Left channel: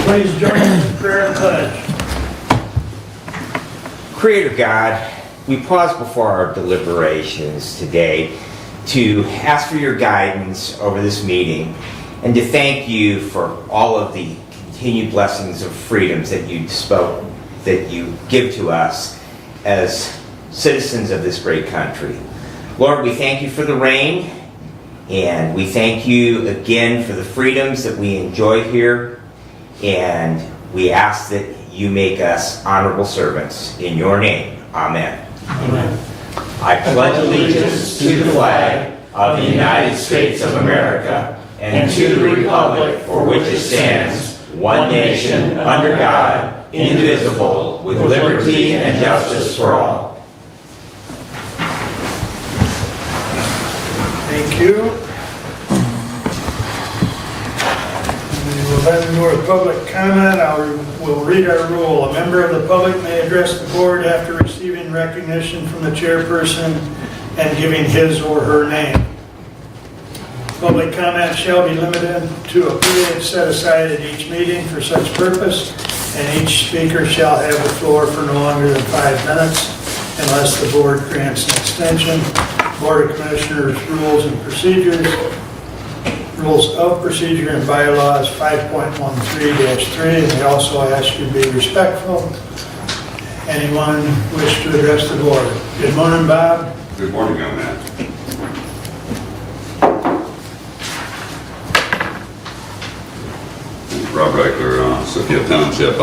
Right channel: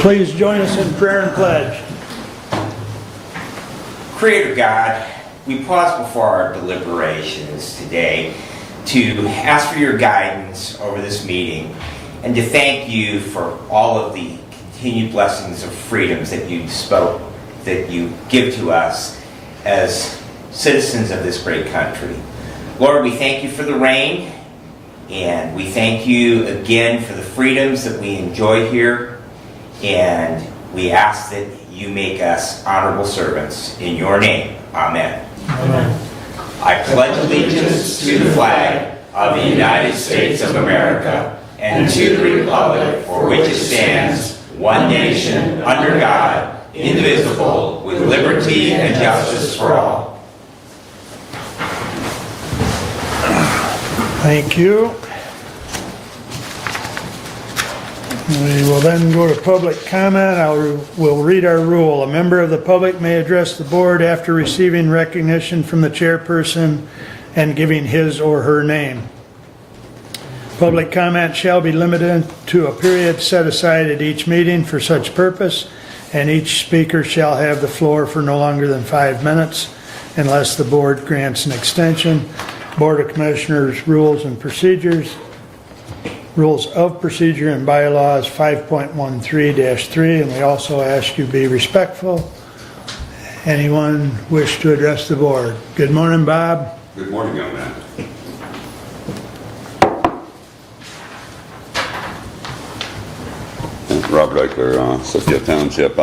Please join us in prayer and pledge. Creator God, we pause before our deliberations today to ask for your guidance over this meeting and to thank you for all of the continued blessings of freedoms that you give to us as citizens of this great country. Lord, we thank you for the rain, and we thank you again for the freedoms that we enjoy here, and we ask that you make us honorable servants. In your name, amen. Amen. I pledge allegiance to the flag of the United States of America and to the republic for which it stands, one nation, under God, indivisible, with liberty and justice for all. Thank you. We will then go to public comment. We'll read our rule. A member of the public may address the board after receiving recognition from the chairperson and giving his or her name. Public comment shall be limited to a period set aside at each meeting for such purpose, and each speaker shall have the floor for no longer than 5 minutes unless the board grants an extension. Board of Commissioners Rules and Procedures, Rules of Procedure and Bylaws 5.13-3, and we also ask you to be respectful. Anyone wish to address the board? Good morning, Bob. Good morning, young man. Rob Reichler, Sophia Township.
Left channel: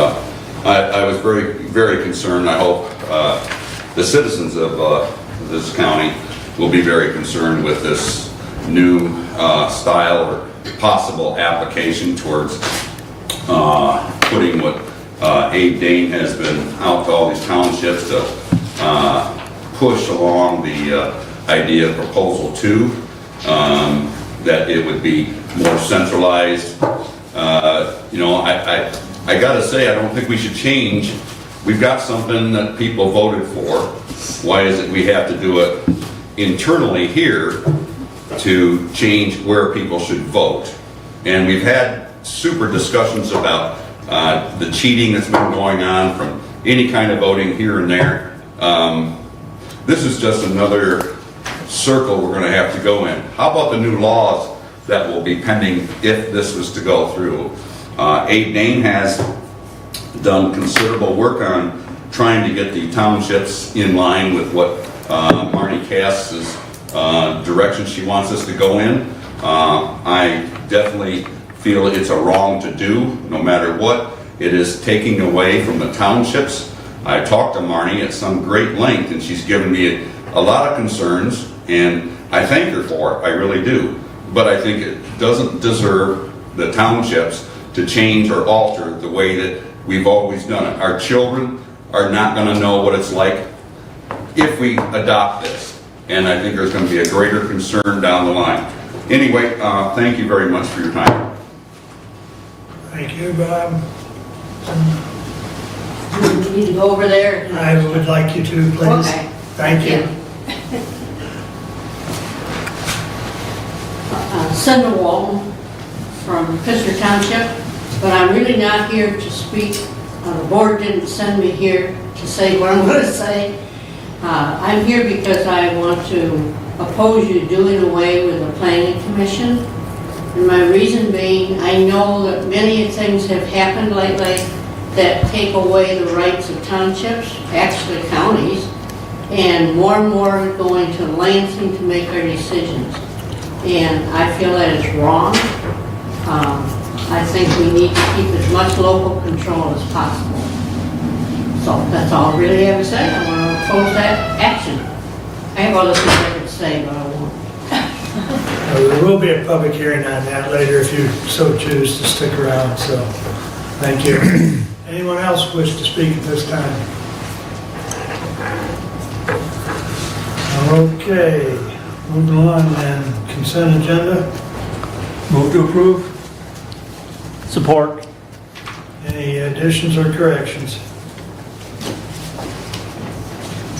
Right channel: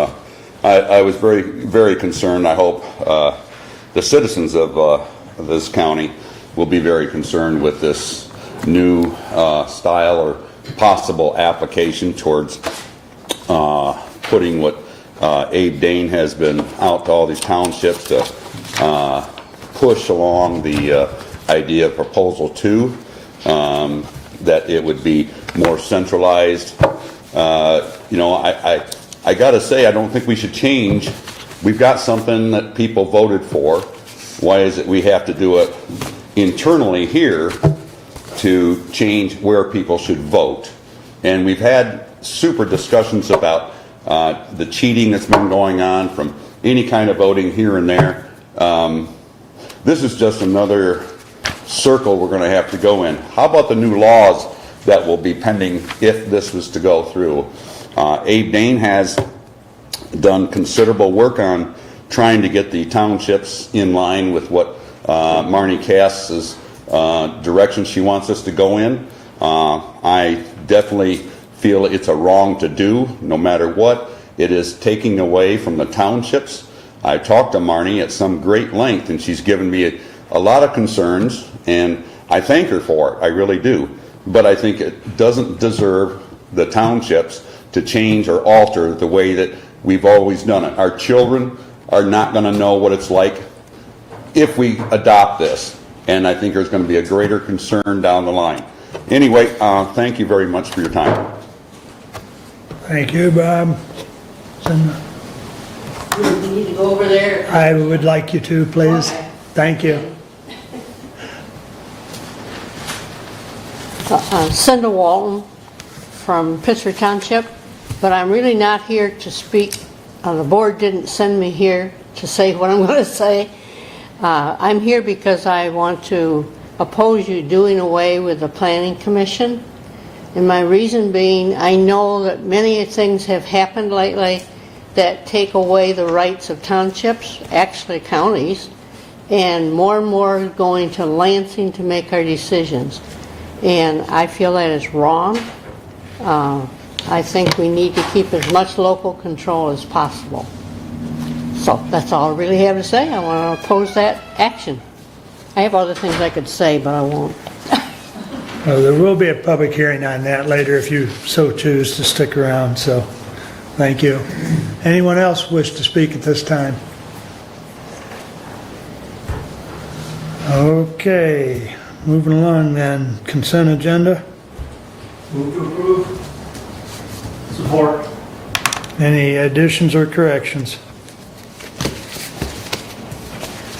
I was very, very concerned. I hope the citizens of this county will be very concerned with this new style or possible application towards putting what Abe Dane has been out to all these townships to push along the idea of Proposal 2, that it would be more centralized. I got to say, I don't think we should change. We've got something that people voted for. Why is it we have to do it internally here to change where people should vote? And we've had super discussions about the cheating that's been going on from any kind of voting here and there. This is just another circle we're going to have to go in. How about the new laws that will be pending if this was to go through? Abe Dane has done considerable work on trying to get the townships in line with what Marnie Cass's direction she wants us to go in. I definitely feel it's a wrong to do, no matter what. It is taking away from the townships. I talked to Marnie at some great length, and she's given me a lot of concerns, and I thank her for it, I really do. But I think it doesn't deserve the townships to change or alter the way that we've always done it. Our children are not going to know what it's like if we adopt this, and I think there's going to be a greater concern down the line. Anyway, thank you very much for your time. Thank you, Bob. You need to go over there. I would like you to, please. Okay. Thank you. Cinda Walton from Pittsford Township, but I'm really not here to speak. The board didn't send me here to say what I'm going to say. I'm here because I want to oppose you doing away with the Planning Commission. And my reason being, I know that many things have happened lately that take away the rights of townships, actually counties, and more are going to Lansing to make our decisions. And I feel that is wrong. I think we need to keep as much local control as possible. So that's all I really have to say. I want to oppose that action. I have other things I could say, but I won't. There will be a public hearing on that later if you so choose to stick around, so thank you. Anyone else wish to speak at this time? Okay, moving along then. Consent agenda. Move to approve. Support. Any additions or corrections?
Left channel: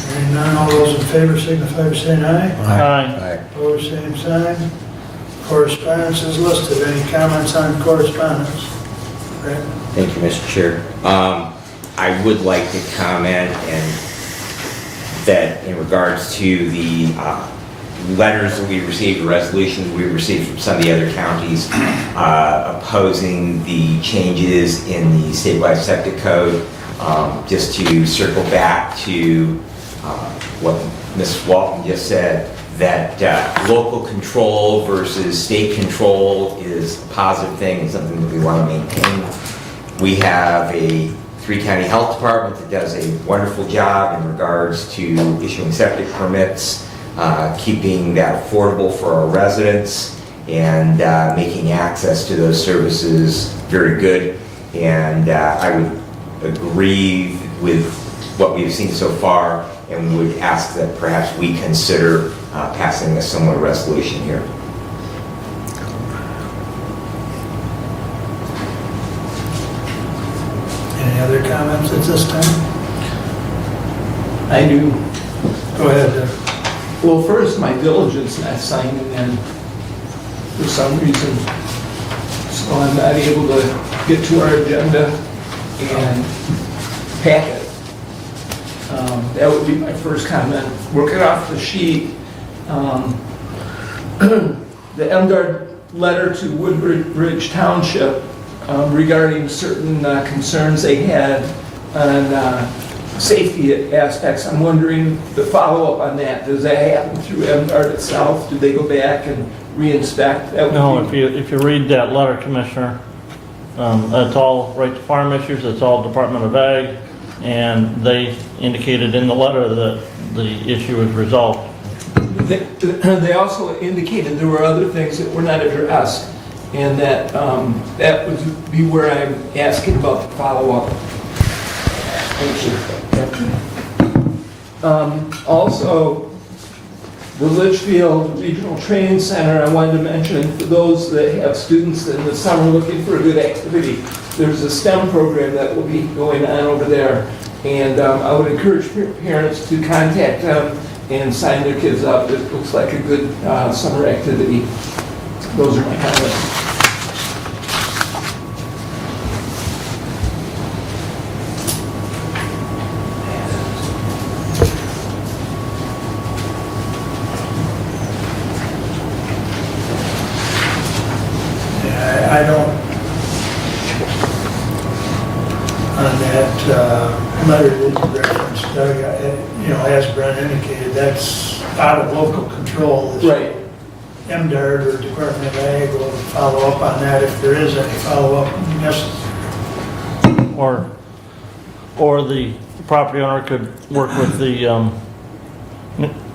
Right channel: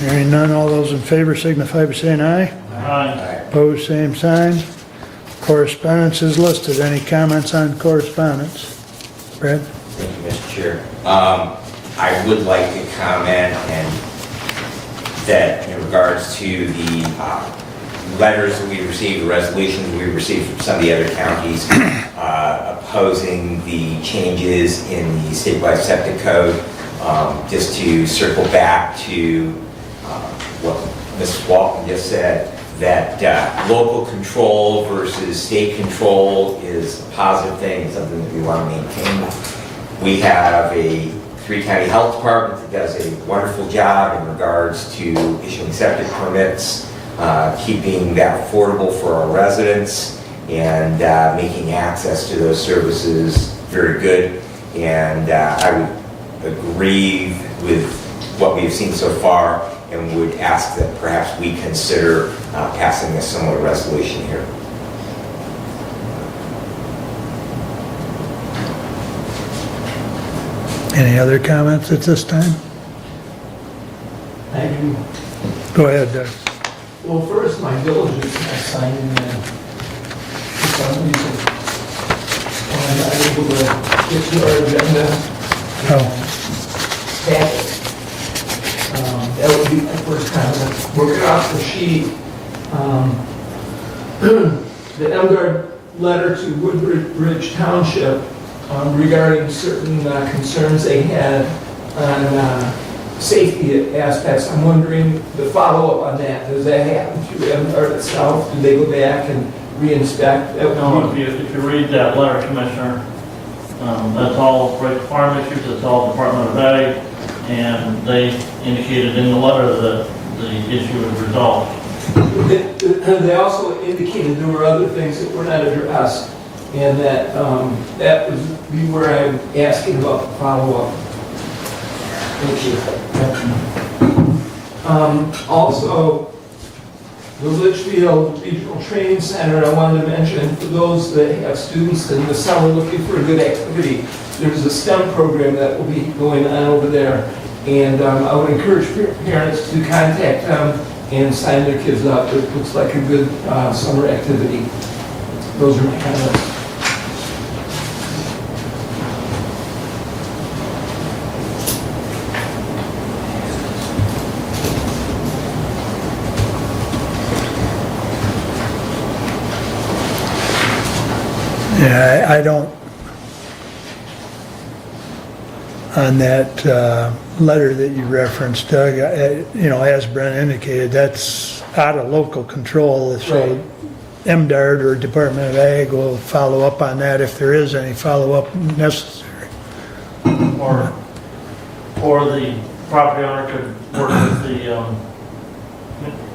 Hearing none, all those in favor signify by saying aye. Aye. Opposed, same sign. Correspondence is listed. Any comments on correspondence? Brad? Thank you, Mr. Chair. I would like to comment that in regards to the letters that we received, the resolutions we received from some of the other counties opposing the changes in the statewide septic code, just to circle back to what Ms. Walton just said, that local control versus state control is a positive thing, something that we want to maintain. We have a 3-county health department that does a wonderful job in regards to issuing septic permits, keeping that affordable for our residents, and making access to those services very good. And I would agree with what we've seen so far, and would ask that perhaps we consider passing a similar resolution here. Any other comments at this time? I do. Go ahead, Doug. Well, first, my diligence in that signing, and for some reason, I'm not able to get to our agenda and pack it. That would be my first comment. Working off the sheet, the MDR letter to Woodbridge Township regarding certain concerns they had on safety aspects. I'm wondering the follow-up on that. Does that happen through MDR itself? Do they go back and re-inspect? No, if you read that letter, Commissioner, that's all right to farm issues, that's all Department of Ag, and they indicated in the letter that the issue is resolved. They also indicated there were other things that were not addressed, and that that would be where I'm asking about the follow-up. Thank you. Also, the Litchfield Regional Training Center, I wanted to mention, for those that have students in the summer looking for a good activity, there's a STEM program that will be going on over there. And I would encourage parents to contact them and sign their kids up. It looks like a good summer activity. Those are my comments. Yeah, I don't, on that letter that you referenced, Doug, as Brent indicated, that's out of local control. Right. MDARD or Department of Ag will follow up on that if there is any follow-up necessary. Or the property owner could work with the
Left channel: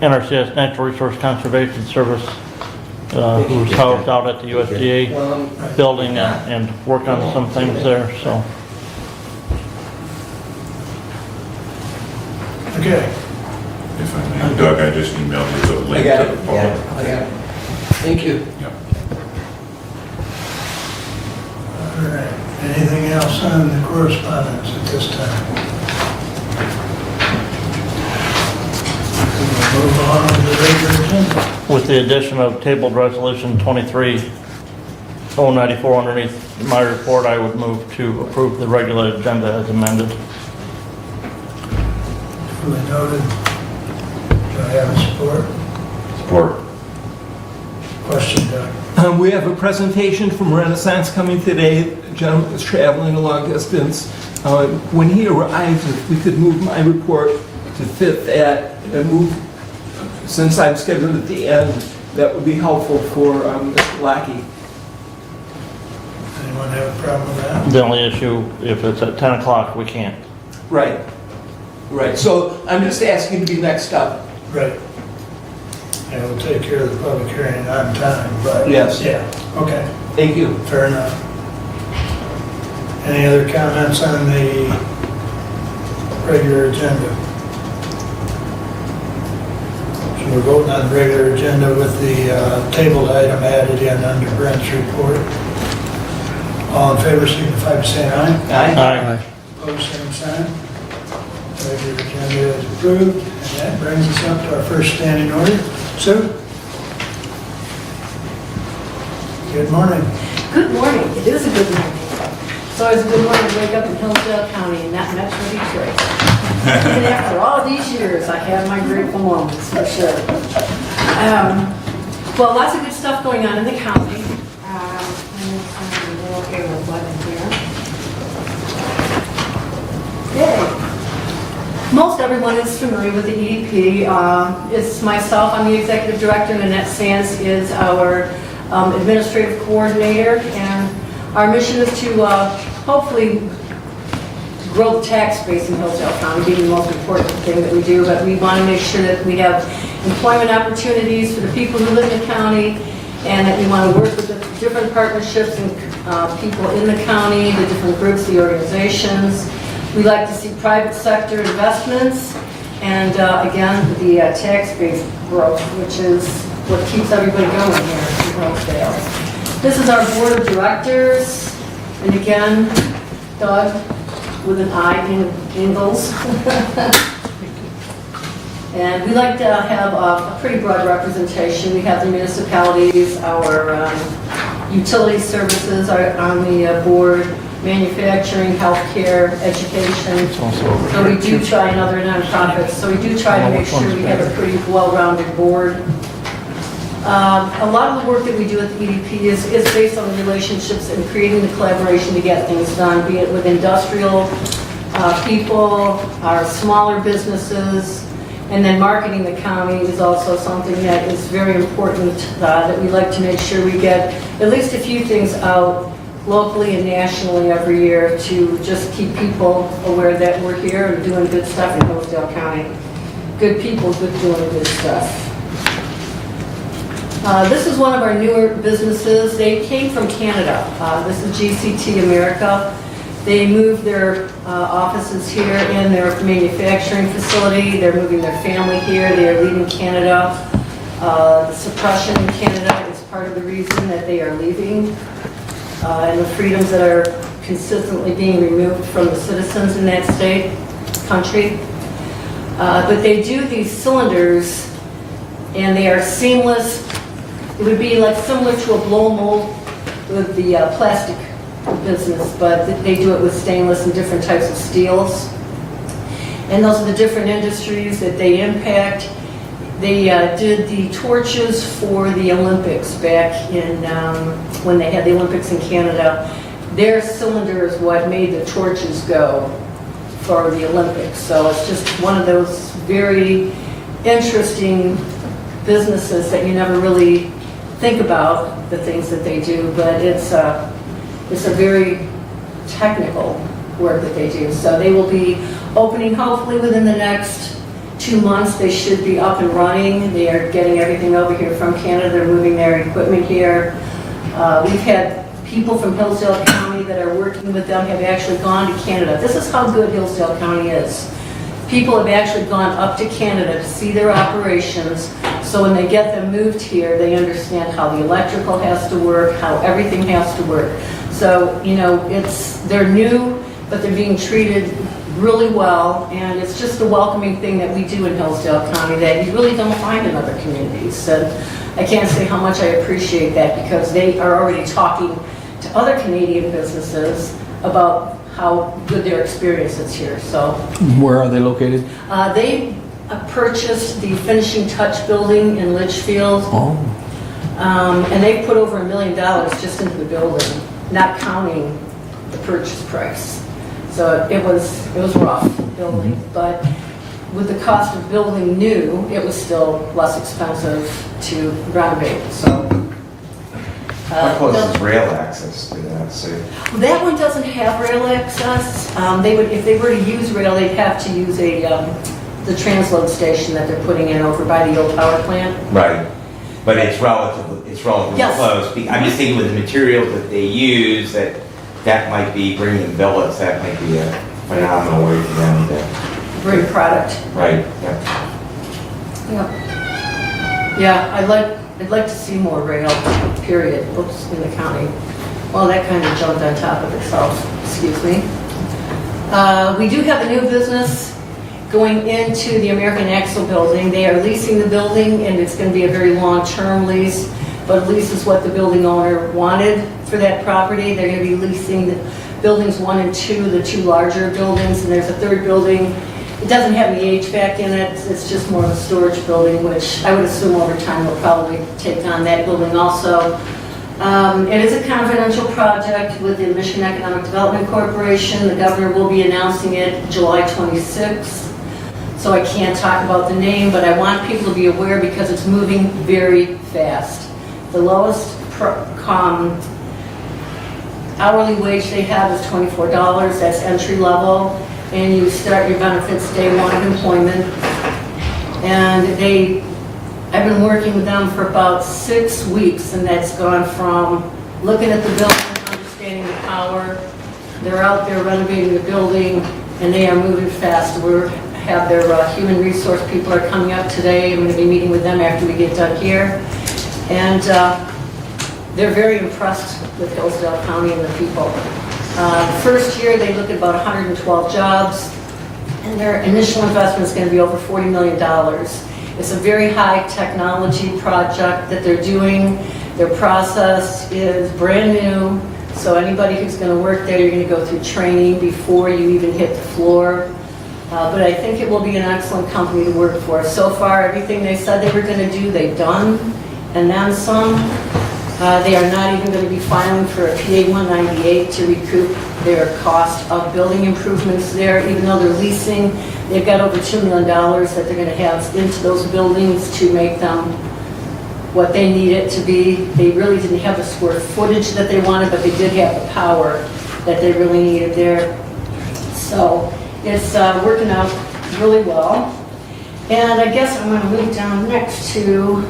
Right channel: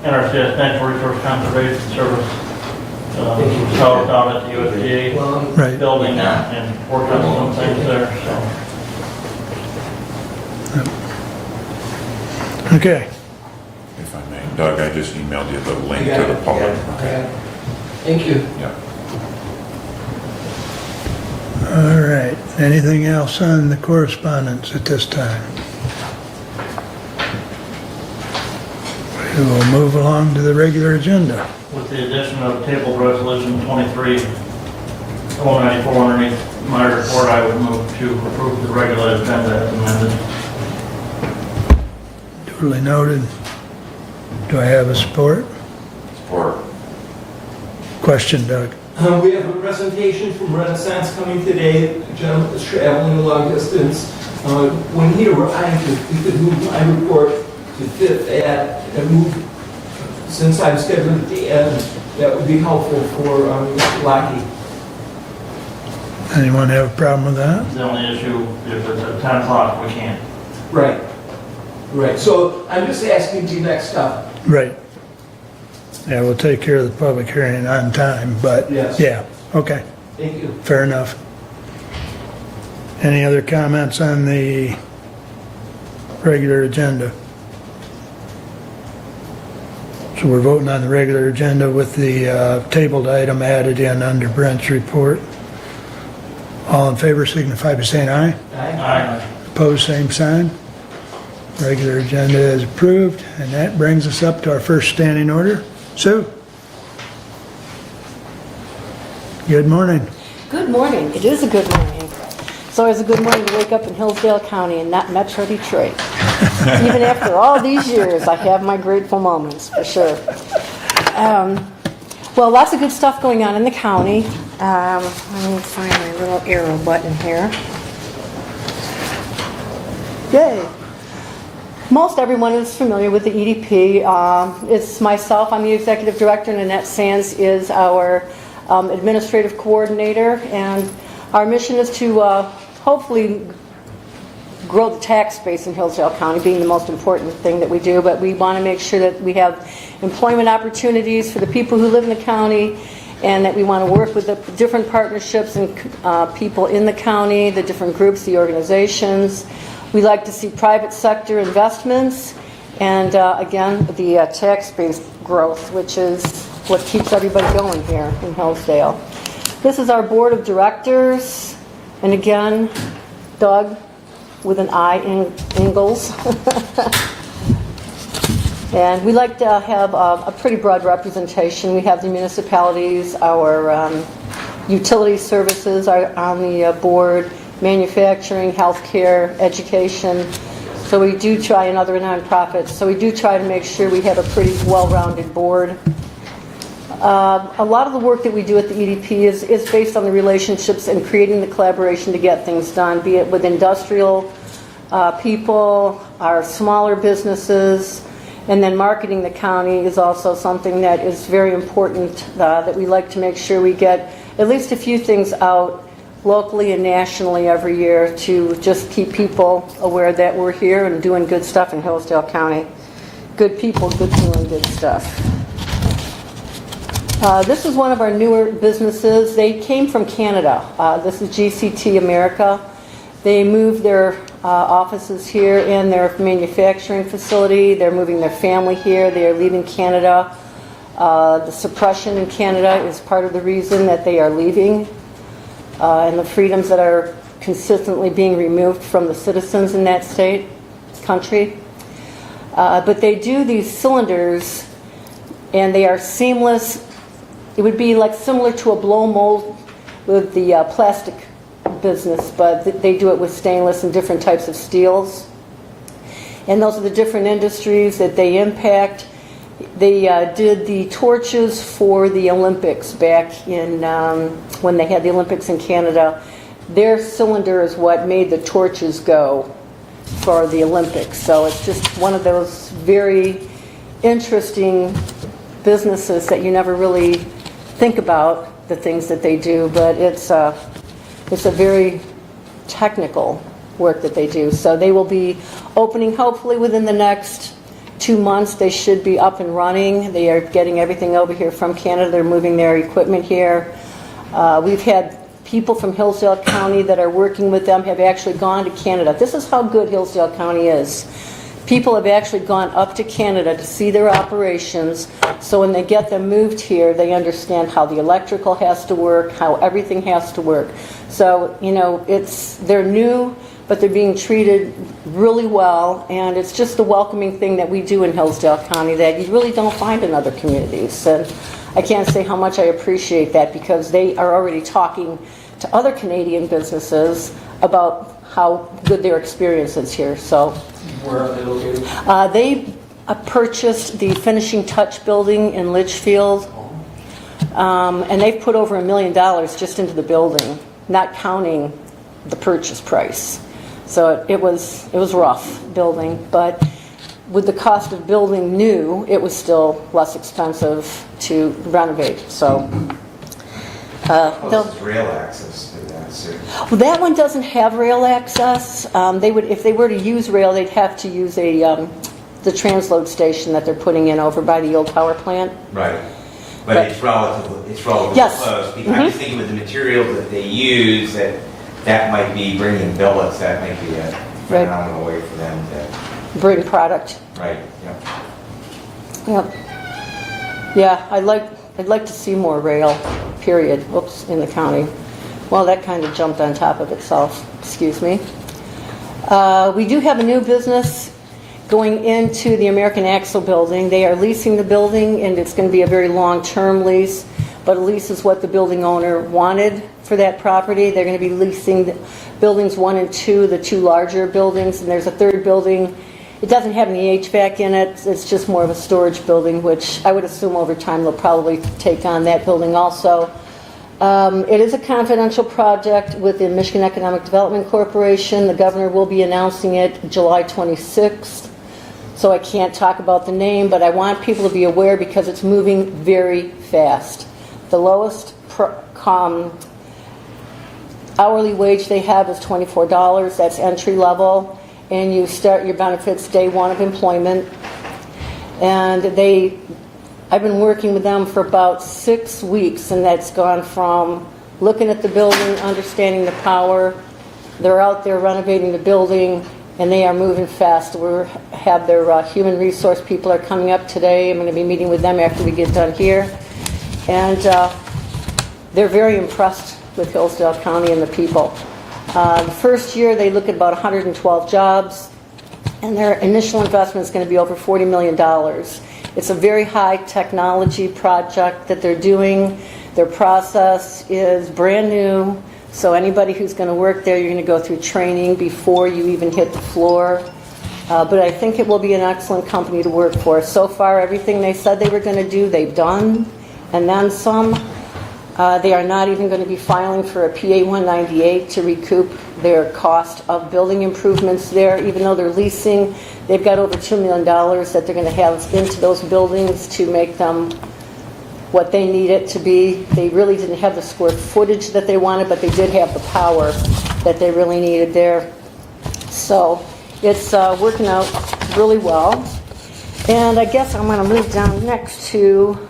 NRCS, Natural Resource Conservation Service, who's housed out at the USDA Right. building and work on some things there, so. Okay. If I may, Doug, I just emailed you the link I got to the it. public. I got it. Thank you. Yeah. All right. Anything else on the correspondence at this time? We'll move on to the regular agenda. With the addition of tabled resolution 23-094 underneath my report, I would move to approve the regular agenda as amended. Duly noted. Do I have a support? Support. Question, Doug. We have a presentation from Renaissance coming today. The gentleman was traveling a long distance. When he arrived, if we could move my report to fit that, and move, since I'm scheduled at the end, that would be helpful for Mr. Lackey. Anyone have a problem with that? The only issue, if it's at 10 o'clock, we can't. Right. Right. So I'm just asking to be next up. Right. Yeah, we'll take care of the public hearing on time, but. Yes. Yeah, okay, Thank you. fair enough. Any other comments on the regular agenda? So we're voting on the regular agenda with the tabled item added in under Brent's report. All in favor signify by saying aye. Aye. Opposed, same sign. Regular agenda is approved, and that brings us up to our first standing order. Sue? Good morning. Good morning. It is a good morning. It's always a good morning to wake up in Hillsdale County and not Metro Detroit. Even after all these years, I have my grateful moments, for sure. Well, lots of good stuff going on in the county. I'm going to find a little arrow button here. Yay. Most everyone is familiar with the EDP. It's myself, I'm the executive director, and Annette Sands is our administrative coordinator. And our mission is to hopefully grow the tax base in Hillsdale County, being the most important thing that we do. But we want to make sure that we have employment opportunities for the people who live in the county, and that we want to work with the different partnerships and people in the county, the different groups, the organizations. We like to see private sector investments and, again, the tax base growth, which is what keeps everybody going here in Hillsdale. This is our board of directors, and again, Doug with an I in Ingalls. And we like to have a pretty broad representation. We have the municipalities, our utility services are on the board, manufacturing, healthcare, education. So we do try, and other nonprofits, so we do try to make sure we have a pretty well-rounded board. A lot of the work that we do at the EDP is based on the relationships and creating the collaboration to get things done, be it with industrial people, our smaller businesses, and then marketing the county is also something that is very important, that we like to make sure we get at least a few things out locally and nationally every year to just keep people aware that we're here and doing good stuff in Hillsdale County. Good people, doing good stuff. This is one of our newer businesses. They came from Canada. This is GCT America. They moved their offices here in their manufacturing facility. They're moving their family here. They are leaving Canada. The suppression in Canada is part of the reason that they are leaving. And the freedoms that are consistently being removed from the citizens in that country. But they do these cylinders, and they are seamless. It would be like similar to a blow mold with the plastic business, but they do it with stainless and different types of steels. And those are the different industries that they impact. They did the torches for the Olympics back in when they had the Olympics in Canada. Their cylinder is what made the torches go for the Olympics. So it's just one of those very interesting businesses that you never really think about the things that they do, but it's a very technical work that they do. So they will be opening hopefully within the next 2 months. They should be up and running. They are getting everything over here from Canada. They're moving their equipment here. We've had people from Hillsdale County that are working with them have actually gone to Canada. This is how good Hillsdale County is. People have actually gone up to Canada to see their operations, so when they get them moved here, they understand how the electrical has to work, how everything has to work. So, you know, they're new, but they're being treated really well, and it's just a welcoming thing that we do in Hillsdale County that you really don't find in other communities. And I can't say how much I appreciate that, because they are already talking to other Canadian businesses about how good their experience is here. So, where are they located? They purchased the Finishing Touch building in Litchfield, and they put over $1 million just into the building, not counting the purchase price. So it was rough building, but with the cost of building new, it was still less expensive to renovate. So. How close is rail access to that, Sue? Well, that one doesn't have rail access. They would, if they were to use rail, they'd have to use the transload station that they're putting in over by the old power plant. Right. But it's relatively Yes. close. I'm just thinking with the materials that they use, that might be bringing billets. That might be a phenomenal way for them to Bring product. Right. Yep. Yeah, I'd like to see more rail, period, whoops, in the county. Well, that kind of jumped on top of itself, excuse me. We do have a new business going into the American Axle building. They are leasing the building, and it's going to be a very long-term lease, but a lease is what the building owner wanted for that property. They're going to be leasing buildings 1 and 2, the two larger buildings, and there's a third building. It doesn't have any HVAC in it, it's just more of a storage building, which I would assume over time they'll probably take on that building also. It is a confidential project with the Michigan Economic Development Corporation. The governor will be announcing it July 26th. So I can't talk about the name, but I want people to be aware because it's moving very fast. The lowest hourly wage they have is $24, that's entry level, and you start your benefits day one of employment. And I've been working with them for about 6 weeks, and that's gone from looking at the building, understanding the power. They're out there renovating the building, and they are moving fast. We have their human resource people are coming up today. I'm going to be meeting with them after we get done here. And they're very impressed with Hillsdale County and the people. The first year, they look at about 112 jobs, and their initial investment is going to be over $40 million. It's a very high technology project that they're doing. Their process is brand new, so anybody who's going to work there, you're going to go through training before you even hit the floor. But I think it will be an excellent company to work for. So far, everything they said they were going to do, they've done, and then some. They are not even going to be filing for a PA 198 to recoup their cost of building improvements there, even though they're leasing. They've got over $2 million that they're going to have into those buildings to make them what they need it to be. They really didn't have the square footage that they wanted, but they did have the power that they really needed there. So it's working out really well. And I guess I'm going to leave down next to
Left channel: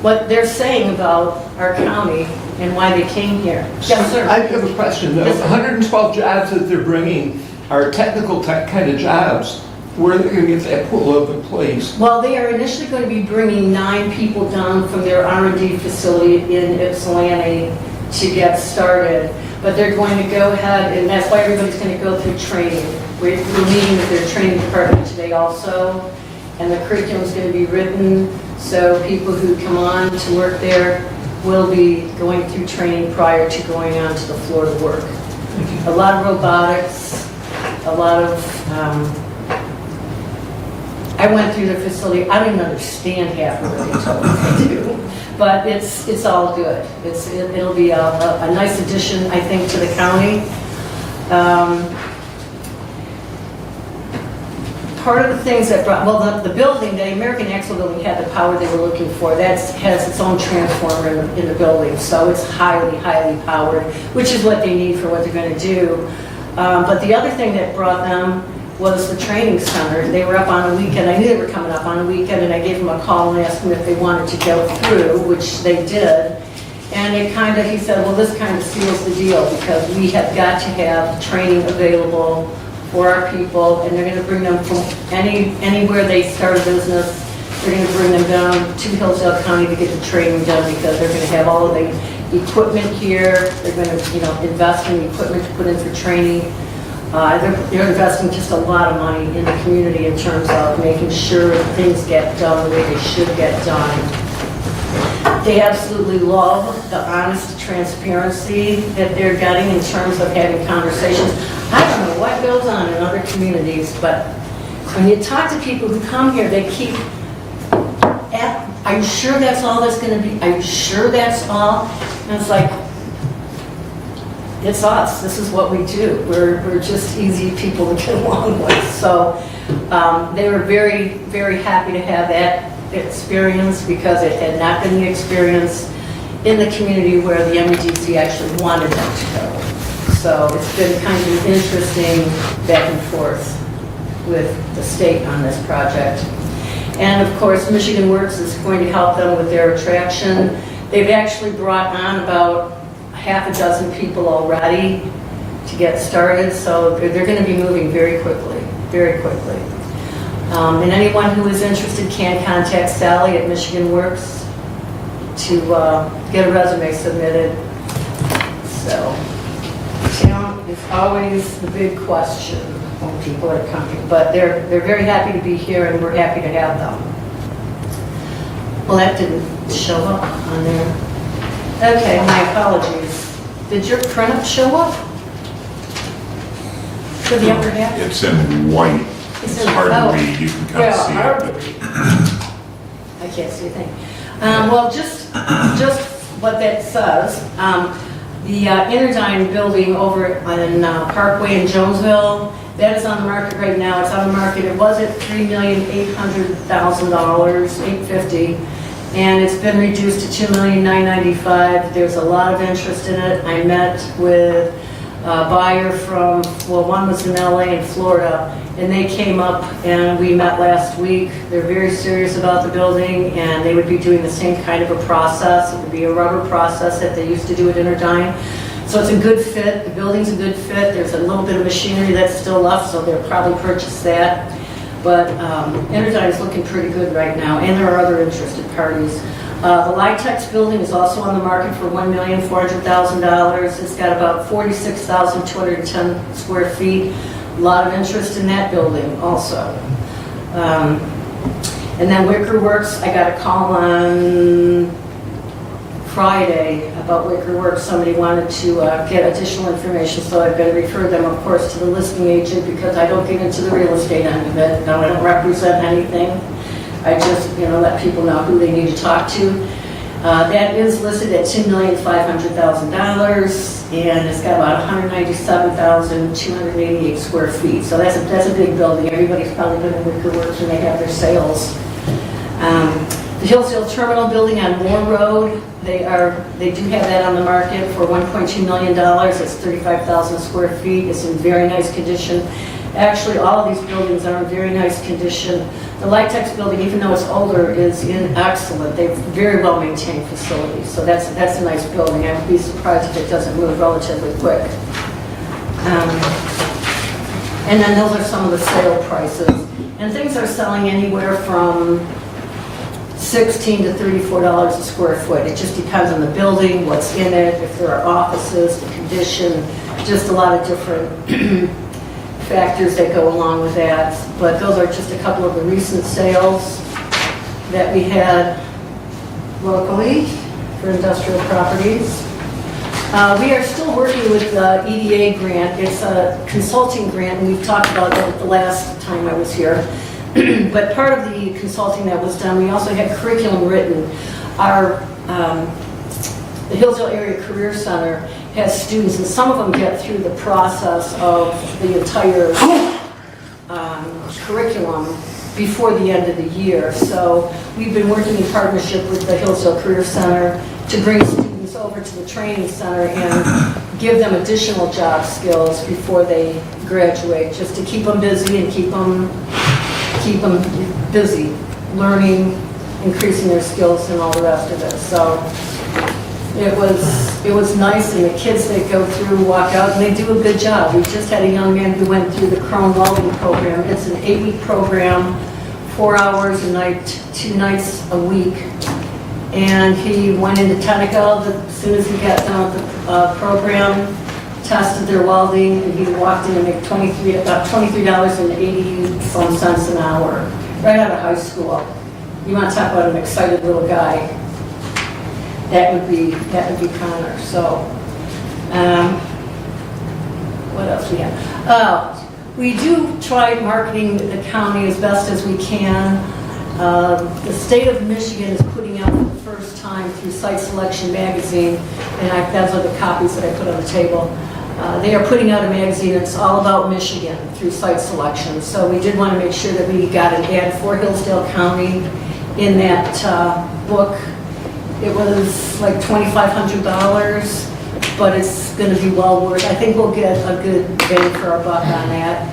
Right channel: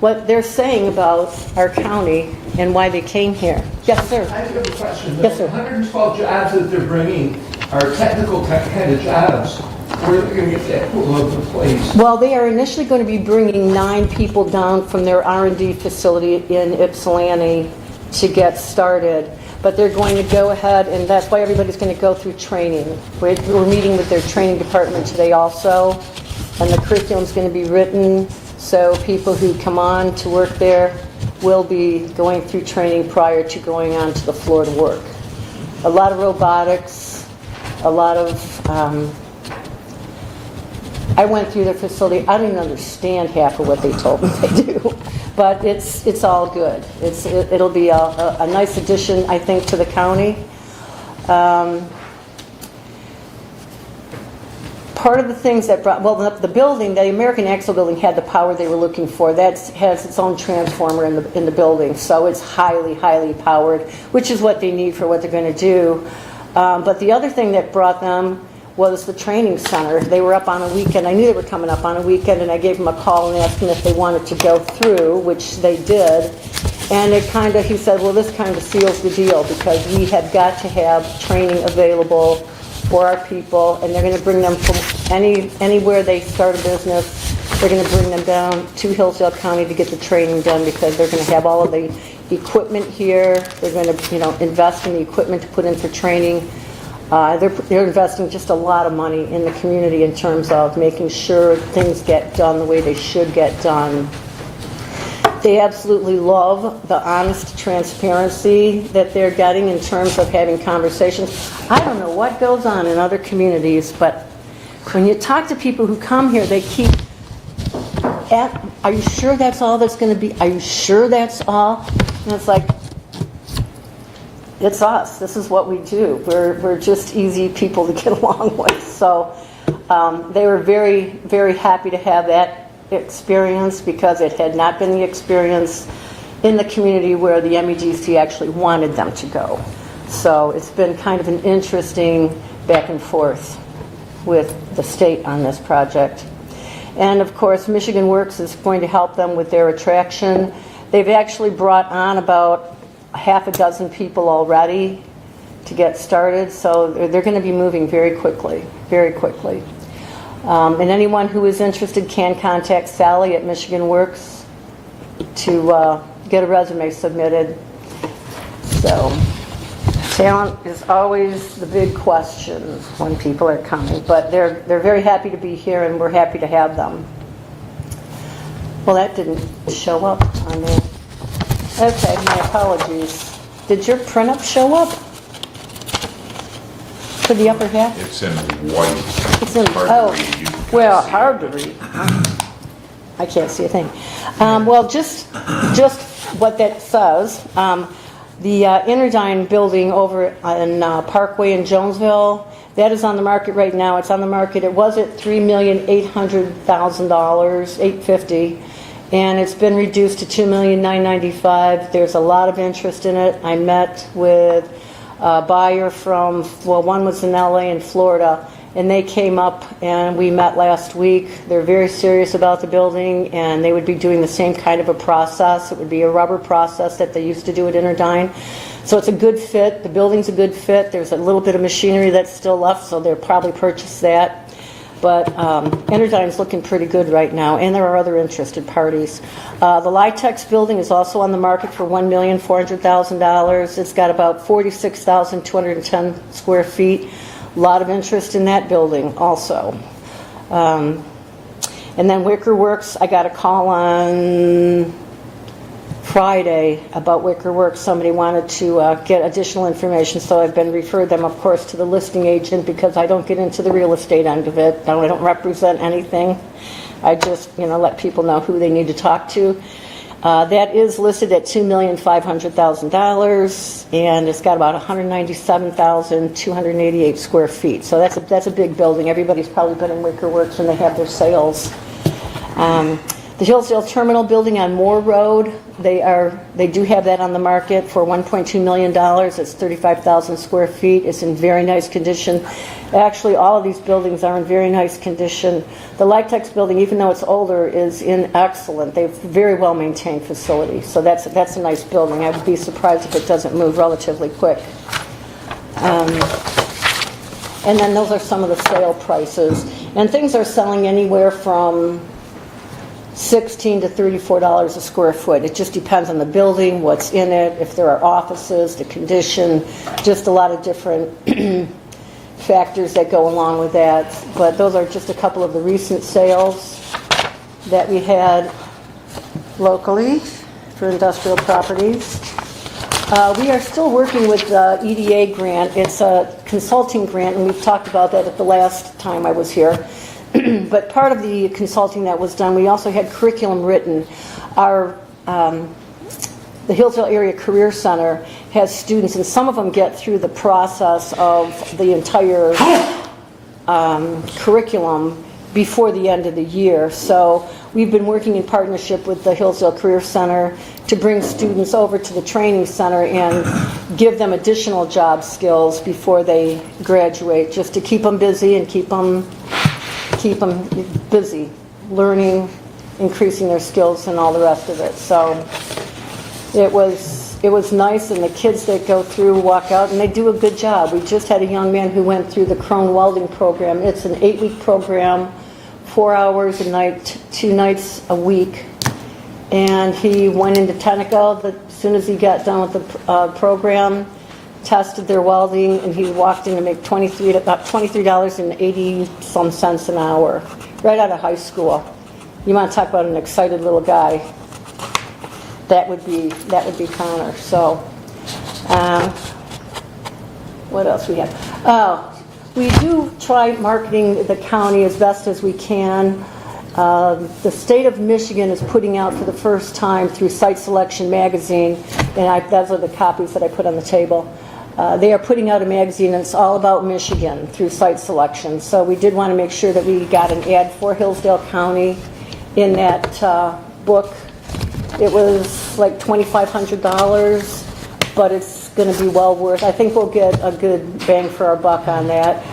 what they're saying about our county and why they came here. Yes, sir. I have a question. Yes, The sir. 112 jobs that they're bringing are technical tech kind of jobs. Where are they going to get that pool of employees? Well, they are initially going to be bringing 9 people down from their R&D facility in Ypsilanti to get started. But they're going to go ahead, and that's why everybody's going to go through training. We're meeting with their training department today also, and the curriculum's going to be written, so people who come on to work there will be going through training prior to going on to the floor to work. A lot of robotics, a lot of, I went through the facility, I didn't understand half of what they told me to do, but it's all good. It'll be a nice addition, I think, to the county. Part of the things that brought, well, the building, the American Axle building had the power they were looking for. That has its own transformer in the building, so it's highly, highly powered, which is what they need for what they're going to do. But the other thing that brought them was the training center. They were up on a weekend. I knew they were coming up on a weekend, and I gave them a call and asked them if they wanted to go through, which they did. And he said, well, this kind of seals the deal because we have got to have training available for our people, and they're going to bring them from anywhere they start a business. They're going to bring them down to Hillsdale County to get the training done because they're going to have all of the equipment here. They're going to, invest in equipment to put in for training. They're investing just a lot of money in the community in terms of making sure things get done the way they should get done. They absolutely love the honest transparency that they're getting in terms of having conversations. I don't know what goes on in other communities, but when you talk to people who come here, they keep, are you sure that's all that's going to be? Are you sure that's all? And it's like, it's us. This is what we do. We're just easy people to get along with. So they were very, very happy to have that experience because it had not been the experience in the community where the MEDC actually wanted them to go. So it's been kind of an interesting back and forth with the state on this project. And of course, Michigan Works is going to help them with their attraction. They've actually brought on about half a dozen people already to get started, so they're going to be moving very quickly, very quickly. And anyone who is interested can contact Sally at Michigan Works to get a resume submitted. So talent is always the big question when people are coming, but they're very happy to be here and we're happy to have them. Well, that didn't show up on there. Okay, my apologies. Did your print-up show up? For the upper half? It's in white. It's in- hard oh, to read. You can Well, kind hard of to see it. read. I can't see a thing. Well, just what that says, the Interdyne building over on Parkway in Jonesville, that is on the market right now. It's on the market. It was at $3,800,000, $850,000, and it's been reduced to $2,995,000. There's a lot of interest in it. I met with a buyer from, well, one was in LA and Florida, and they came up and we met last week. They're very serious about the building, and they would be doing the same kind of a process. It would be a rubber process that they used to do at Interdyne. So it's a good fit. The building's a good fit. There's a little bit of machinery that's still left, so they'll probably purchase that. But Interdyne's looking pretty good right now, and there are other interested parties. The Litex building is also on the market for $1,400,000. It's got about 46,210 square feet. A lot of interest in that building also. And then Wicker Works, I got a call on Friday about Wicker Works. Somebody wanted to get additional information, so I've been referred them, of course, to the listing agent because I don't get into the real estate end of it. I don't represent anything. I just, let people know who they need to talk to. That is listed at $2,500,000, and it's got about 197,288 square feet. So that's a big building. Everybody's probably been in Wicker Works when they have their sales. The Hillsdale Terminal building on Moore Road, they do have that on the market for $1.2 million. It's 35,000 square feet. It's in very nice condition. Actually, all of these buildings are in very nice condition. The Litex building, even though it's older, is in excellent. They're very well maintained facilities. So that's a nice building. I'd be surprised if it doesn't move relatively quick. And then those are some of the sale prices. And things are selling anywhere from $16 to $34 a square foot. It just depends on the building, what's in it, if there are offices, the condition, just a lot of different factors that go along with that. But those are just a couple of the recent sales that we had locally for industrial properties. We are still working with the EDA grant. It's a consulting grant, and we've talked about that at the last time I was here. But part of the consulting that was done, we also had curriculum written. The Hillsdale Area Career Center has students, and some of them get through the process of the entire curriculum before the end of the year. So we've been working in partnership with the Hillsdale Career Center to bring students over to the training center and give them additional job skills before they graduate, just to keep them busy and keep them busy, learning, increasing their skills and all the rest of it. So it was nice, and the kids, they go through, walk out, and they do a good job. We just had a young man who went through the Crone Welding program. It's an 8-week program, 4 hours a night, 2 nights a week. And he went into Tenneco as soon as he got done with the program, tested their welding, and he walked in and made about $23.80 an hour, right out of high school. You want to talk about an excited little guy? That would be Connor. So, what else we have? We do try marketing the county as best as we can. The state of Michigan is putting out for the first time through Site Selection magazine, and those are the copies that I put on the table. They are putting out a magazine that's all about Michigan through Site Selection. So we did want to make sure that we got an ad for Hillsdale County in that book. It was like $2,500, but it's going to be well worth. I think we'll get a good bang for our buck on that,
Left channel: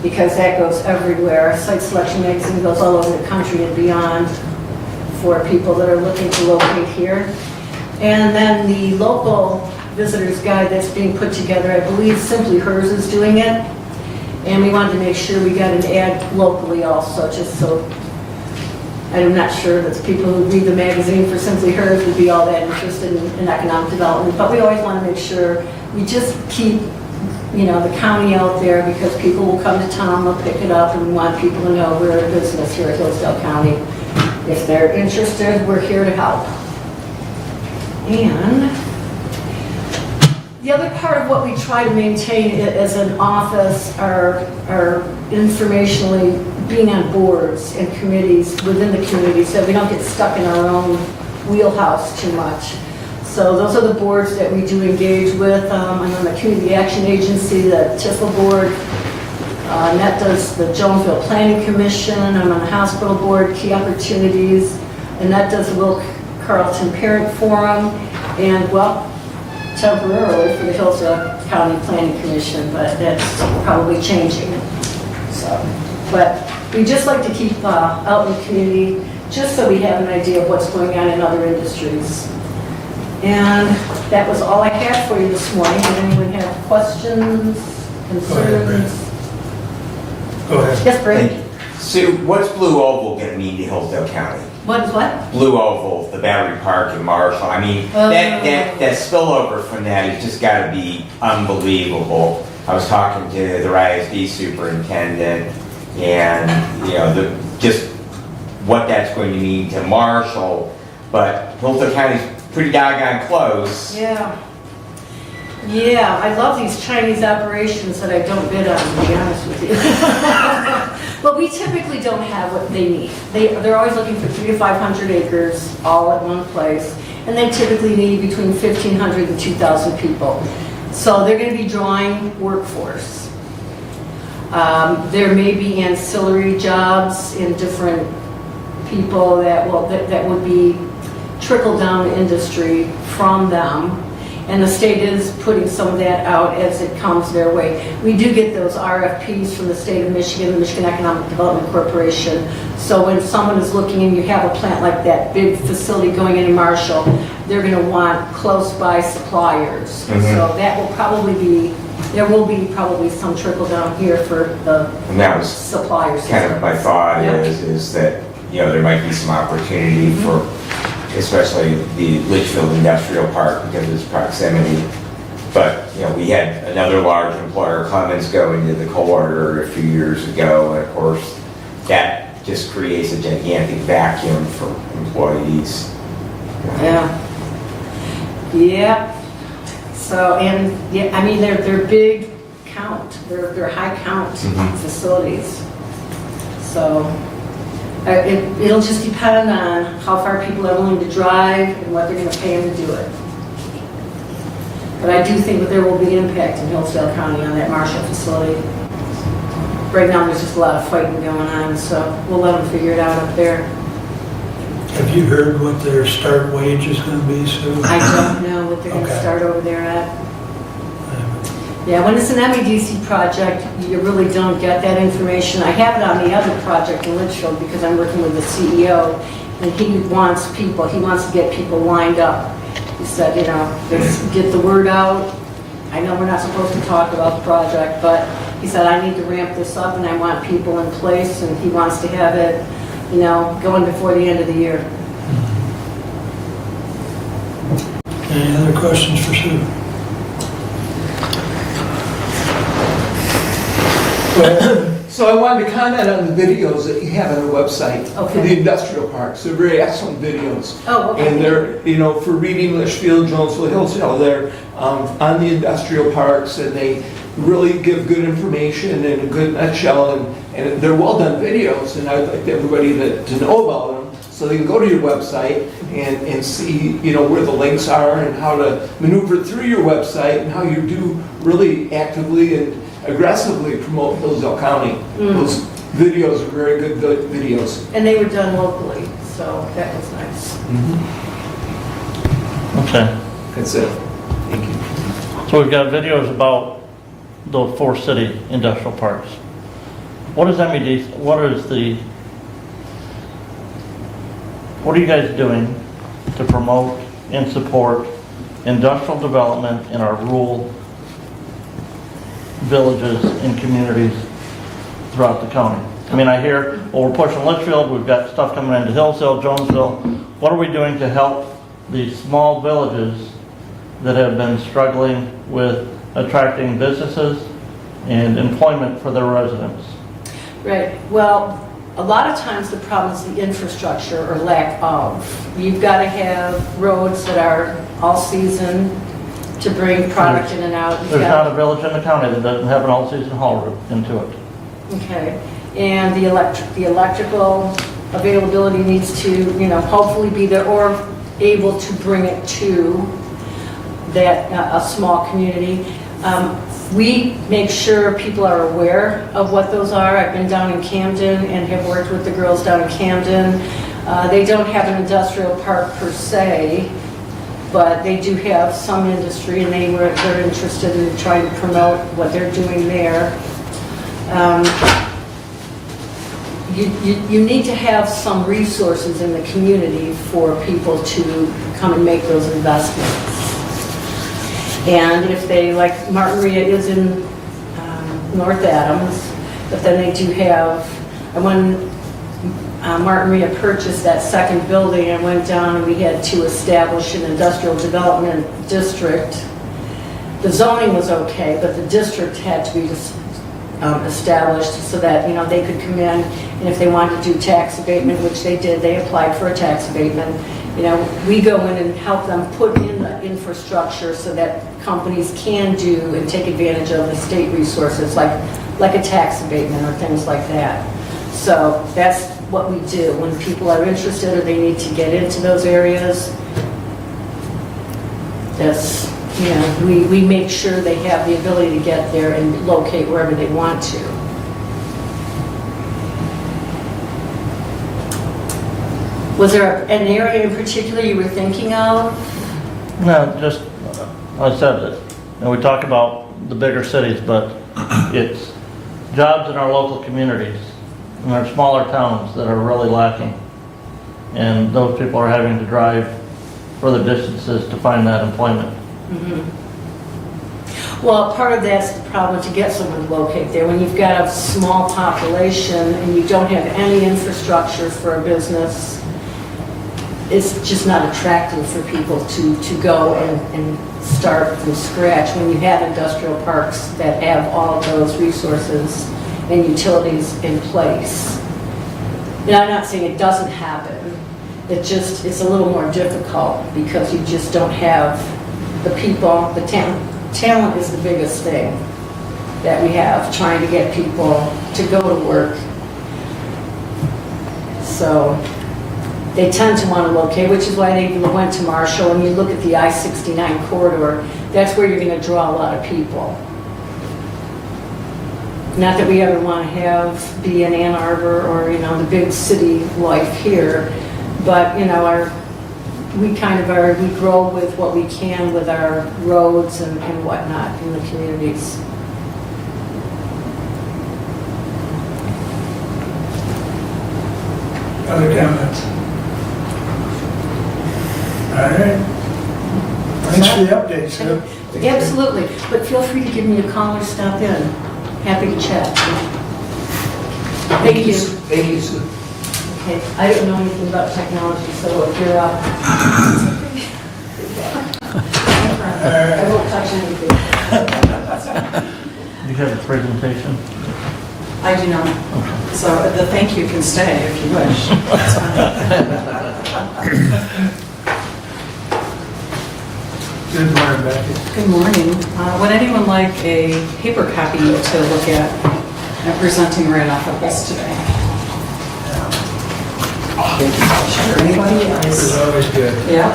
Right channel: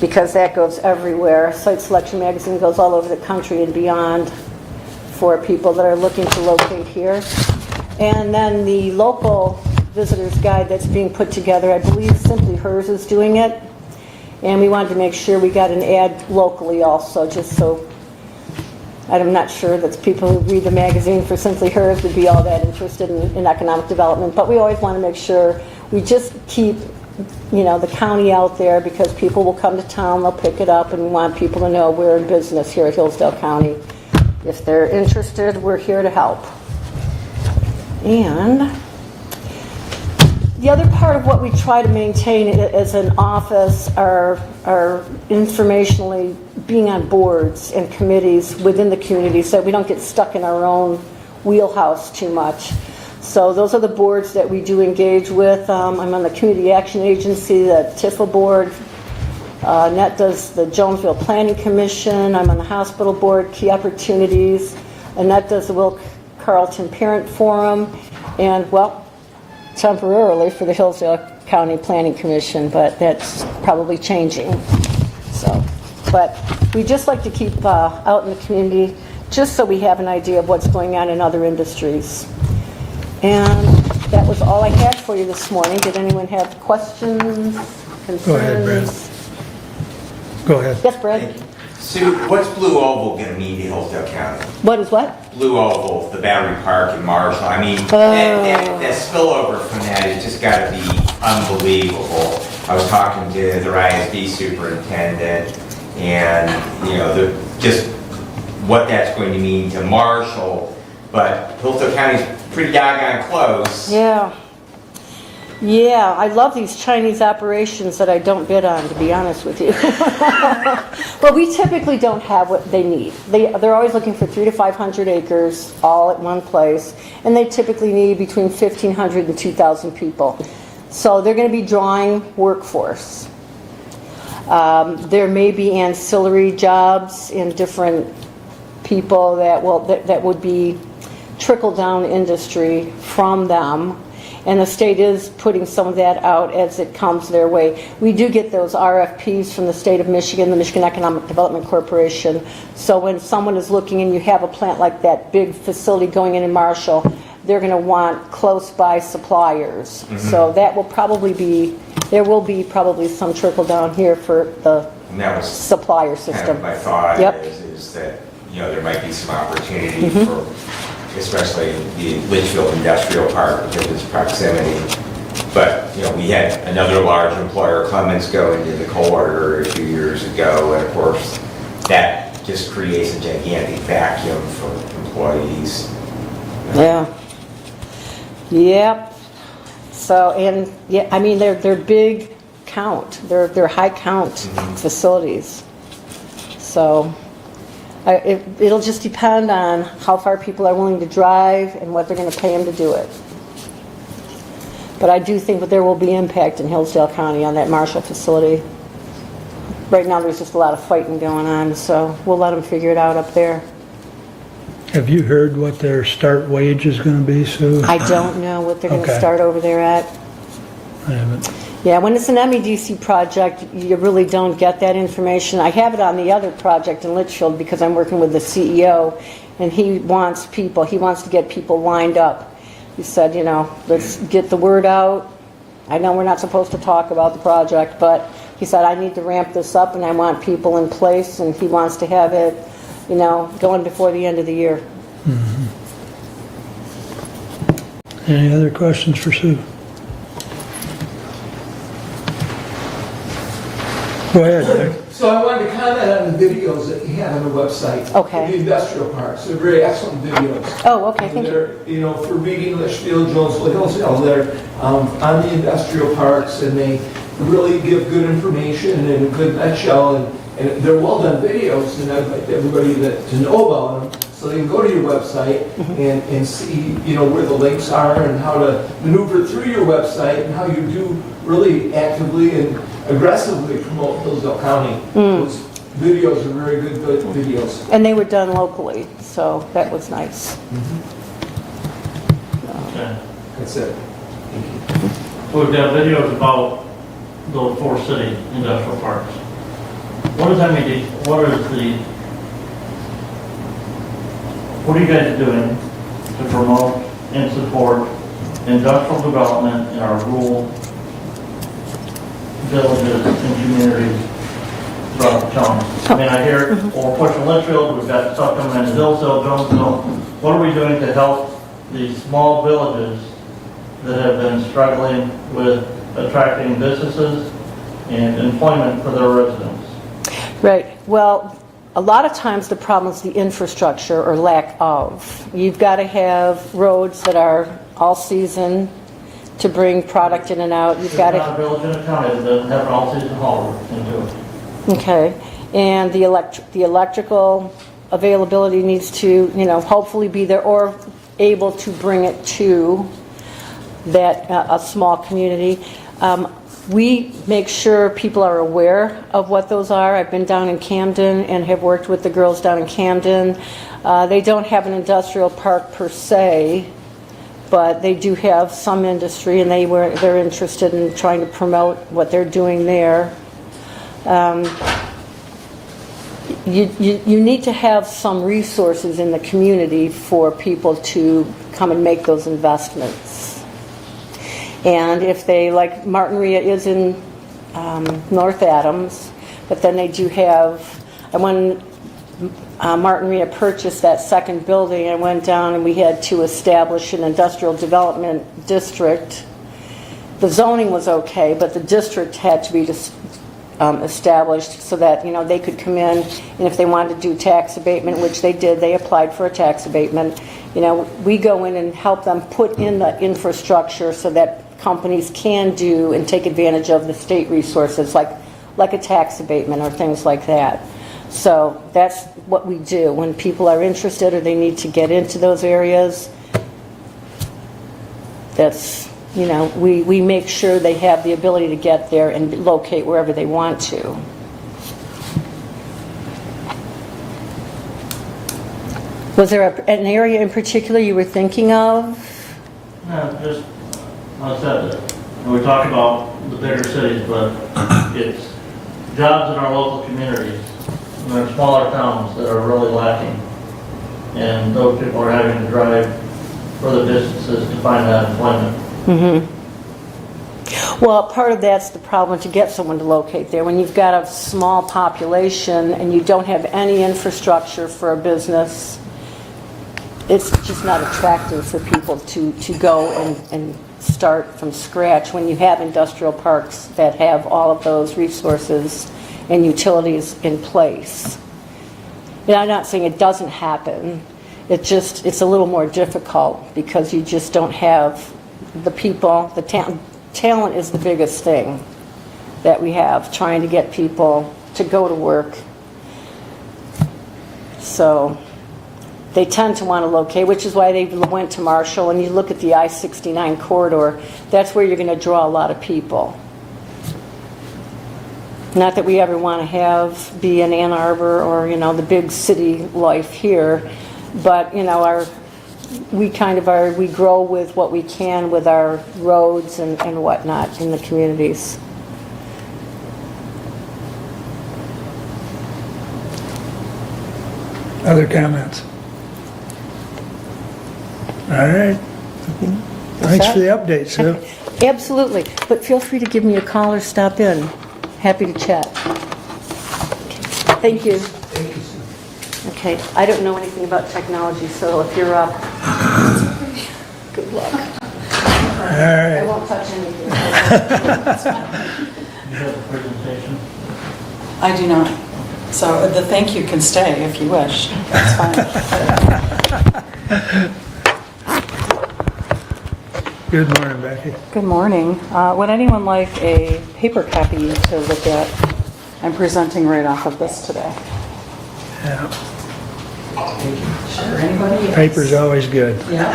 because that goes everywhere. Site Selection magazine goes all over the country and beyond for people that are looking to locate here. And then the local visitor's guide that's being put together, I believe Simply Hers is doing it. And we wanted to make sure we got an ad locally also, just so I'm not sure that people who read the magazine for Simply Hers would be all that interested in economic development. But we always want to make sure we just keep the county out there, because people will come to town, they'll pick it up, and we want people to know we're in business here at Hillsdale County. If they're interested, we're here to help. And The other part of what we try to maintain as an office are informationally being on boards and committees within the community so we don't get stuck in our own wheelhouse too much. So those are the boards that we do engage with. I'm on the Community Action Agency, the TIFA board. Annette does the Jonesville Planning Commission. I'm on the Hospital Board, Key Opportunities. Annette does the Will Carlton Parent Forum. And, well, temporarily for the Hillsdale County Planning Commission, but that's probably changing. So, but we just like to keep out in the community just so we have an idea of what's going on in other industries. And that was all I had for you this morning. Did anyone have questions, concerns? Go ahead, Brent. Go ahead. Yes, Brent? Sue, what's Blue Oval going to mean to Hillsdale County? What is what? Blue Oval, the Battery Park in Marshall. I mean, that spillover from that has just got to be unbelievable. I was talking to the RISD superintendent, and you know, just what that's going to mean to Marshall. But Hillsdale County's pretty doggone close. Yeah. Yeah, I love these Chinese operations that I don't bid on, to be honest with you. But we typically don't have what they need. They're always looking for 300 to 500 acres all at one place, and they typically need between 1,500 and 2,000 people. So they're going to be drawing workforce. There may be ancillary jobs in different people that would be trickle-down industry from them. And the state is putting some of that out as it comes their way. We do get those RFPs from the state of Michigan, the Michigan Economic Development Corporation. So when someone is looking and you have a plant like that, big facility going into Marshall, they're going to want close by suppliers. Mm-hmm. So that will probably be, there will be probably some trickle down here for the And that was supplier system. kind of my thought. Yep. is that, you know, there might be some opportunity for especially the Litchfield Industrial Park because of its proximity. But, you know, we had another large employer, Clemens, go into the coal order a few years ago, and of course, that just creates a gigantic vacuum for employees. Yeah. Yeah. So, and, yeah, I mean, they're big count. They're high count facilities. So, it'll just depend on how far people are willing to drive and what they're going to pay them to do it. But I do think that there will be impact in Hillsdale County on that Marshall facility. Right now, there's just a lot of fighting going on, so we'll let them figure it out up there. Have you heard what their start wage is going to be, Sue? I don't know what they're going to start over there at. I haven't. Yeah, when it's an MEDC project, you really don't get that information. I have it on the other project in Litchfield because I'm working with the CEO, and he wants to get people lined up. He said, you know, let's get the word out. I know we're not supposed to talk about the project, but he said, I need to ramp this up and I want people in place, and he wants to have it, you know, going before the end of the year. Any other questions for Sue? Go ahead. So I wanted to comment on the videos that you have on the website for Okay. the industrial parks. They're very excellent videos. Oh, okay. And they're, you know, for reading Litchfield, Jonesville, Hillsdale, they're on the industrial parks, and they really give good information in a good nutshell, and they're well done videos, and I'd like everybody to know about them, so they can go to your website and see, you know, where the links are and how to maneuver through your website and how you do really actively and aggressively promote Hillsdale County. Those videos are very good videos. And they were done locally, so that was nice. Okay. That's it. Thank you. So we've got videos about those 4 city industrial parks. What are you guys doing to promote and support industrial development in our rural villages and communities throughout the county? I mean, I hear, well, we're pushing Litchfield, we've got stuff coming into Hillsdale, Jonesville. What are we doing to help these small villages that have been struggling with attracting businesses and employment for their residents? Right. Well, a lot of times the problem is the infrastructure or lack of. You've got to have roads that are all season to bring product in and out. You've There's got not a village in the county that doesn't have an all-season hauler into it. Okay, and the electrical availability needs to, hopefully be there or able to bring it to that, a small community. We make sure people are aware of what those are. I've been down in Camden and have worked with the girls down in Camden. They don't have an industrial park per se, but they do have some industry, and they're interested in trying to promote what they're doing there. You need to have some resources in the community for people to come and make those investments. And if they, like Martinria is in North Adams, but then they do have, when Martinria purchased that second building, I went down and we had to establish an industrial development district. The zoning was okay, but the district had to be established so that, they could come in, and if they wanted to do tax abatement, which they did, they applied for a tax abatement. We go in and help them put in the infrastructure so that companies can do and take advantage of the state resources like a tax abatement or things like that. So that's what we do when people are interested or they need to get into those areas. That's, we make sure they have the ability to get there and locate wherever they want to. Was there an area in particular you were thinking of? No, just, I said that, we talk about the bigger cities, but it's jobs in our local communities, in our smaller towns that are really lacking. And those people are having to drive further distances to find that employment. Mm-hmm. Well, part of that's the problem to get someone to locate there. When you've got a small population and you don't have any infrastructure for a business, it's just not attractive for people to go and start from scratch when you have industrial parks that have all of those resources and utilities in place. And I'm not saying it doesn't happen. It's a little more difficult because you just don't have the people, the talent. Talent is the biggest thing that we have, trying to get people to go to work. So they tend to want to locate, which is why they went to Marshall. And you look at the I-69 corridor, that's where you're going to draw a lot of people. Not that we ever want to be in Ann Arbor or, the big city life here, but, we grow with what we can with our roads and whatnot in the communities. Other comments? All right. Thanks for the update, Sue. Absolutely, but feel free to give me a call or stop in. Happy to chat. Thank you. Thank you, Sue. Okay, I don't know anything about technology, so if you're up, good luck. I won't touch anything. You have a presentation? I do not. So the thank you can stay if you wish. That's fine. Good morning, Becky. Good morning. Would anyone like a paper copy to look at? I'm presenting right off of this today. Yeah. Sure, anybody else? Paper's always good. Yeah.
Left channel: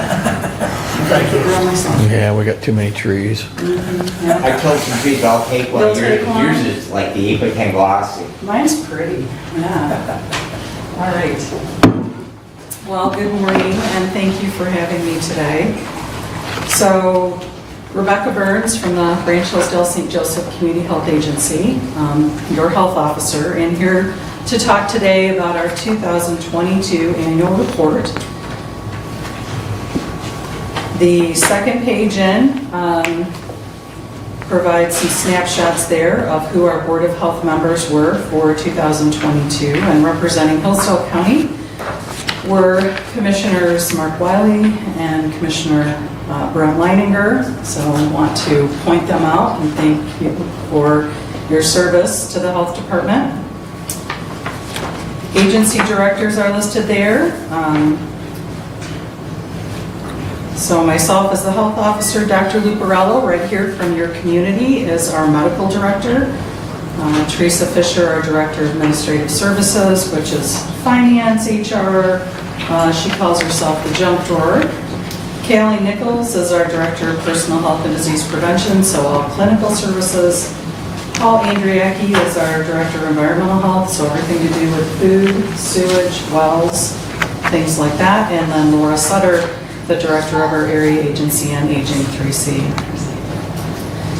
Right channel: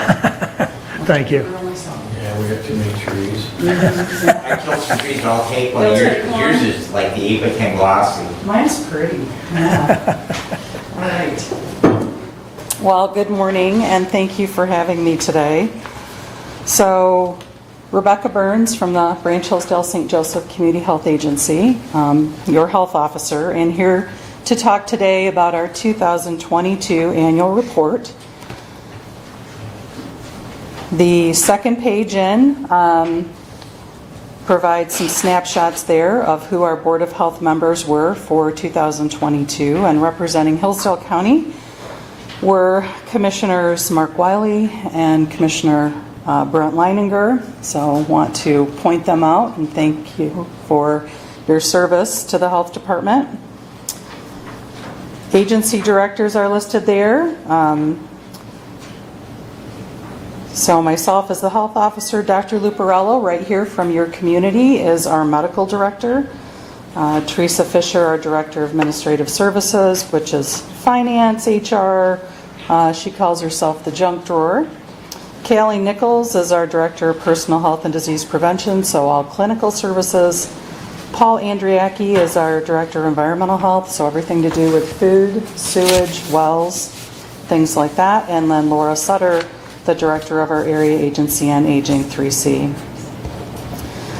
Thank you. Real myself. Yeah, we got too many trees. Yeah. I told you trees, I'll take one. You'll take one? Yours is like the 8x10 gloss. And Mine's pretty, yeah. All right. Well, good morning, and thank you for having me today. So, Rebecca Burns from the Branch Hillsdale St. Joseph Community Health Agency, your health officer, and here to talk today about our 2022 annual report. The second page in provides some snapshots there of who our Board of Health members were for 2022, and representing Hillsdale County were Commissioners Mark Wiley and Commissioner Brent Leininger. So I want to point them out and thank you for your service to the Health Department. Agency directors are listed there. So myself as the health officer, Dr. Luparello, right here from your community, is our medical director. Teresa Fisher, our director of administrative services, which is finance, HR. She calls herself the junk drawer. Callie Nichols is our director of personal health and disease prevention, so all clinical services. Paul Andriacki is our director of environmental health, so everything to do with food, sewage, wells, things like that. And then Laura Sutter, the director of our area agency on aging 3C.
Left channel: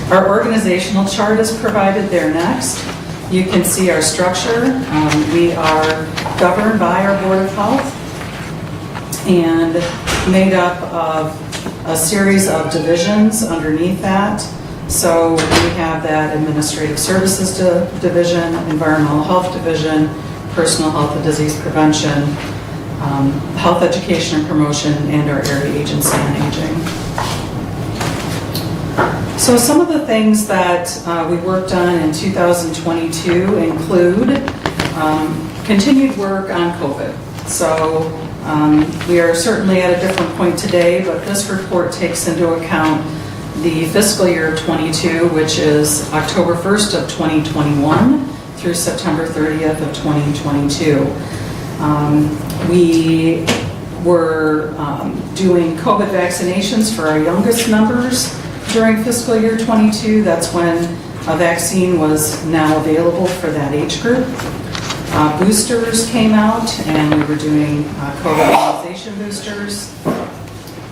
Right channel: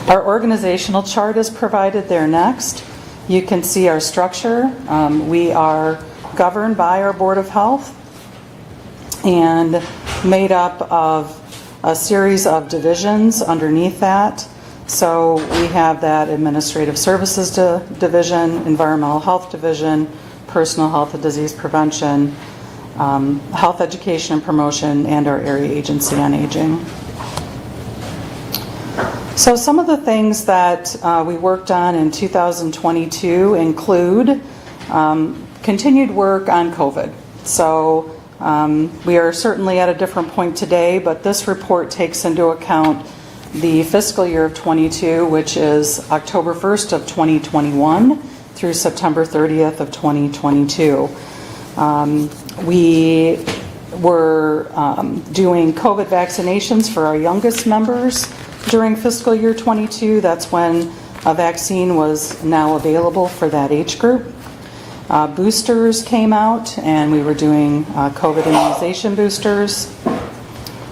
Our organizational chart is provided there next. You can see our structure. We are governed by our Board of Health and made up of a series of divisions underneath that. So we have that Administrative Services Division, Environmental Health Division, Personal Health and Disease Prevention, Health Education and Promotion, and our Area Agency on Aging. So some of the things that we worked on in 2022 include continued work on COVID. So we are certainly at a different point today, but this report takes into account the fiscal year 22, which is October 1st of 2021 through September 30th of 2022. We were doing COVID vaccinations for our youngest members during fiscal year 22. That's when a vaccine was now available for that age group. Boosters came out, and we were doing COVID immunization boosters.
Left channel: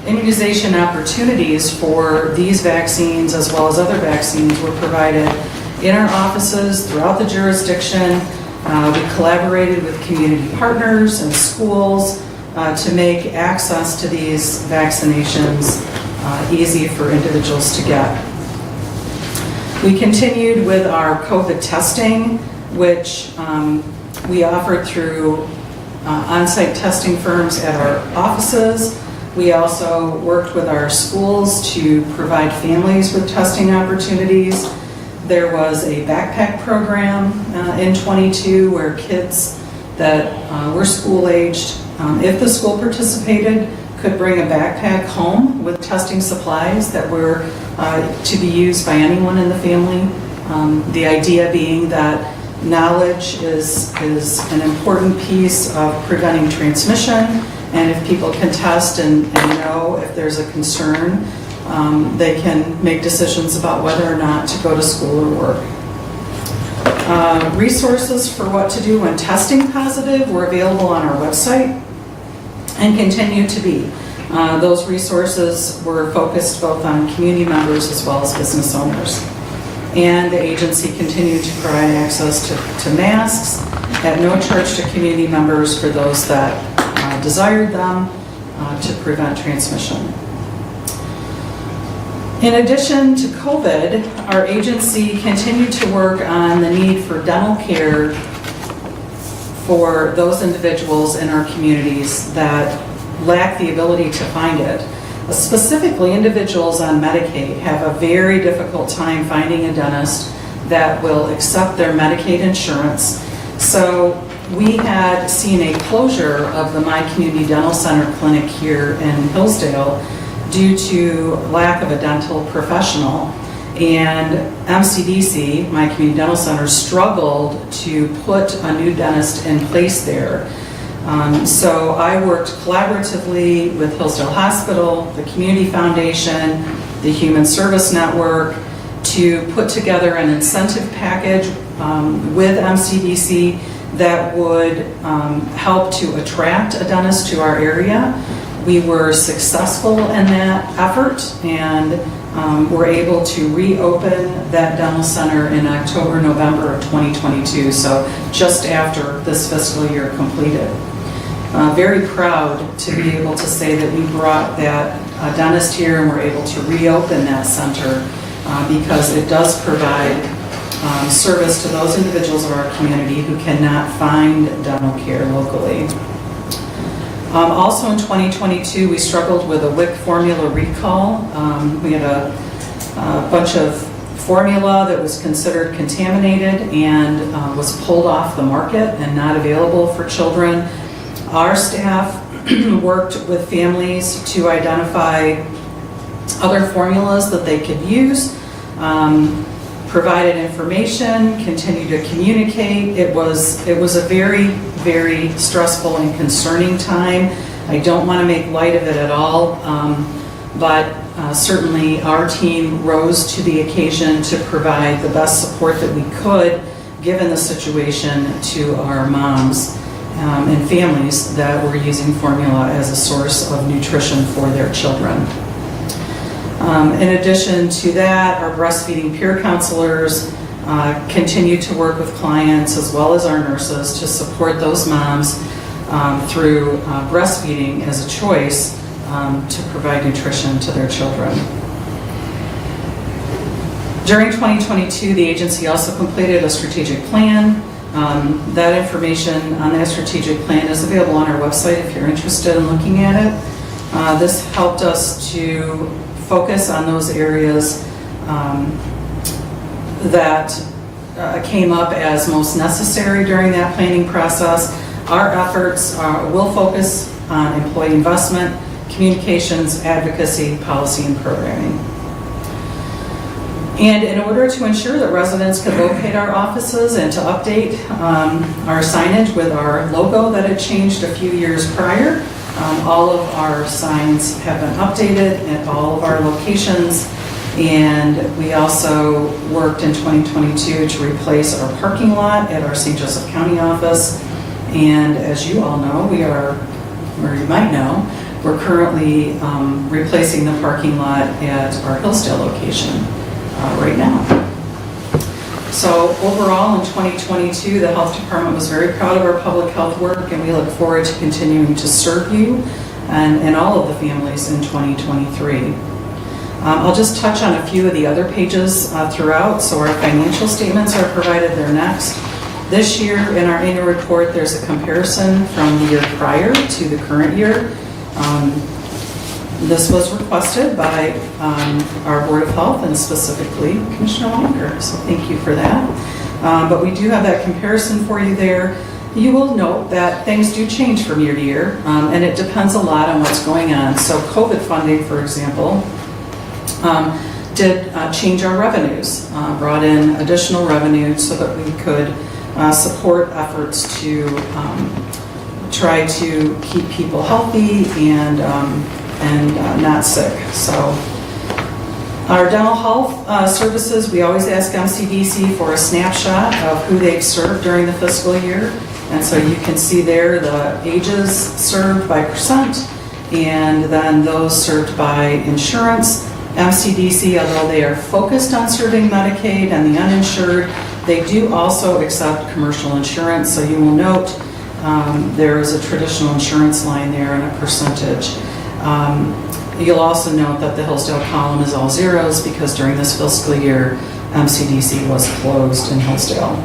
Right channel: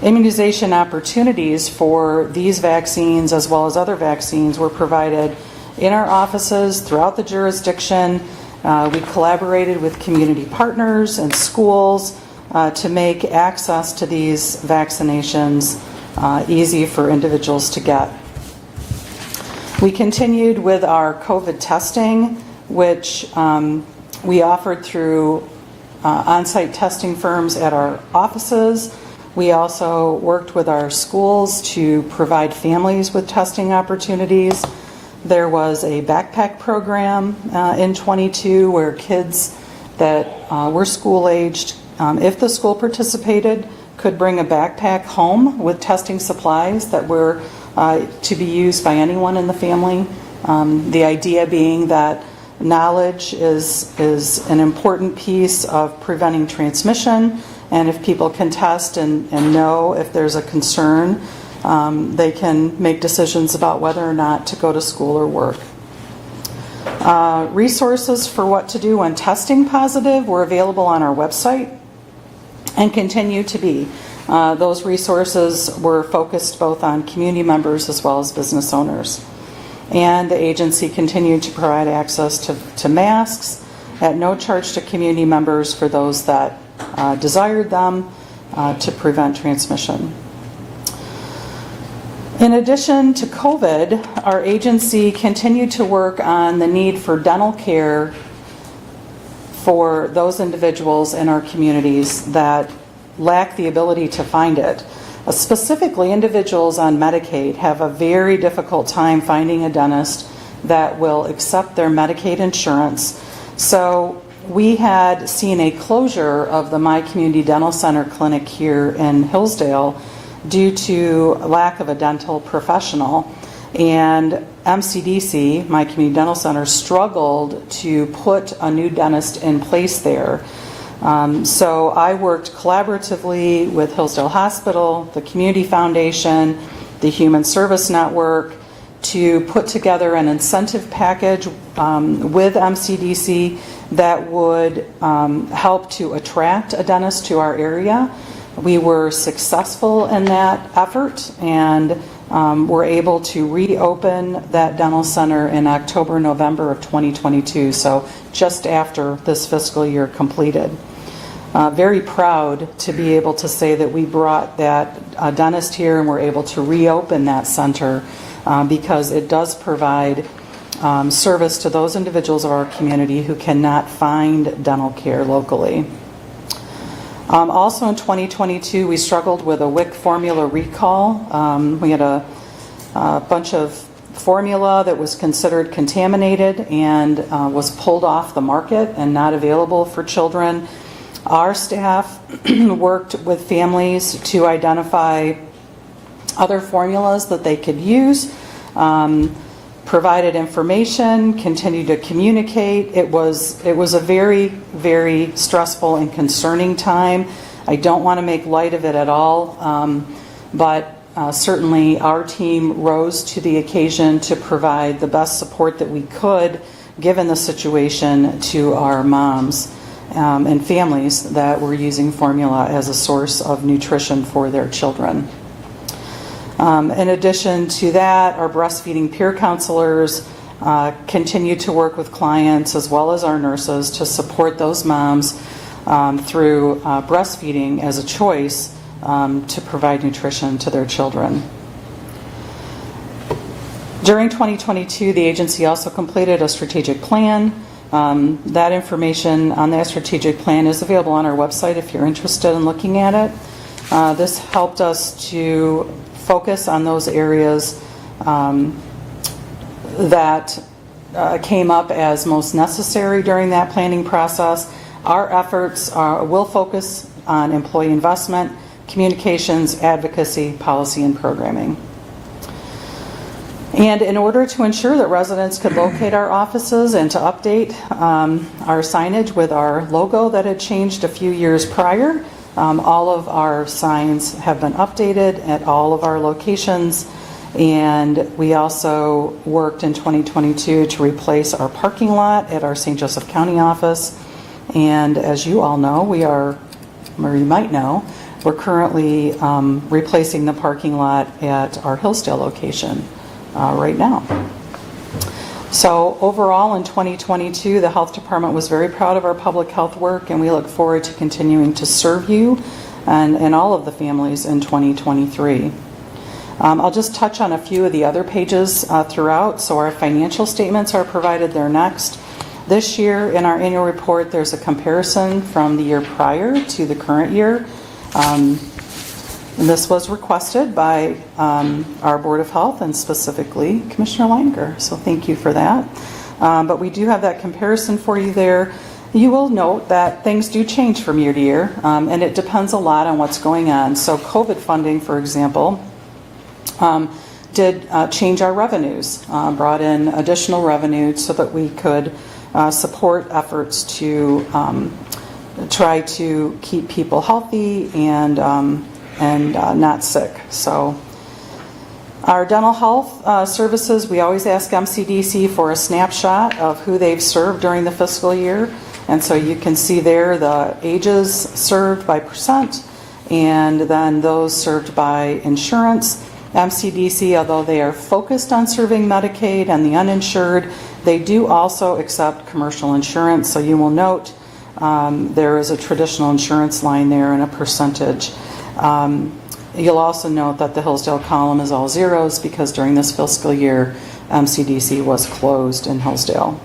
Immunization opportunities for these vaccines as well as other vaccines were provided in our offices throughout the jurisdiction. We collaborated with community partners and schools to make access to these vaccinations easy for individuals to get. We continued with our COVID testing, which we offered through on-site testing firms at our offices. We also worked with our schools to provide families with testing opportunities. There was a backpack program in 22 where kids that were school-aged, if the school participated, could bring a backpack home with testing supplies that were to be used by anyone in the family. The idea being that knowledge is an important piece of preventing transmission, and if people can test and know if there's a concern, they can make decisions about whether or not to go to school or work. Resources for what to do when testing positive were available on our website and continue to be. Those resources were focused both on community members as well as business owners. And the agency continued to provide access to masks at no charge to community members for those that desired them to prevent transmission. In addition to COVID, our agency continued to work on the need for dental care for those individuals in our communities that lack the ability to find it. Specifically, individuals on Medicaid have a very difficult time finding a dentist that will accept their Medicaid insurance. So we had seen a closure of the My Community Dental Center clinic here in Hillsdale due to lack of a dental professional. And MCDC, My Community Dental Center, struggled to put a new dentist in place there. So I worked collaboratively with Hillsdale Hospital, the Community Foundation, the Human Service Network to put together an incentive package with MCDC that would help to attract a dentist to our area. We were successful in that effort and were able to reopen that dental center in October, November of 2022, so just after this fiscal year completed. Very proud to be able to say that we brought that dentist here and were able to reopen that center because it does provide service to those individuals of our community who cannot find dental care locally. Also in 2022, we struggled with a WIC formula recall. We had a bunch of formula that was considered contaminated and was pulled off the market and not available for children. Our staff worked with families to identify other formulas that they could use, provided information, continued to communicate. It was a very, very stressful and concerning time. I don't want to make light of it at all, but certainly our team rose to the occasion to provide the best support that we could, given the situation, to our moms and families that were using formula as a source of nutrition for their children. In addition to that, our breastfeeding peer counselors continue to work with clients as well as our nurses to support those moms through breastfeeding as a choice to provide nutrition to their children. During 2022, the agency also completed a strategic plan. That information on that strategic plan is available on our website if you're interested in looking at it. This helped us to focus on those areas that came up as most necessary during that planning process. Our efforts will focus on employee investment, communications, advocacy, policy, and programming. And in order to ensure that residents could locate our offices and to update our signage with our logo that had changed a few years prior, all of our signs have been updated at all of our locations. And we also worked in 2022 to replace our parking lot at our St. Joseph County office. And as you all know, we are, or you might know, we're currently replacing the parking lot at our Hillsdale location right now. So overall, in 2022, the health department was very proud of our public health work, and we look forward to continuing to serve you and all of the families in 2023. I'll just touch on a few of the other pages throughout. So our financial statements are provided there next. This year in our annual report, there's a comparison from the year prior to the current year. This was requested by our Board of Health and specifically Commissioner Longer, so thank you for that. But we do have that comparison for you there. You will note that things do change from year to year, and it depends a lot on what's going on. So COVID funding, for example, did change our revenues, brought in additional revenue so that we could support efforts to try to keep people healthy and not sick. So our dental health services, we always ask MCDC for a snapshot of who they've served during the fiscal year. And so you can see there the ages served by percent and then those served by insurance. MCDC, although they are focused on serving Medicaid and the uninsured, they do also accept commercial insurance. So you will note there is a traditional insurance line there and a percentage. You'll also note that the Hillsdale column is all zeros because during this fiscal year, MCDC was closed in Hillsdale.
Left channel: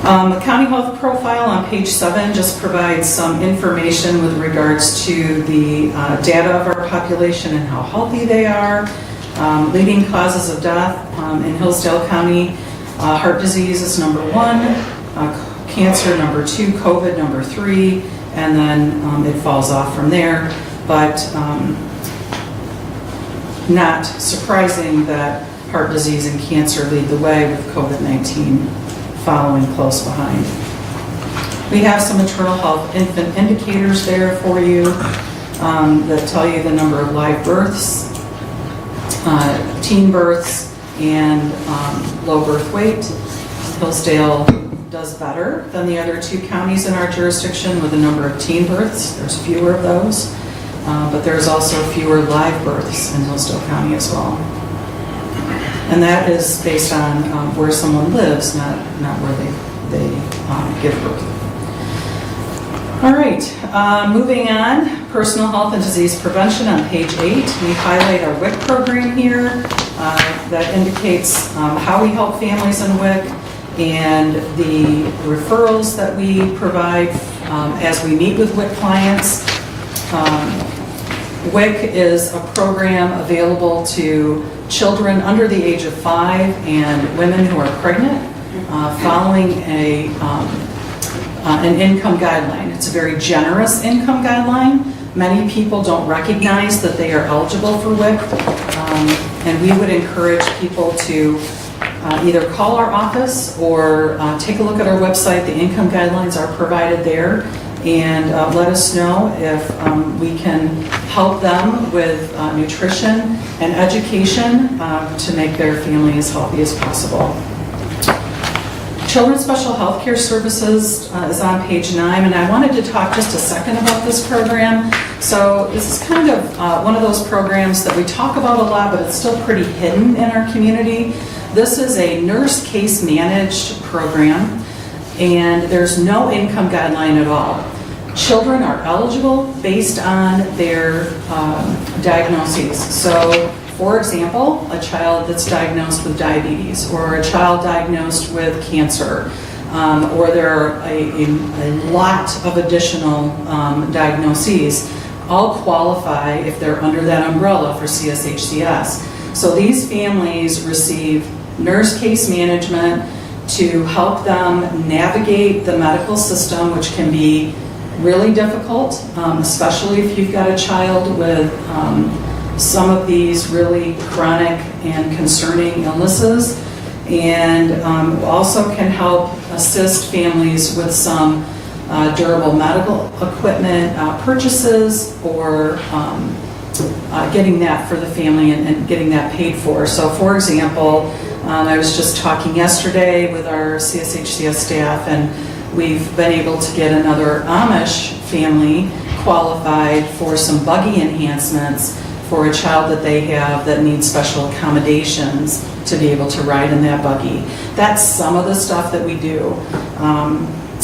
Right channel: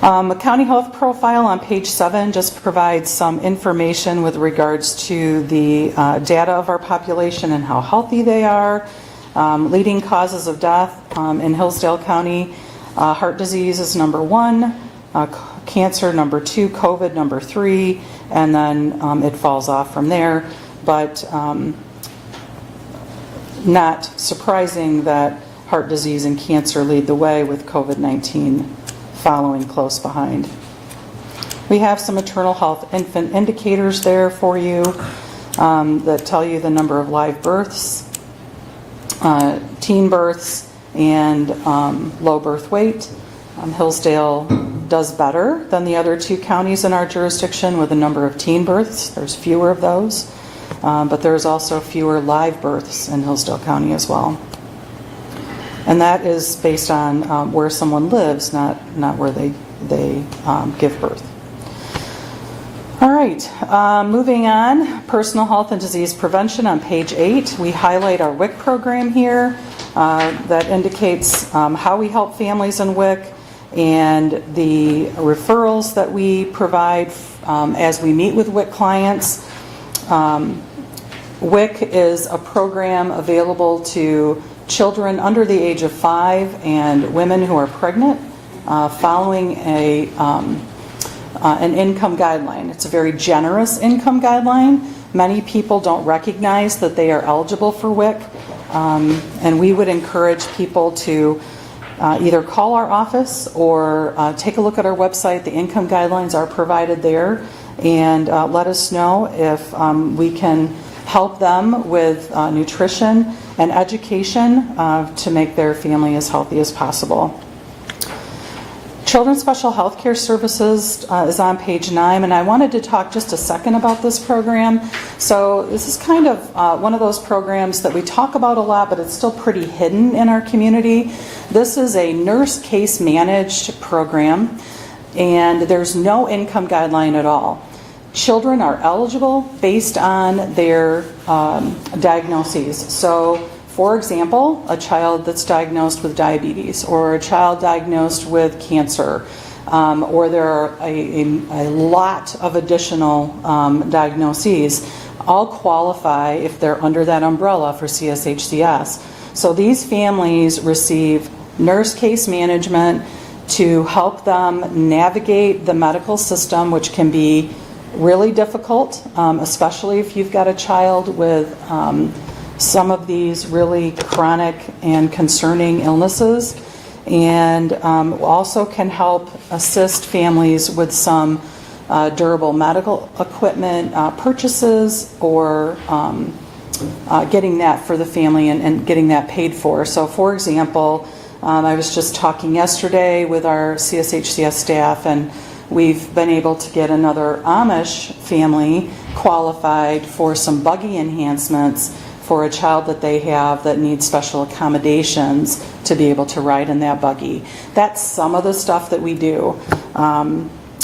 The county health profile on page 7 just provides some information with regards to the data of our population and how healthy they are. Leading causes of death in Hillsdale County, heart disease is number 1, cancer number 2, COVID number 3, and then it falls off from there. But not surprising that heart disease and cancer lead the way, with COVID-19 following close behind. We have some maternal health infant indicators there for you that tell you the number of live births, teen births, and low birth weight. Hillsdale does better than the other 2 counties in our jurisdiction with a number of teen births. There's fewer of those, but there's also fewer live births in Hillsdale County as well. And that is based on where someone lives, not where they give birth. All right, moving on, personal health and disease prevention on page 8. We highlight our WIC program here that indicates how we help families in WIC and the referrals that we provide as we meet with WIC clients. WIC is a program available to children under the age of 5 and women who are pregnant following a an income guideline. It's a very generous income guideline. Many people don't recognize that they are eligible for WIC, and we would encourage people to either call our office or take a look at our website. The income guidelines are provided there, and let us know if we can help them with nutrition and education to make their family as healthy as possible. Children's Special Health Care Services is on page 9, and I wanted to talk just a second about this program. So this is kind of one of those programs that we talk about a lot, but it's still pretty hidden in our community. This is a nurse case managed program, and there's no income guideline at all. Children are eligible based on their diagnoses. So, for example, a child that's diagnosed with diabetes, or a child diagnosed with cancer, or there are a lot of additional diagnoses, all qualify if they're under that umbrella for CSHCS. So these families receive nurse case management to help them navigate the medical system, which can be really difficult, especially if you've got a child with some of these really chronic and concerning illnesses, and also can help assist families with some durable medical equipment purchases, or getting that for the family and getting that paid for. So for example, I was just talking yesterday with our CSHCS staff, and we've been able to get another Amish family qualified for some buggy enhancements for a child that they have that needs special accommodations to be able to ride in that buggy. That's some of the stuff that we do.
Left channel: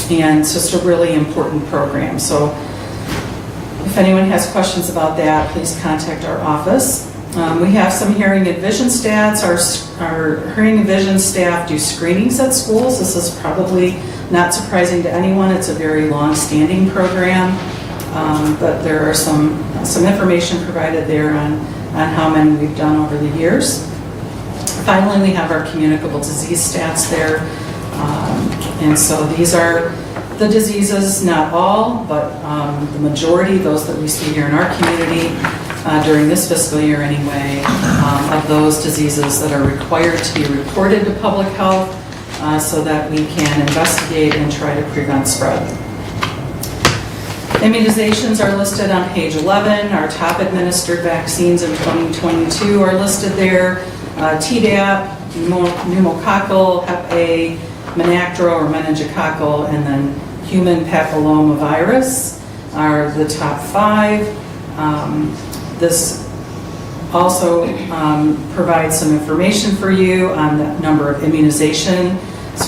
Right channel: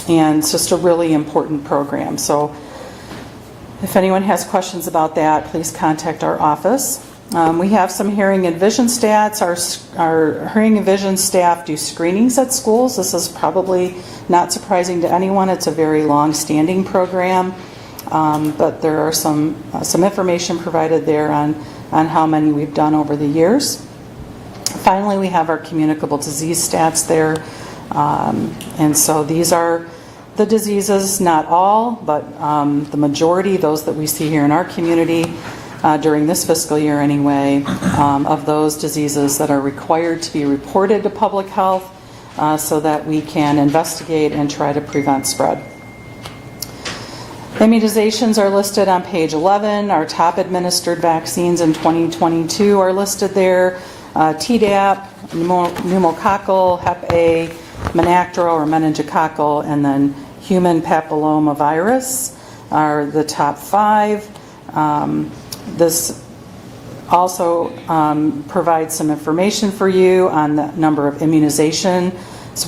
And it's just a really important program. So if anyone has questions about that, please contact our office. We have some hearing and vision stats. Our hearing and vision staff do screenings at schools. This is probably not surprising to anyone. It's a very long-standing program, but there are some information provided there on how many we've done over the years. Finally, we have our communicable disease stats there. And so these are the diseases, not all, but the majority, those that we see here in our community during this fiscal year anyway, of those diseases that are required to be reported to public health so that we can investigate and try to prevent spread. Immunizations are listed on page 11. Our top administered vaccines in 2022 are listed there. Tdap, pneumococcal, Hep A, Menactro or meningococcal, and then human papillomavirus are the top 5. This also provides some information for you on the number of immunizations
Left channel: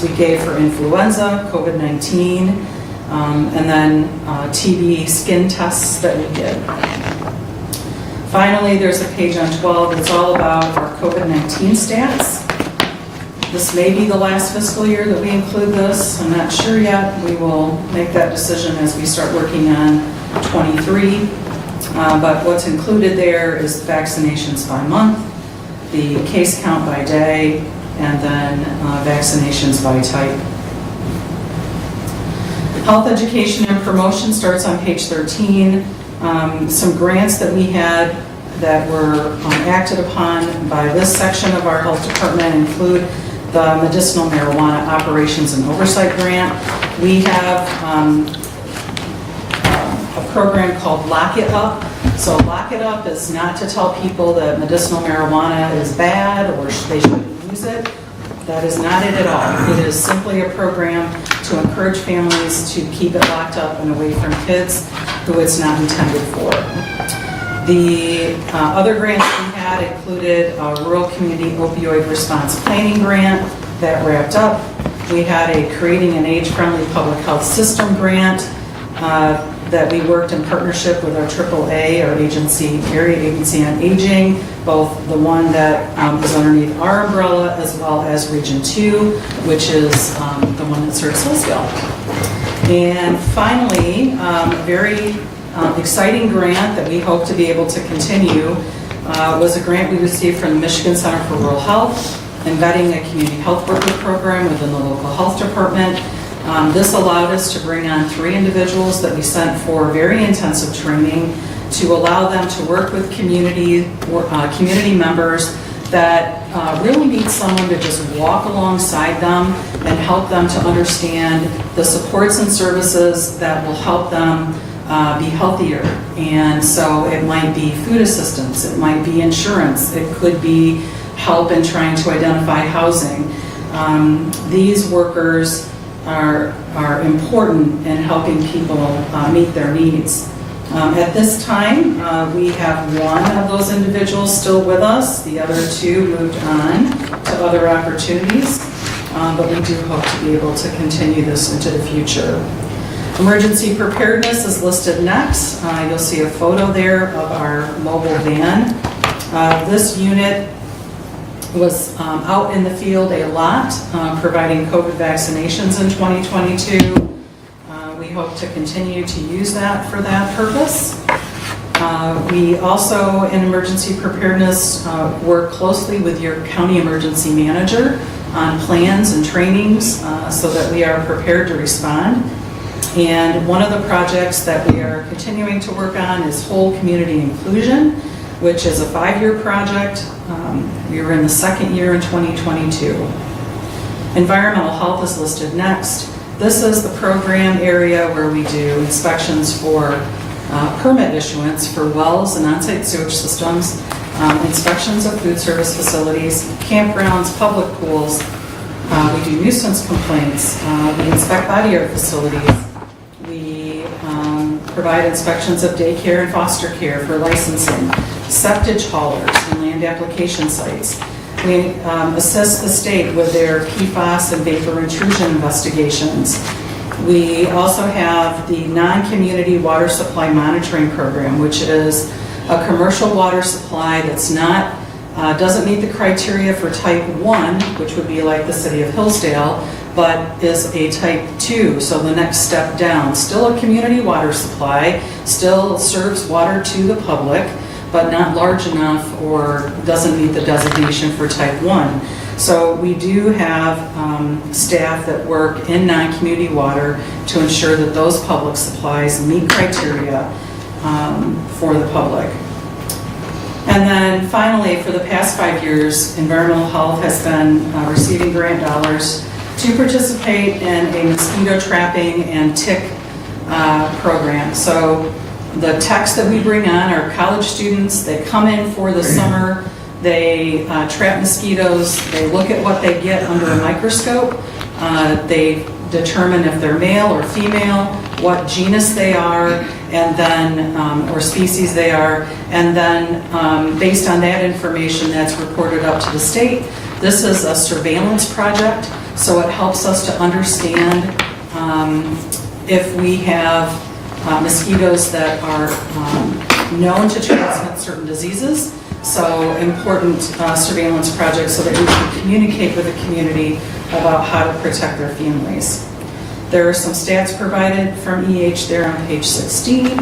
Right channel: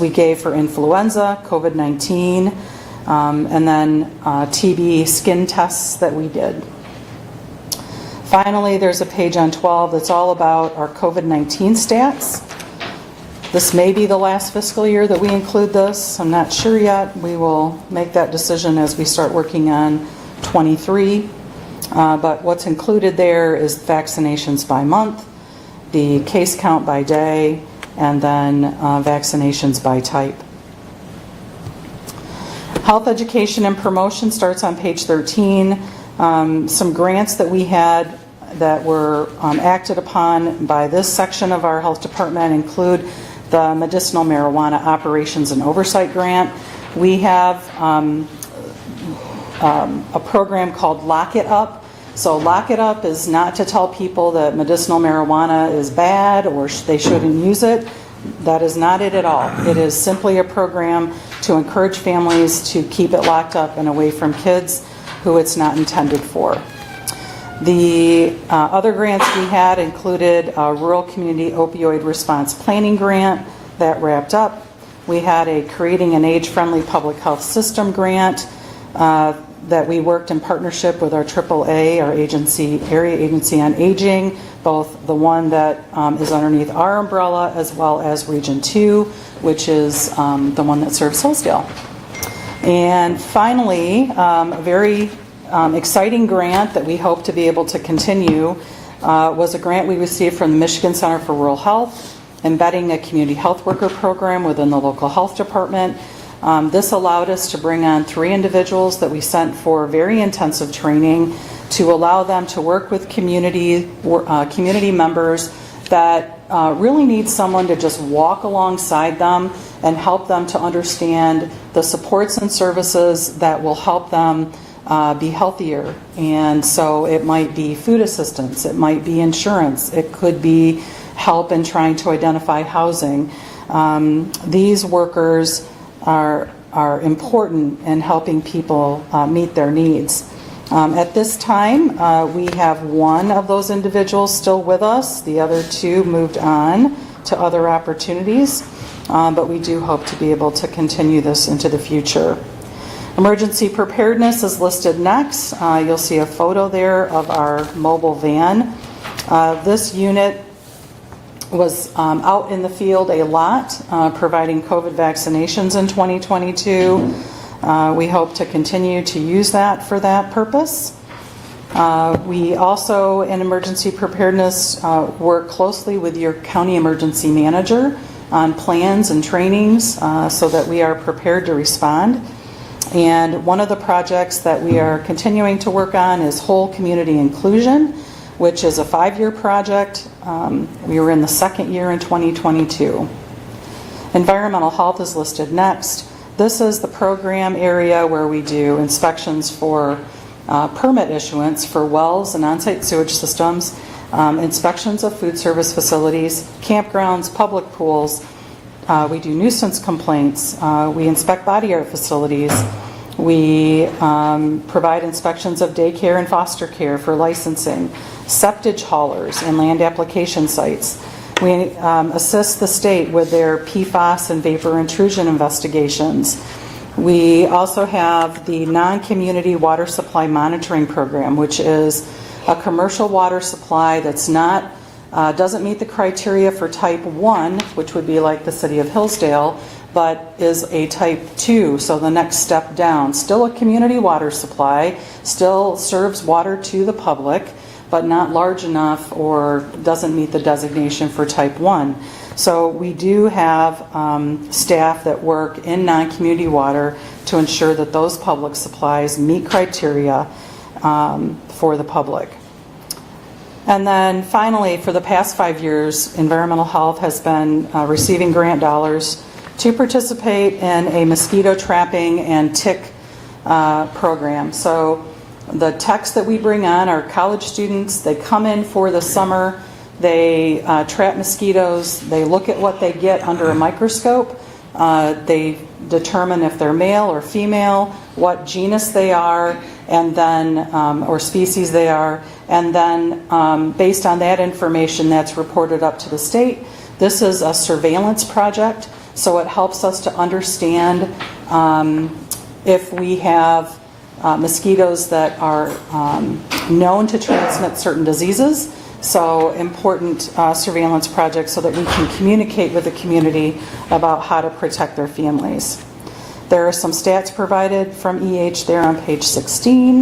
we gave for influenza, COVID-19, and then TB skin tests that we did. Finally, there's a page on 12 that's all about our COVID-19 stats. This may be the last fiscal year that we include this. I'm not sure yet. We will make that decision as we start working on 23. But what's included there is vaccinations by month, the case count by day, and then vaccinations by type. Health education and promotion starts on page 13. Some grants that we had that were acted upon by this section of our health department include the medicinal marijuana operations and oversight grant. We have a program called Lock It Up. So Lock It Up is not to tell people that medicinal marijuana is bad or they shouldn't use it. That is not it at all. It is simply a program to encourage families to keep it locked up and away from kids who it's not intended for. The other grants we had included a Rural Community Opioid Response Planning Grant that wrapped up. We had a Creating an Age-Friendly Public Health System grant that we worked in partnership with our AAA, our area agency on aging, both the one that is underneath our umbrella as well as Region 2, which is the one that serves Hillsdale. And finally, very exciting grant that we hope to be able to continue was a grant we received from the Michigan Center for Rural Health, embedding a community health worker program within the local health department. This allowed us to bring on 3 individuals that we sent for very intensive training to allow them to work with community members that really need someone to just walk alongside them and help them to understand the supports and services that will help them be healthier. And so it might be food assistance, it might be insurance, it could be help in trying to identify housing. These workers are important in helping people meet their needs. At this time, we have 1 of those individuals still with us. The other 2 moved on to other opportunities, but we do hope to be able to continue this into the future. Emergency preparedness is listed next. You'll see a photo there of our mobile van. This unit was out in the field a lot, providing COVID vaccinations in 2022. We hope to continue to use that for that purpose. We also, in emergency preparedness, work closely with your county emergency manager on plans and trainings so that we are prepared to respond. And one of the projects that we are continuing to work on is whole community inclusion, which is a 5-year project. We are in the 2nd year in 2022. Environmental health is listed next. This is the program area where we do inspections for permit issuance for wells and on-site sewage systems, inspections of food service facilities, campgrounds, public pools. We do nuisance complaints. We inspect body art facilities. We provide inspections of daycare and foster care for licensing, septage haulers, and land application sites. We assist the state with their PFAS and vapor intrusion investigations. We also have the non-community water supply monitoring program, which is a commercial water supply that's not, doesn't meet the criteria for type 1, which would be like the city of Hillsdale, but is a type 2, so the next step down. Still a community water supply, still serves water to the public, but not large enough or doesn't meet the designation for type 1. So we do have staff that work in non-community water to ensure that those public supplies meet criteria for the public. And then finally, for the past 5 years, environmental health has been receiving grant dollars to participate in a mosquito trapping and tick program. So the techs that we bring on are college students. They come in for the summer, they trap mosquitoes, they look at what they get under a microscope, they determine if they're male or female, what genus they are, and then, or species they are, and then based on that information that's reported up to the state. This is a surveillance project, so it helps us to understand if we have mosquitoes that are known to transmit certain diseases. So important surveillance projects so that we can communicate with the community about how to protect their families. There are some stats provided from EH there on page 16.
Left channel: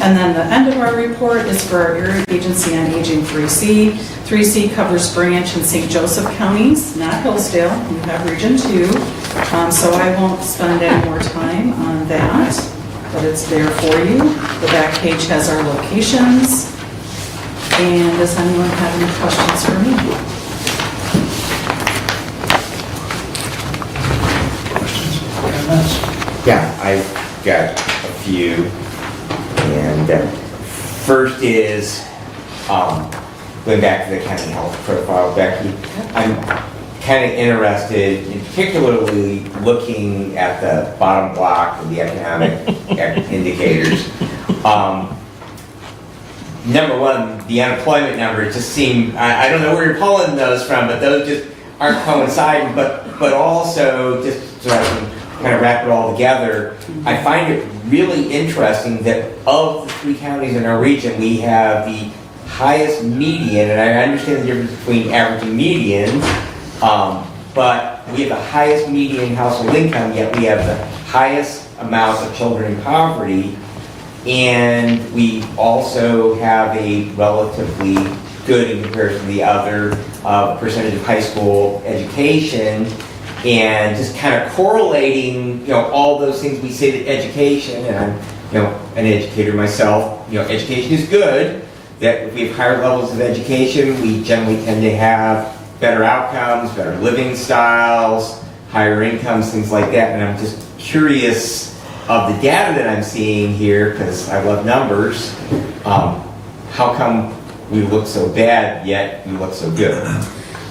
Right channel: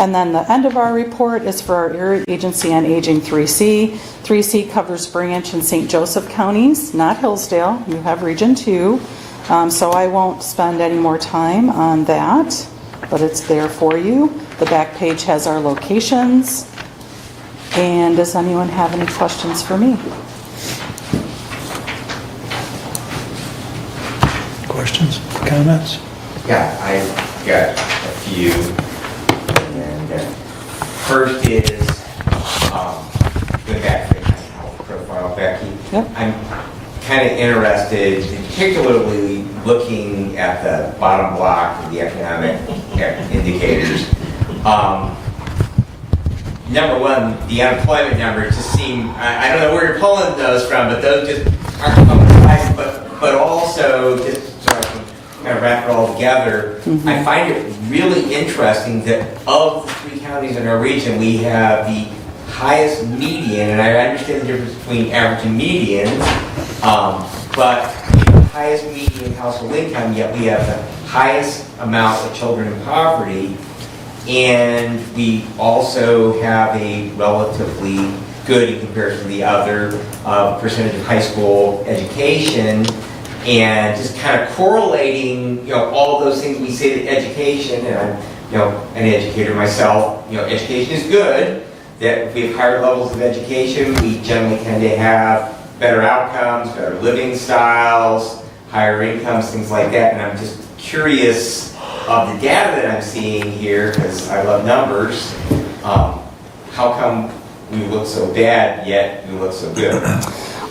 And then the end of our report is for our Area Agency on Aging 3C. 3C covers Branch and St. Joseph counties, not Hillsdale. We have Region 2. So I won't spend any more time on that, but it's there for you. The back page has our locations. And does anyone have any questions for me? Questions, comments? Yeah, I've got a few. And first is, going back to the county health profile, Becky. Yep. I'm kind of interested, particularly looking at the bottom block of the economic indicators. Number one, the unemployment numbers just seem, I don't know where you're pulling those from, but those just aren't coinciding, but also, just so I can kind of wrap it all together, I find it really interesting that of the 3 counties in our region, we have the highest median, and I understand the difference between average and median, but we have the highest median household income, yet we have the highest amount of children in poverty. And we also have a relatively good, in comparison to the other, percentage of high school education. And just kind of correlating all those things we say to education, and I'm, an educator myself, education is good, that if we have higher levels of education, we generally tend to have better outcomes, better living styles, higher incomes, things like that. And I'm just curious of the data that I'm seeing here, because I love numbers, how come we look so bad, yet we look so good?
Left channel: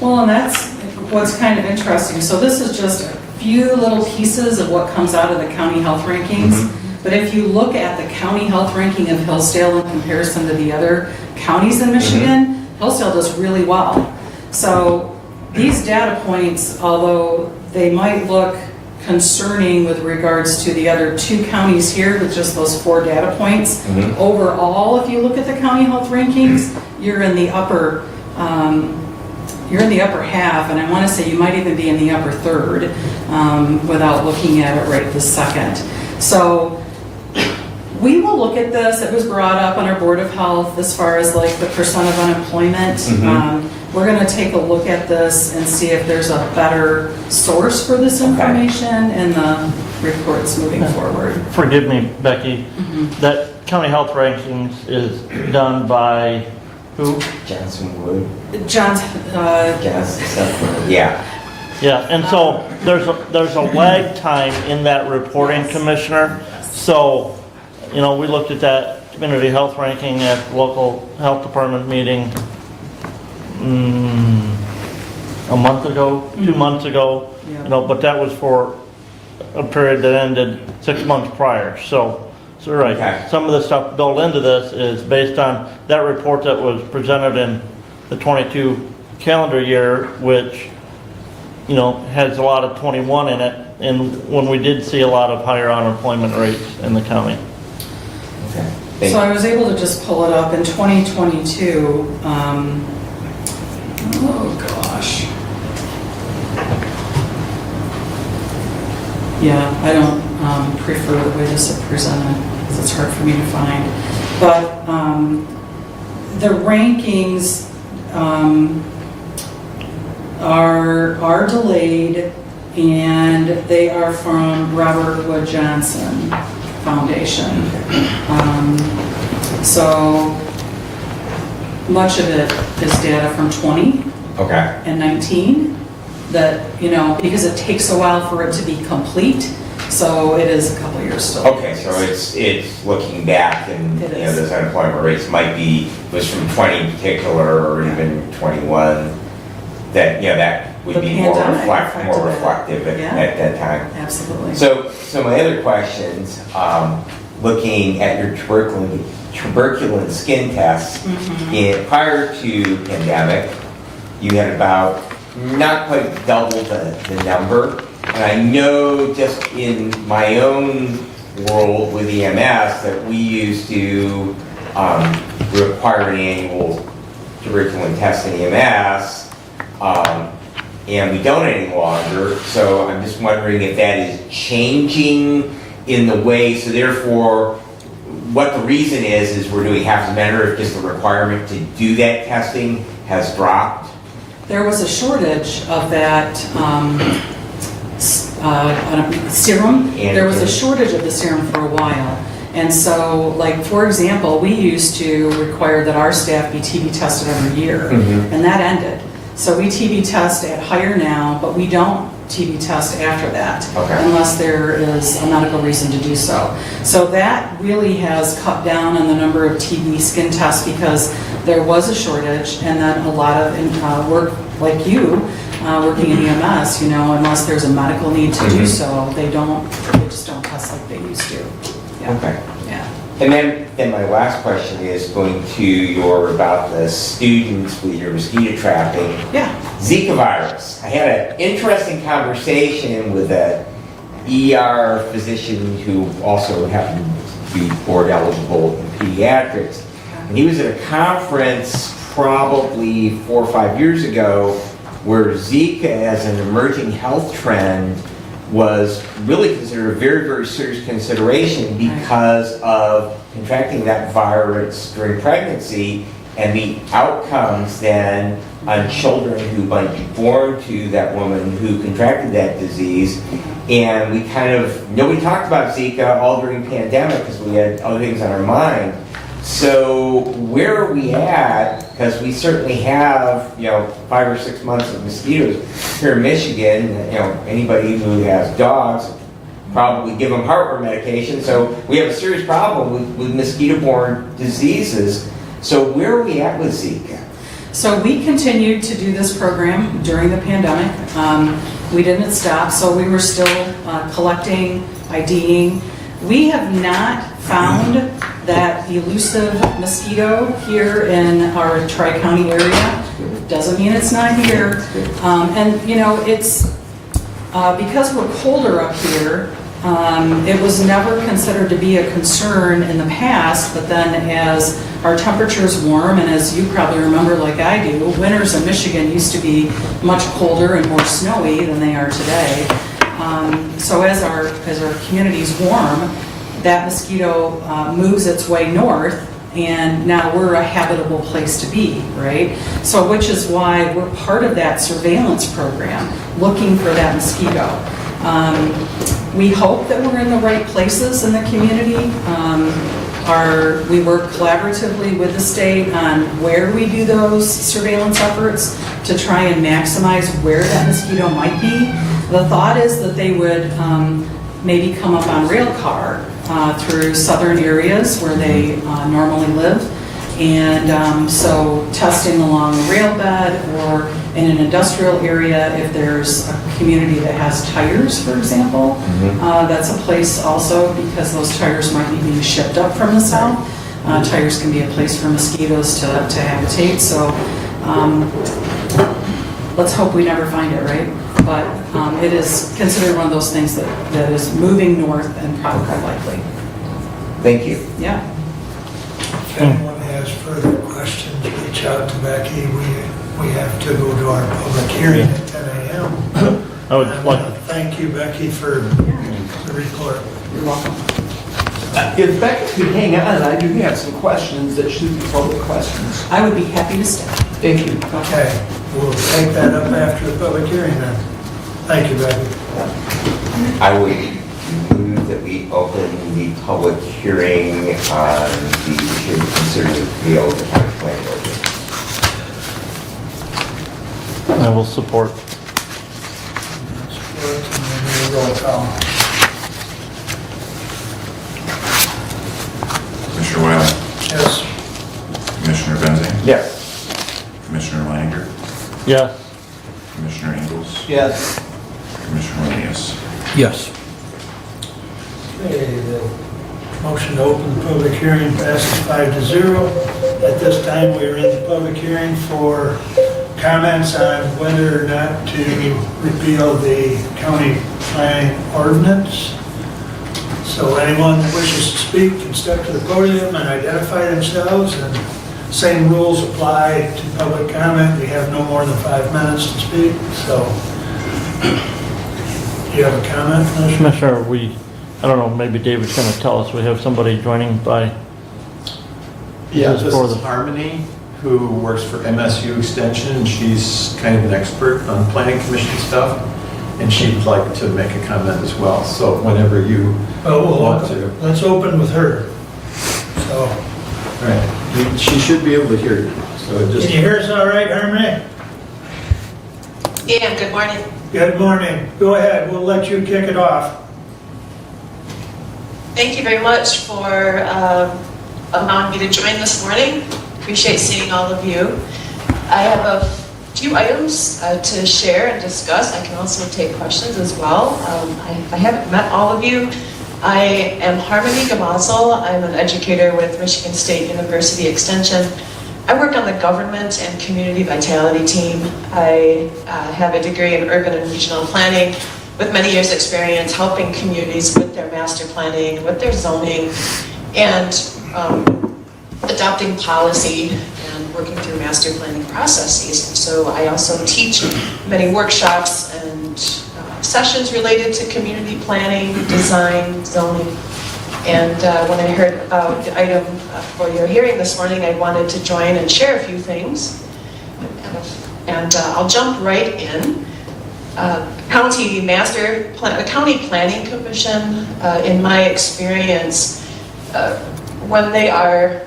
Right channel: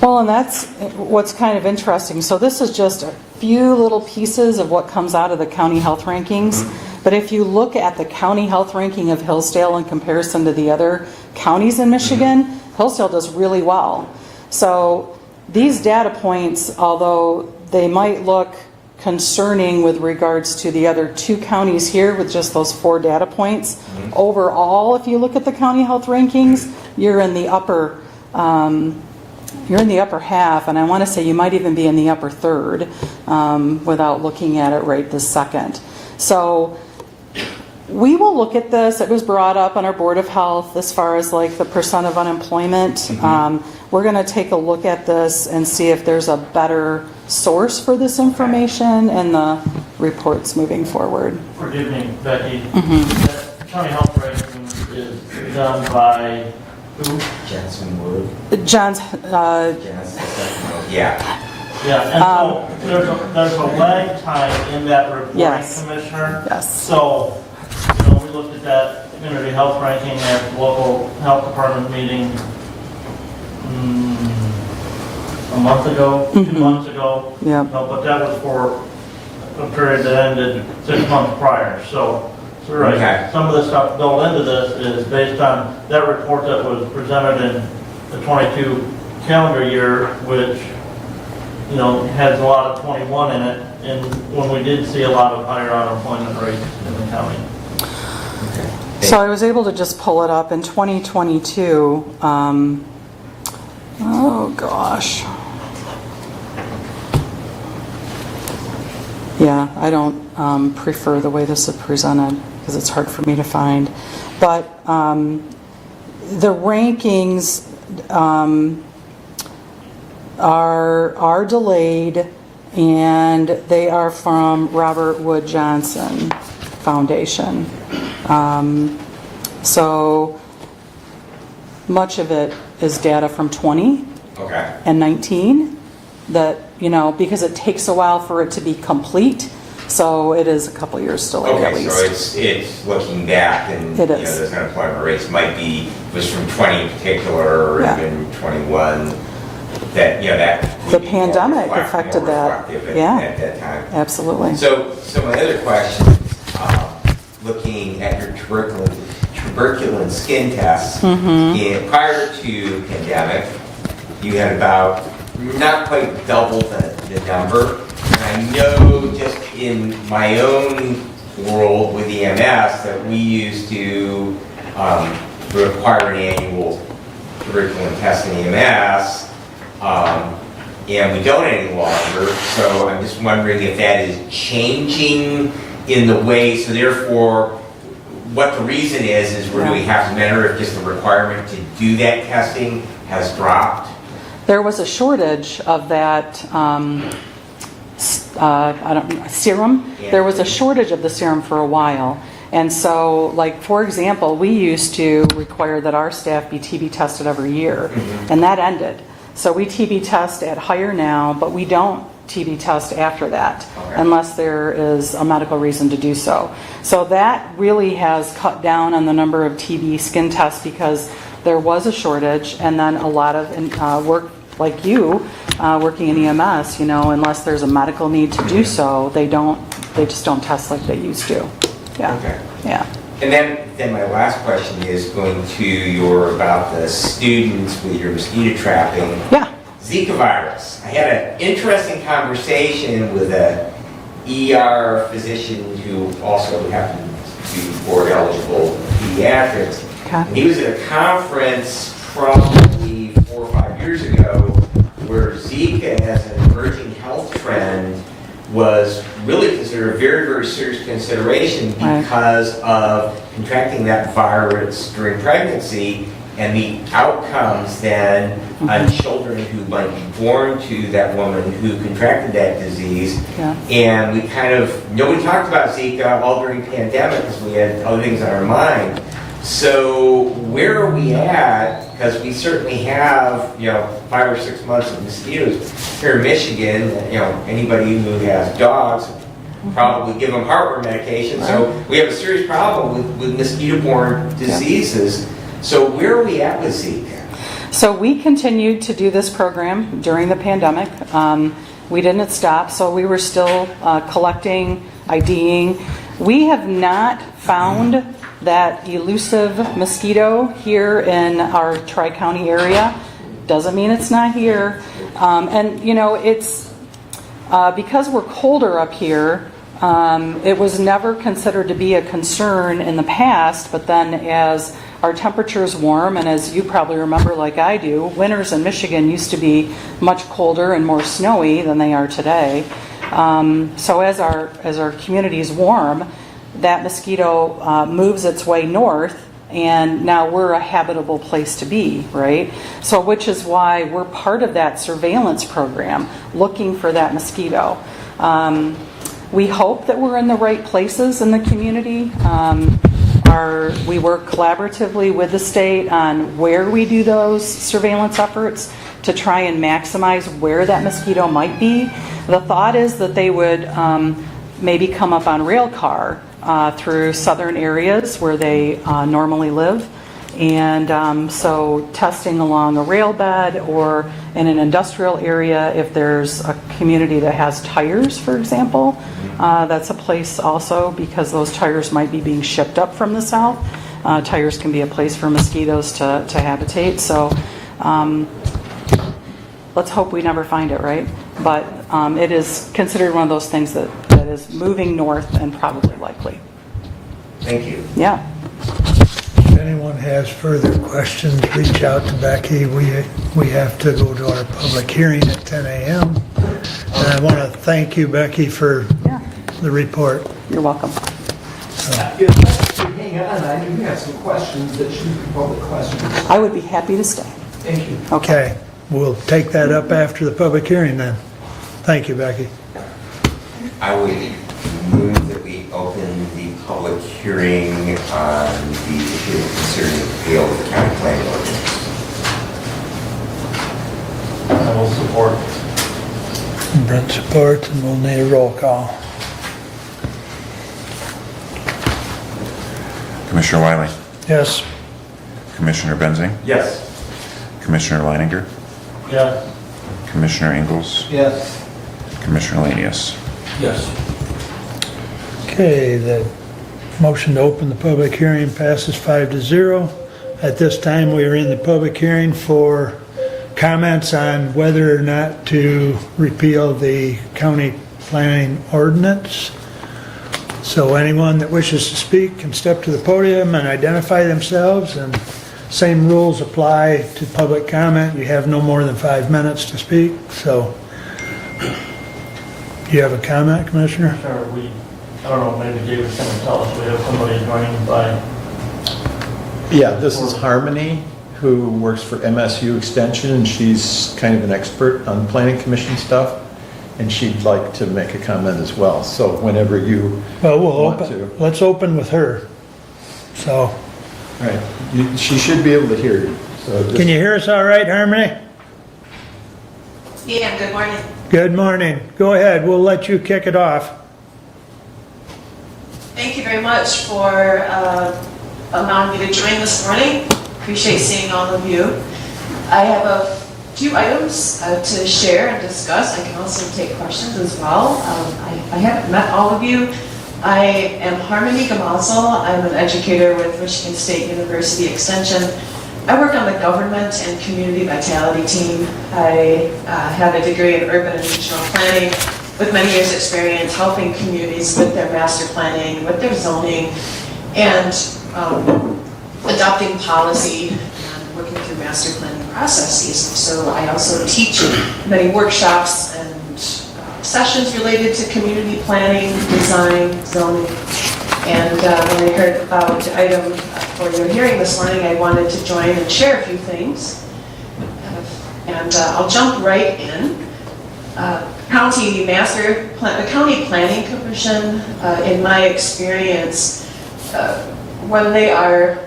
Well, and that's what's kind of interesting. So this is just a few little pieces of what comes out of the county health rankings. But if you look at the county health ranking of Hillsdale in comparison to the other counties in Michigan, Hillsdale does really well. So these data points, although they might look concerning with regards to the other two counties here with just those 4 data points, overall, if you look at the county health rankings, you're in the upper half, and I want to say you might even be in the upper third without looking at it right this second. So we will look at this. It was brought up on our Board of Health as far as like the percent of unemployment. We're going to take a look at this and see if there's a better source for this information and the reports moving forward. Forgive me, Becky, that county health rankings is done by who? Jensen Wood. Jensen, Yeah. Yeah, and so there's a lag time in that reporting, Yes. Commissioner. Yes. So, we looked at that community health ranking at local health department meeting a month ago, 2 months ago. Yeah. But that was for a period that ended 6 months prior. So you're right. Okay. Some of the stuff built into this is based on that report that was presented in the 22 calendar year, which has a lot of 21 in it, and when we did see a lot of higher unemployment rates in the county. So I was able to just pull it up in 2022. Oh gosh. Yeah, I don't prefer the way this is presented because it's hard for me to find. But the rankings are delayed, and they are from Robert Wood Johnson Foundation. So much of it is data from 20 and 19 that, because it takes a while for it to be complete. So it is a couple years still. Okay, so it's looking back, and It is. those unemployment rates was from 20 in particular, or even 21. That that would The be more pandemic affected that. reflective at that time. Absolutely. So some of the other questions, looking at your tuberculin skin tests, prior to pandemic, you had about not quite double the number. And I know just in my own world with EMS that we used to require an annual tuberculin test in EMS, and we don't any longer. So I'm just wondering if that is changing in the way, so therefore, what the reason is we're doing half the manner, if just the requirement to do that testing has dropped. There was a shortage of that serum. There was a shortage of the serum for a while. And so, like, for example, we used to require that our staff be TB tested every year, and that ended. So we TB test at hire now, but we don't TB test after that, unless there is a medical reason to do so. So that really has cut down on the number of TB skin tests because there was a shortage, and then a lot of work like you, working in EMS, unless there's a medical need to do so, they just don't test like they used to. Yeah. Okay. Yeah. And then my last question is going to about the students with your mosquito trapping. Yeah. Zika virus. I had an interesting conversation with a ER physician who also happened to be board eligible in pediatrics. Okay. And he was at a conference probably 4 or 5 years ago where Zika as an emerging health trend was really considered a very, very serious consideration because of contracting that virus during pregnancy and the outcomes then on children who might be born to that woman who contracted that disease. Yeah. And we nobody talked about Zika all during the pandemic because we had other things on our mind. So where are we at? Because we certainly have, 5 or 6 months of mosquitoes here in Michigan. Anybody who has dogs probably give them heartworm medication. So we have a serious problem with mosquito-borne diseases. So where are we at with Zika? So we continued to do this program during the pandemic. We didn't stop, so we were still collecting, IDing. We have not found that elusive mosquito here in our Tri-County area. Doesn't mean it's not here. It's because we're colder up here, it was never considered to be a concern in the past, but then as our temperatures warm, and as you probably remember like I do, winters in Michigan used to be much colder and more snowy than they are today. So as our communities warm, that mosquito moves its way north, and now we're a habitable place to be, right? So which is why we're part of that surveillance program, looking for that mosquito. We hope that we're in the right places in the community. We work collaboratively with the state on where we do those surveillance efforts to try and maximize where that mosquito might be. The thought is that they would maybe come up on rail car through southern areas where they normally live. And so testing along a rail bed or in an industrial area, if there's a community that has tires, for example, that's a place also because those tires might be being shipped up from the south. Tires can be a place for mosquitoes to habitate. So let's hope we never find it, right? But it is considered one of those things that is moving north and probably likely. Thank you. Yeah. If anyone has further questions, reach out to Becky. We have to go to our public hearing at 10 a.m. And I want to thank you, Becky, for the report. You're welcome. If Becky could hang on, I do have some questions that should be public questions. I would be happy to stay. Thank you. Okay, we'll take that up after the public hearing then. Thank you, Becky. I would move that we open the public hearing on the issue concerning the appeal of the county planning ordinance. I will support. Brett support, and then we roll call. Commissioner Wiley, Yes. Commissioner Benzing, Yes. Commissioner Leininger, Yes. Commissioner Ingles, Yes. Commissioner Lanius. Yes. Okay, the motion to open the public hearing passes 5-0. At this time, we are in the public hearing for comments on whether or not to repeal the county planning ordinance. So anyone that wishes to speak can step to the podium and identify themselves, and same rules apply to public comment. We have no more than 5 minutes to speak, so. Do you have a comment, Commissioner? Commissioner, I don't know, maybe David's going to tell us, we have somebody joining by... Yeah, this is Harmony, who works for MSU Extension, and she's kind of an expert on planning commission stuff, and she'd like to make a comment as well. So whenever you Well, want to. let's open with her. So, Right. She should be able to hear you. So just, can you hear us all right, Harmony? Yeah, good morning. Good morning. Go ahead, we'll let you kick it off. Thank you very much for allowing me to join this morning. Appreciate seeing all of you. I have a few items to share and discuss. I can also take questions as well. I haven't met all of you. I am Harmony Gamazel. I'm an educator with Michigan State University Extension. I work on the government and community vitality team. I have a degree in urban and regional planning with many years' experience helping communities with their master planning, with their zoning, and adopting policy and working through master planning processes. So I also teach many workshops and sessions related to community planning, design, zoning, And when I heard about the item for your hearing this morning, I wanted to join and share a few things. And I'll jump right in. County Planning Commission, in my experience, when they are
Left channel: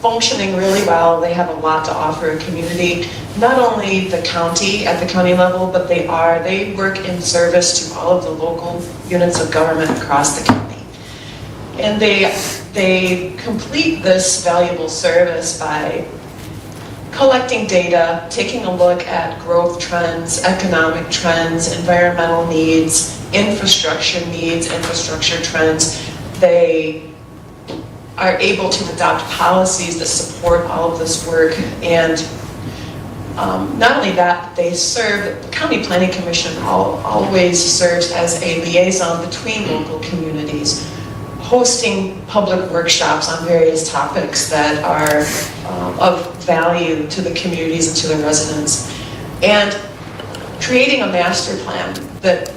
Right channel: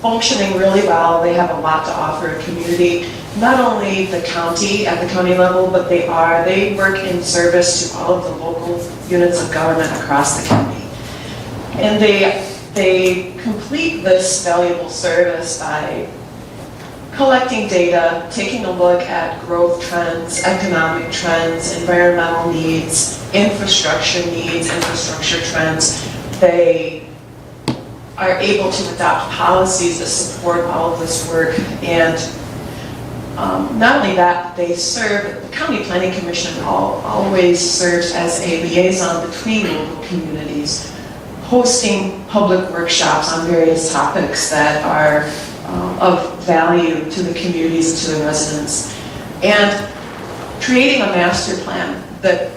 functioning really well, they have a lot to offer a community. Not only the county at the county level, but they work in service to all of the local units of government across the county. And they complete this valuable service by collecting data, taking a look at growth trends, economic trends, environmental needs, infrastructure trends. They are able to adopt policies that support all of this work. And not only that, the County Planning Commission always serves as a liaison between local communities, hosting public workshops on various topics that are of value to the communities and to the residents, and creating a master plan that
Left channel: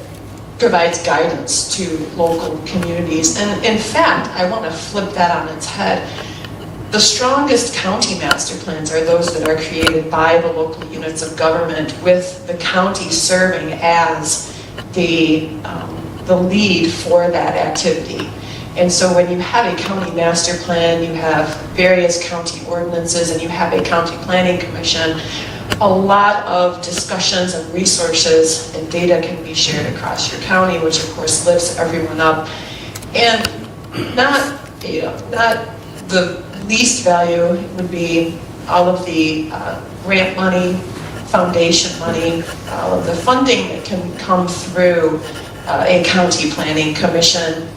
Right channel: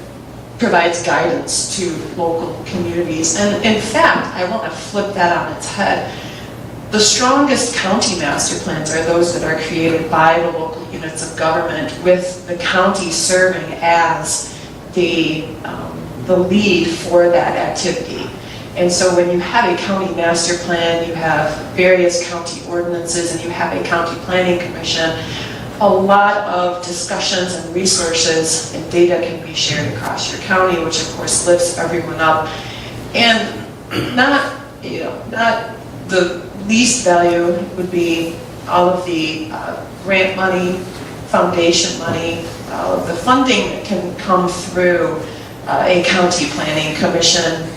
provides guidance to local communities. And in fact, I want to flip that on its head. The strongest county master plans are those that are created by the local units of government, with the county serving as the lead for that activity. And so when you have a county master plan, you have various county ordinances, and you have a county planning commission, a lot of discussions and resources and data can be shared across your county, which of course lifts everyone up. And not the least value would be all of the grant money, foundation money, all of the funding that can come through a county planning commission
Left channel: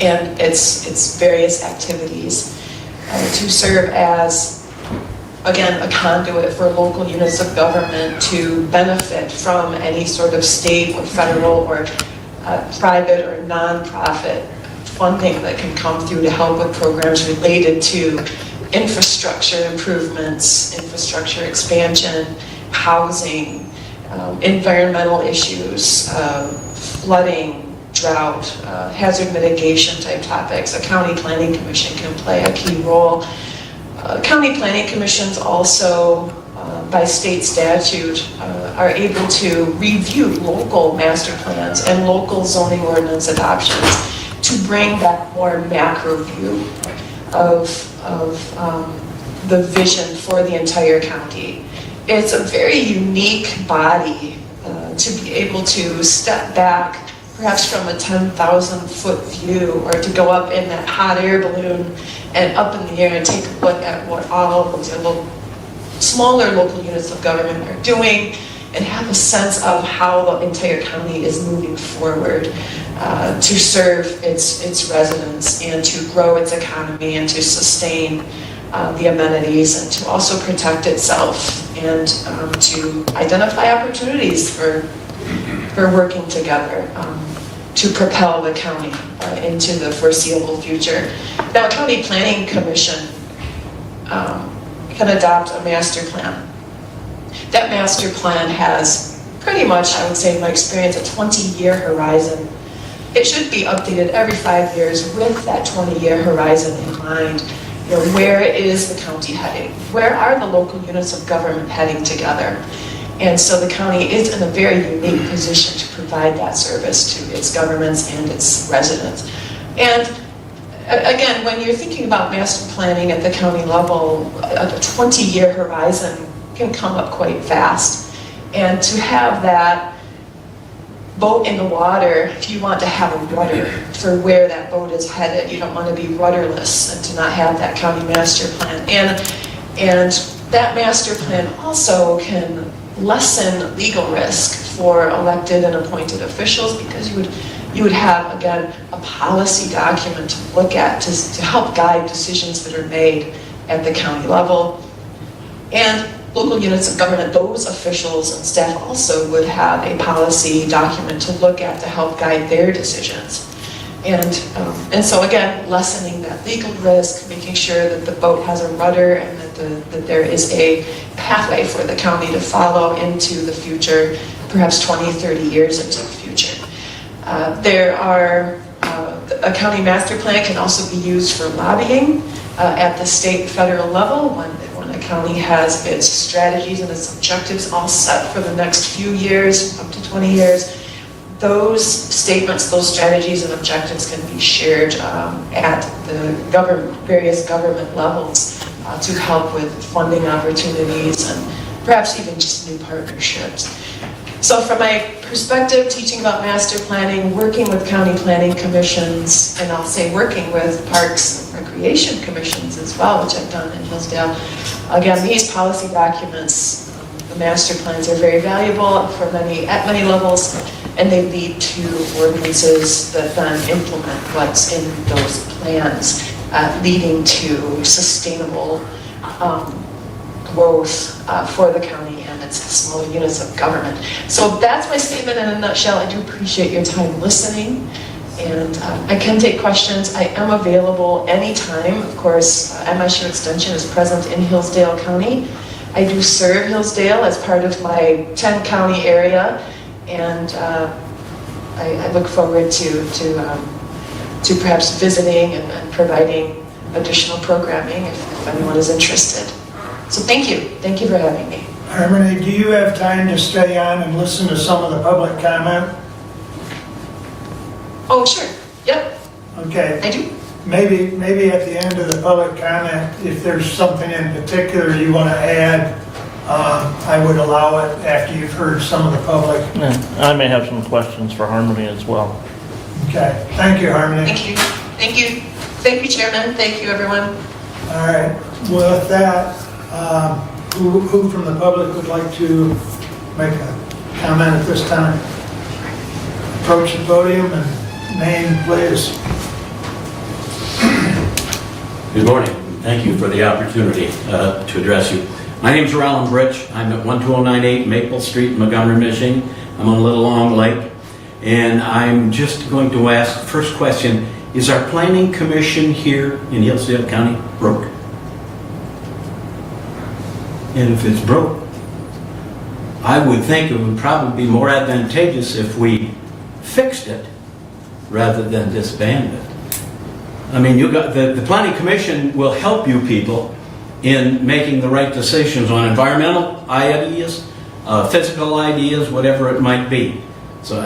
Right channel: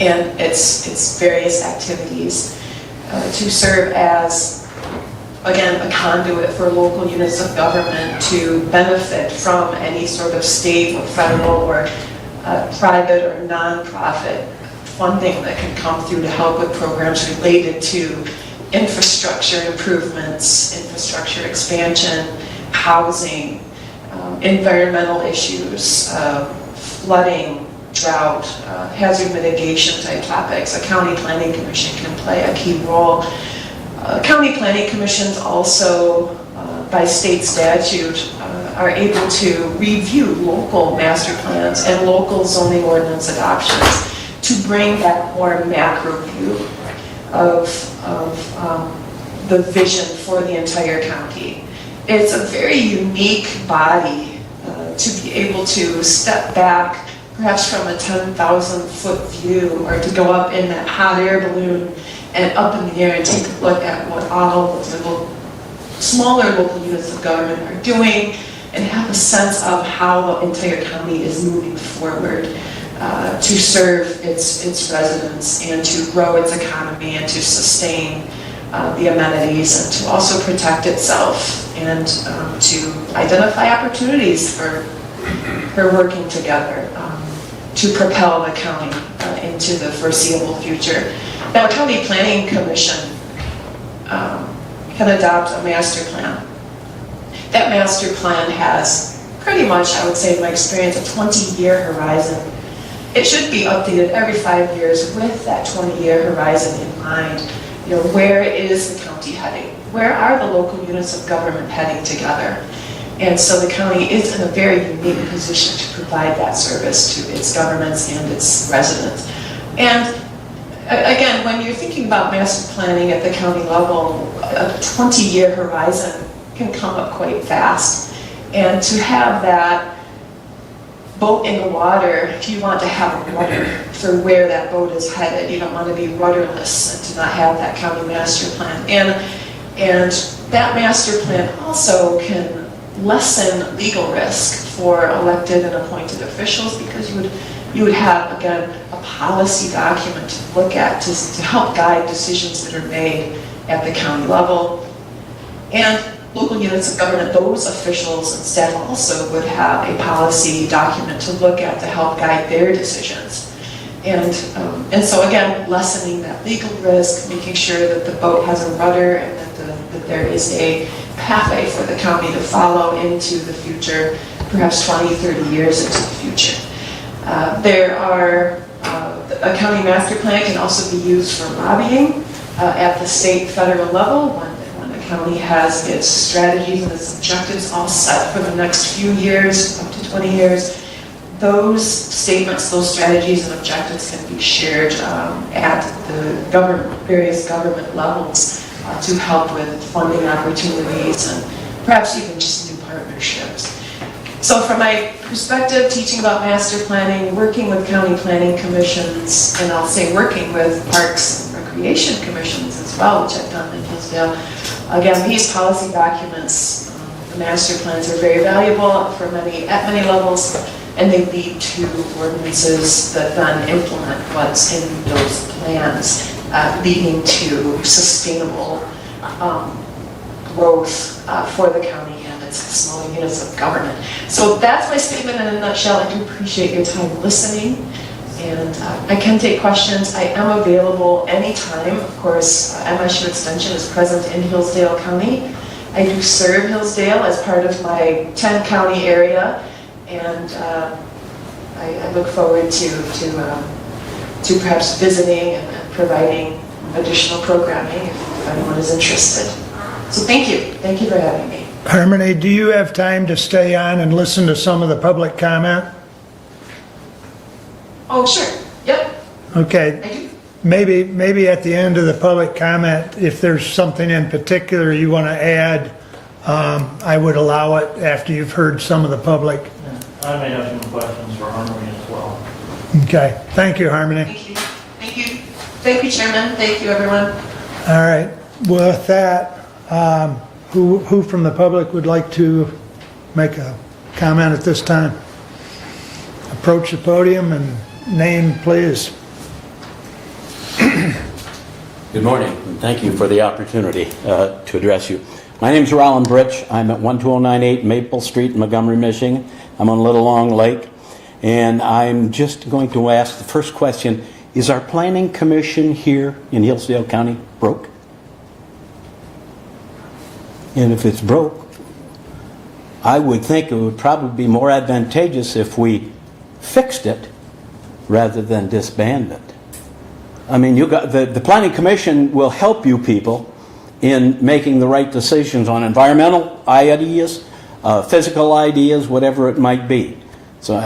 and its various activities to serve as, again, a conduit for local units of government to benefit from any sort of state or federal or private or nonprofit funding that can come through to help with programs related to infrastructure improvements, infrastructure expansion, housing, environmental issues, flooding, drought, hazard mitigation type topics. A county planning commission can play a key role. County planning commissions also, by state statute, are able to review local master plans and local zoning ordinance adoptions to bring that more macro view of the vision for the entire county. It's a very unique body to be able to step back, perhaps from a 10,000-foot view, or to go up in that hot air balloon and up in the air and take a look at what all those little smaller local units of government are doing, and have a sense of how the entire county is moving forward to serve its residents and to grow its economy and to sustain the amenities and to also protect itself and to identify opportunities for working together to propel the county into the foreseeable future. Now, a county planning commission can adopt a master plan. That master plan has pretty much, I would say in my experience, a 20-year horizon. It should be updated every 5 years with that 20-year horizon in mind. You know, where is the county heading? Where are the local units of government heading together? And so the county is in a very unique position to provide that service to its governments and its residents. And again, when you're thinking about master planning at the county level, a 20-year horizon can come up quite fast. And to have that boat in the water, if you want to have a rudder for where that boat is headed, you don't want to be rudderless and to not have that county master plan. And that master plan also can lessen legal risk for elected and appointed officials, because you would have, again, a policy document to look at to help guide decisions that are made at the county level. And local units of government, those officials and staff also would have a policy document to look at to help guide their decisions. And so again, lessening that legal risk, making sure that the boat has a rudder and that there is a pathway for the county to follow into the future, perhaps 20, 30 years into the future. There are a county master plan can also be used for lobbying at the state, federal level when a county has its strategies and its objectives all set for the next few years, up to 20 years. Those statements, those strategies and objectives can be shared at the various government levels to help with funding opportunities and perhaps even just new partnerships. So from my perspective, teaching about master planning, working with county planning commissions, and I'll say working with parks and recreation commissions as well, which I've done in Hillsdale. Again, these policy documents, the master plans are very valuable at many levels, and they lead to ordinances that then implement what's in those plans, leading to sustainable growth for the county and its small units of government. So that's my statement in a nutshell. I do appreciate your time listening, and I can take questions. I am available anytime. Of course, MSU Extension is present in Hillsdale County. I do serve Hillsdale as part of my 10-county area, and I look forward to perhaps visiting and providing additional programming if anyone is interested. So thank you. Thank you for having me. Harmony, do you have time to stay on and listen to some of the public comment? Oh, sure. Yep, Okay, I do. maybe at the end of the public comment, if there's something in particular you want to add, I would allow it after you've heard some of the public. Yeah, I may have some questions for Harmony as well. Okay, thank you, Harmony. Thank you. Thank you. Thank you, Chairman. Thank you, everyone. All right, with that, who from the public would like to make a comment at this time? Approach the podium and name, please. Good morning. Thank you for the opportunity to address you. My name's Roland Britch. I'm at 12098 Maple Street in Montgomery, Michigan. I'm on Little Long Lake. And I'm just going to ask the first question, is our planning commission here in Hillsdale County broke? And if it's broke, I would think it would probably be more advantageous if we fixed it rather than disband it. I mean, you got the planning commission will help you people in making the right decisions on environmental ideas, physical ideas, whatever it might be. So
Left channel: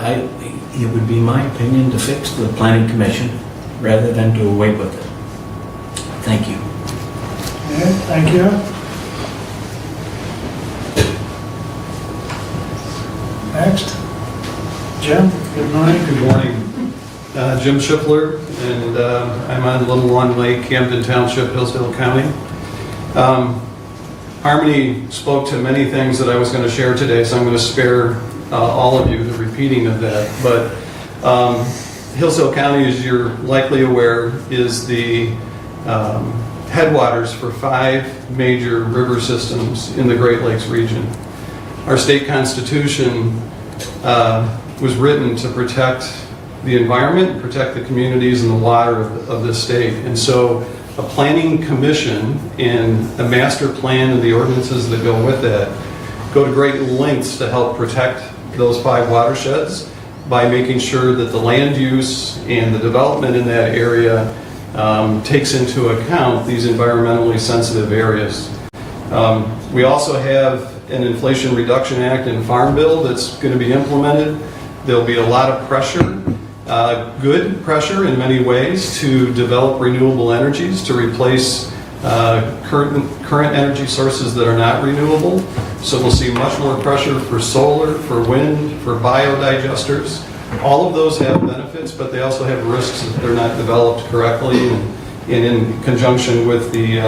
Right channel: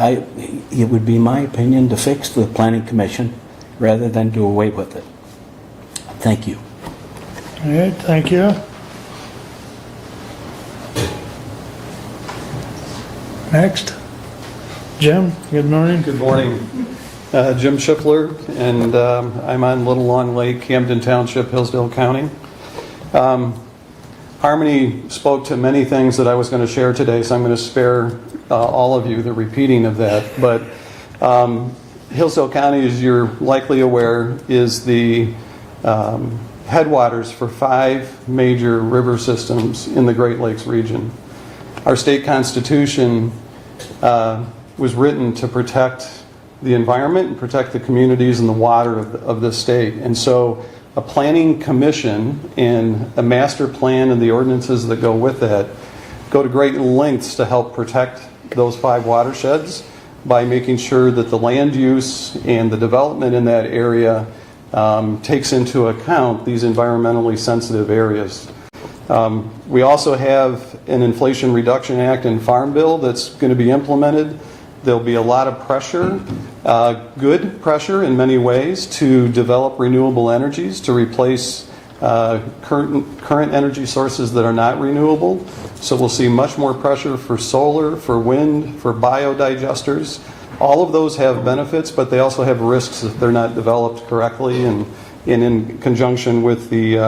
it would be my opinion to fix the planning commission rather than do away with it. Thank you. Yeah, thank you. Next. Jim, good morning. Good morning. Jim Schiffler, and I'm on Little Long Lake, Camden Township, Hillsdale County. Harmony spoke to many things that I was going to share today, so I'm going to spare all of you the repeating of that. But Hillsdale County, as you're likely aware, is the headwaters for 5 major river systems in the Great Lakes region. Our state constitution was written to protect the environment, protect the communities and the water of the state. And so a planning commission and a master plan and the ordinances that go with that go to great lengths to help protect those 5 watersheds by making sure that the land use and the development in that area takes into account these environmentally sensitive areas. We also have an Inflation Reduction Act and Farm Bill that's going to be implemented. There'll be a lot of pressure, good pressure in many ways, to develop renewable energies to replace current energy sources that are not renewable. So we'll see much more pressure for solar, for wind, for biodigesters. All of those have benefits, but they also have risks if they're not developed correctly and in conjunction with the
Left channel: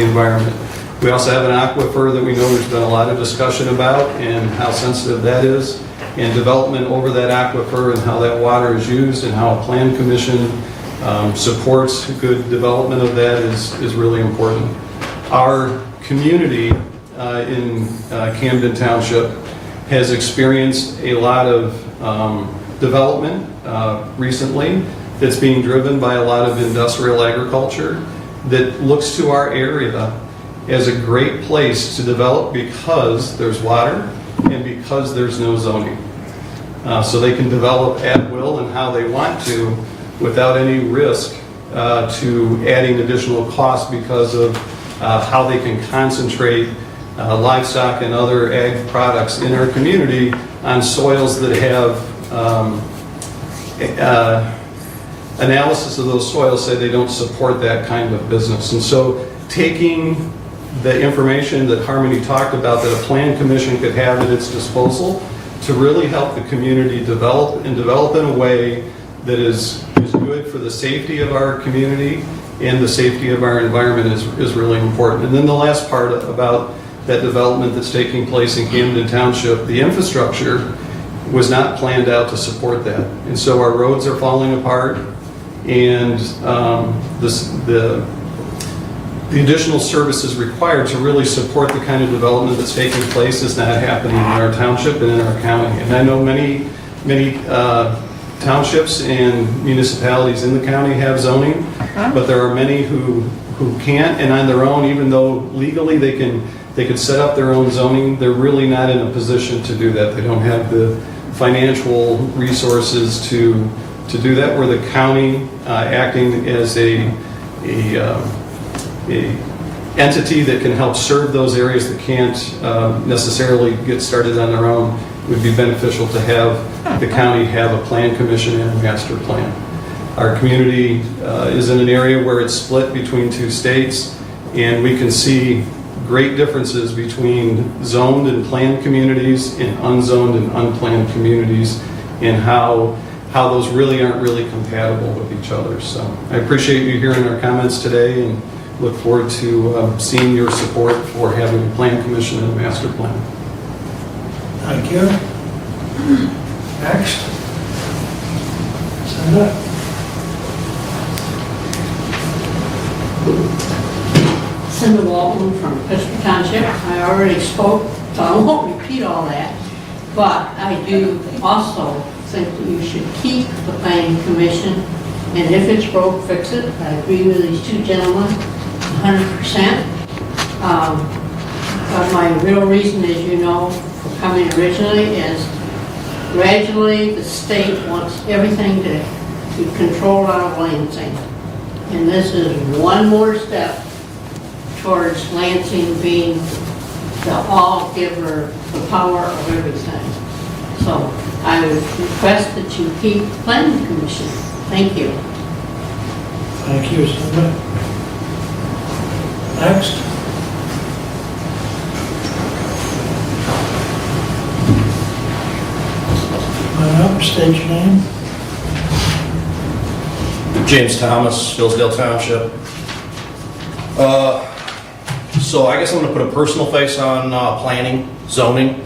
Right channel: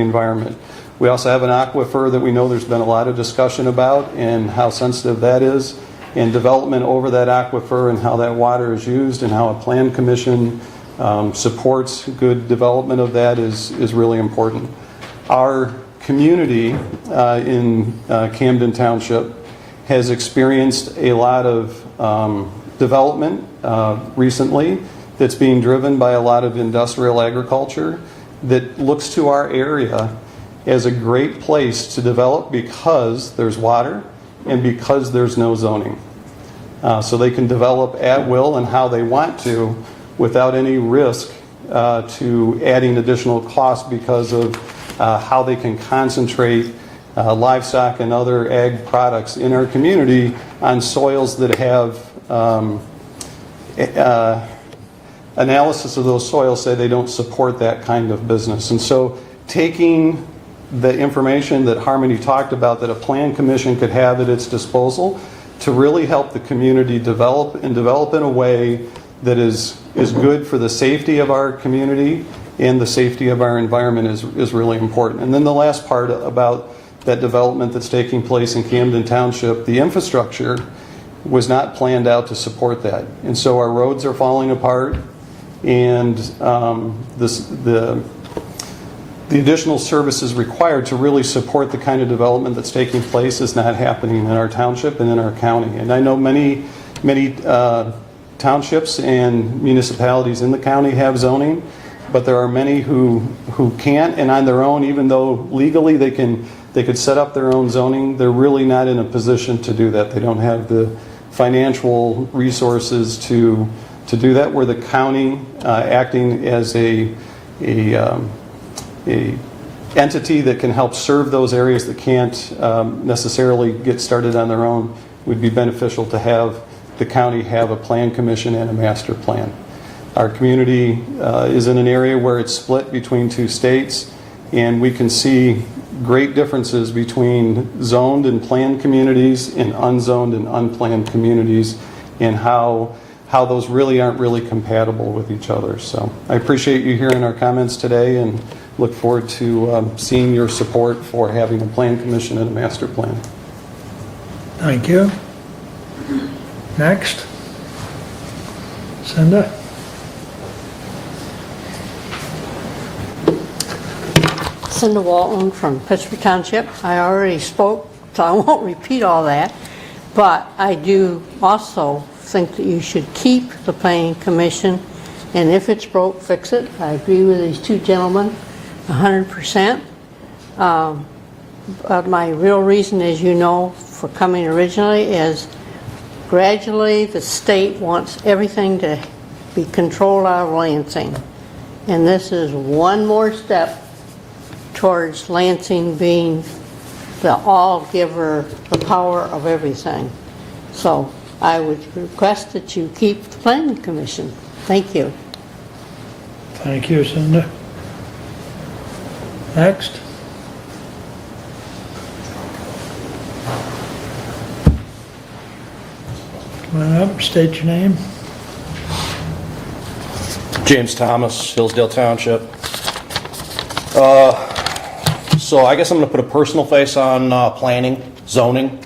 environment. We also have an aquifer that we know there's been a lot of discussion about and how sensitive that is, and development over that aquifer and how that water is used and how a plan commission supports good development of that is really important. Our community in Camden Township has experienced a lot of development recently that's being driven by a lot of industrial agriculture that looks to our area as a great place to develop because there's water and because there's no zoning. So they can develop at will and how they want to without any risk to adding additional costs because of how they can concentrate livestock and other ag products in our community on soils that have analysis of those soils say they don't support that kind of business. And so taking the information that Harmony talked about that a plan commission could have at its disposal to really help the community develop in a way that is good for the safety of our community and the safety of our environment is really important. And then the last part about that development that's taking place in Camden Township, the infrastructure was not planned out to support that. And so our roads are falling apart, and the additional services required to really support the kind of development that's taking place is not happening in our township and in our county. And I know many townships and municipalities in the county have zoning, but there are many who can't, and on their own, even though legally they could set up their own zoning, they're really not in a position to do that. They don't have the financial resources to do that, where the county acting as a entity that can help serve those areas that can't necessarily get started on their own would be beneficial to have the county have a plan commission and a master plan. Our community is in an area where it's split between two states, and we can see great differences between zoned and planned communities and unzoned and unplanned communities, and how those really aren't really compatible with each other. So I appreciate you hearing our comments today and look forward to seeing your support for having a plan commission and a master plan. Thank you. Next. Cinda. Cinda Walton from Pittsburgh Township. I already spoke, so I won't repeat all that. But I do also think that you should keep the planning commission, and if it's broke, fix it. I agree with these two gentlemen 100%. But my real reason, as you know, for coming originally is gradually the state wants everything to be controlled out of Lansing. And this is one more step towards Lansing being the all-giver, the power of everything. So I would request that you keep the planning commission. Thank you. Thank you, Cinda. Next. State your name. James Thomas, Hillsdale Township. So I guess I'm going to put a personal face on planning, zoning.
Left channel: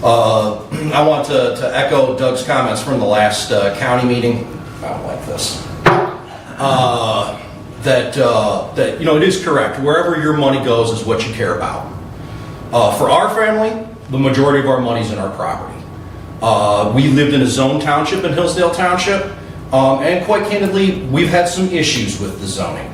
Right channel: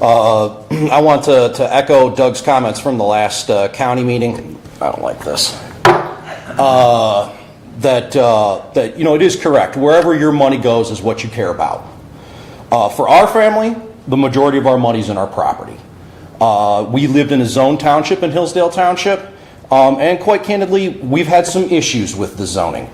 I want to echo Doug's comments from the last county meeting. I don't like this. That you know, it is correct. Wherever your money goes is what you care about. For our family, the majority of our money is in our property. We lived in a zone township in Hillsdale Township, and quite candidly, we've had some issues with the zoning.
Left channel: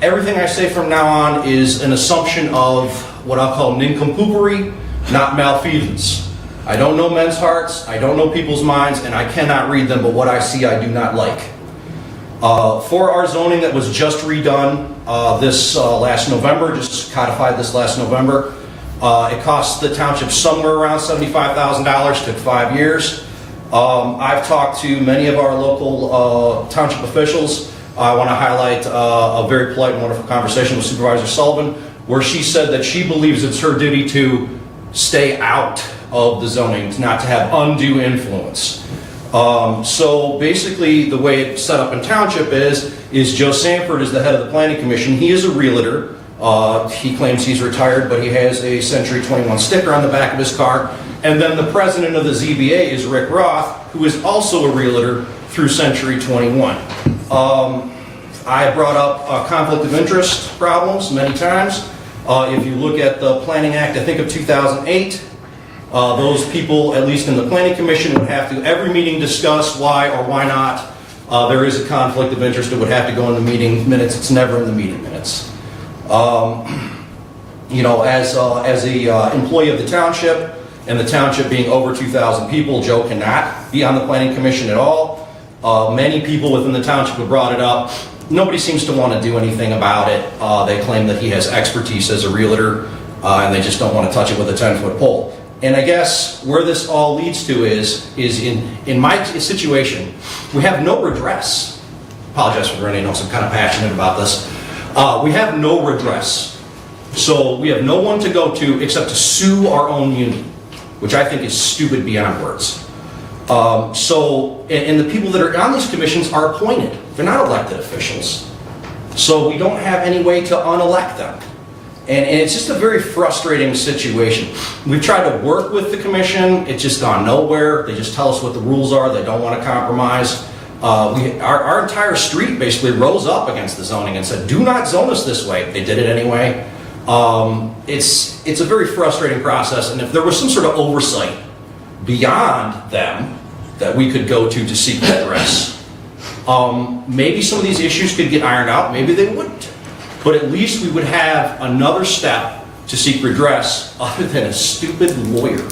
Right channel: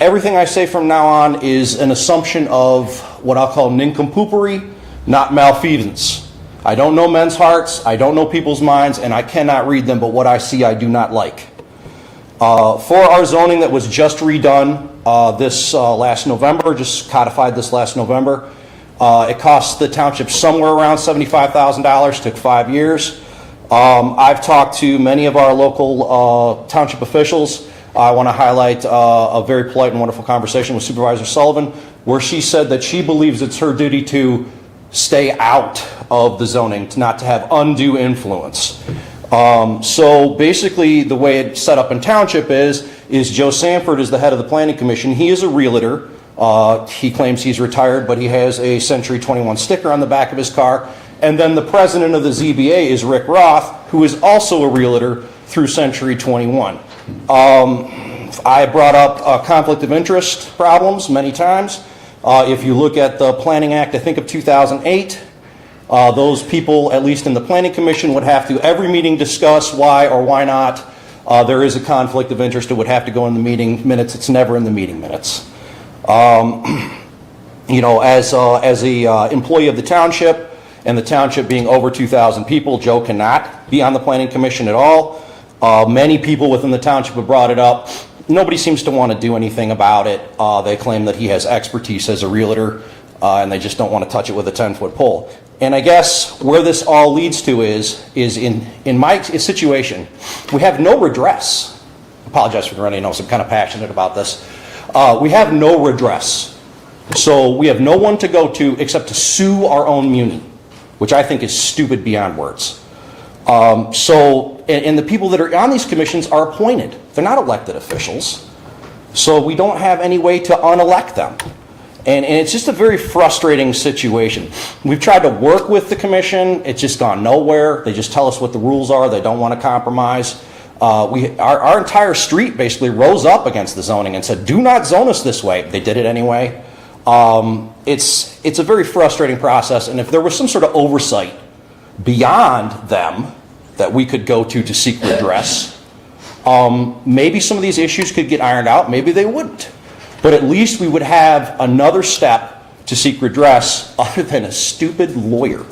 Everything I say from now on is an assumption of what I'll call nincompoopery, not malfeasance. I don't know men's hearts, I don't know people's minds, and I cannot read them, but what I see I do not like. For our zoning that was just redone this last November, just codified this last November, it cost the township somewhere around $75,000, took 5 years. I've talked to many of our local township officials. I want to highlight a very polite and wonderful conversation with Supervisor Sullivan, where she said that she believes it's her duty to stay out of the zoning, not to have undue influence. So basically the way it's set up in township is Joe Sanford is the head of the planning commission. He is a realtor. He claims he's retired, but he has a Century 21 sticker on the back of his car. And then the president of the ZBA is Rick Roth, who is also a realtor through Century 21. I brought up conflict of interest problems many times. If you look at the Planning Act, I think of 2008, those people, at least in the Planning Commission, would have to every meeting discuss why or why not there is a conflict of interest. It would have to go in the meeting minutes. It's never in the meeting minutes. You know, as a employee of the township, and the township being over 2,000 people, Joe cannot be on the Planning Commission at all. Many people within the township have brought it up. Nobody seems to want to do anything about it. They claim that he has expertise as a realtor, and they just don't want to touch it with a 10-foot pole. And I guess where this all leads to is in my situation, we have no redress. Apologize for running, I'm kind of passionate about this. We have no redress. So we have no one to go to except to sue our own muni, which I think is stupid beyond words. And the people that are on these commissions are appointed. They're not elected officials. So we don't have any way to unelect them. And it's just a very frustrating situation. We've tried to work with the commission. It's just gone nowhere. They just tell us what the rules are. They don't want to compromise. Our entire street basically rose up against the zoning and said, do not zone us this way. They did it anyway. It's a very frustrating process. And if there was some sort of oversight beyond them that we could go to seek redress, maybe some of these issues could get ironed out. Maybe they wouldn't. But at least we would have another step to seek redress other than a stupid lawyer.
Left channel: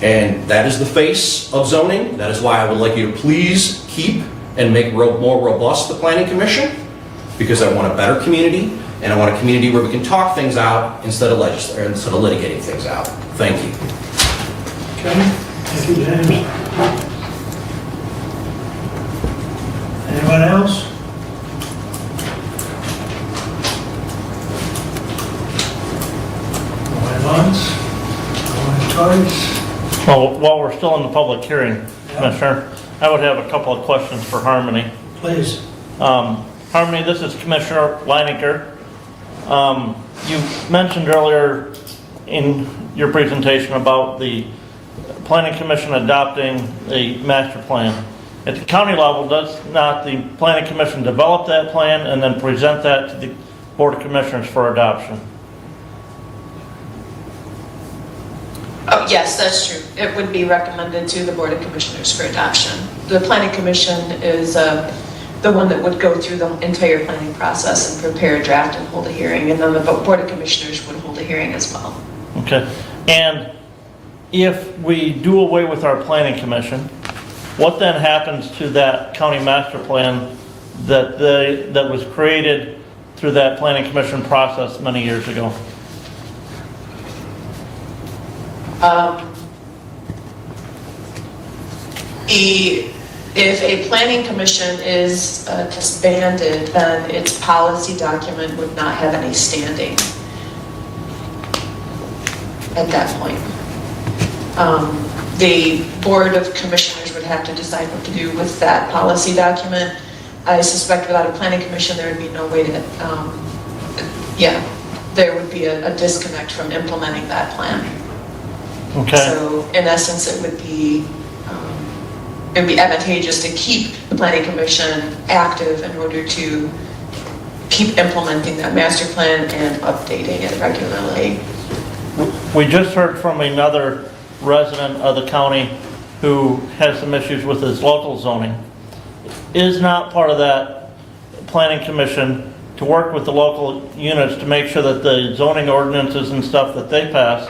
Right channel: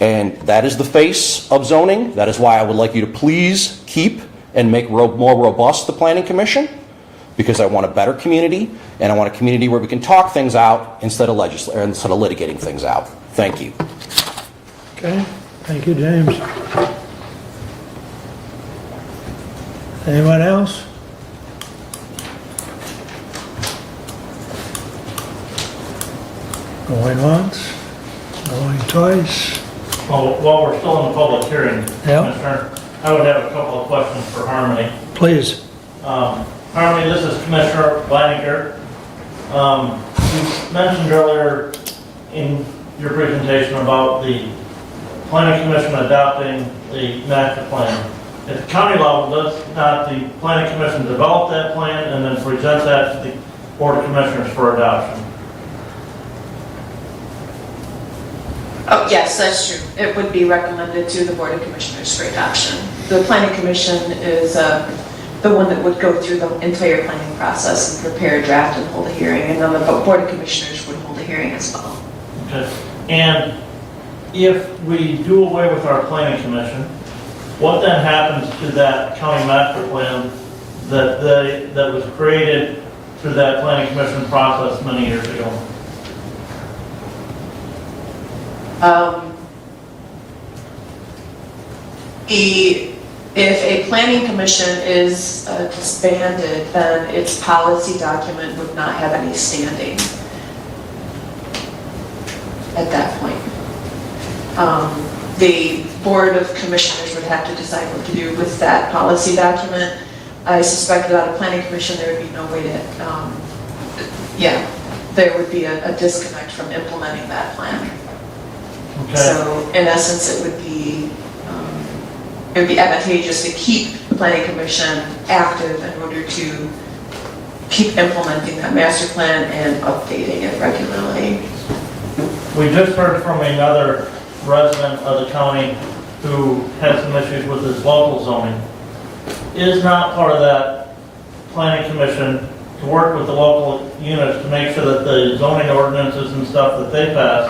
And that is the face of zoning. That is why I would like you to please keep and make more robust the Planning Commission, because I want a better community, and I want a community where we can talk things out instead of litigating things out. Thank you. Okay, thank you, James. Anyone else? Going once, going twice. Well, while we're still in the public hearing, Yeah. Commissioner, I would have a couple of questions for Harmony. Please. Harmony, this is Commissioner Leinecker. You mentioned earlier in your presentation about the Planning Commission adopting a master plan. At the county level, does not the Planning Commission develop that plan and then present that to the Board of Commissioners for adoption? Oh, yes, that's true. It would be recommended to the Board of Commissioners for adoption. The Planning Commission is the one that would go through the entire planning process and prepare a draft and hold a hearing, and then the Board of Commissioners would hold a hearing as well. Okay. And if we do away with our Planning Commission, what then happens to that county master plan that was created through that Planning Commission process many years ago? If a planning commission is disbanded, then its policy document would not have any standing at that point. The Board of Commissioners would have to decide what to do with that policy document. I suspect without a planning commission, there would be no way to, there would be a disconnect from implementing that plan. Okay. So in essence, it would be advantageous to keep the Planning Commission active in order to keep implementing that master plan and updating it regularly. We just heard from another resident of the county who has some issues with his local zoning. Is not part of that Planning Commission to work with the local units to make sure that the zoning ordinances and stuff that they pass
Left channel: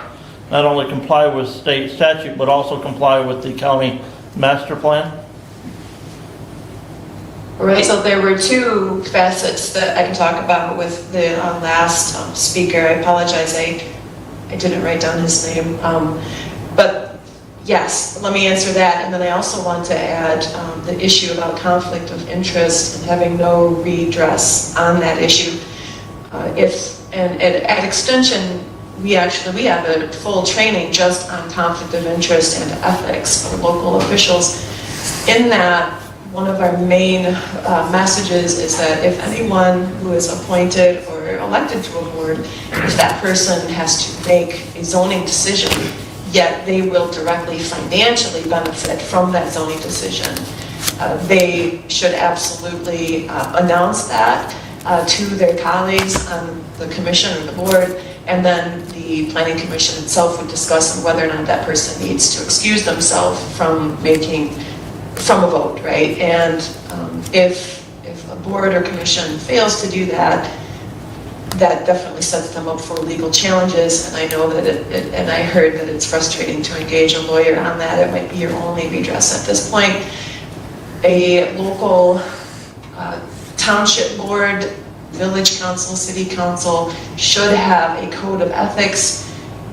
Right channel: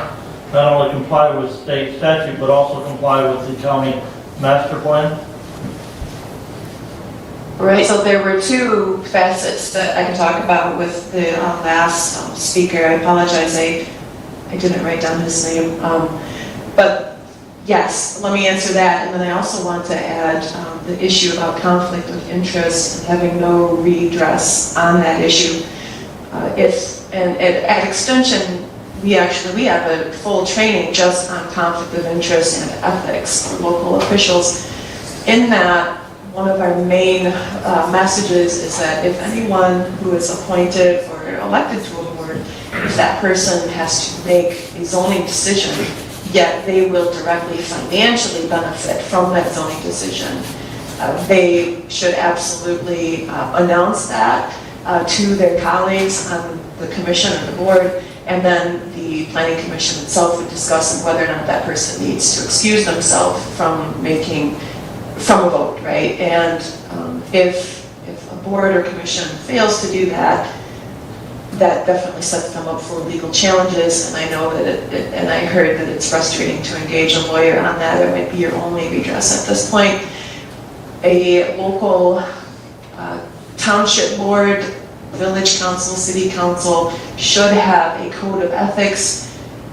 not only comply with state statute, but also comply with the county master plan? Right, so there were two facets that I can talk about with the last speaker. I apologize, I didn't write down his name. But yes, let me answer that. And then I also want to add the issue about conflict of interest and having no redress on that issue. At Extension, we have a full training just on conflict of interest and ethics for local officials. In that, one of our main messages is that if anyone who is appointed or elected to a board, if that person has to make a zoning decision, yet they will directly financially benefit from that zoning decision, they should absolutely announce that to their colleagues on the commission or the board, and then the Planning Commission itself would discuss whether or not that person needs to excuse themselves from a vote, right? And if a board or commission fails to do that, that definitely sets them up for legal challenges. And I know that and I heard that it's frustrating to engage a lawyer on that. It might be your only redress at this point. a local township board, village council, city council should have a code of ethics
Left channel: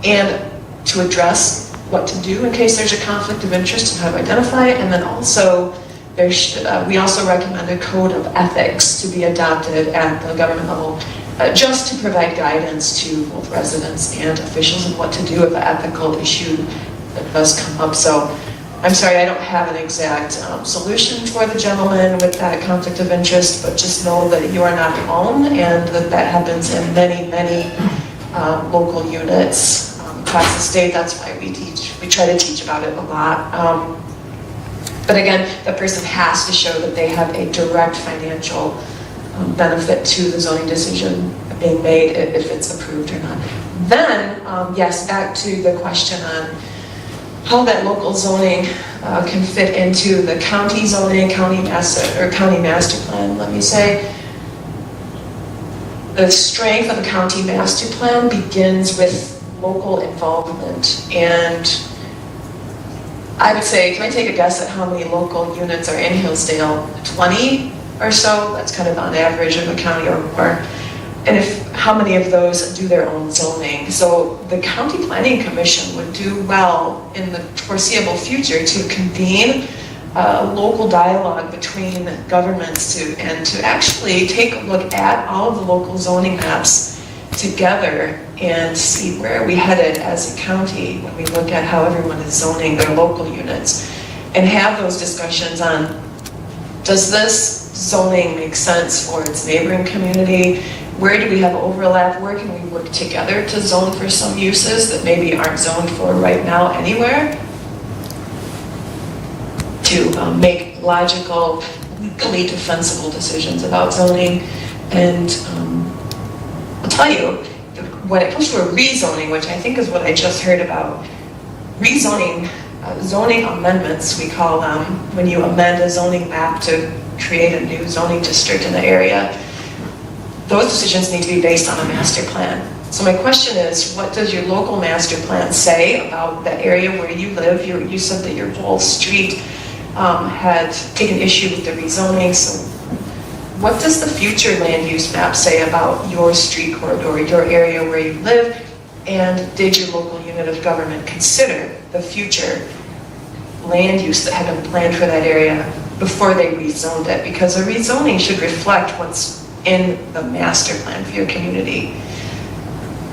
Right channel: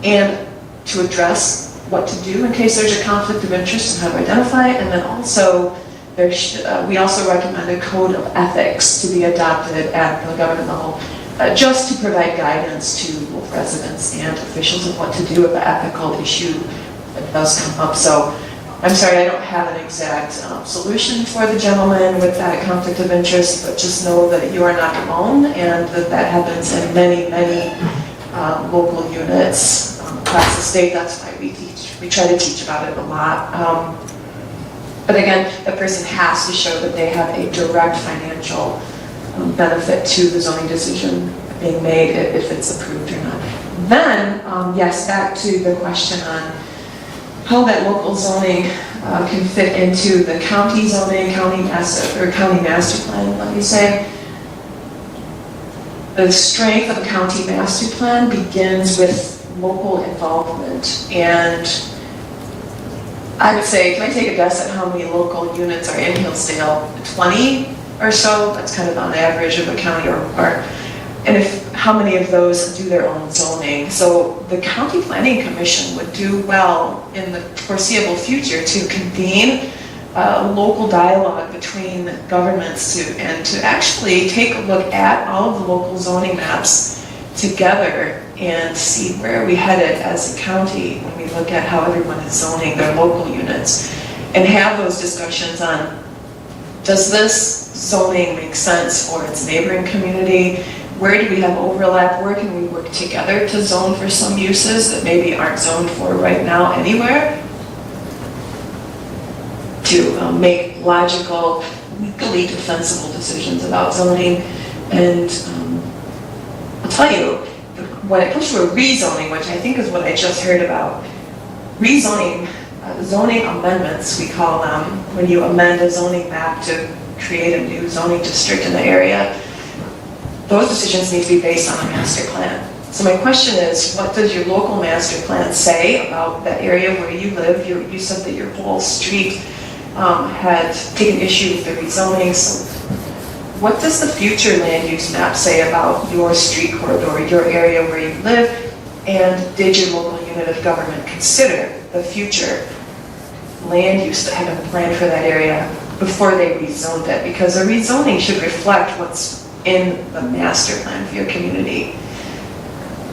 and to address what to do in case there's a conflict of interest and how to identify it. And then also, we also recommend a code of ethics to be adopted at the government level, just to provide guidance to both residents and officials on what to do if an ethical issue that does come up. So I'm sorry, I don't have an exact solution for the gentleman with that conflict of interest, but just know that you are not alone and that happens in many, many local units across the state. That's why we try to teach about it a lot. But again, the person has to show that they have a direct financial benefit to the zoning decision being made if it's approved or not. Then, yes, back to the question on how that local zoning can fit into the county zoning, county master plan. Let me say, the strength of a county master plan begins with local involvement. And I would say, can I take a guess at how many local units are in Hillsdale? 20 or so? That's kind of on average of a county, and how many of those do their own zoning? So the county planning commission would do well in the foreseeable future to convene local dialogue between governments to actually take a look at all of the local zoning maps together and see where we headed as a county when we look at how everyone is zoning their local units, and have those discussions on, does this zoning make sense for its neighboring community? Where do we have overlap? Where can we work together to zone for some uses that maybe aren't zoned for right now anywhere? To make logical, legally defensible decisions about zoning. And I'll tell you, when it comes to a rezoning, which I think is what I just heard about, rezoning, zoning amendments, we call them, when you amend a zoning map to create a new zoning district in the area, those decisions need to be based on a master plan. So my question is, what does your local master plan say about that area where you live? You said that your whole street had taken issue with the rezoning. So what does the future land use map say about your street corridor, your area where you live? And did your local unit of government consider the future land use that had been planned for that area before they rezoned it? Because a rezoning should reflect what's in the master plan for your community.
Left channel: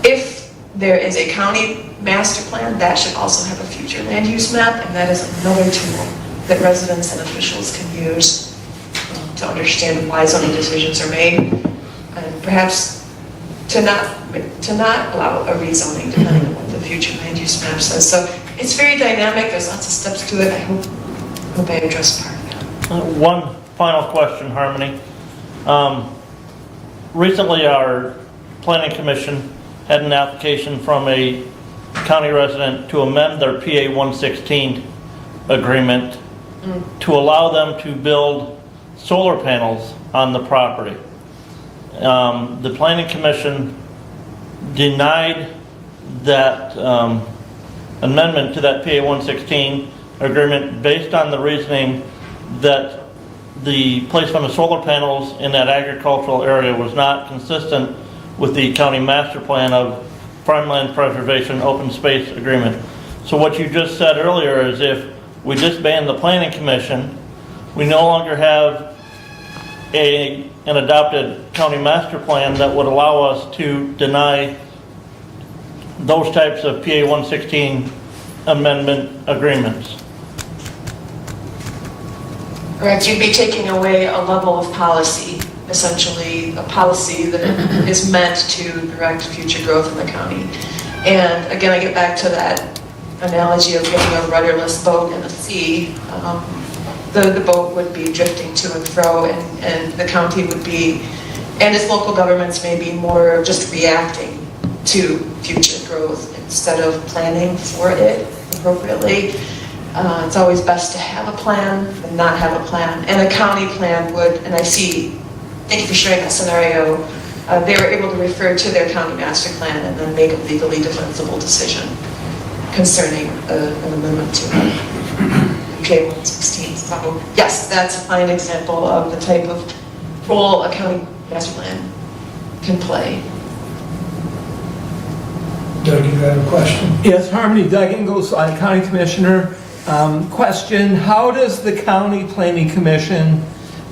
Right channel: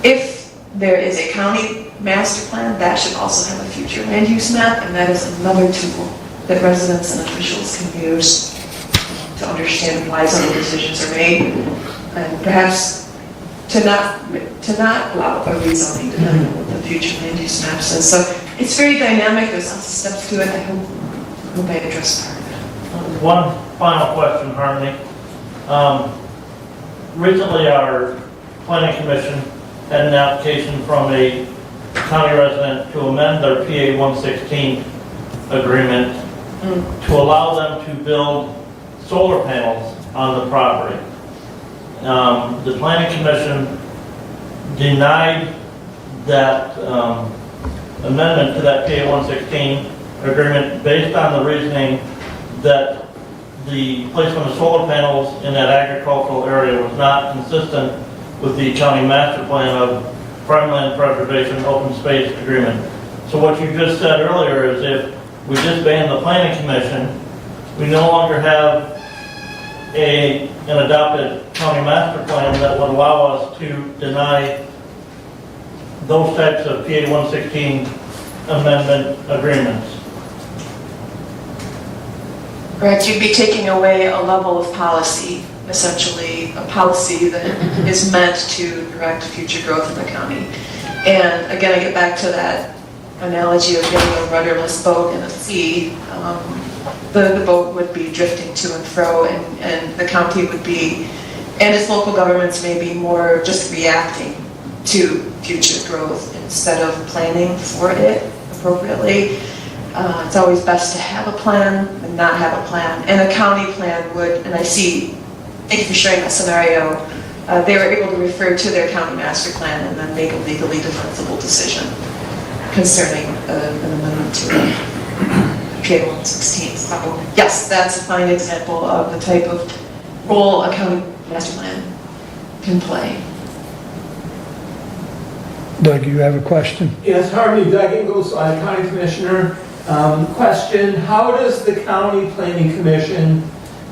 If there is a county master plan, that should also have a future land use map, and that is another tool that residents and officials can use to understand why zoning decisions are made, and perhaps to not allow a rezoning depending on what the future land use map says. So it's very dynamic, there's lots of steps to it. I hope I addressed part of it. One final question, Harmony. Recently, our planning commission had an application from a county resident to amend their PA 116 agreement to allow them to build solar panels on the property. The planning commission denied that amendment to that PA 116 agreement based on the reasoning that the placement of solar panels in that agricultural area was not consistent with the county master plan of farmland preservation open space agreement. So what you just said earlier is if we disband the planning commission, we no longer have an adopted county master plan that would allow us to deny those types of PA 116 amendment agreements. Correct, you'd be taking away a level of policy, essentially a policy that is meant to direct future growth in the county. And again, I get back to that analogy of getting a rudderless boat in the sea. The boat would be drifting to and fro, and the county would be, and its local governments may be more just reacting to future growth instead of planning for it appropriately. It's always best to have a plan than not have a plan. And a county plan would, and I see, thank you for sharing that scenario, they were able to refer to their county master plan and then make a legally defensible decision concerning an amendment to it. UK 116. So yes, that's a fine example of the type of role a county master plan can play. Doug, you have a question? Yes, Harmony, Doug Ingles, I'm County Commissioner. Question, how does the County Planning Commission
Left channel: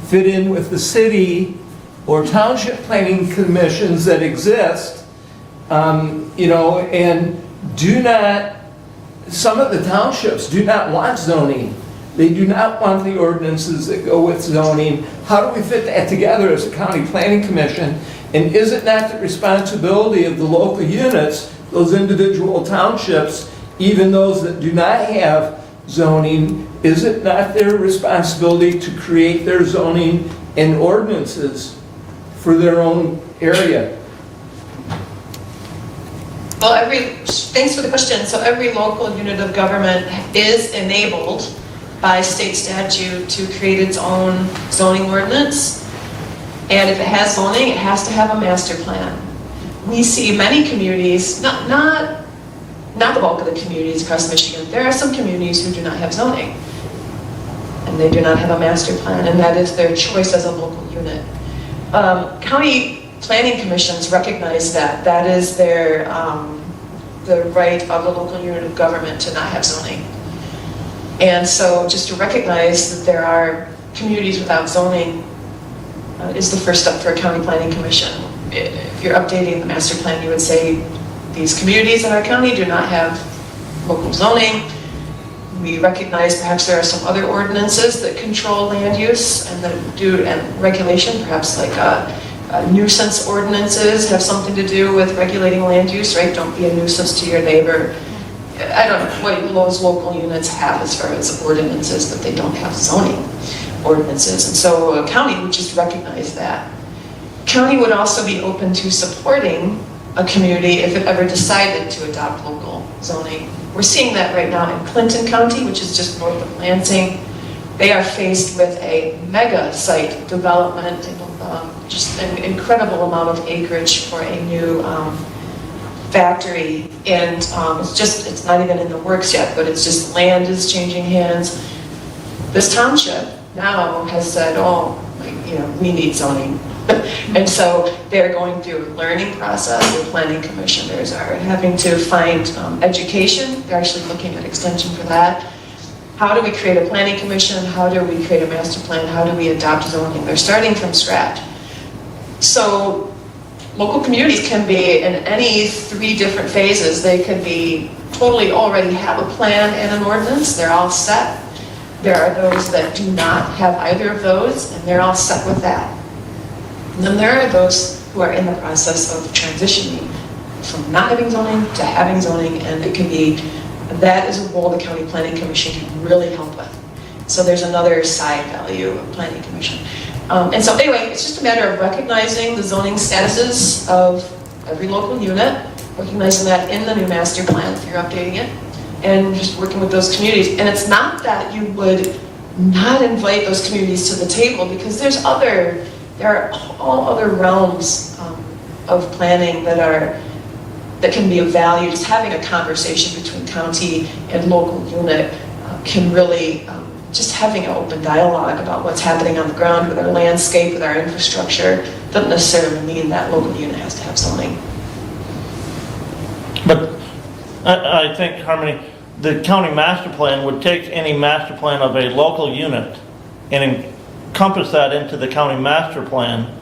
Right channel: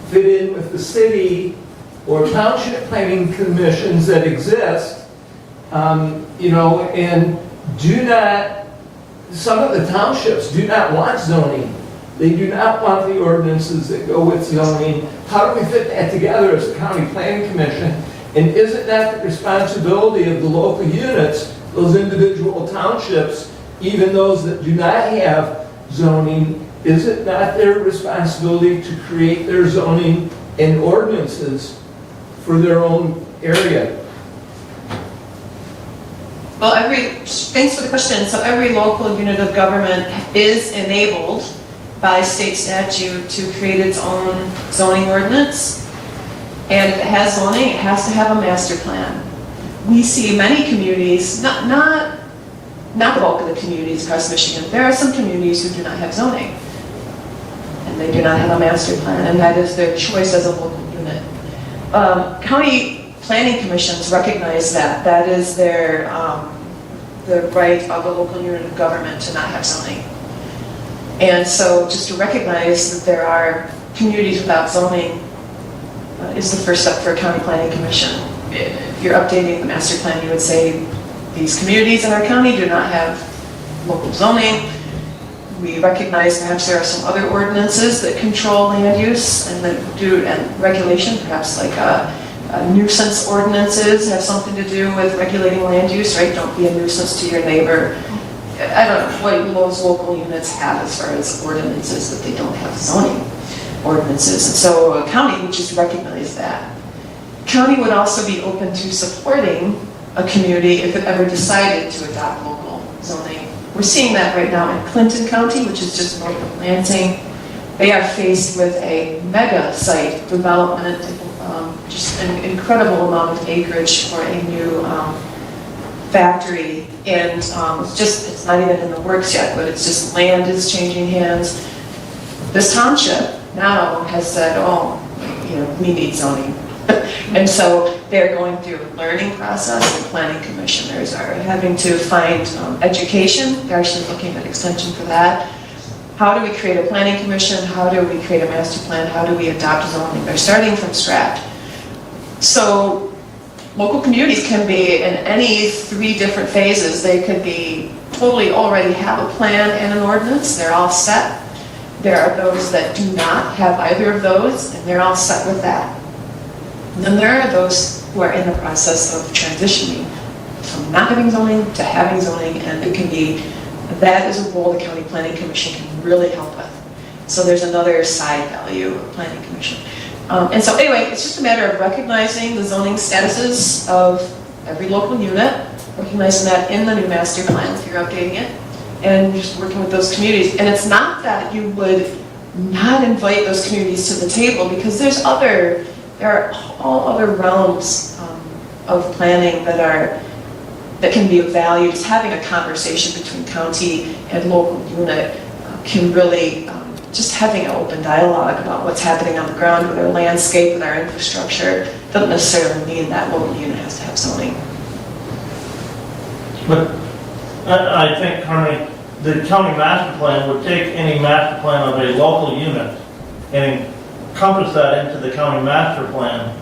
fit in with the city or township planning commissions that exist? You know, and some of the townships do not want zoning. They do not want the ordinances that go with zoning. How do we fit that together as a County Planning Commission? And is it not the responsibility of the local units, those individual townships, even those that do not have zoning, is it not their responsibility to create their zoning and ordinances for their own area? Well, thanks for the question. So every local unit of government is enabled by state statute to create its own zoning ordinance. And if it has zoning, it has to have a master plan. We see many communities, not the bulk of the communities across Michigan, there are some communities who do not have zoning. And they do not have a master plan, and that is their choice as a local unit. County planning commissions recognize that. That is their, the right of the local unit of government to not have zoning. And so just to recognize that there are communities without zoning is the first step for a county planning commission. If you're updating the master plan, you would say, these communities in our county do not have local zoning. We recognize perhaps there are some other ordinances that control land use and regulation, perhaps like nuisance ordinances have something to do with regulating land use, right? Don't be a nuisance to your neighbor. I don't know what those local units have as far as ordinances, but they don't have zoning ordinances. And so a county would just recognize that. County would also be open to supporting a community if it ever decided to adopt local zoning. We're seeing that right now in Clinton County, which is just north of Lansing. They are faced with a mega site development, just an incredible amount of acreage for a new factory. And it's not even in the works yet, but it's just land is changing hands. This township now has said, oh, we need zoning. And so they're going through a learning process. The planning commissioners are having to find education. They're actually looking at extension for that. How do we create a planning commission? How do we create a master plan? How do we adopt zoning? They're starting from scratch. So local communities can be in any 3 different phases. They could be totally already have a plan and an ordinance. They're all set. There are those that do not have either of those, and they're all set with that. And then there are those who are in the process of transitioning from not having zoning to having zoning, and it can be, that is a role the County Planning Commission can really help with. So there's another side value of Planning Commission. And so anyway, it's just a matter of recognizing the zoning statuses of every local unit, recognizing that in the new master plan if you're updating it, and just working with those communities. And it's not that you would not invite those communities to the table, because there are all other realms of planning that can be of value. Just having a conversation between county and local unit can really, just having an open dialogue about what's happening on the ground with our landscape, with our infrastructure, doesn't necessarily mean that local unit has to have zoning. But I think, Harmony, the county master plan would take any master plan of a local unit and encompass that into the county master plan,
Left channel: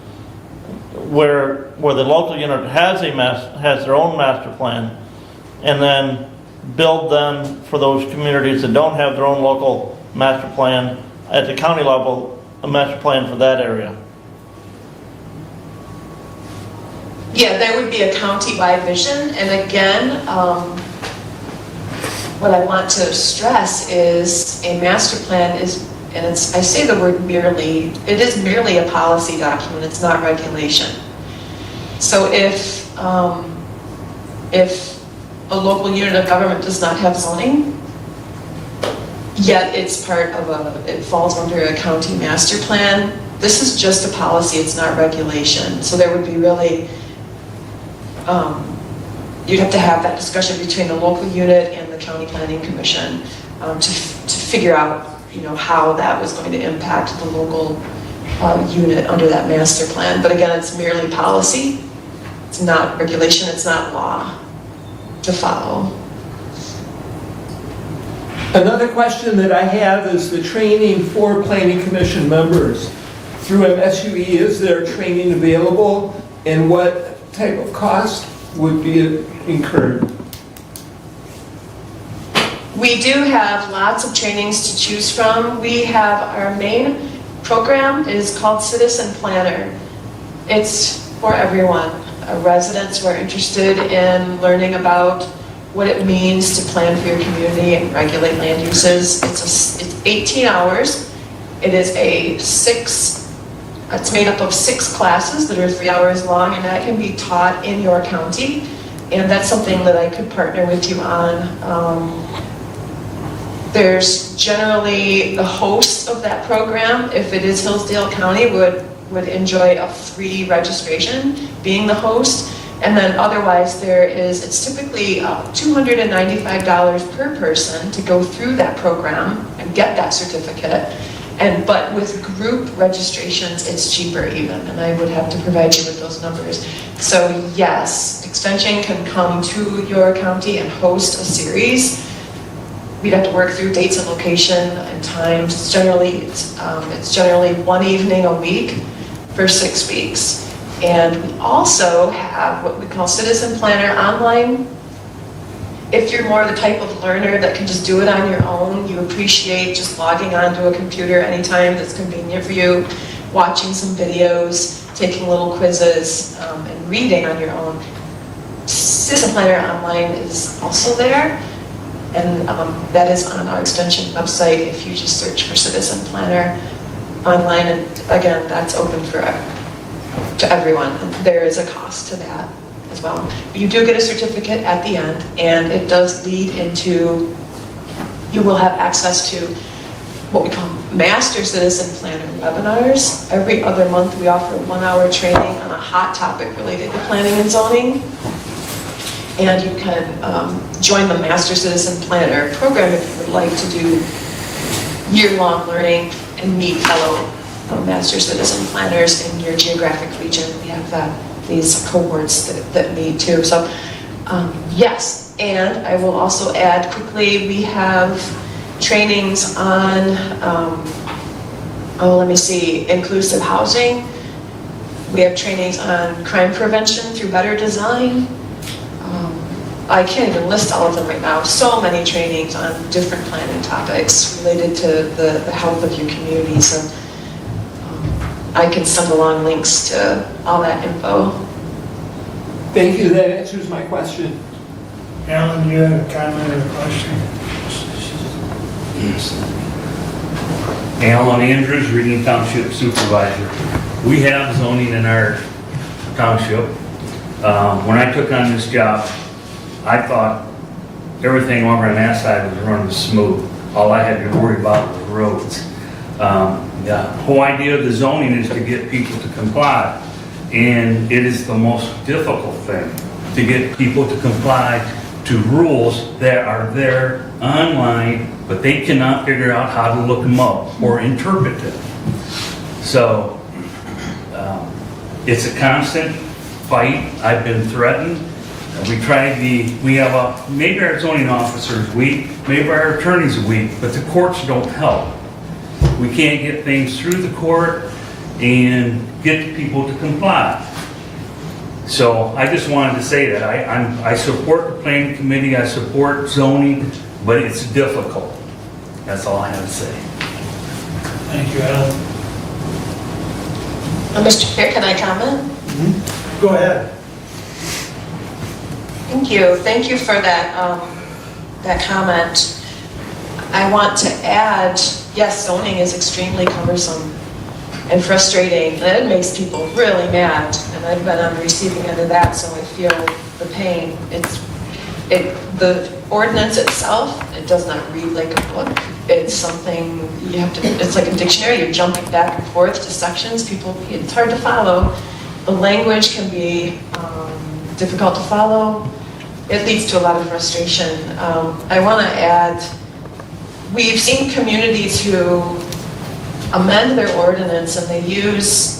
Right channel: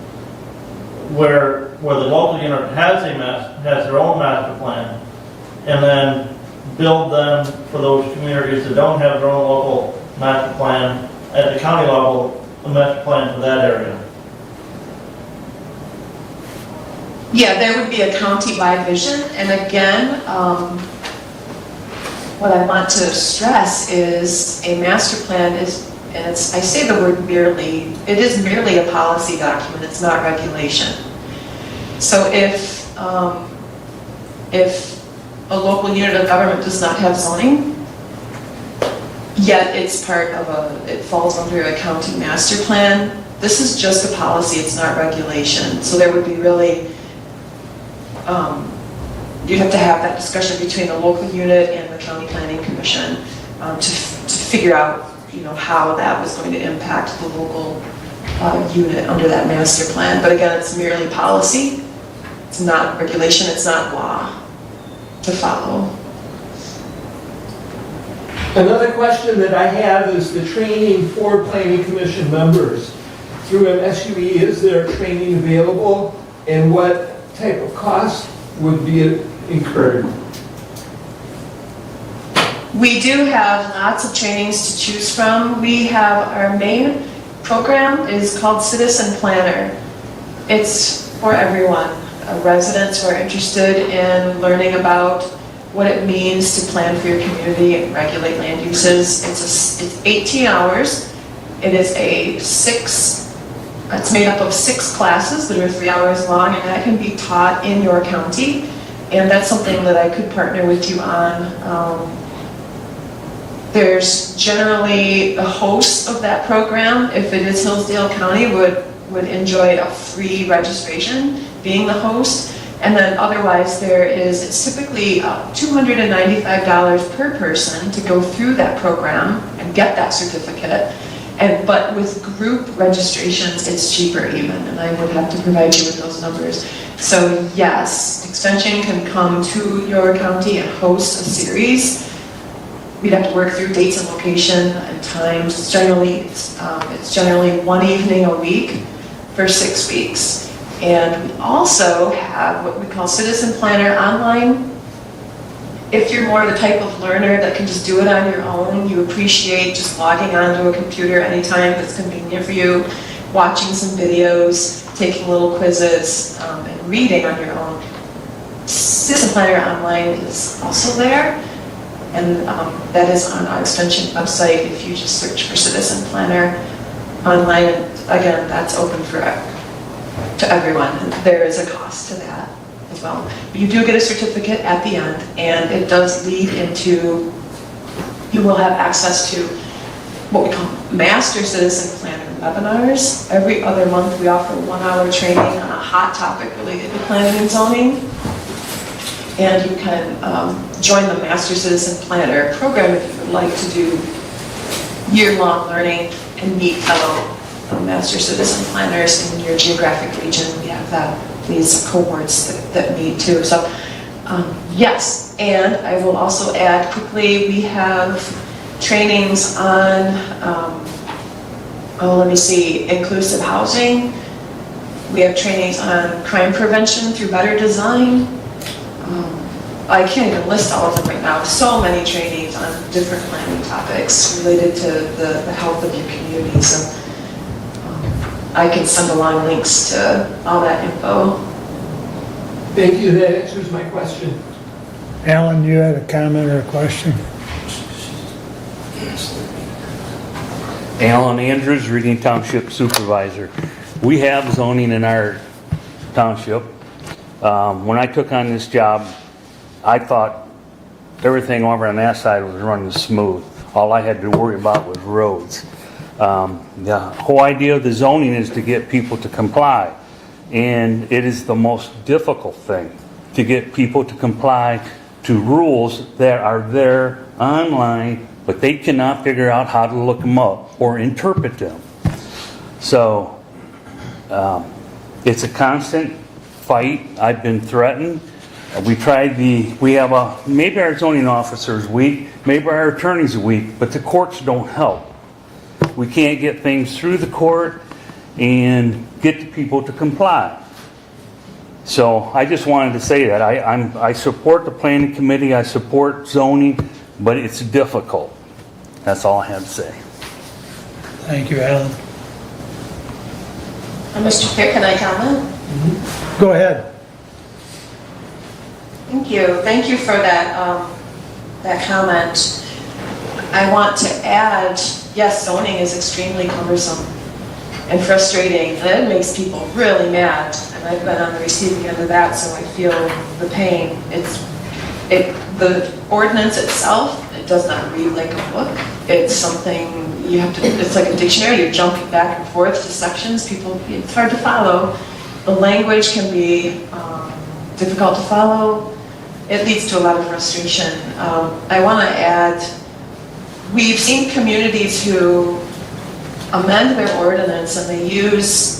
where the local unit has their own master plan, and then build then for those communities that don't have their own local master plan at the county level, a master plan for that area. Yeah, there would be a county-wide vision, and again, what I want to stress is a master plan is, and I say the word merely, it is merely a policy document, it's not regulation. So if a local unit of government does not have zoning, yet it's it falls under a county master plan, this is just a policy, it's not regulation. So there would be really, you'd have to have that discussion between the local unit and the county planning commission to figure out how that was going to impact the local unit under that master plan. But again, it's merely policy. It's not regulation, it's not law to follow. Another question that I have is the training for planning commission members. Through MSUE, is there training available, and what type of cost would be incurred? We do have lots of trainings to choose from. We have our main program is called Citizen Planner. It's for everyone. Residents who are interested in learning about what it means to plan for your community and regulate land uses. It's 18 hours. It is it's made up of 6 classes that are 3 hours long, and that can be taught in your county. And that's something that I could partner with you on. There's generally the host of that program, if it is Hillsdale County, would enjoy a free registration being the host. And then otherwise it's typically $295 per person to go through that program and get that certificate. But with group registrations, it's cheaper even, and I would have to provide you with those numbers. So yes, Extension can come to your county and host a series. We'd have to work through dates and location and times. It's generally one evening a week for 6 weeks. And we also have what we call Citizen Planner Online. If you're more the type of learner that can just do it on your own, you appreciate just logging onto a computer anytime that's convenient for you, watching some videos, taking little quizzes, and reading on your own. Citizen Planner Online is also there. And that is on our Extension website if you just search for Citizen Planner Online. And again, that's open to everyone. And there is a cost to that as well. But you do get a certificate at the end, and it does lead into, you will have access to what we call Master Citizen Planner webinars. Every other month we offer a 1-hour training on a hot topic related to planning and zoning. And you can join the Master Citizen Planner program if you would like to do year-long learning and meet fellow Master Citizen Planners in your geographic region. We have these cohorts that meet too. So yes, and I will also add quickly, we have trainings on, inclusive housing. We have trainings on crime prevention through better design. I can't even list all of them right now. So many trainings on different planning topics related to the health of your community. So I can send along links to all that info. Thank you, that answers my question. Alan, you have a comment or a question? Alan Andrews, Reading Township Supervisor. We have zoning in our township. When I took on this job, I thought everything over on that side was running smooth. All I had to worry about was roads. The whole idea of the zoning is to get people to comply. And it is the most difficult thing to get people to comply to rules that are there online, but they cannot figure out how to look them up or interpret them. So it's a constant fight. I've been threatened. We have maybe our zoning officers weak, maybe our attorneys are weak, but the courts don't help. We can't get things through the court and get people to comply. So I just wanted to say that I support the planning committee, I support zoning, but it's difficult. That's all I have to say. Thank you, Alan. Mr. Chair, can I comment? Mm-hmm. Go ahead. Thank you. Thank you for that comment. I want to add, yes, zoning is extremely cumbersome and frustrating, and it makes people really mad. And I've been on the receiving end of that, so I feel the pain. The ordinance itself, it does not read like a book. It's something you have to. It's like a dictionary. You're jumping back and forth to sections. It's hard to follow. The language can be difficult to follow. It leads to a lot of frustration. I want to add we've seen communities who amend their ordinance and they use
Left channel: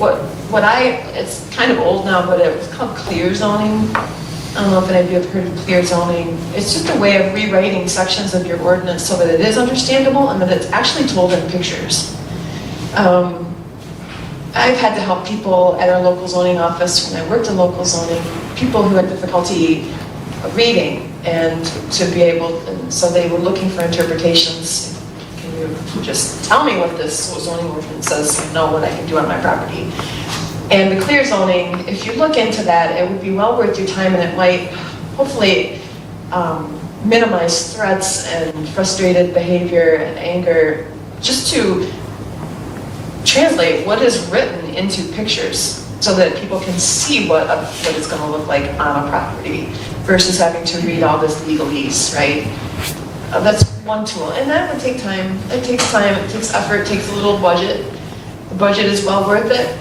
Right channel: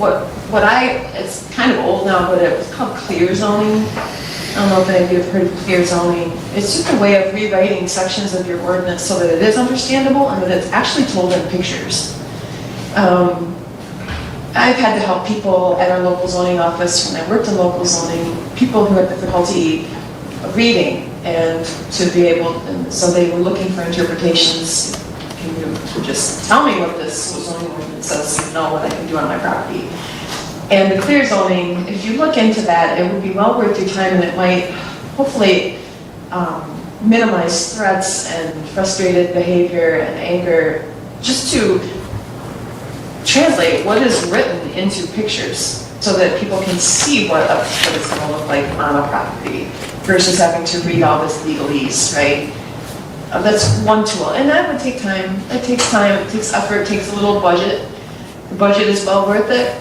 it's kind of old now, but it was called clear zoning. I don't know if any of you have heard of clear zoning. It's just a way of rewriting sections of your ordinance so that it is understandable and that it's actually told in pictures. I've had to help people at our local zoning office when I worked in local zoning, people who had difficulty reading, and to be able, so they were looking for interpretations. Can you just tell me what this zoning ordinance says so you know what I can do on my property? And the clear zoning, if you look into that, it would be well worth your time, and it might hopefully minimize threats and frustrated behavior and anger, just to translate what is written into pictures so that people can see what it's going to look like on a property versus having to read all this legalese, right? That's one tool, and that would take time. It takes time, it takes effort, it takes a little budget. The budget is well worth it.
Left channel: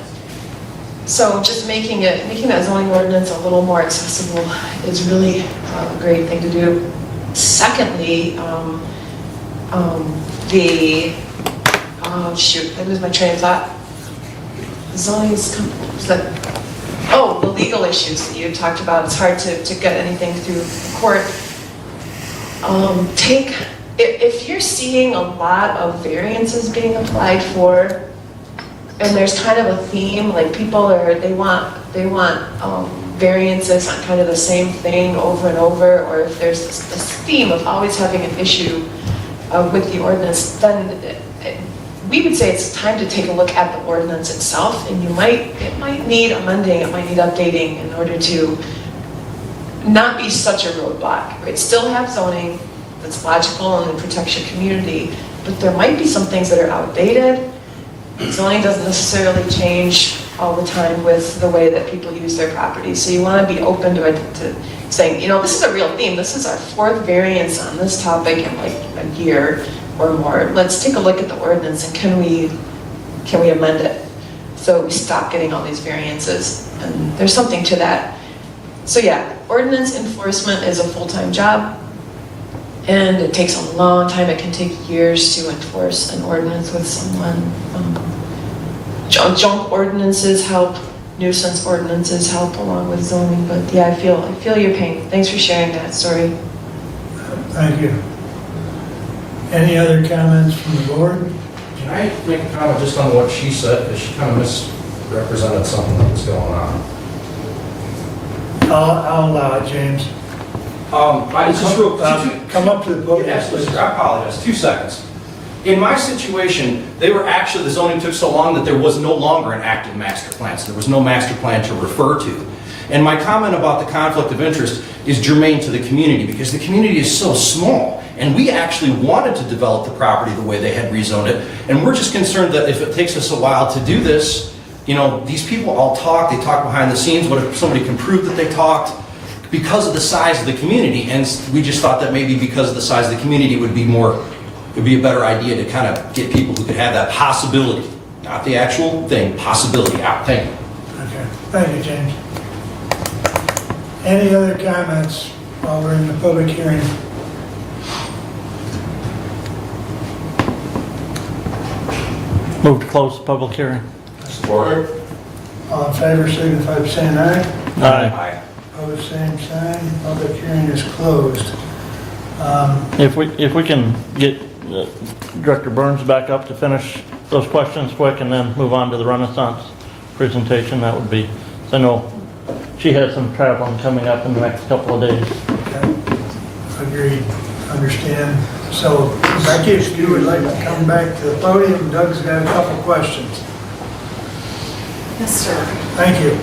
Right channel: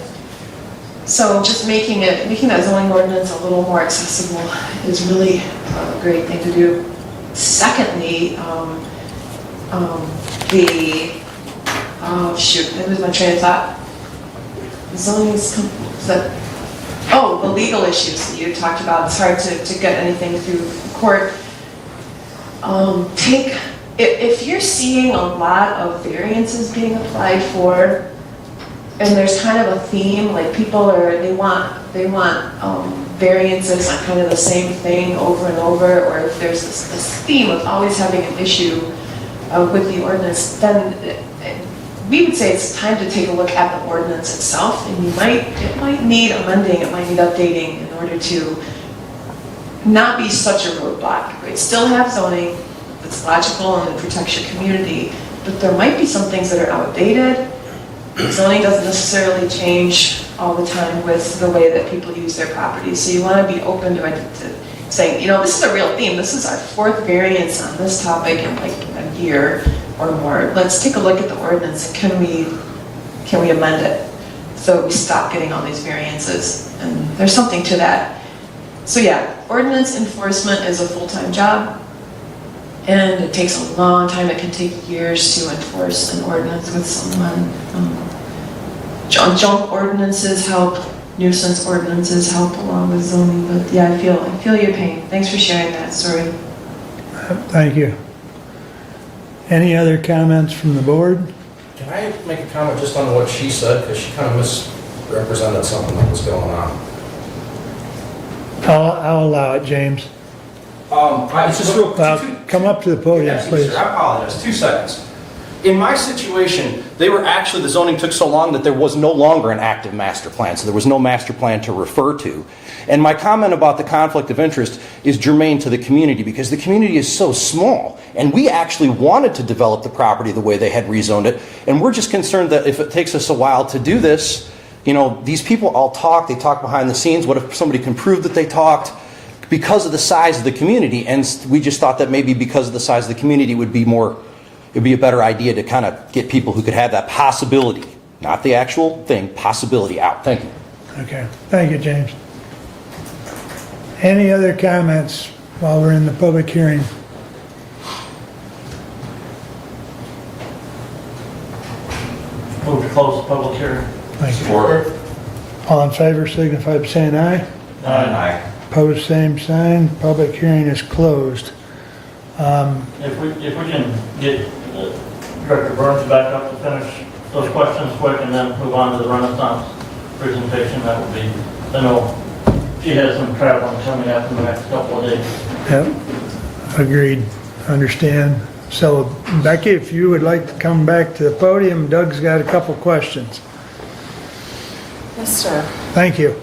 So just making that zoning ordinance a little more accessible is really a great thing to do. Secondly, I lose my train of thought. The legal issues that you talked about. It's hard to get anything through court. If you're seeing a lot of variances being applied for, and there's kind of a theme, like they want variances on kind of the same thing over and over, or if there's this theme of always having an issue with the ordinance, then we would say it's time to take a look at the ordinance itself, and it might need amending, it might need updating in order to not be such a roadblock, right? Still have zoning that's logical and it protects your community, but there might be some things that are outdated. Zoning doesn't necessarily change all the time with the way that people use their properties, so you want to be open to saying, this is a real theme. This is our 4th variance on this topic in like a year or more. Let's take a look at the ordinance and can we amend it so we stop getting all these variances? And there's something to that. So yeah, ordinance enforcement is a full-time job, and it takes a long time. It can take years to enforce an ordinance with someone. Junk ordinances help, nuisance ordinances help along with zoning, but yeah, I feel your pain. Thanks for sharing that story. Thank you. Any other comments from the board? Can I make a comment just on what she said, because she kind of misrepresented something that was going on. I'll allow it, James. It's just real quick. Come up to the podium, Yes, please. I apologize. 2 seconds. In my situation, the zoning took so long that there was no longer an active master plan, so there was no master plan to refer to. And my comment about the conflict of interest is germane to the community, because the community is so small, and we actually wanted to develop the property the way they had rezoned it, and we're just concerned that if it takes us a while to do this, these people all talk, they talk behind the scenes. What if somebody can prove that they talked? Because of the size of the community, and we just thought that maybe because of the size of the community it'd be a better idea to kind of get people who could have that possibility, not the actual thing, possibility out. Thank you. Okay, thank you, James. Any other comments while we're in the public hearing? Move to close the public hearing. Thank you. All in favor, signify by saying aye. Aye. Opposed, same sign. Public hearing is closed. If we can get Director Burns back up to finish those questions quick and then move on to the Renaissance presentation, that would be, I know she has some traveling coming up in the next couple of days. Yep, agreed, understand. So Becky, if you would like to come back to the podium, Doug's got a couple questions. Yes, sir. Thank you.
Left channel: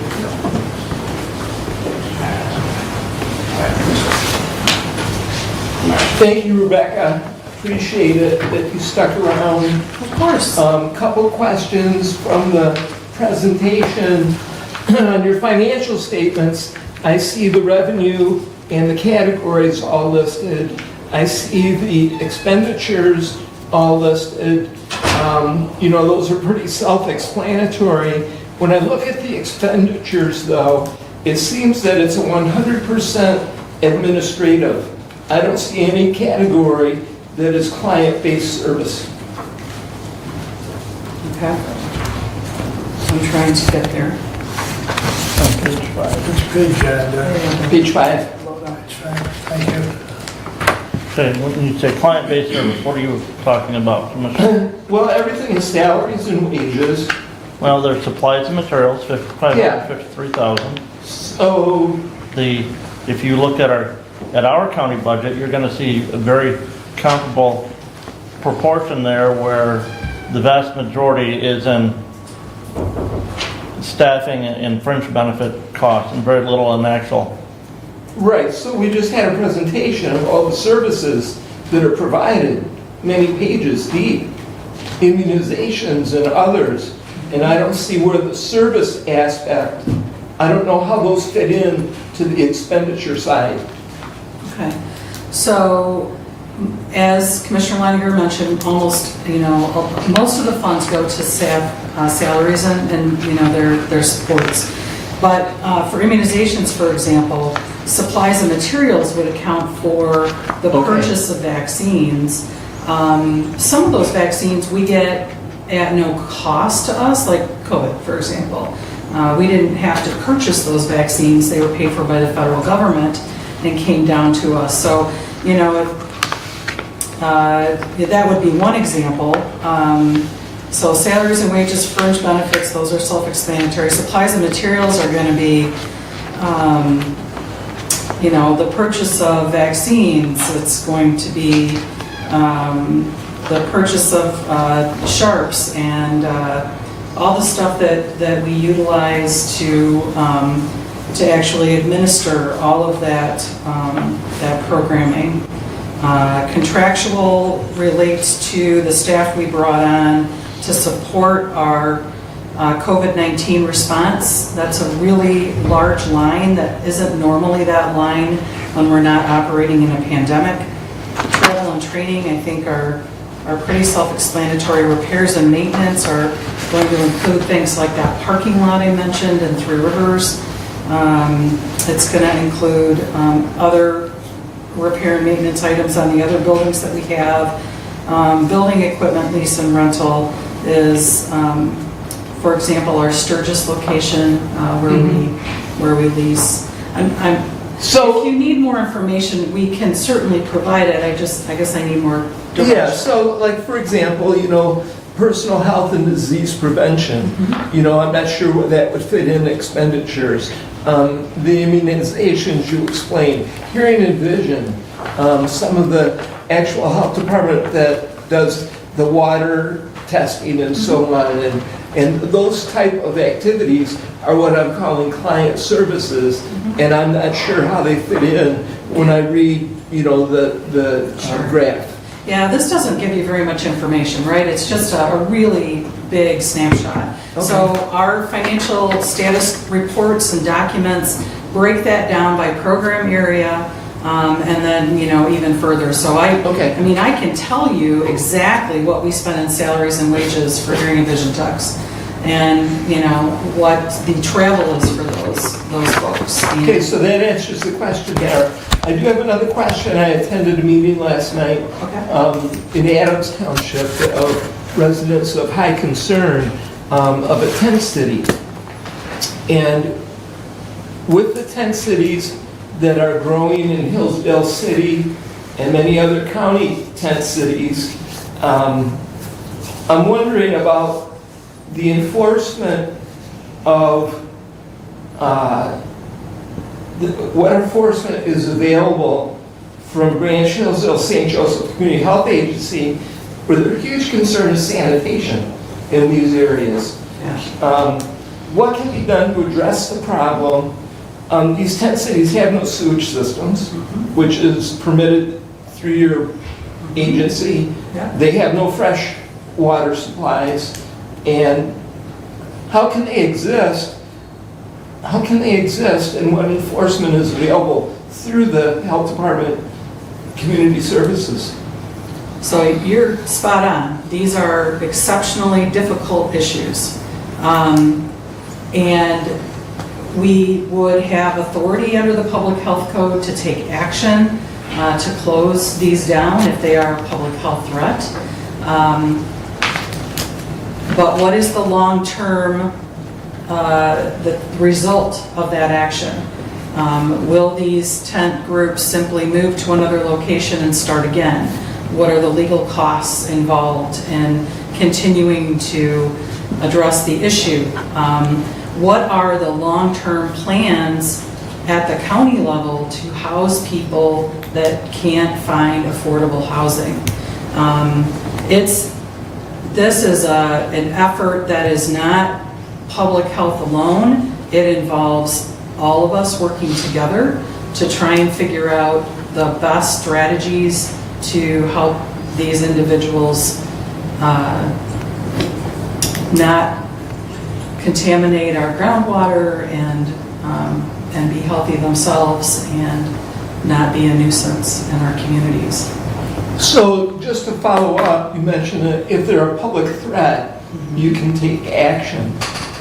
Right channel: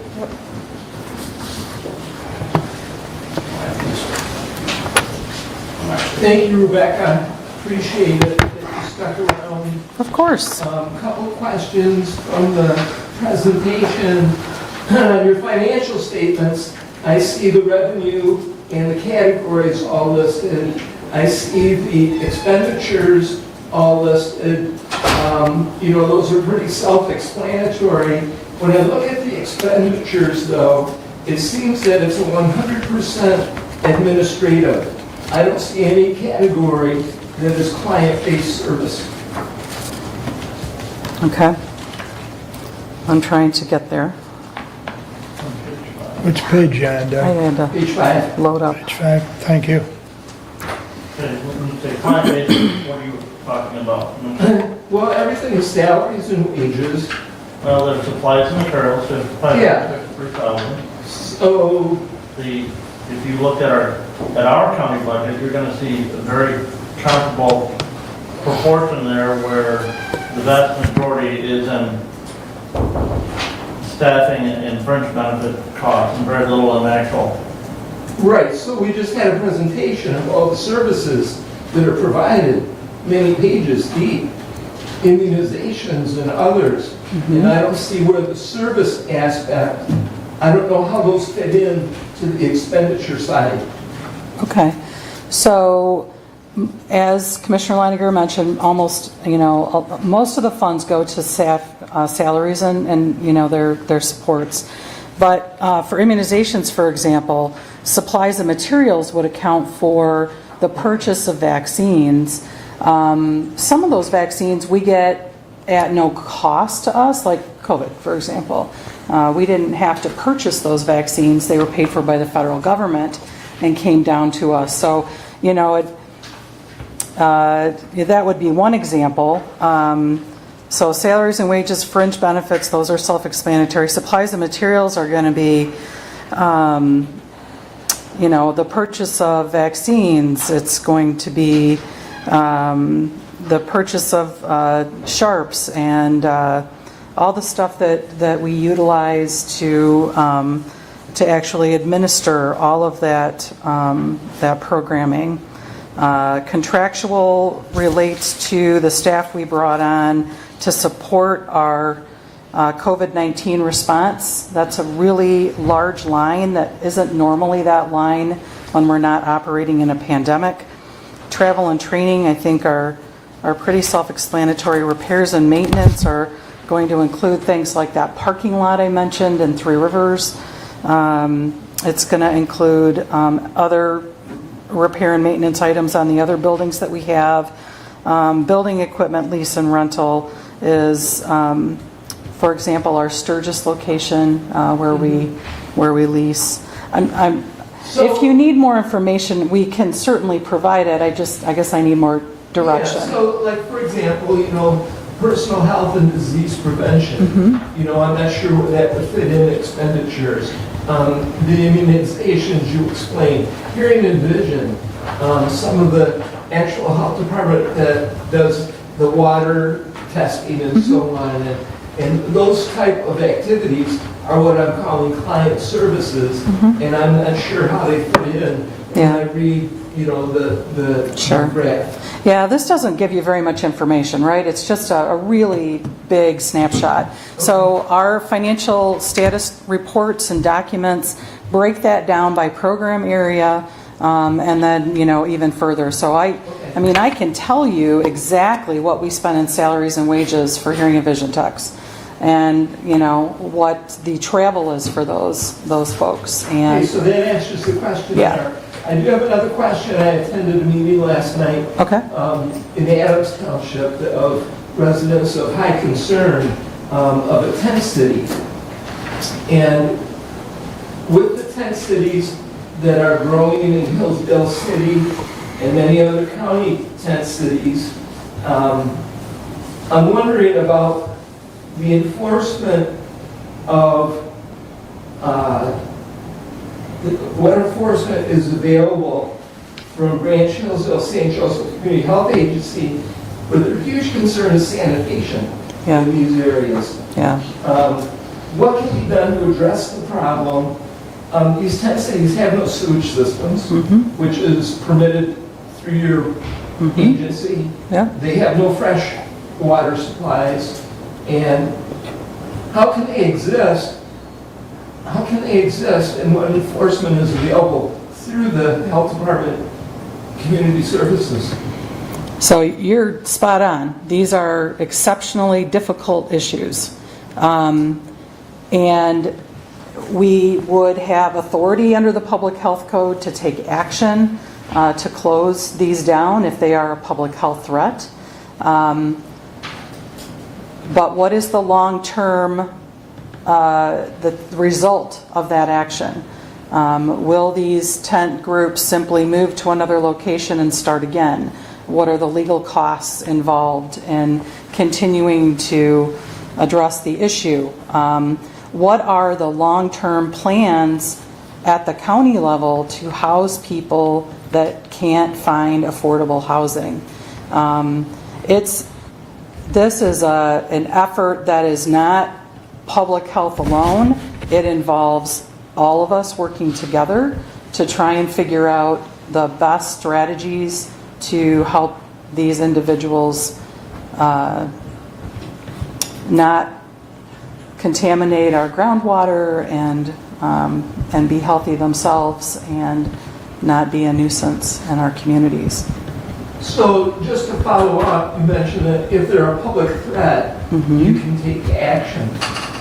Thank you, Rebecca. Appreciate it that you stuck around. Of course. Couple questions from the presentation. On your financial statements, I see the revenue and the categories all listed. I see the expenditures all listed. Those are pretty self-explanatory. When I look at the expenditures, though, it seems that it's 100% administrative. I don't see any category that is client-based service. Okay. I'm trying to get there. On page 5. Which page, I Doug? had to Page 5. load up. Page 5, thank you. Okay, when you say client-based service, what are you talking about, Commissioner? Well, everything is salaries and wages. Well, there's supplies and materials, Yeah. 53,000. So, If you look at our county budget, you're gonna see a very comparable proportion there where the vast majority is in staffing and fringe benefit costs and very little in the actual. right, so we just had a presentation of all the services that are provided, many pages deep, immunizations and others. And I don't see where the service aspect, I don't know how those fit in to the expenditure side. Okay. So, as Commissioner Leininger mentioned, almost, most of the funds go to staff salaries and their supports. But for immunizations, for example, supplies and materials would account for the purchase of vaccines. Some of those vaccines we get at no cost to us, like COVID, for example. We didn't have to purchase those vaccines. They were paid for by the federal government and came down to us. So, that would be one example. So salaries and wages, fringe benefits, those are self-explanatory. Supplies and materials are going to be, the purchase of vaccines. It's going to be the purchase of sharps and all the stuff that we utilize to actually administer all of that programming. Contractual relates to the staff we brought on to support our COVID-19 response. That's a really large line that isn't normally that line when we're not operating in a pandemic. Travel and training, I think, are pretty self-explanatory. Repairs and maintenance are going to include things like that parking lot I mentioned in Three Rivers. It's going to include other repair and maintenance items on the other buildings that we have. Building equipment lease and rental is, for example, our Sturgis location where we lease. So if you need more information, we can certainly provide it. I guess I need more direction. Yeah, so like for example, personal health and disease prevention, I'm not sure where that would fit in expenditures. The immunizations you explained, hearing and vision, some of the actual health department that does the water testing and so on, and those type of activities are what I'm calling client services, and I'm not sure how they fit in when I read, the graph. Yeah, this doesn't give you very much information, right? It's just a really big snapshot. Okay. So our financial status reports and documents break that down by program area, and then, even further. So I can tell you exactly what we spend in salaries and wages for hearing and vision techs, and what the travel is for those folks. Okay, so that answers the question there. I do have another question. I attended a meeting last night in Adams Township of residents of high concern of a tent city. And with the tent cities that are growing in Hillsdale City and many other county tent cities, I'm wondering about the enforcement of what enforcement is available from Branch Hillsdale St. Joseph Community Health Agency, where their huge concern is sanitation in these areas. What can be done to address the problem? These tent cities have no sewage systems, which is permitted through your agency. They have no fresh water supplies. And how can they exist? How can they exist and what enforcement is available through the health department community services? So you're spot on. These are exceptionally difficult issues. And we would have authority under the public health code to take action to close these down if they are a public health threat. But what is the long-term the result of that action? Will these tent groups simply move to another location and start again? What are the legal costs involved in continuing to address the issue? What are the long-term plans at the county level to house people that can't find affordable housing? This is an effort that is not public health alone. It involves all of us working together to try and figure out the best strategies to help these individuals not contaminate our groundwater and be healthy themselves and not be a nuisance in our communities. So just to follow up, you mentioned that if they're a public threat, you can take action.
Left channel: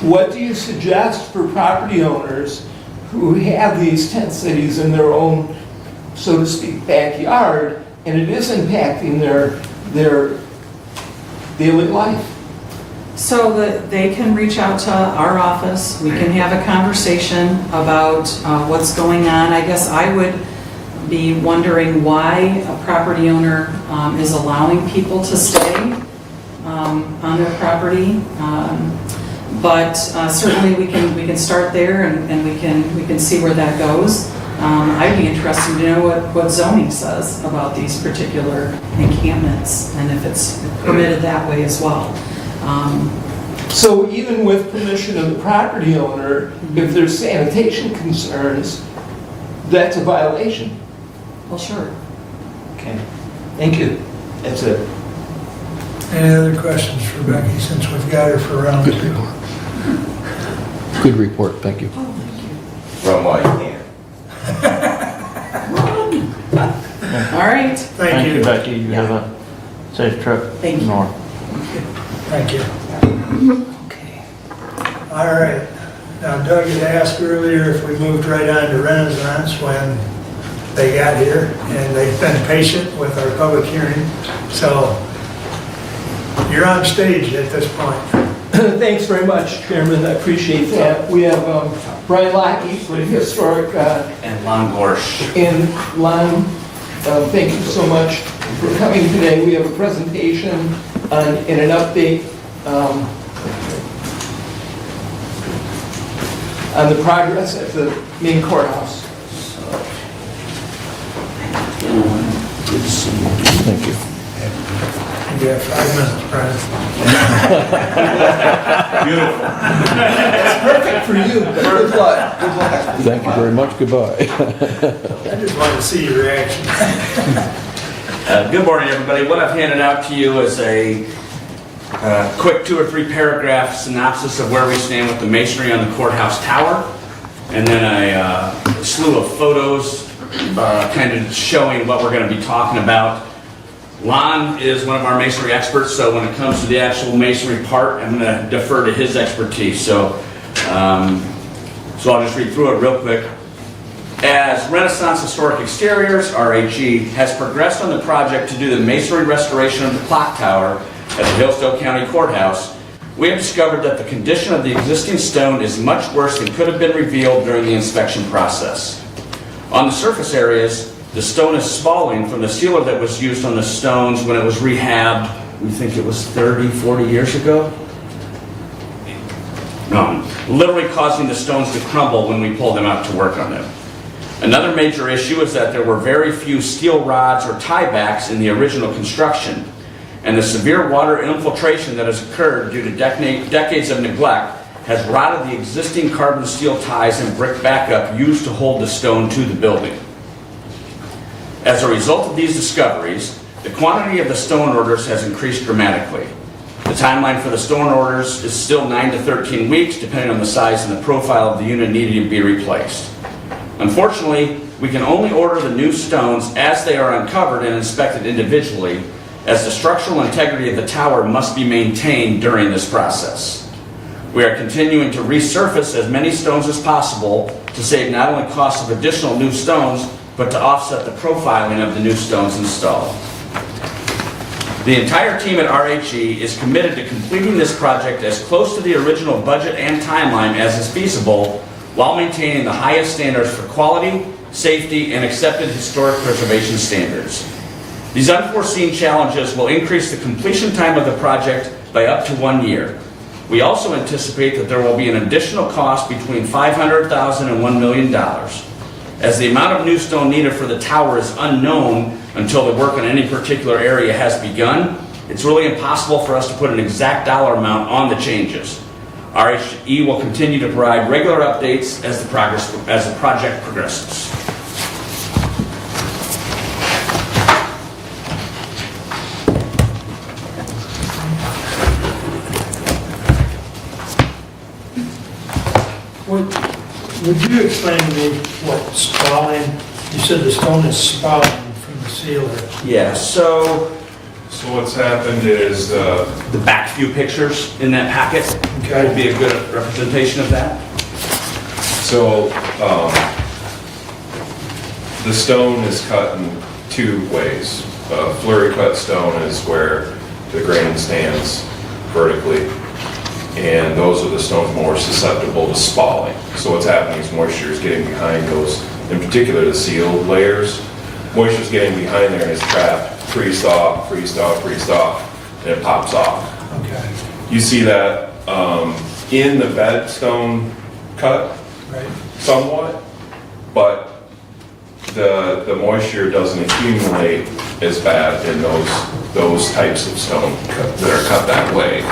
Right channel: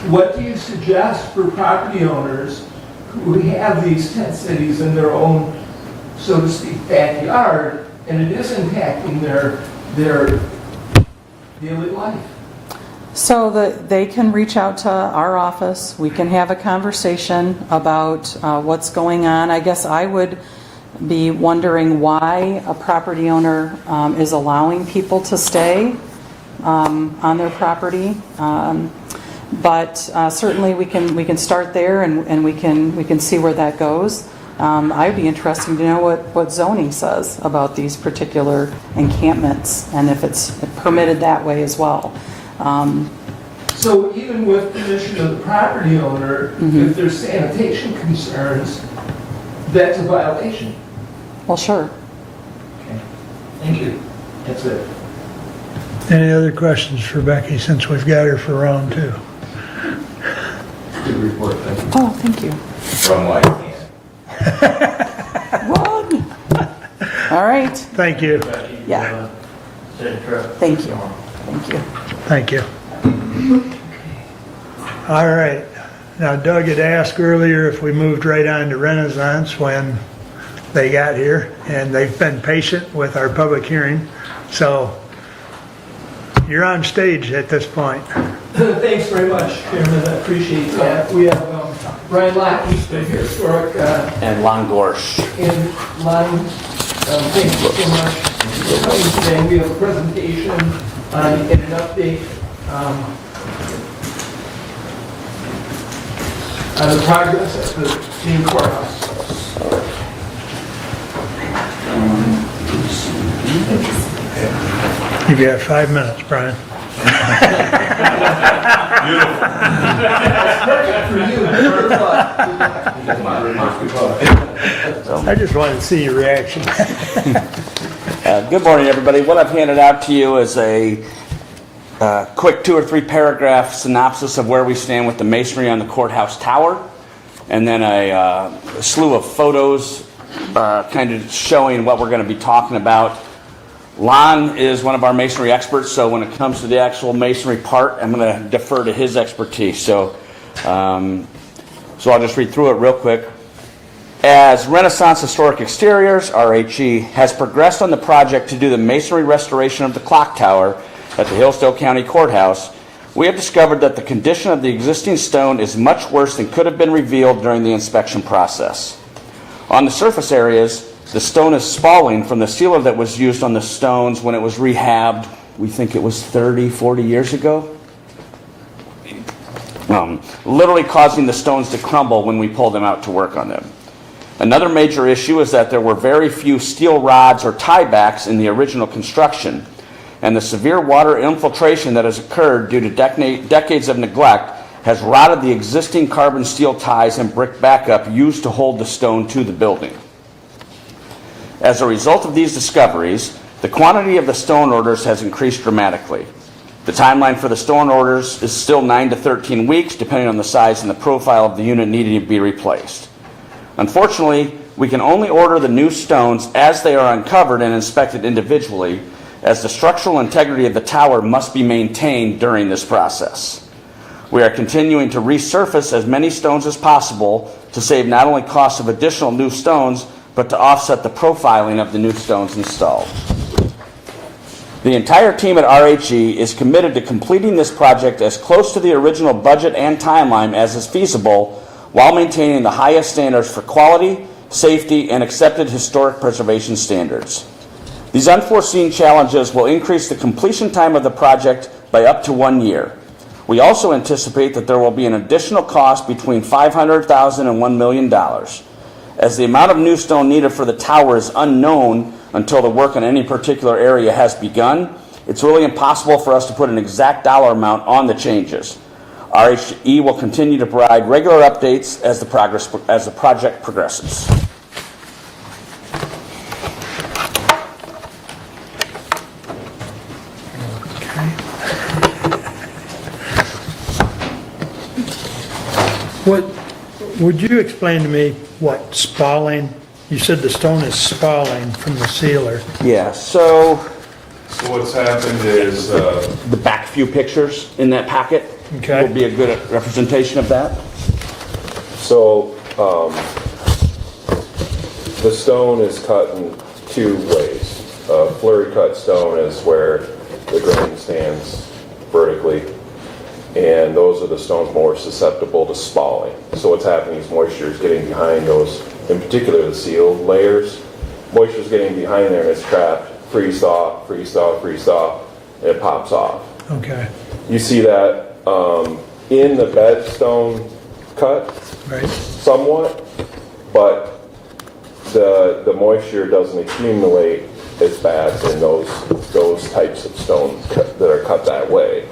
What do you suggest for property owners who have these tent cities in their own, so to speak, backyard, and it is impacting their daily life? So that they can reach out to our office, we can have a conversation about what's going on. I guess I would be wondering why a property owner is allowing people to stay on their property. But certainly we can start there and we can see where that goes. I'd be interested to know what zoning says about these particular encampments and if it's permitted that way as well. So even with permission of the property owner, if there's sanitation concerns, that's a violation? Well, sure. Okay, thank you. That's it. Any other questions for Becky since we've got her for round two? Good report, thank you. Oh, thank you. From what you can. All right. Thank you. Becky. You Yeah. have a safe trip. Thank you. North. Thank you. Thank you. All right. Now Doug had asked earlier if we moved right on to Renaissance when they got here, and they've been patient with our public hearing. So you're on stage at this point. Thanks very much, Chairman. I appreciate that. We have Brian Lockheed with Historic And Lon Gorsh. in line. Thank you so much for coming today. We have a presentation and an update on the progress at the main courthouse. You've got 5 minutes, Brian. That's perfect for you. Good luck. Good luck. Thank you very much, goodbye. I just wanted to see your reaction. Good morning, everybody. What I've handed out to you is a quick 2 or 3 paragraph synopsis of where we stand with the masonry on the courthouse tower, and then a slew of photos kind of showing what we're going to be talking about. Lon is one of our masonry experts, so when it comes to the actual masonry part, I'm going to defer to his expertise. So I'll just read through it real quick. As Renaissance Historic Exteriors, RAG, has progressed on the project to do the masonry restoration of the clock tower at the Hillsdale County Courthouse, we have discovered that the condition of the existing stone is much worse than could have been revealed during the inspection process. On the surface areas, the stone is spalling from the sealer that was used on the stones when it was rehabbed, we think it was 30, 40 years ago. Literally causing the stones to crumble when we pulled them out to work on them. Another major issue is that there were very few steel rods or tiebacks in the original construction, and the severe water infiltration that has occurred due to decades of neglect has rotted the existing carbon steel ties and brick backup used to hold the stone to the building. As a result of these discoveries, the quantity of the stone orders has increased dramatically. The timeline for the stone orders is still 9 to 13 weeks, depending on the size and the profile of the unit needing to be replaced. Unfortunately, we can only order the new stones as they are uncovered and inspected individually, as the structural integrity of the tower must be maintained during this process. We are continuing to resurface as many stones as possible to save not only costs of additional new stones, but to offset the profiling of the new stones installed. The entire team at RHE is committed to completing this project as close to the original budget and timeline as is feasible, while maintaining the highest standards for quality, safety, and accepted historic preservation standards. These unforeseen challenges will increase the completion time of the project by up to 1 year. We also anticipate that there will be an additional cost between $500,000 and $1 million. As the amount of new stone needed for the tower is unknown until the work in any particular area has begun, it's really impossible for us to put an exact dollar amount on the changes. RHE will continue to provide regular updates as the project progresses. Would you explain to me what spalling, you said the stone is spalling from the sealer. Yeah, so what's happened is, the back few pictures in that packet would be a good representation of that. so, the stone is cut in two ways. Flurry cut stone is where the grain stands vertically, and those are the stones more susceptible to spalling. So what's happening is moisture is getting behind those, in particular the sealed layers. Moisture is getting behind there and it's trapped, freeze-thaw, freeze-thaw, freeze-thaw, and it pops off. Okay. You see that in the bed stone cut, Right. somewhat, but the moisture doesn't accumulate as bad in those types of stone that are cut that way.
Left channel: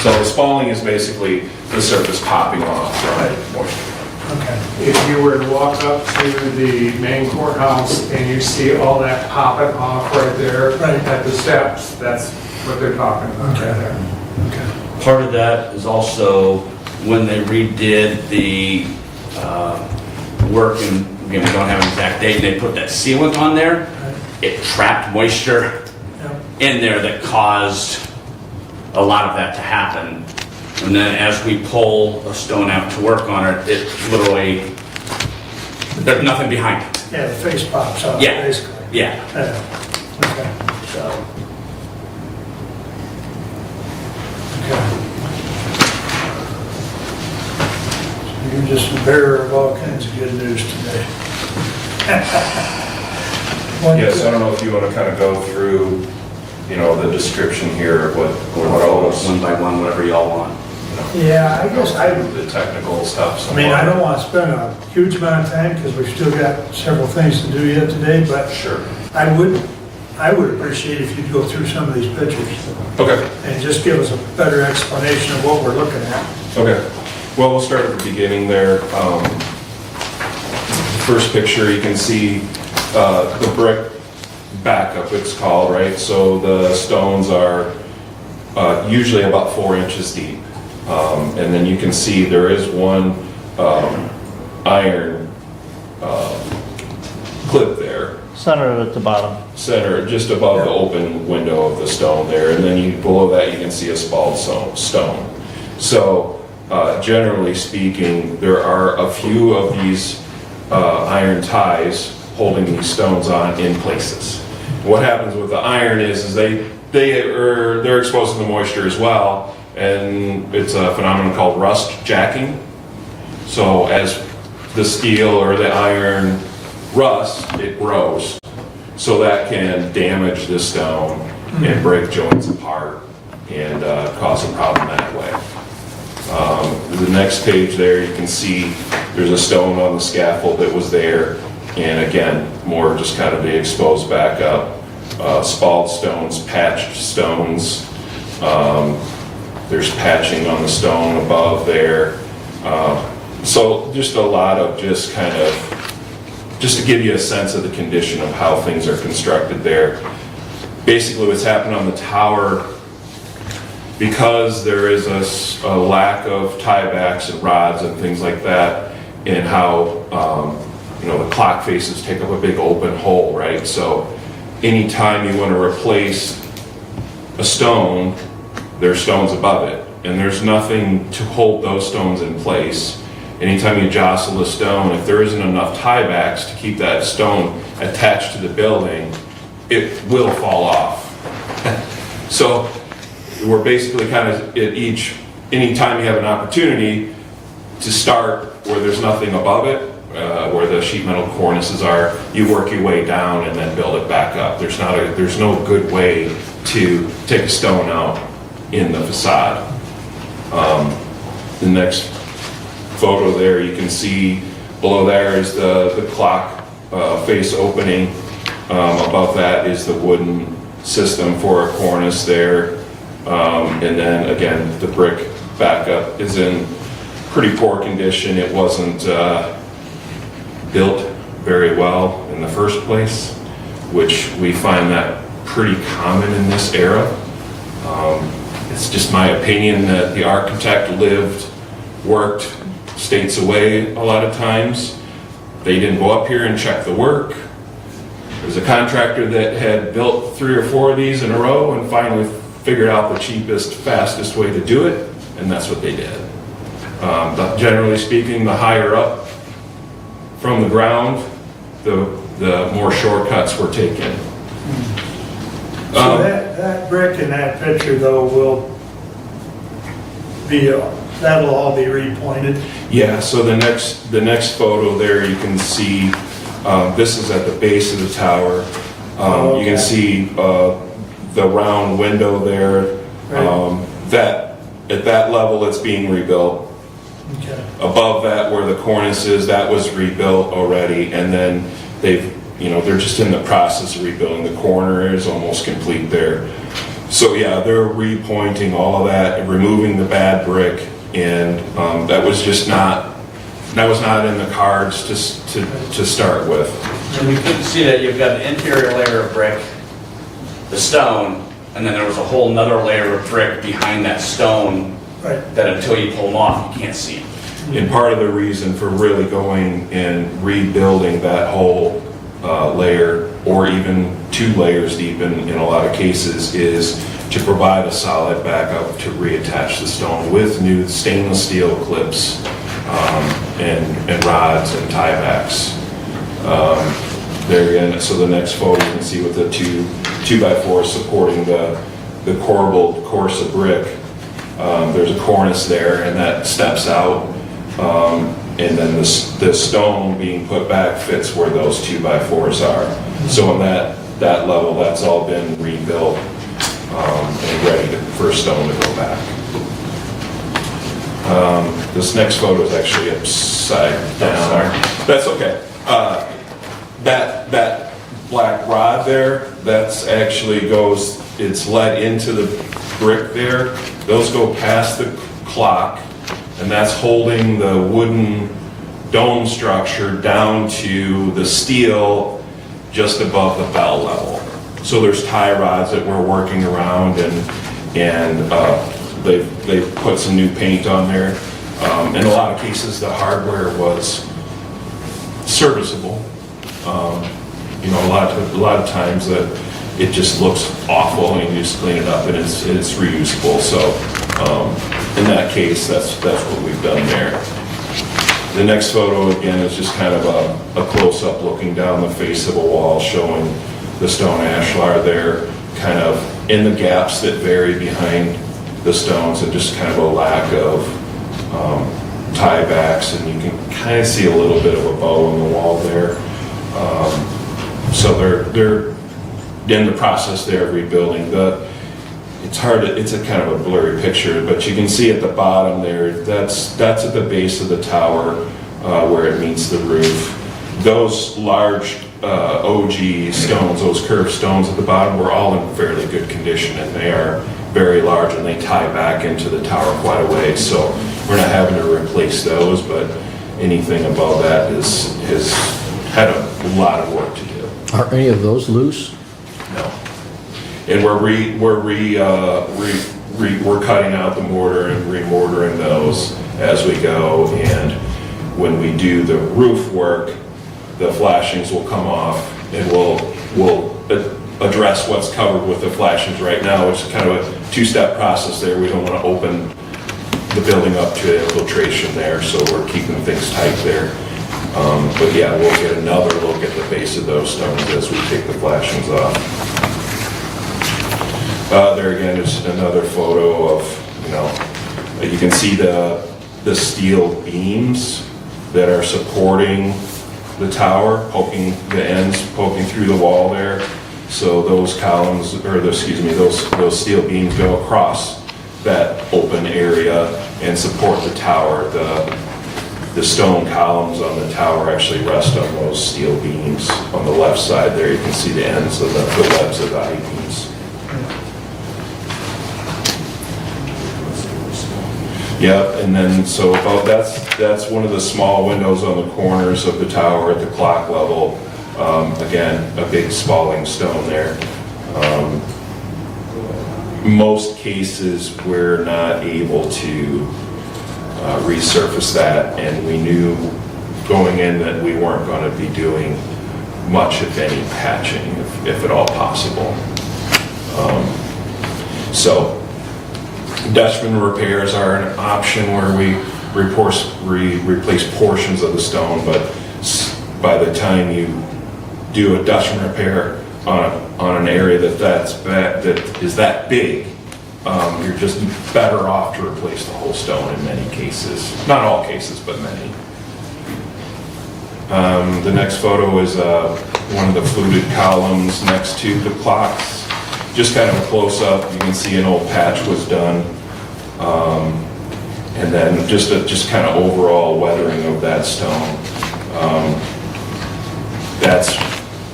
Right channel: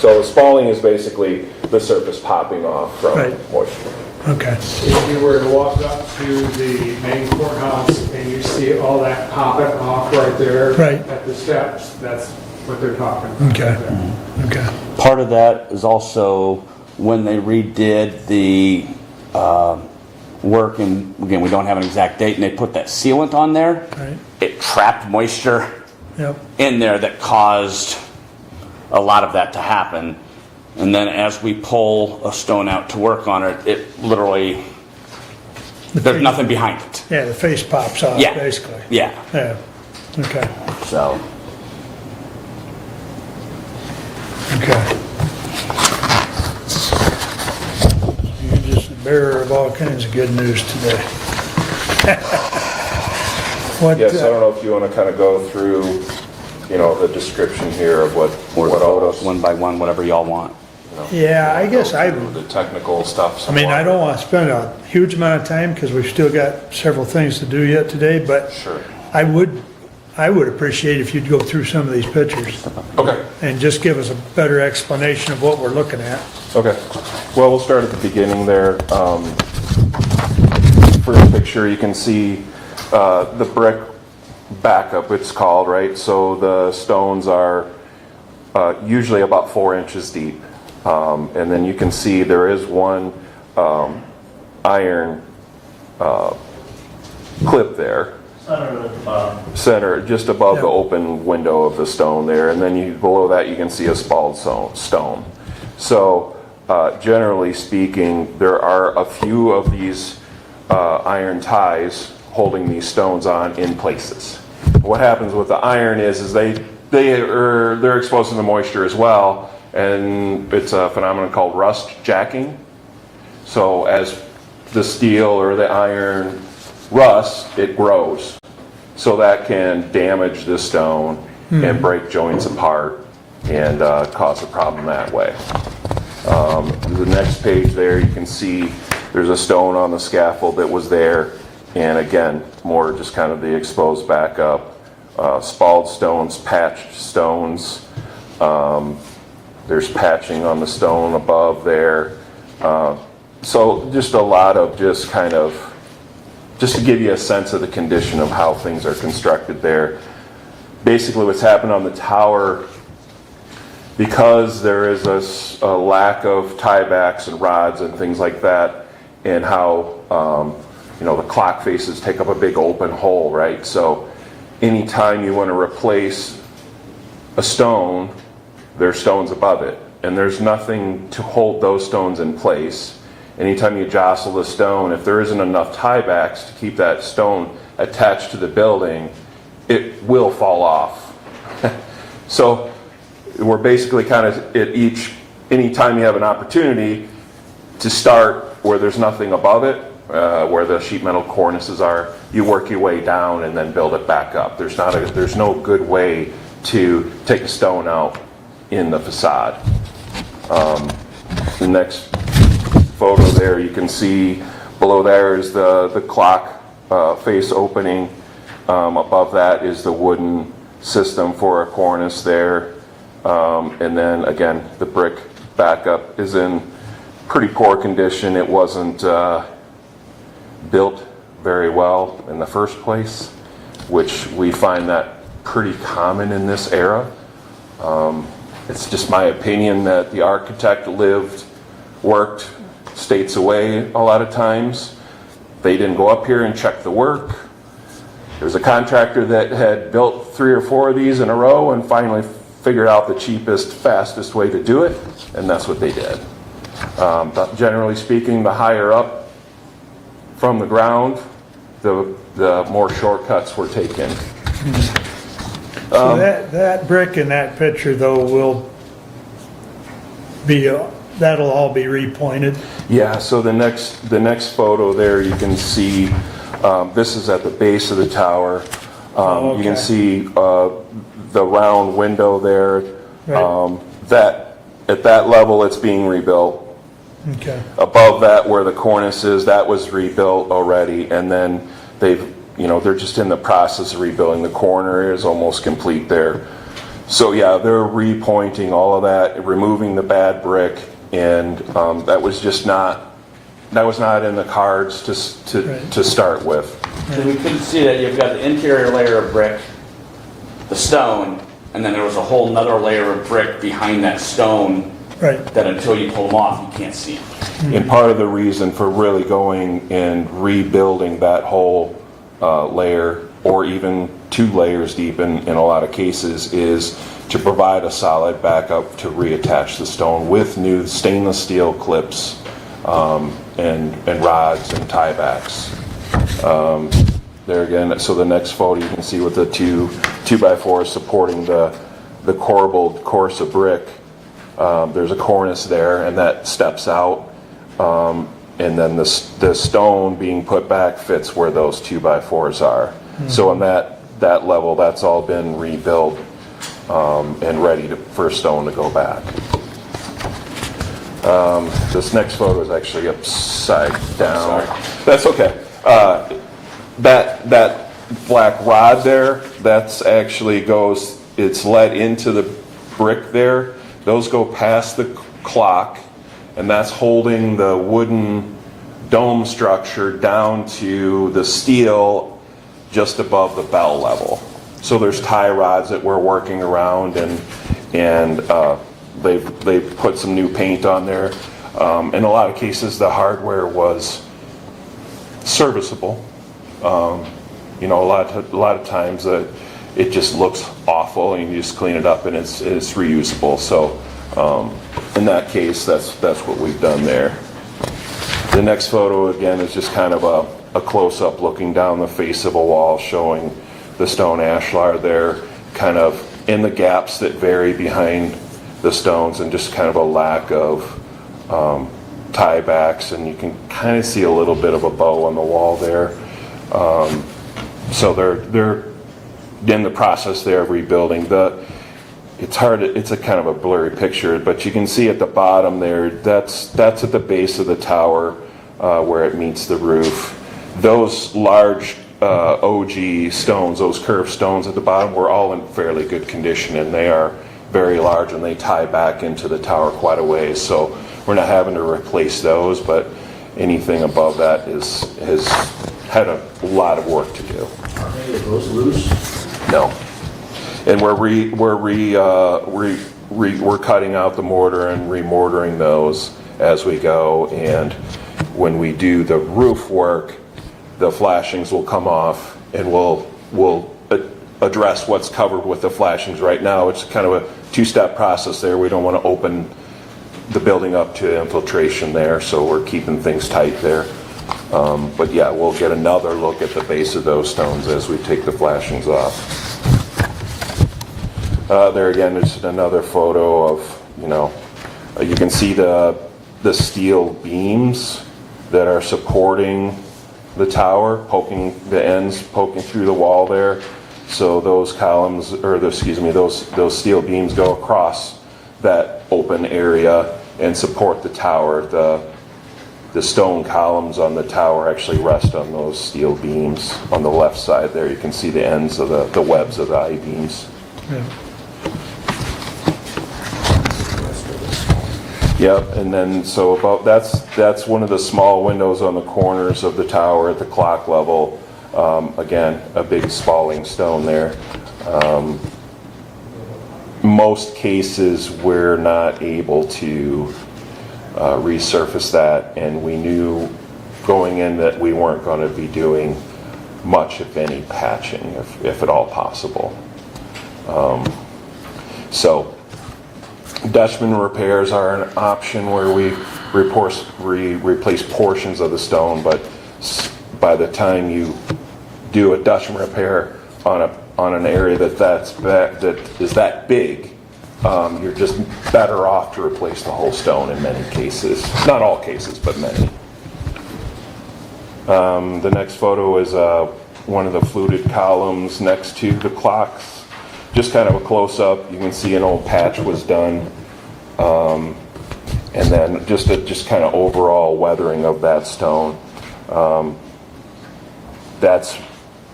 So spalling is basically the surface popping off from moisture. Okay. If you were to walk up to the main courthouse and you see all that popping off right there at the steps, that's what they're talking about. Okay. Right there. Okay. Part of that is also when they redid the work, and again, we don't have an exact date, and they put that sealant on there, it trapped moisture in there that caused a lot of that to happen. And then as we pull a stone out to work on it, it literally, there's nothing behind it. Yeah, the face pops off, Yeah. basically. Yeah. Okay. So. Okay. You're just a bearer of all kinds of good news today. Yes, I don't know if you want to kind of go through, the description here of what all those. One by one, whatever y'all want. Yeah, I guess The technical stuff. I don't want to spend a huge amount of time because we've still got several things to do yet today, but Sure. I would appreciate if you'd go through some of these pictures. Okay. And just give us a better explanation of what we're looking at. Okay. Well, we'll start at the beginning there. First picture, you can see the brick backup, it's called, right? So the stones are usually about 4 inches deep. And then you can see there is one iron clip there. Centered at the bottom. Center, just above the open window of the stone there. And then below that, you can see a spalled stone. So generally speaking, there are a few of these iron ties holding these stones on in places. What happens with the iron is they're exposed to the moisture as well, and it's a phenomenon called rust jacking. So as the steel or the iron rusts, it grows. So that can damage the stone and break joints apart and cause a problem that way. The next page there, you can see there's a stone on the scaffold that was there, and again, more just kind of the exposed back up. Spalled stones, patched stones. There's patching on the stone above there. So just a lot of just to give you a sense of the condition of how things are constructed there. Basically what's happened on the tower, because there is a lack of tiebacks and rods and things like that, and how the clock faces take up a big open hole, right? So anytime you want to replace a stone, there's stones above it, and there's nothing to hold those stones in place. anytime you jostle the stone, if there isn't enough tiebacks to keep that stone attached to the building, it will fall off. So we're basically kind of anytime you have an opportunity to start where there's nothing above it, where the sheet metal cornices are, you work your way down and then build it back up. There's no good way to take a stone out in the facade. The next photo there, you can see below there is the clock face opening. Above that is the wooden system for a cornice there. And then again, the brick backup is in pretty poor condition. It wasn't built very well in the first place, which we find that pretty common in this era. It's just my opinion that the architect worked states away a lot of times. They didn't go up here and check the work. There's a contractor that had built 3 or 4 of these in a row and finally figured out the cheapest, fastest way to do it, and that's what they did. But generally speaking, the higher up from the ground, the more shortcuts were taken. So that brick in that picture though will be, that'll all be repointed? Yeah, so the next photo there, you can see, this is at the base of the tower. You can see the round window there. Right. That at that level, it's being rebuilt. Okay. Above that, where the cornice is, that was rebuilt already, and then they're just in the process of rebuilding. The corner is almost complete there. So yeah, they're repointing all of that, removing the bad brick, and that was not in the cards to start with. So we could see that you've got an interior layer of brick, the stone, and then there was a whole nother layer of brick behind that stone. Right. That until you pull them off, you can't see it. And part of the reason for really going and rebuilding that whole layer, or even 2 layers deep in a lot of cases, is to provide a solid backup to reattach the stone with new stainless steel clips and rods and tiebacks. There again, so the next photo you can see with the 2x4 supporting the corbelled course of brick. There's a cornice there, and that steps out, and then the stone being put back fits where those 2x4s are. So on that level, that's all been rebuilt and ready for stone to go back. This next photo is actually upside down. That's okay. That black rod there, that's actually it's let into the brick there. Those go past the clock, and that's holding the wooden dome structure down to the steel just above the bell level. So there's tie rods that we're working around, and they've put some new paint on there. In a lot of cases, the hardware was serviceable. A lot of times it just looks awful, and you just clean it up and it's reusable. So in that case, that's what we've done there. The next photo again is just kind of a close-up looking down the face of a wall, showing the stone ashlar there, kind of in the gaps that vary behind the stones, and just kind of a lack of tiebacks, and you can kind of see a little bit of a bow on the wall there. So they're in the process there of rebuilding. It's a kind of a blurry picture, but you can see at the bottom there, that's at the base of the tower where it meets the roof. Those large OG stones, those curved stones at the bottom, were all in fairly good condition, and they are very large, and they tie back into the tower quite a way. So we're not having to replace those, but anything above that has had a lot of work to do. Are any of those loose? No. And we're cutting out the mortar and remortaring those as we go. And when we do the roof work, the flashings will come off, and we'll address what's covered with the flashings right now. It's kind of a 2-step process there. We don't want to open the building up to infiltration there, so we're keeping things tight there. But yeah, we'll get another look at the base of those stones as we take the flashings off. There again is another photo of, you know, you can see the steel beams that are supporting the tower, poking the ends, poking through the wall there. So those columns, or those steel beams go across that open area and support the tower. The stone columns on the tower actually rest on those steel beams. On the left side there, you can see the ends of the webs of the I-beams. Yeah, and then so about that's one of the small windows on the corners of the tower at the clock level. Again, a big spalling stone there. Most cases we're not able to resurface that, and we knew going in that we weren't going to be doing much, if any, patching, if at all possible. So Dutchman repairs are an option where we replace portions of the stone, but by the time you do a Dutchman repair on an area that is that big, you're just better off to replace the whole stone in many cases. Not all cases, but many. The next photo is one of the fluted columns next to the clocks. Just kind of a close-up, you can see an old patch was done. And then just kind of overall weathering of that stone. That's,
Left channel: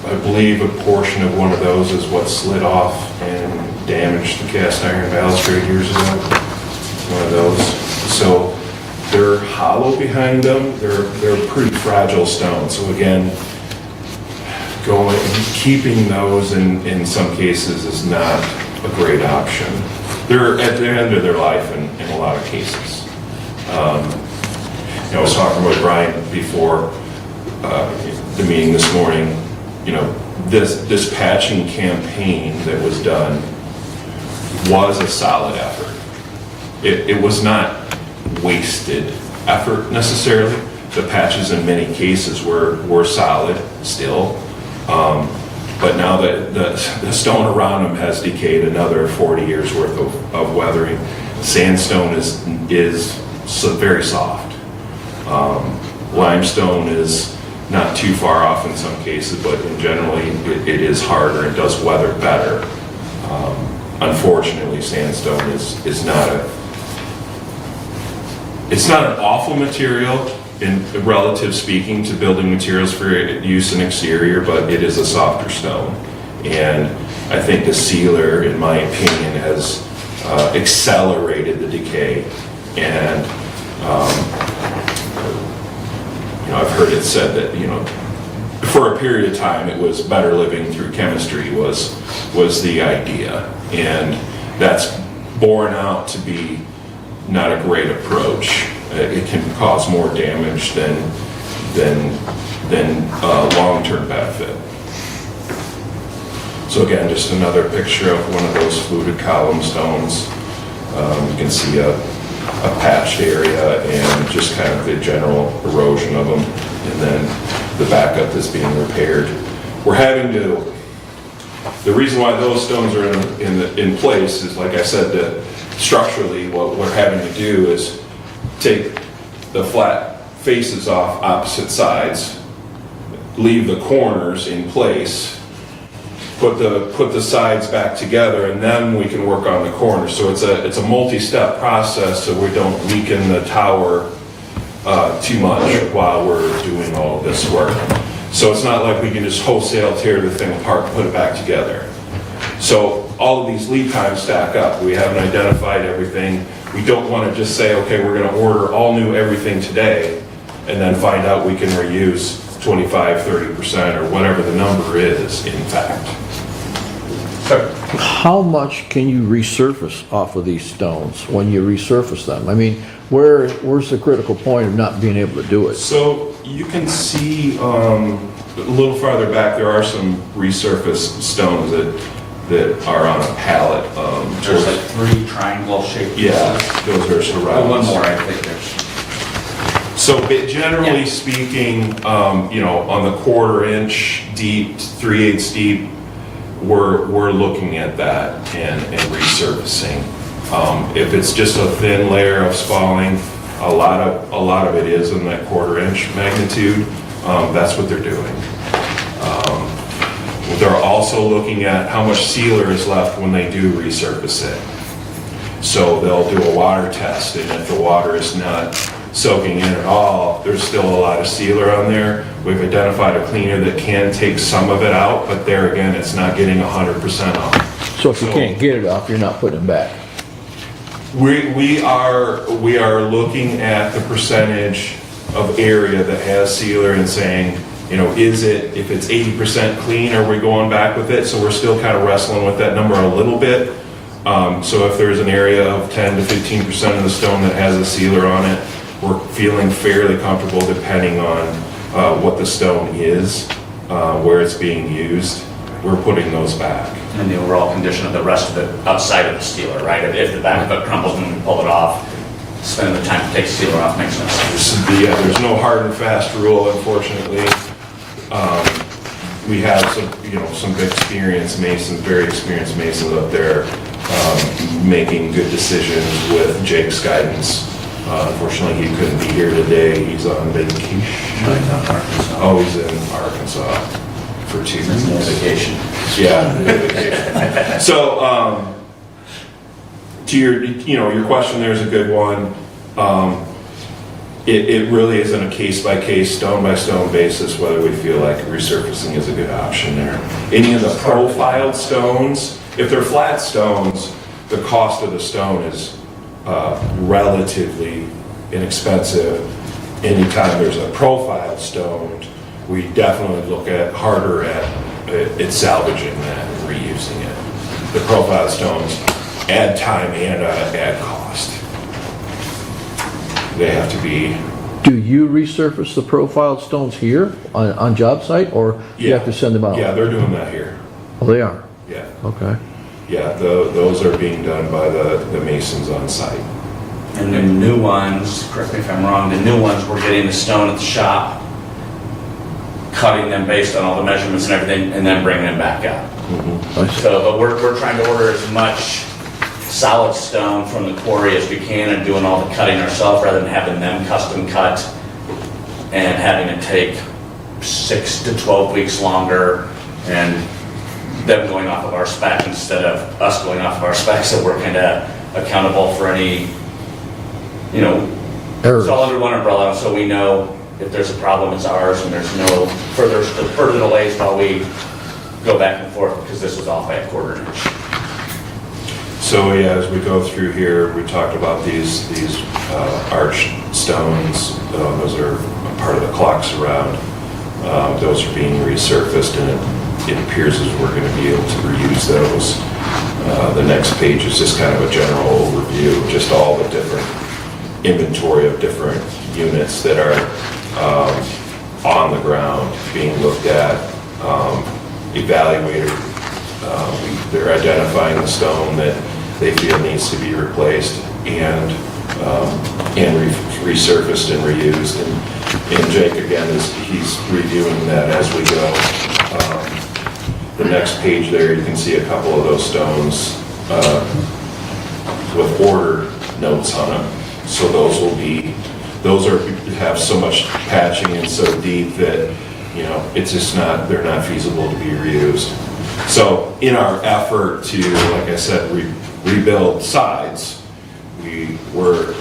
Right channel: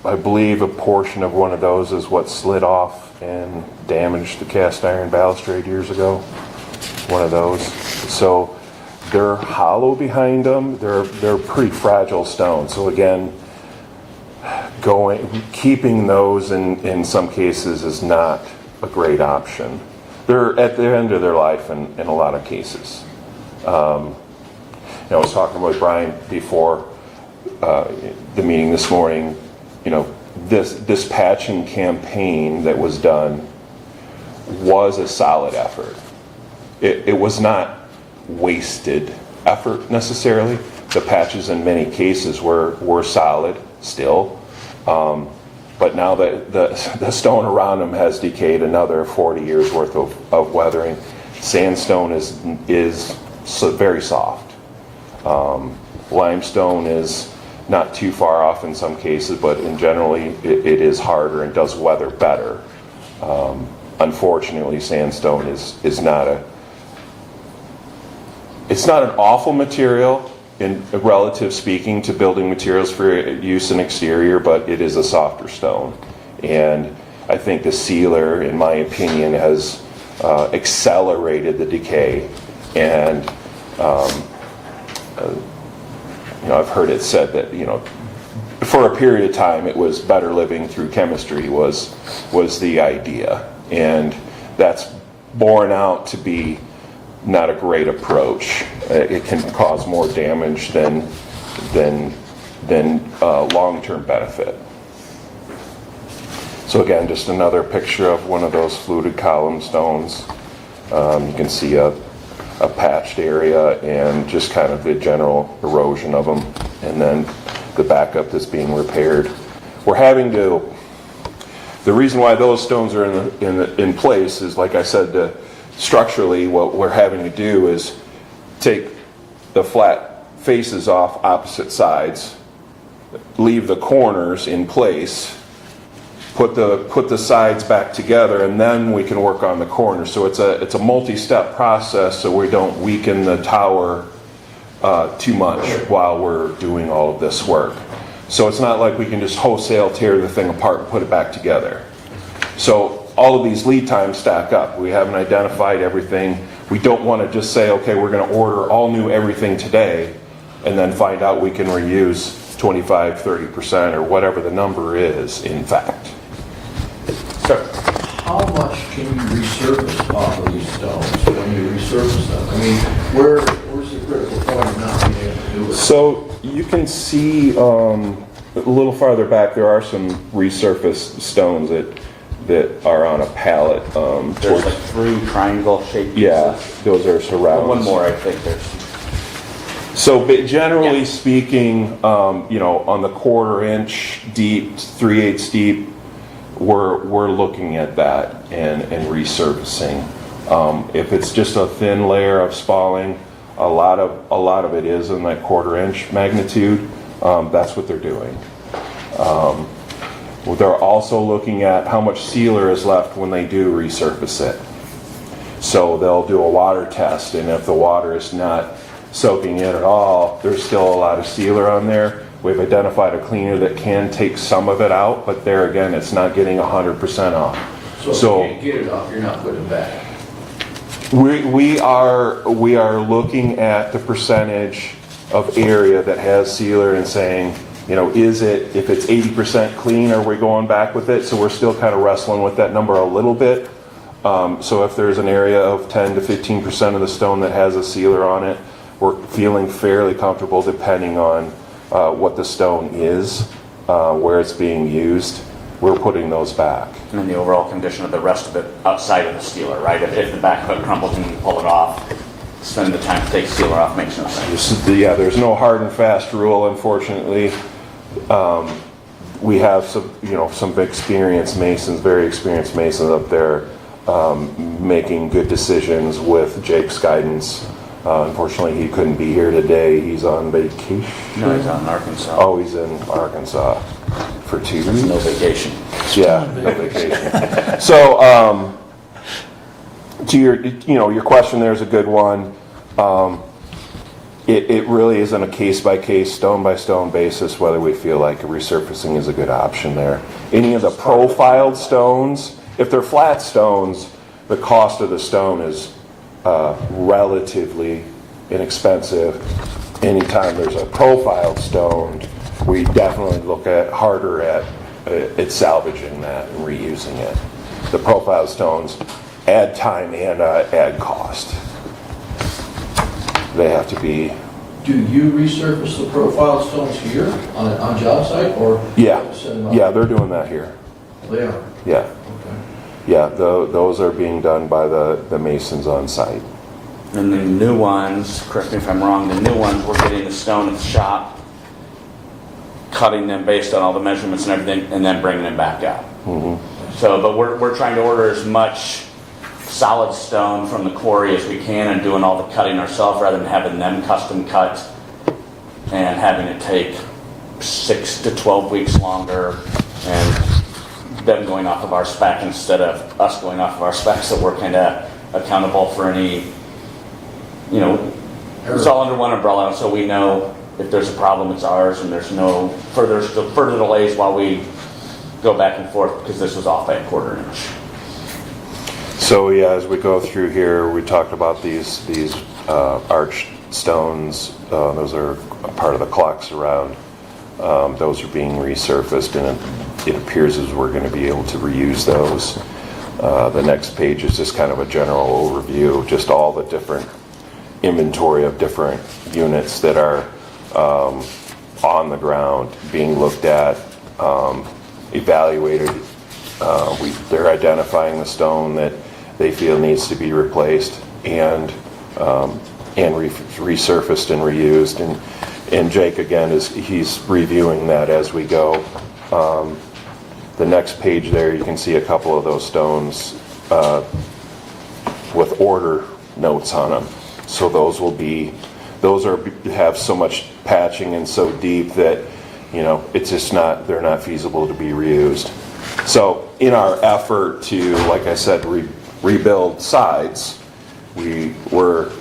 I believe, a portion of one of those is what slid off and damaged the cast iron balustrade years ago. One of those. So they're hollow behind them. They're pretty fragile stones. So again, keeping those in some cases is not a great option. They're at the end of their life in a lot of cases. I was talking with Brian before the meeting this morning. You know, this patching campaign that was done was a solid effort. It was not wasted effort necessarily. The patches in many cases were solid still. But now that the stone around them has decayed another 40 years worth of weathering, sandstone is very soft. Limestone is not too far off in some cases, but in generally it is harder. It does weather better. Unfortunately, sandstone is not an awful material in relative speaking to building materials for use in exterior, but it is a softer stone. And I think the sealer, in my opinion, has accelerated the decay. And I've heard it said that, for a period of time it was better living through chemistry was the idea. And that's borne out to be not a great approach. It can cause more damage than long-term benefit. So again, just another picture of one of those fluted column stones. You can see a patched area and just kind of the general erosion of them, and then the backup that's being repaired. We're having to. The reason why those stones are in place is, like I said, structurally, what we're having to do is take the flat faces off opposite sides, leave the corners in place, put the sides back together, and then we can work on the corners. So it's a multi-step process, so we don't weaken the tower too much while we're doing all of this work. So it's not like we can just wholesale tear the thing apart and put it back together. So all of these lead times stack up. We haven't identified everything. We don't want to just say, okay, we're going to order all new everything today, and then find out we can reuse 25, 30%, or whatever the number is, in fact. How much can you resurface off of these stones when you resurface them? I mean, where's the critical point of not being able to do it? So you can see a little farther back, there are some resurfaced stones that are on a pallet. There's like 3 triangle-shaped pieces. Yeah, those are surrounds. One more, I think there's. So, but generally speaking, you know, on the 1/4 inch deep, 3/8 deep, we're looking at that and resurfacing. If it's just a thin layer of spalling, a lot of it is in that 1/4 inch magnitude. That's what they're doing. They're also looking at how much sealer is left when they do resurface it. So they'll do a water test, and if the water is not soaking in at all, there's still a lot of sealer on there. We've identified a cleaner that can take some of it out, but there again, it's not getting 100% off. So if you can't get it off, you're not putting it back? We are looking at the percentage of area that has sealer and saying, you know, if it's 80% clean, are we going back with it? So we're still kind of wrestling with that number a little bit. So if there's an area of 10 to 15% of the stone that has a sealer on it, we're feeling fairly comfortable depending on what the stone is, where it's being used. We're putting those back. And the overall condition of the rest of it outside of the sealer, right? If the back of it crumbles and you pull it off, spending the time to take the sealer off makes no sense. Yeah, there's no hard and fast rule, unfortunately. We have some experienced masons, very experienced masons up there, making good decisions with Jake's guidance. Unfortunately, he couldn't be here today. He's on vacation. No, he's out in Arkansas. Oh, he's in Arkansas for 2 weeks. No vacation. Yeah, no vacation. So, to your question, there's a good one. It really is on a case-by-case, stone-by-stone basis whether we feel like resurfacing is a good option there. Any of the profiled stones, if they're flat stones, the cost of the stone is relatively inexpensive. Anytime there's a profiled stone, we definitely look harder at salvaging that and reusing it. The profiled stones add time and add cost. They have to be. Do you resurface the profile stones here on job site, or you have to send them out? Yeah, they're doing that here. Oh, they are? Yeah. Okay. Yeah, those are being done by the masons on site. And the new ones, correct me if I'm wrong, the new ones, we're getting the stone at the shop, cutting them based on all the measurements and everything, and then bringing them back out. Mm-hmm. So, but we're trying to order as much solid stone from the quarry as we can and doing all the cutting ourselves rather than having them custom cut and having it take 6 to 12 weeks longer and them going off of our spec instead of us going off of our specs, so we're kind of accountable for any, it's all under one umbrella, so we know if there's a problem, it's ours, and there's no further delays while we go back and forth because this was off by a 1/4 inch. So yeah, as we go through here, we talked about these arched stones. Those are a part of the clock surround. Those are being resurfaced, and it appears as we're going to be able to reuse those. The next page is just kind of a general overview of just all the different inventory of different units that are on the ground being looked at, evaluated. They're identifying the stone that they feel needs to be replaced and resurfaced and reused. And Jake, again, he's reviewing that as we go. The next page there, you can see a couple of those stones with order notes on them. So those have so much patching and so deep that, it's just they're not feasible to be reused. So in our effort to, like I said, rebuild sides, we were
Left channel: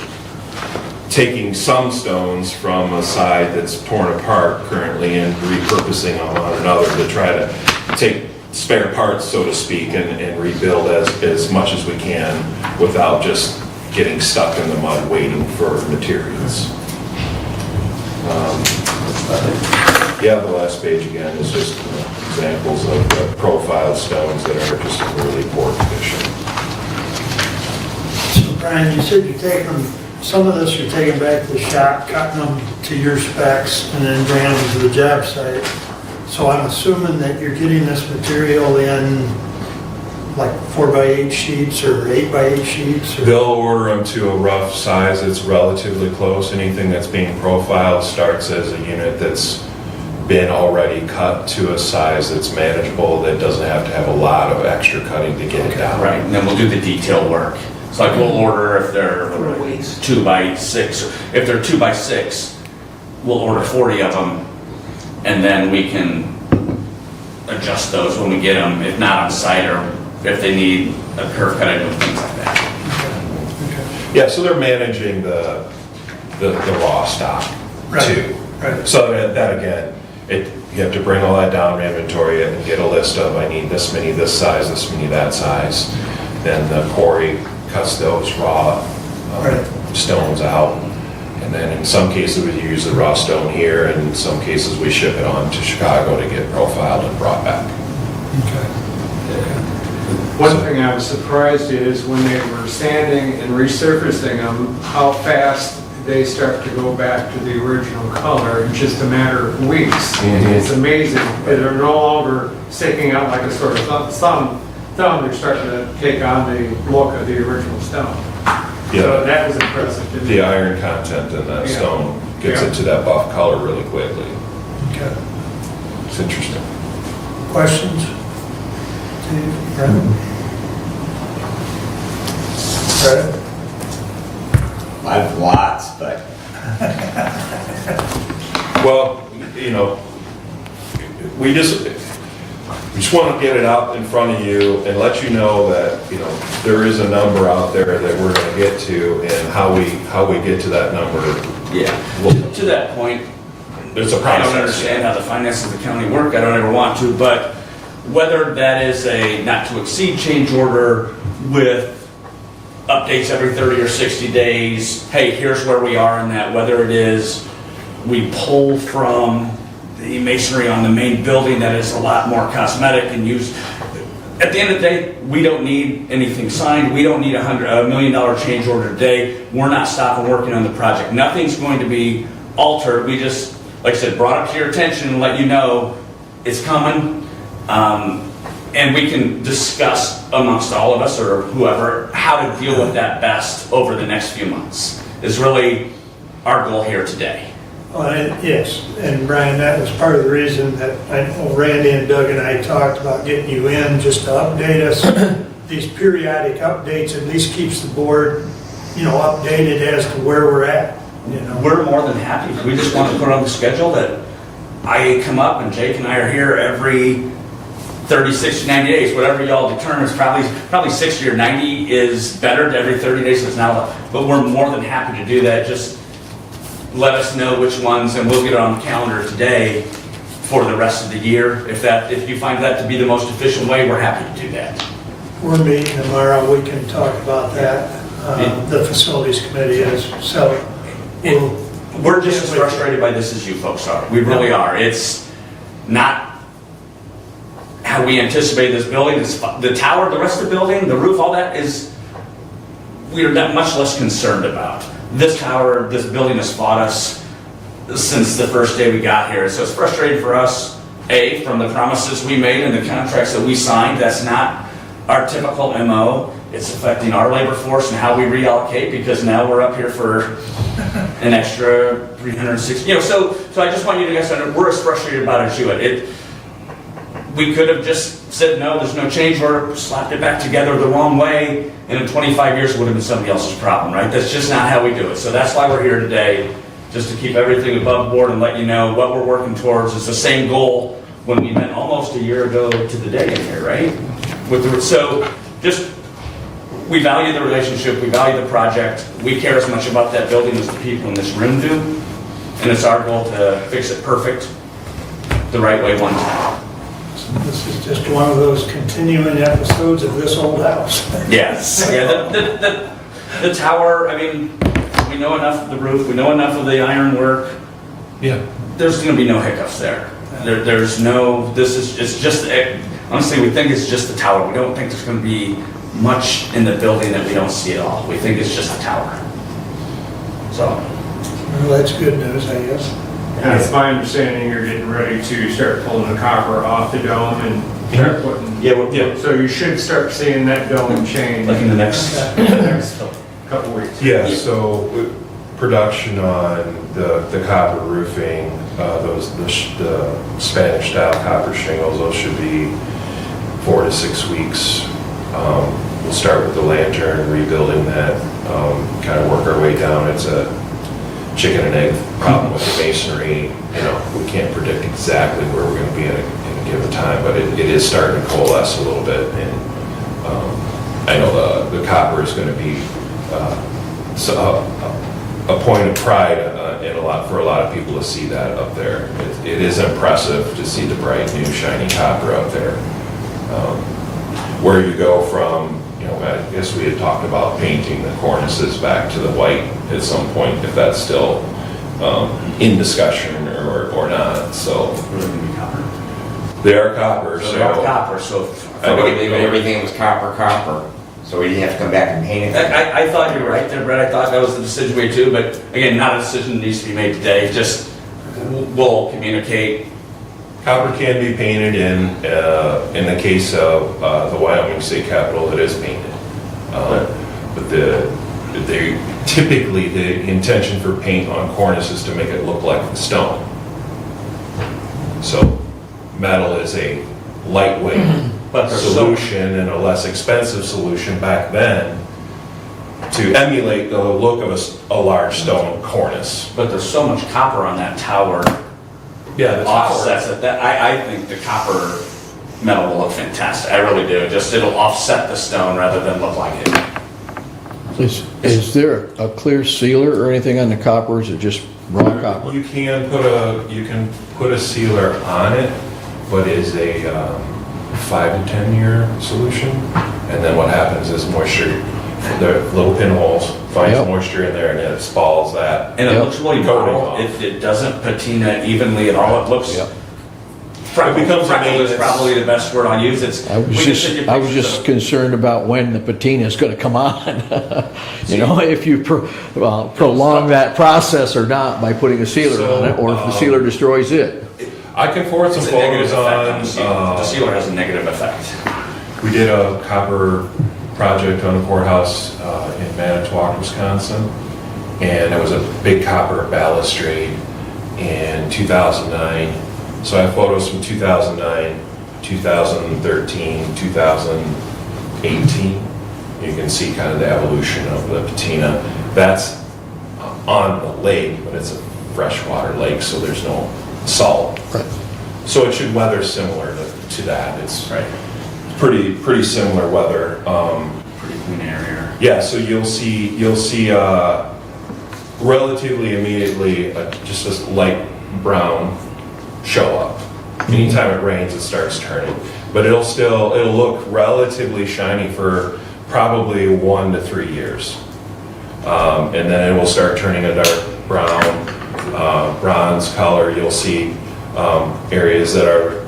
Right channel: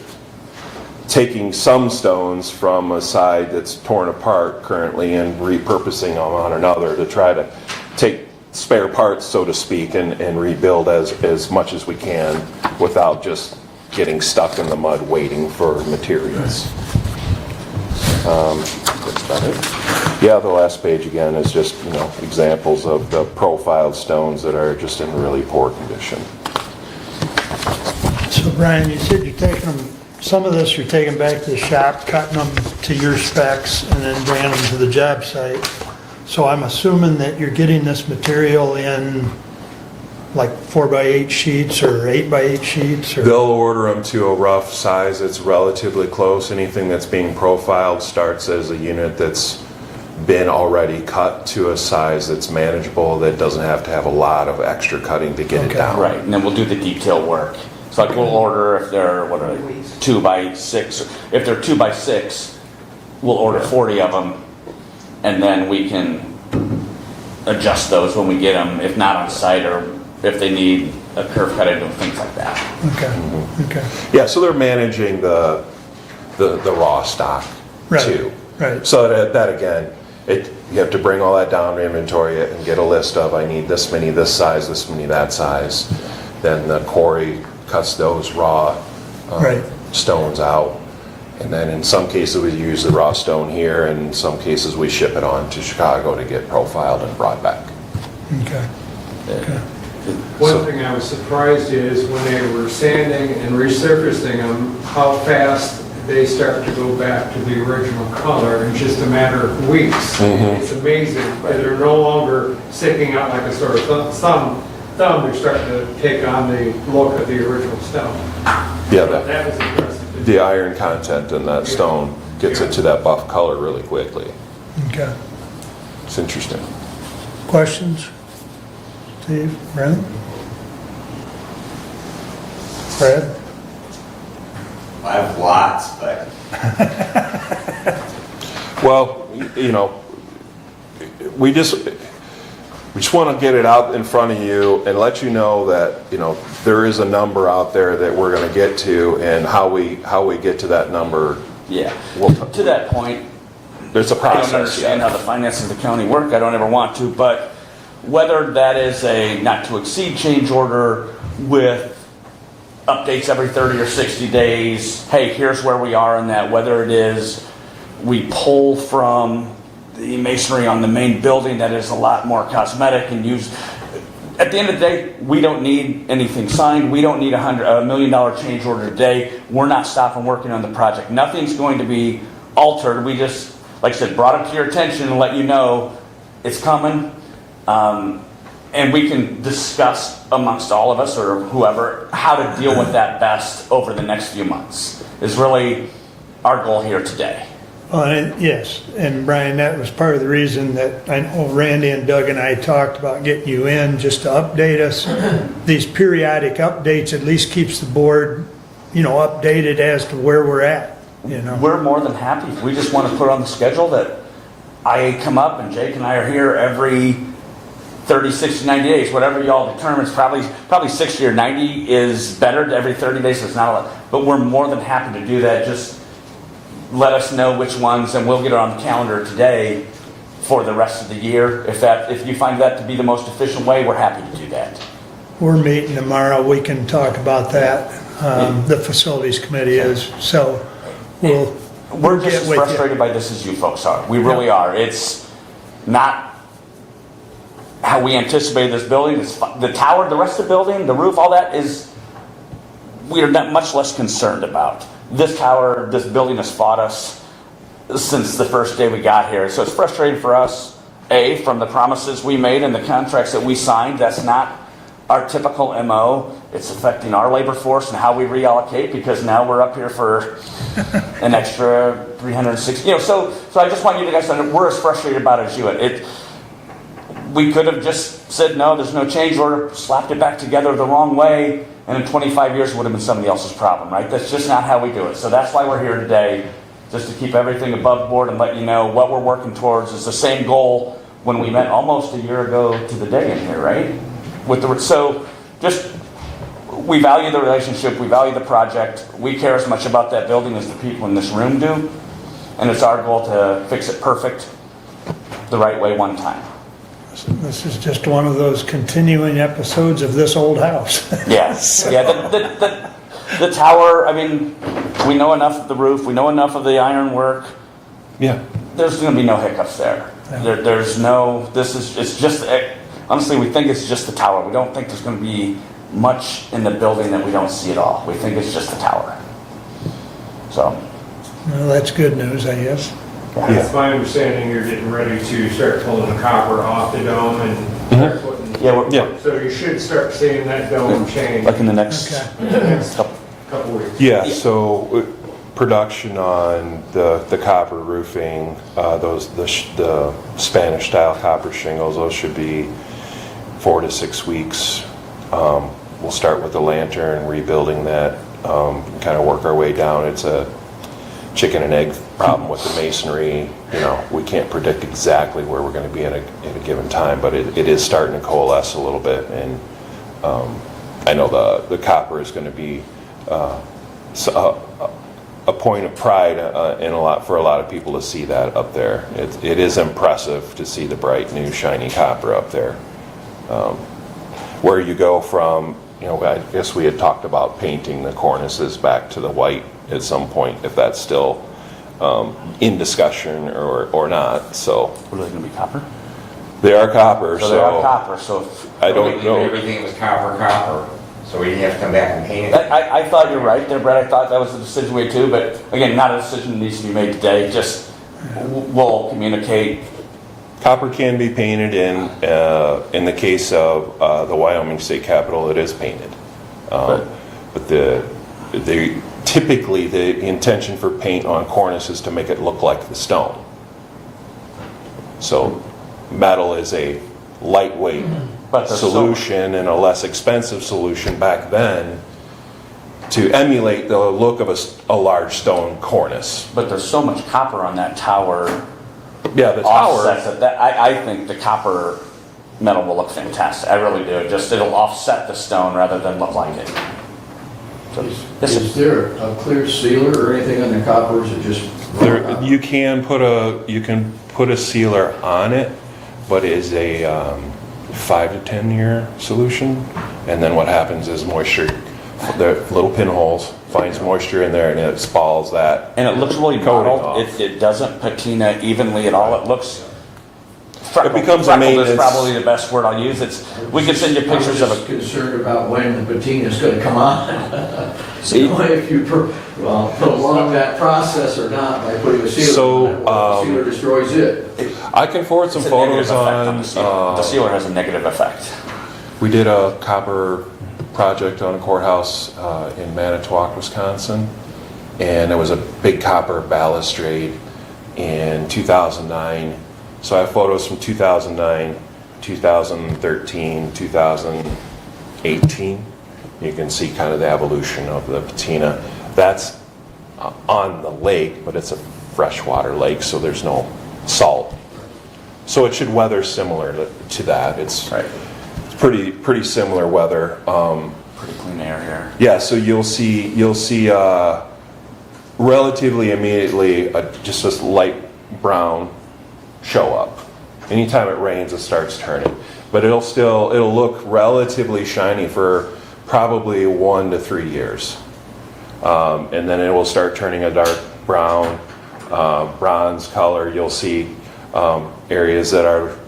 taking some stones from a side that's torn apart currently and repurposing them on another to try to take spare parts, so to speak, and rebuild as much as we can without just getting stuck in the mud waiting for materials. Yeah, the last page again is just examples of the profile stones that are just in really poor condition. So Brian, you said you're taking them, some of this you're taking back to the shop, cutting them to your specs, and then bringing them to the job site. So I'm assuming that you're getting this material in like 4x8 sheets or 8x8 sheets? Or? They'll order them to a rough size that's relatively close. Anything that's being profiled starts as a unit that's been already cut to a size that's manageable, that doesn't have to have a lot of extra cutting to get it down. Right, and then we'll do the detail work. It's like we'll order if they're 2x6, if they're 2x6, we'll order 40 of them, and then we can adjust those when we get them, if not on site, or if they need a curve cut into things like that. Okay. Yeah, so they're managing the raw stock too. Right. So that again, you have to bring all that down, inventory it, and get a list of, I need this many this size, this many that size. Then the quarry cuts those raw stones out. And then in some cases we use the raw stone here, and in some cases we ship it on to Chicago to get profiled and brought back. Okay. One thing I was surprised is when they were sanding and resurfacing them, how fast they start to go back to the original color in just a matter of weeks. It's amazing. They're no longer sticking out like a sort of thumb. They're starting to take on the look of the original stone. Yeah. So that was impressive. The iron content in that stone gets it to that buff color really quickly. Okay. It's interesting. Questions? Steve, Brent? Brad? I have lots, but well, we just want to get it out in front of you and let you know that there is a number out there that we're going to get to, and how we get to that number. Yeah. To that point, there's a I process. don't understand how the finances of the county work. I don't ever want to, but whether that is a not to exceed change order with updates every 30 or 60 days, hey, here's where we are in that, whether it is we pull from the masonry on the main building that is a lot more cosmetic and used. At the end of the day, we don't need anything signed. We don't need $1 million change order today. We're not stopping working on the project. Nothing's going to be altered. We just, like I said, brought it to your attention and let you know it's coming. And we can discuss amongst all of us or whoever how to deal with that best over the next few months is really our goal here today. Yes, and Brian, that was part of the reason that I know Randy and Doug and I talked about getting you in just to update us. These periodic updates at least keeps the board, updated as to where we're at. We're more than happy. We just want to put on the schedule that I come up and Jake and I are here every 30, 60, 90 days, whatever y'all determine. It's probably 60 or 90 is better every 30 days, so it's not a lot. But we're more than happy to do that. Just let us know which ones, and we'll get it on the calendar today for the rest of the year. If you find that to be the most efficient way, we're happy to do that. We're meeting tomorrow. We can talk about that. The facilities committee is. So we're just as frustrated by this as you folks are. We really are. It's not how we anticipated this building. It's the tower, the rest of the building, the roof, all that we are much less concerned about. This tower, this building has fought us since the first day we got here. So it's frustrating for us, from the promises we made and the contracts that we signed. That's not our typical MO. It's affecting our labor force and how we reallocate, because now we're up here for an extra 360. So I just want you guys to know we're as frustrated about it as you. We could have just said, no, there's no change order, slapped it back together the wrong way, and in 25 years it would have been somebody else's problem, right? That's just not how we do it. So that's why we're here today, just to keep everything above board and let you know what we're working towards. It's the same goal when we met almost a year ago to the day in here, right? We value the relationship, we value the project, we care as much about that building as the people in this room do, and it's our goal to fix it perfect the right way one time. This is just one of those continuing episodes of this old house. Yes. Yeah, the tower, we know enough of the roof, we know enough of the iron work. Yeah. There's going to be no hiccups there. Honestly, we think it's just the tower. We don't think there's going to be much in the building that we don't see at all. We think it's just the tower. So. Well, that's good news, I guess. It's my understanding you're getting ready to start pulling the copper off the dome and start putting Yeah. So you should start seeing that dome change. Like in the next couple weeks. Yeah, so production on the copper roofing, the Spanish style copper shingles, those should be 4 to 6 weeks. We'll start with the lantern, rebuilding that, kind of work our way down. It's a chicken and egg problem with the masonry. You know, we can't predict exactly where we're going to be at a given time, but it is starting to coalesce a little bit. And I know the copper is going to be a point of pride for a lot of people to see that up there. It is impressive to see the bright new shiny copper up there. Where you go from, you know, I guess we had talked about painting the cornices back to the white at some point, if that's still in discussion or not. So We're looking to be copper. They are copper, so. They are copper, so. Everything was copper. So we have to come back and paint it. I thought you were right there, Brett. I thought that was the decision way too, but again, not a decision that needs to be made today. Just we'll communicate. Copper can be painted in the case of the Wyoming State Capitol, it is painted. But typically the intention for paint on cornice is to make it look like the stone. So metal is a lightweight solution and a less expensive solution back then to emulate the look of a large stone cornice. But there's so much copper on that tower. Yeah, the offsets tower. it. I think the copper metal will look fantastic. I really do. Just it'll offset the stone rather than look like it. Is there a clear sealer or anything on the copper, or is it just raw copper? You can put a sealer on it, but it is a 5 to 10 year solution. And then what happens is moisture, the little pinholes finds moisture in there and it spalls that. And it looks really cool. It doesn't patina evenly at all. It looks. It becomes a maintenance. Is probably the best word I'll use. I was just concerned about when the patina is going to come on. You know, if you prolong that process or not by putting a sealer on it, or if the sealer destroys it. I can forward some photos on. The sealer has a negative effect. We did a copper project on the courthouse in Manitowoc, Wisconsin, and there was a big copper balustrade in 2009. So I have photos from 2009, 2013, 2018. You can see kind of the evolution of the patina. That's on the lake, but it's a freshwater lake, so there's no salt. Right. So it should weather similar to that. It's pretty similar weather. Pretty clean area. Yeah, so you'll see relatively immediately just this light brown show up. Anytime it rains, it starts turning, but it'll look relatively shiny for probably 1 to 3 years, and then it will start turning a dark brown, bronze color. You'll see areas that are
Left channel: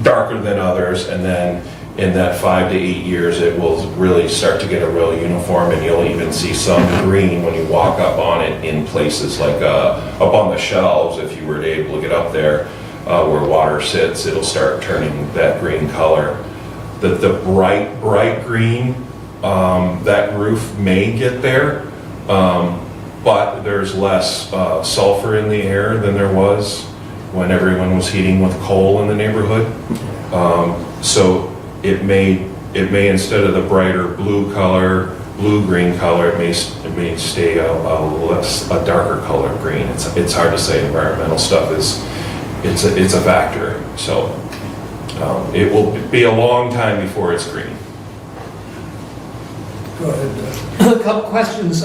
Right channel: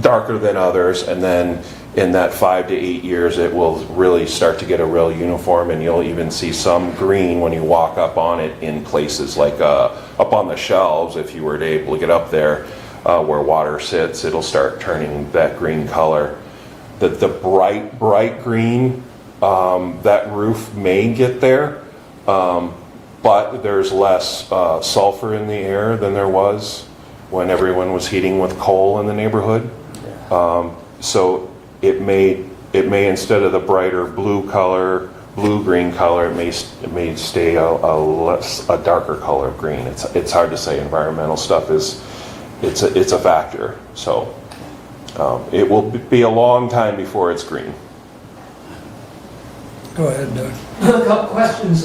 darker than others, and then in that 5 to 8 years, it will really start to get a real uniform, and you'll even see some green when you walk up on it in places like up on the shelves. If you were able to get up there where water sits, it'll start turning that green color. The bright green, that roof may get there, but there's less sulfur in the air than there was when everyone was heating with coal in the neighborhood. So it may instead of the brighter blue-green color, it may stay a darker color of green. It's hard to say. Environmental stuff it's a factor. So it will be a long time before it's green. Go ahead. A couple questions.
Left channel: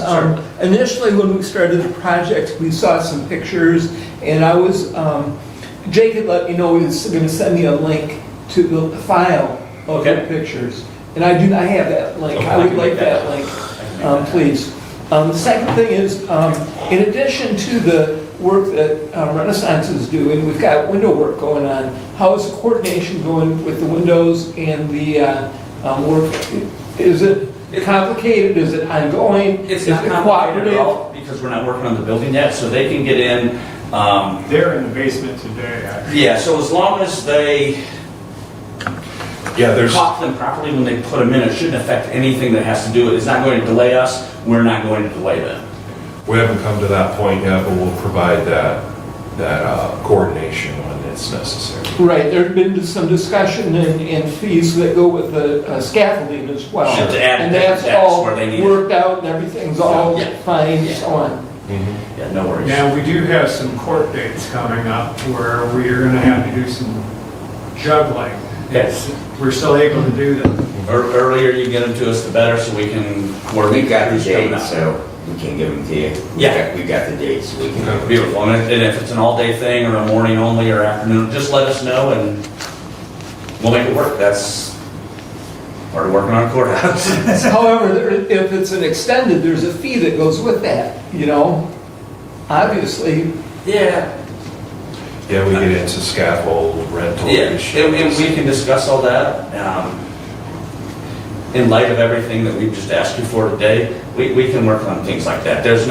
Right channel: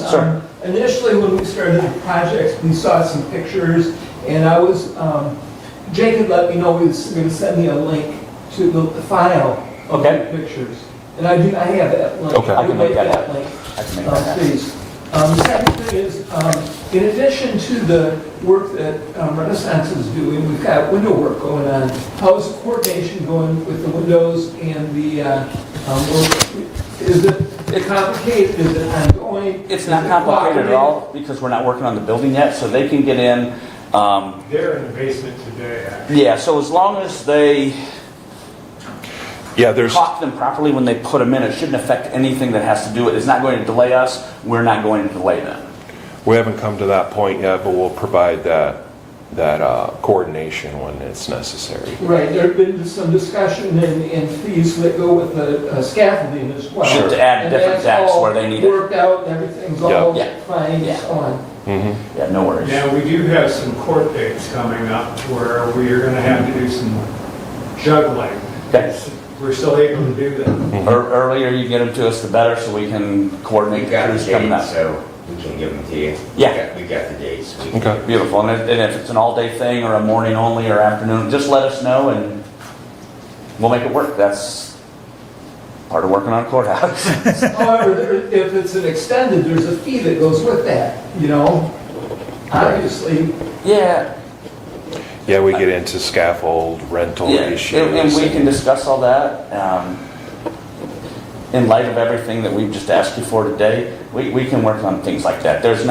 Initially, when we started the project, we saw some pictures, and Jake had let me know he was going to send me a link to the file of the pictures, and I do not have that link. I would like that link, please. The second thing is, in addition to the work that Renaissance is doing, we've got window work going on. How is the coordination going with the windows and the work? Is it complicated? Is it ongoing? It's not complicated at all because we're not working on the building yet, so they can get in. They're in the basement today, actually. Yeah, so as long as they caught them properly when they put them in. It shouldn't affect anything that has to do with it. It's not going to delay us. We're not going to delay them. We haven't come to that point yet, but we'll provide that coordination when it's necessary. Right, there have been some discussion in fees that go with the scaffolding as well. Sure. To add And different that's decks all where they need it. worked out and everything's all Yeah. fine and so on. Yeah, no worries. Now, we do have some court dates coming up where we are gonna have to do some juggling. Okay. We're still able to do that. Earlier you get them to us, the better, so we can coordinate. We got the who's coming date, out. so we can give them to you. Yeah. We got the dates. So we can- Okay, beautiful. And if it's an all-day thing or a morning only or afternoon, just let us know and we'll make it work. That's part of working on a courthouse. However, if it's an extended, there's a fee that goes with that, you know? Obviously. Yeah. Yeah, we get into scaffold rental Yeah, ratios. and we can discuss all that. In light of everything that we've just asked you for today, we can work on things like that. It's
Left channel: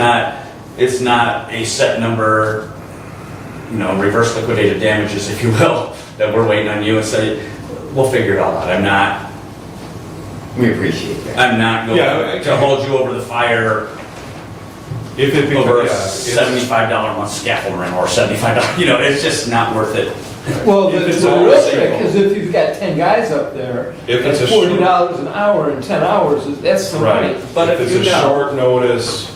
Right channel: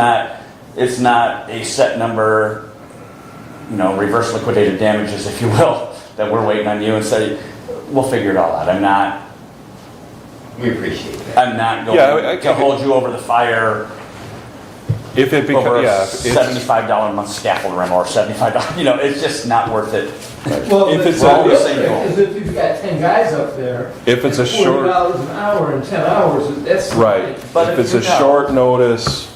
not a set number, reverse liquidated damages, if you will, that we're waiting on you and say, we'll figure it all out. We appreciate that. I'm not going to hold you over the fire If it over becomes, a $75 a month scaffold rental or $75, it's just not worth it. Well, If it's it's a- realistic, because if you've got 10 guys up there, If it's a short- $40 an hour in 10 hours, that's some money. right, But if if it's you a don't- short notice,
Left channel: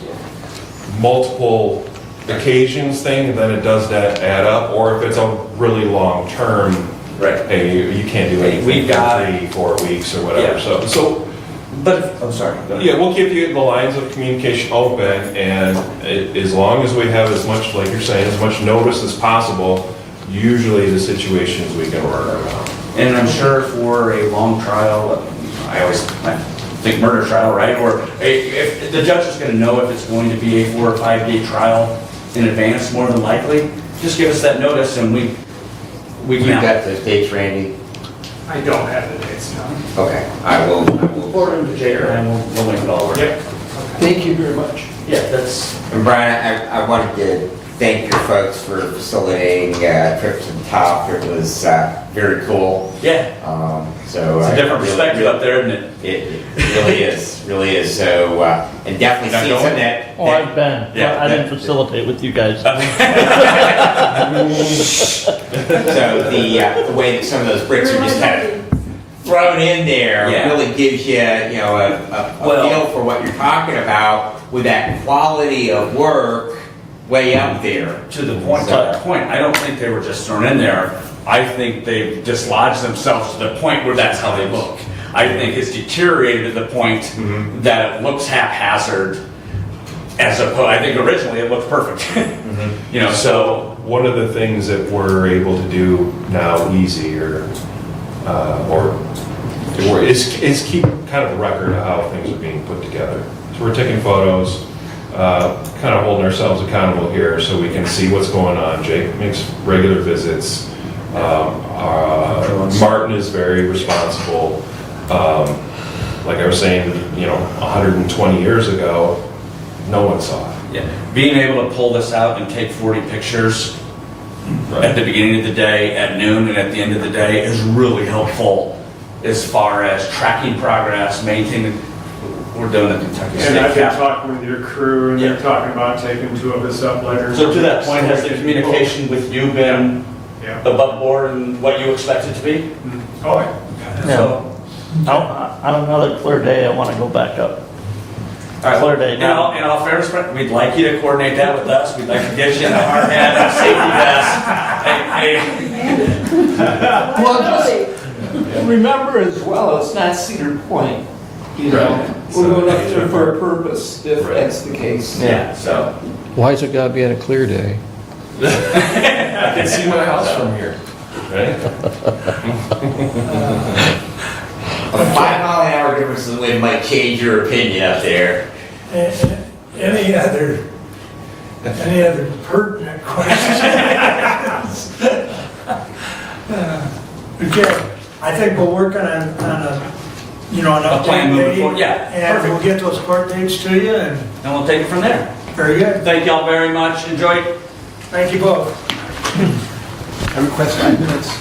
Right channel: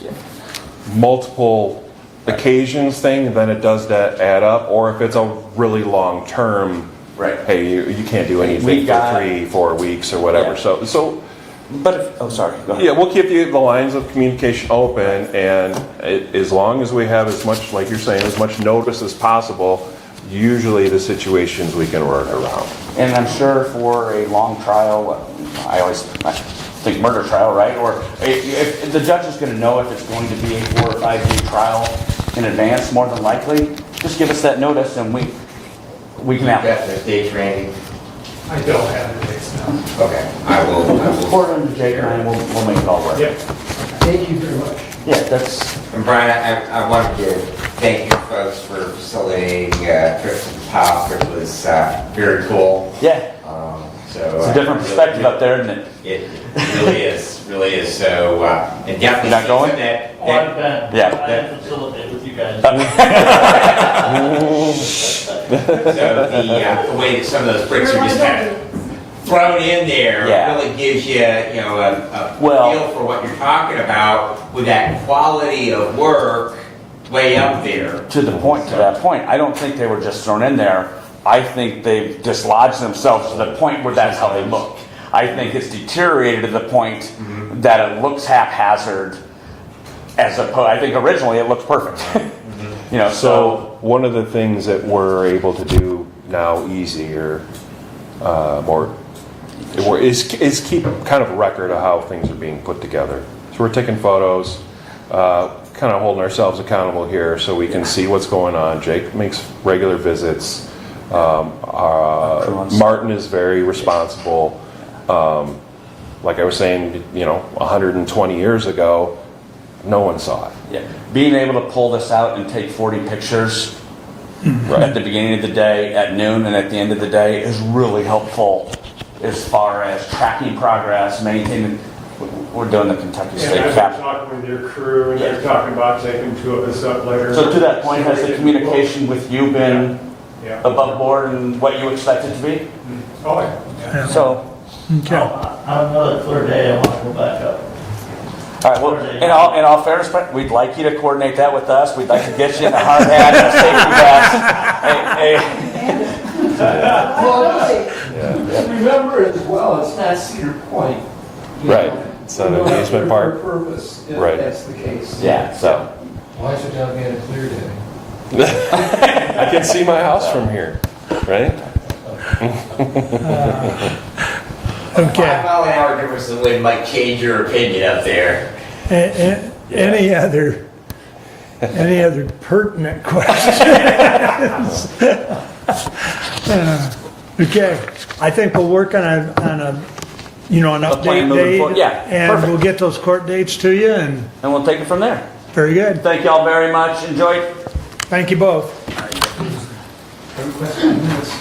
multiple occasions thing, then it does that add up, or if it's a really long term, Right. hey, you can't do anything We for got- 3-4 weeks or whatever, Yeah. so But, I'm sorry, go ahead. yeah, we'll keep the lines of communication open, and as long as we have as much, like you're saying, as much notice as possible, usually the situations we can work around. And I'm sure for a long trial, I think murder trial, right? Or if the judge is going to know if it's going to be a 4 or 5 day trial in advance, more than likely, just give us that notice and we You can. got the dates, Randy? I don't have the dates now. Okay, I will. According to Jake and I, we'll make it all work. Yep. Thank you very much. Yeah, that's. And Brian, I wanted to thank your folks for facilitating trip to the top. It was very cool. Yeah. So It's a different perspective up there, isn't it? It really is, really is. So, and definitely Not see going? some that. Oh, I've been. Yeah. I didn't facilitate with you guys. So the way that some of those bricks are just kind of thrown in there Yeah. really gives you, a feel for what you're talking about with that quality of work way up there. To that point, I don't think they were just thrown in there. I think they've dislodged themselves to the point where that's how they look. I think it's deteriorated to the point that it looks haphazard as opposed, I think originally it looked perfect. So one of the things that we're able to do now easier, is keep kind of a record of how things are being put together. So we're taking photos, kind of holding ourselves accountable here so we can see what's going on. Jake makes regular visits. Martin is very responsible. Like I was saying, 120 years ago, no one saw it. Yeah. Being able to pull this out and take 40 pictures at the beginning of the day, at noon, and at the end of the day is really helpful as far as tracking progress, maintaining. We're doing the Kentucky State And I've been Cap. talking with your crew, and they're talking about taking 2 of us up later. So to that point, has the communication with you been Yeah. above board and what you expect it to be? Oh, yeah. So, On another clear day, I want to go back up. all right, well, in all fairness, Brett, we'd like you to coordinate that with us. We'd like to get you in a hard hat and a safety vest. Well, just remember as well, it's not Cedar Point. You know, we're going up there for a purpose, if that's the case. Yeah, so. Why has it got to be on a clear day? I can see my house from here, right? A 5-mile-an-hour difference in the wind might change your opinion up there. Any other pertinent questions? Okay, I think we'll work on an plan update moving date. forward. Yeah, And perfect. we'll get those court dates to you, and And we'll take it from there. very good. Thank you all very much. Enjoy. Thank you both. I request 5 minutes.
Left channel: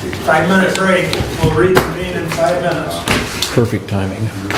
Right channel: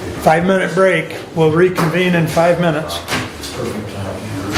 5-minute break. We'll reconvene in 5 minutes. Perfect timing.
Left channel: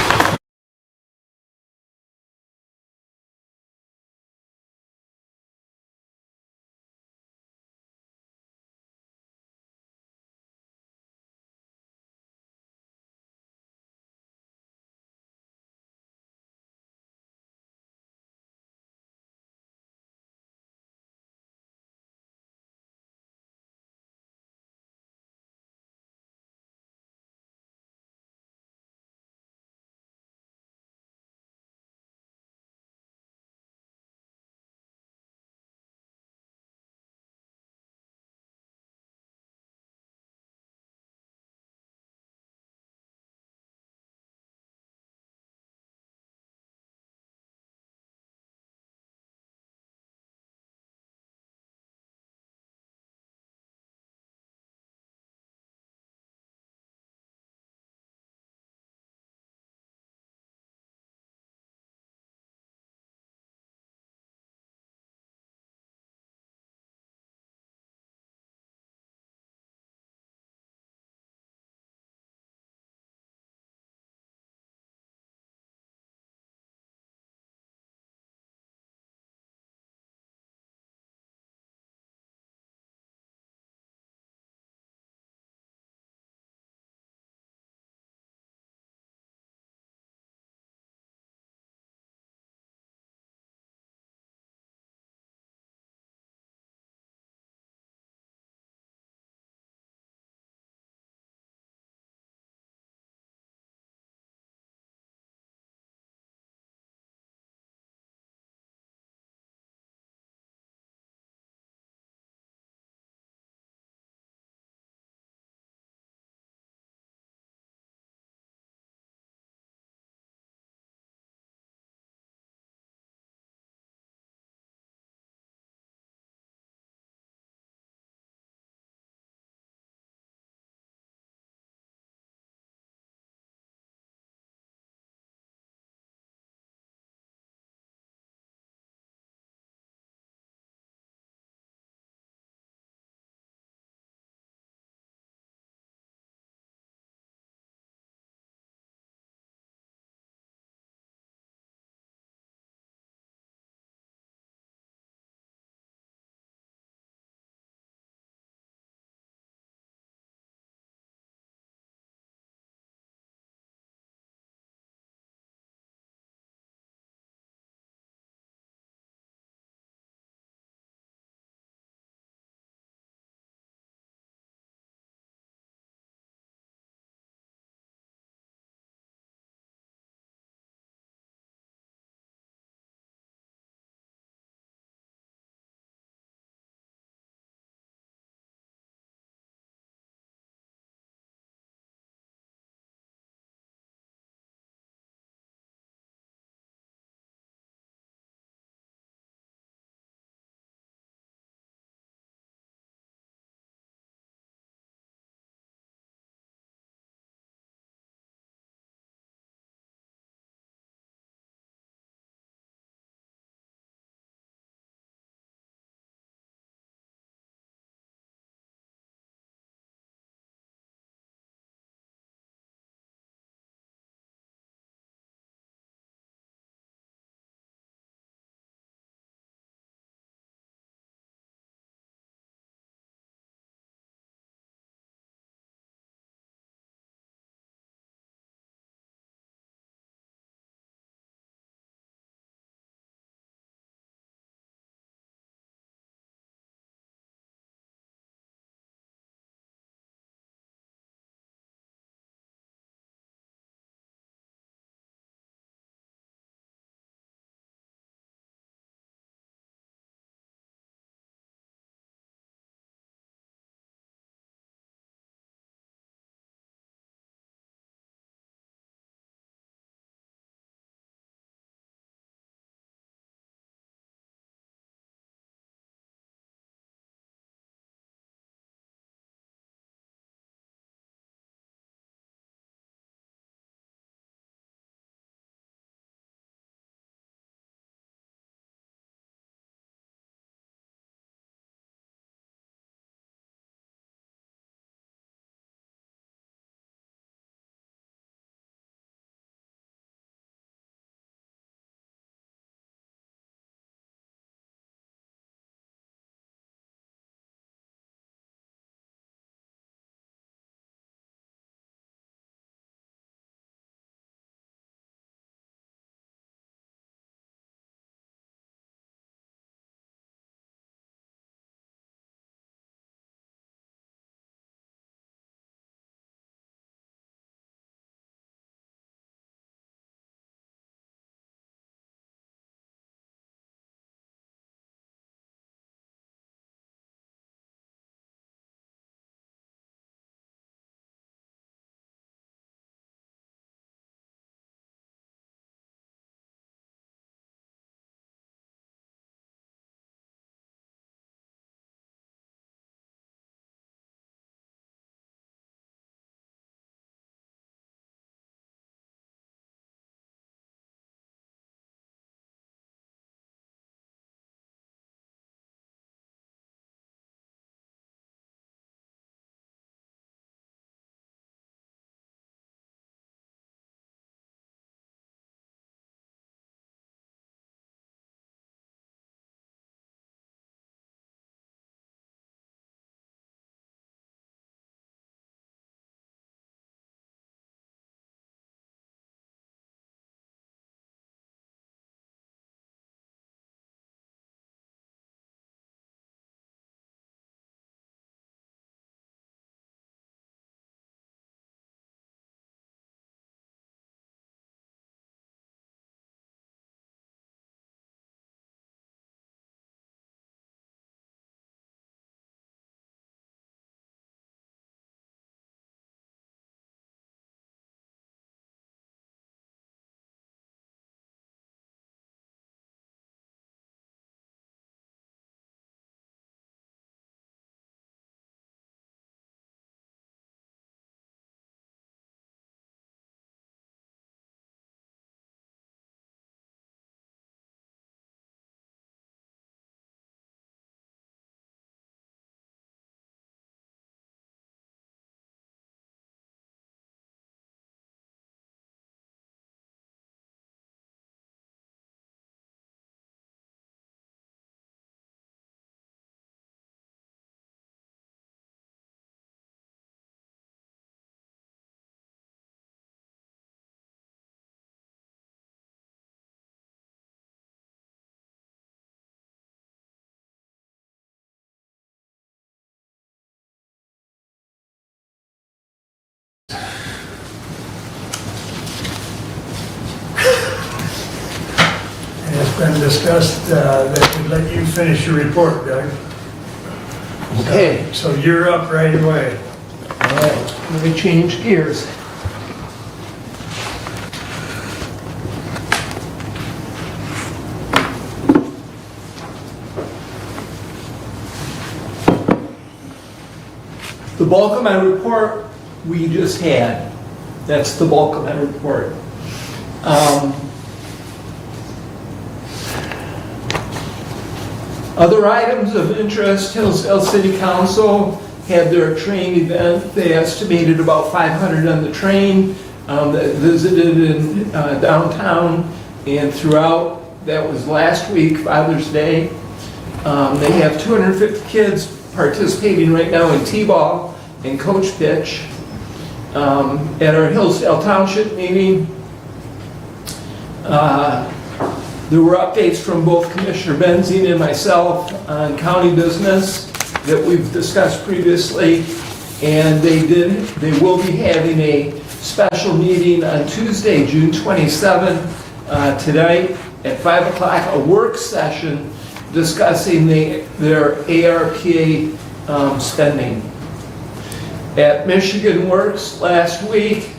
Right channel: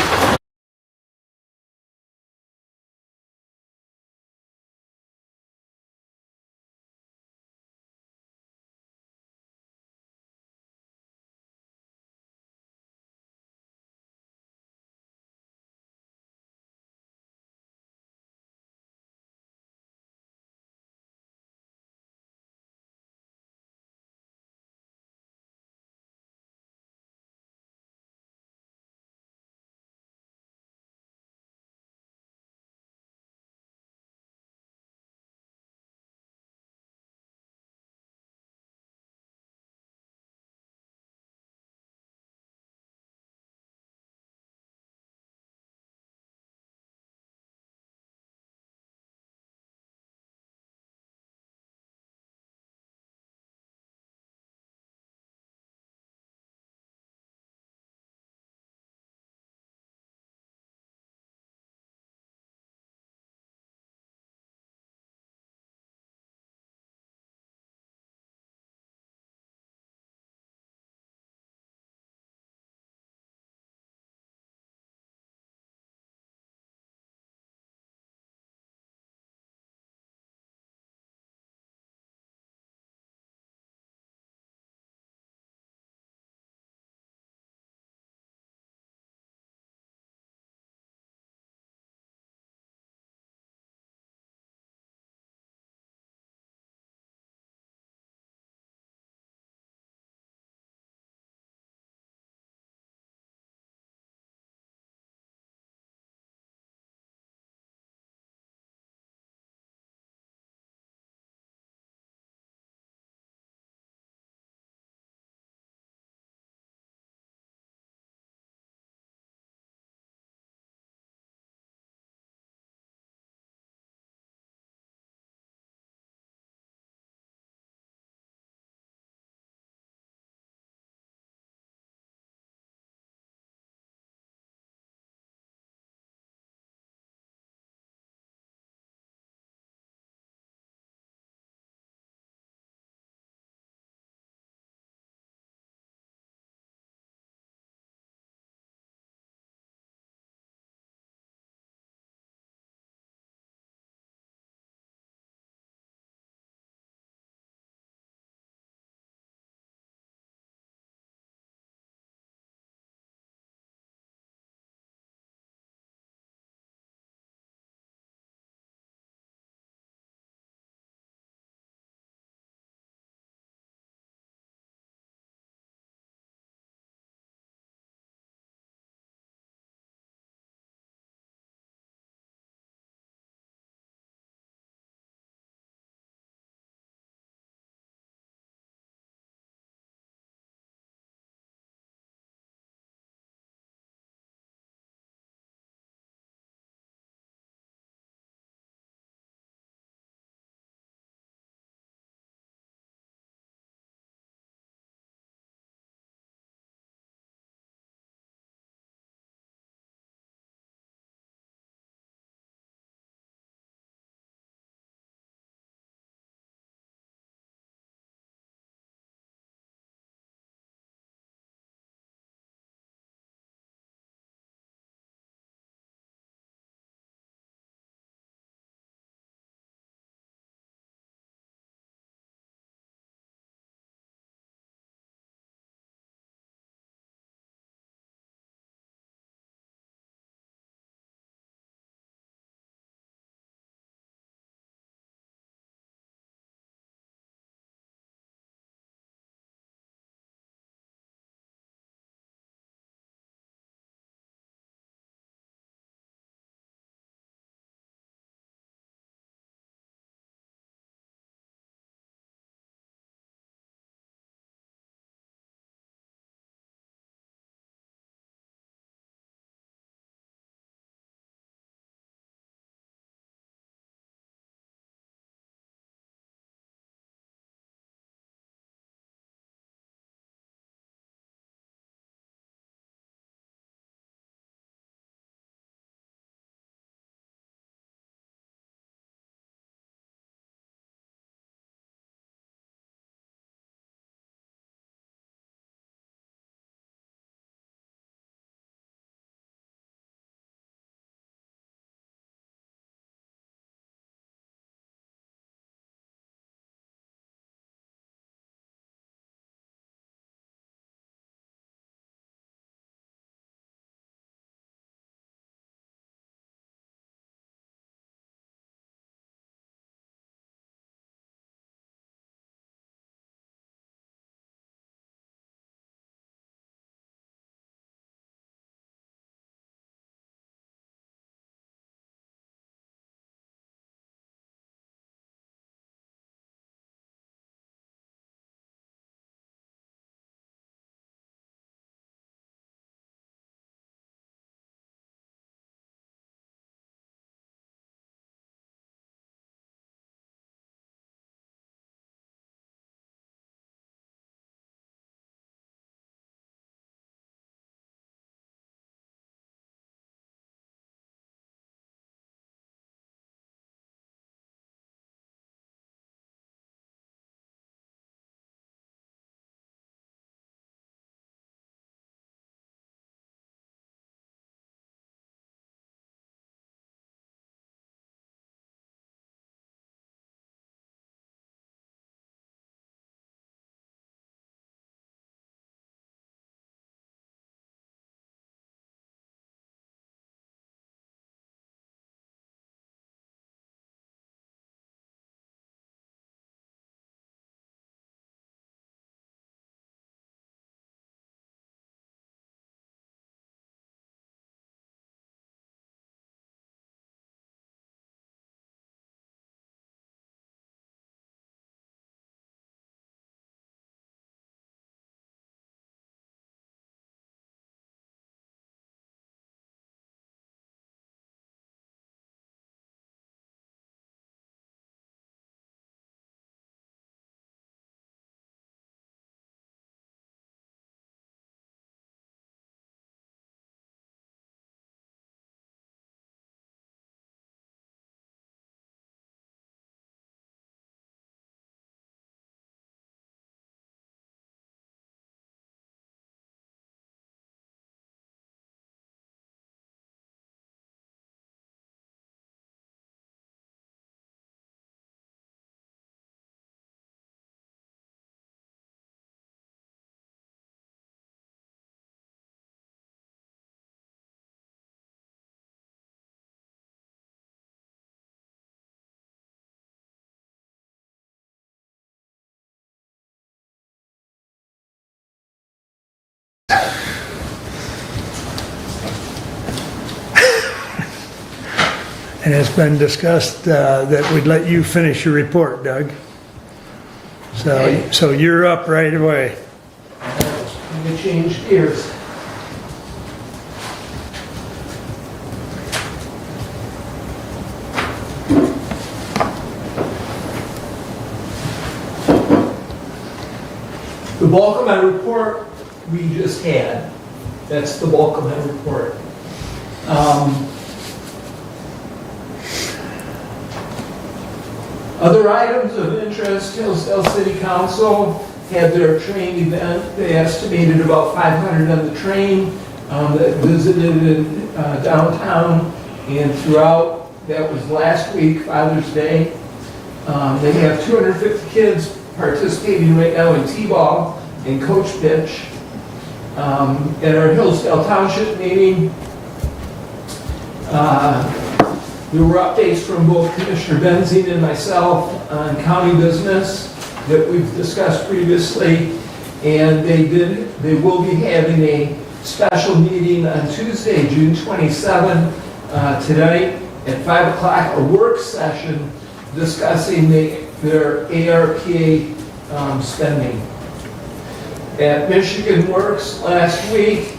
And it's been discussed that we'd let you finish your report, Doug. Okay. So you're up right away. All right, let me change gears. The bulk of my report we just had. That's the bulk of my report. Other items of interest, Hillsdale City Council had their train event. They estimated about 500 on the train that visited in downtown and throughout. That was last week, Father's Day. They have 250 kids participating right now in T-ball and coach pitch. At our Hillsdale Township meeting, there were updates from both Commissioner Benzine and myself on county business that we've discussed previously, and they will be having a special meeting on Tuesday, June 27, tonight at 5 o'clock, a work session discussing their ARPA spending. At Michigan Works last week,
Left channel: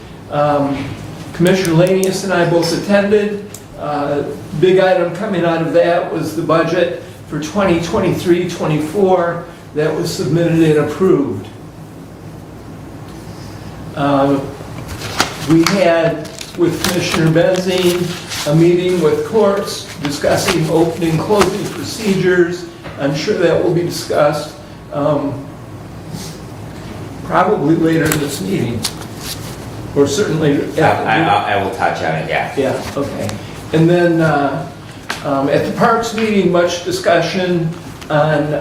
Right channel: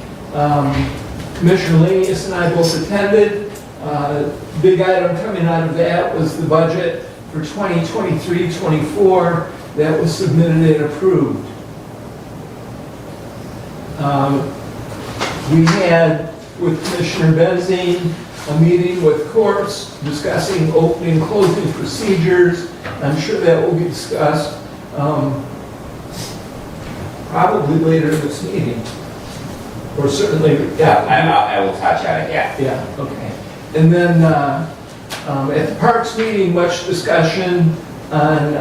Commissioner Lanius and I both attended. Big item coming out of that was the budget for 2023-24 that was submitted and approved. We had, with Commissioner Benzine, a meeting with courts discussing opening and closing procedures. I'm sure that will be discussed probably later in this meeting, or certainly. I will touch on it, yeah. Yeah, okay. And then at the Parks meeting, much discussion on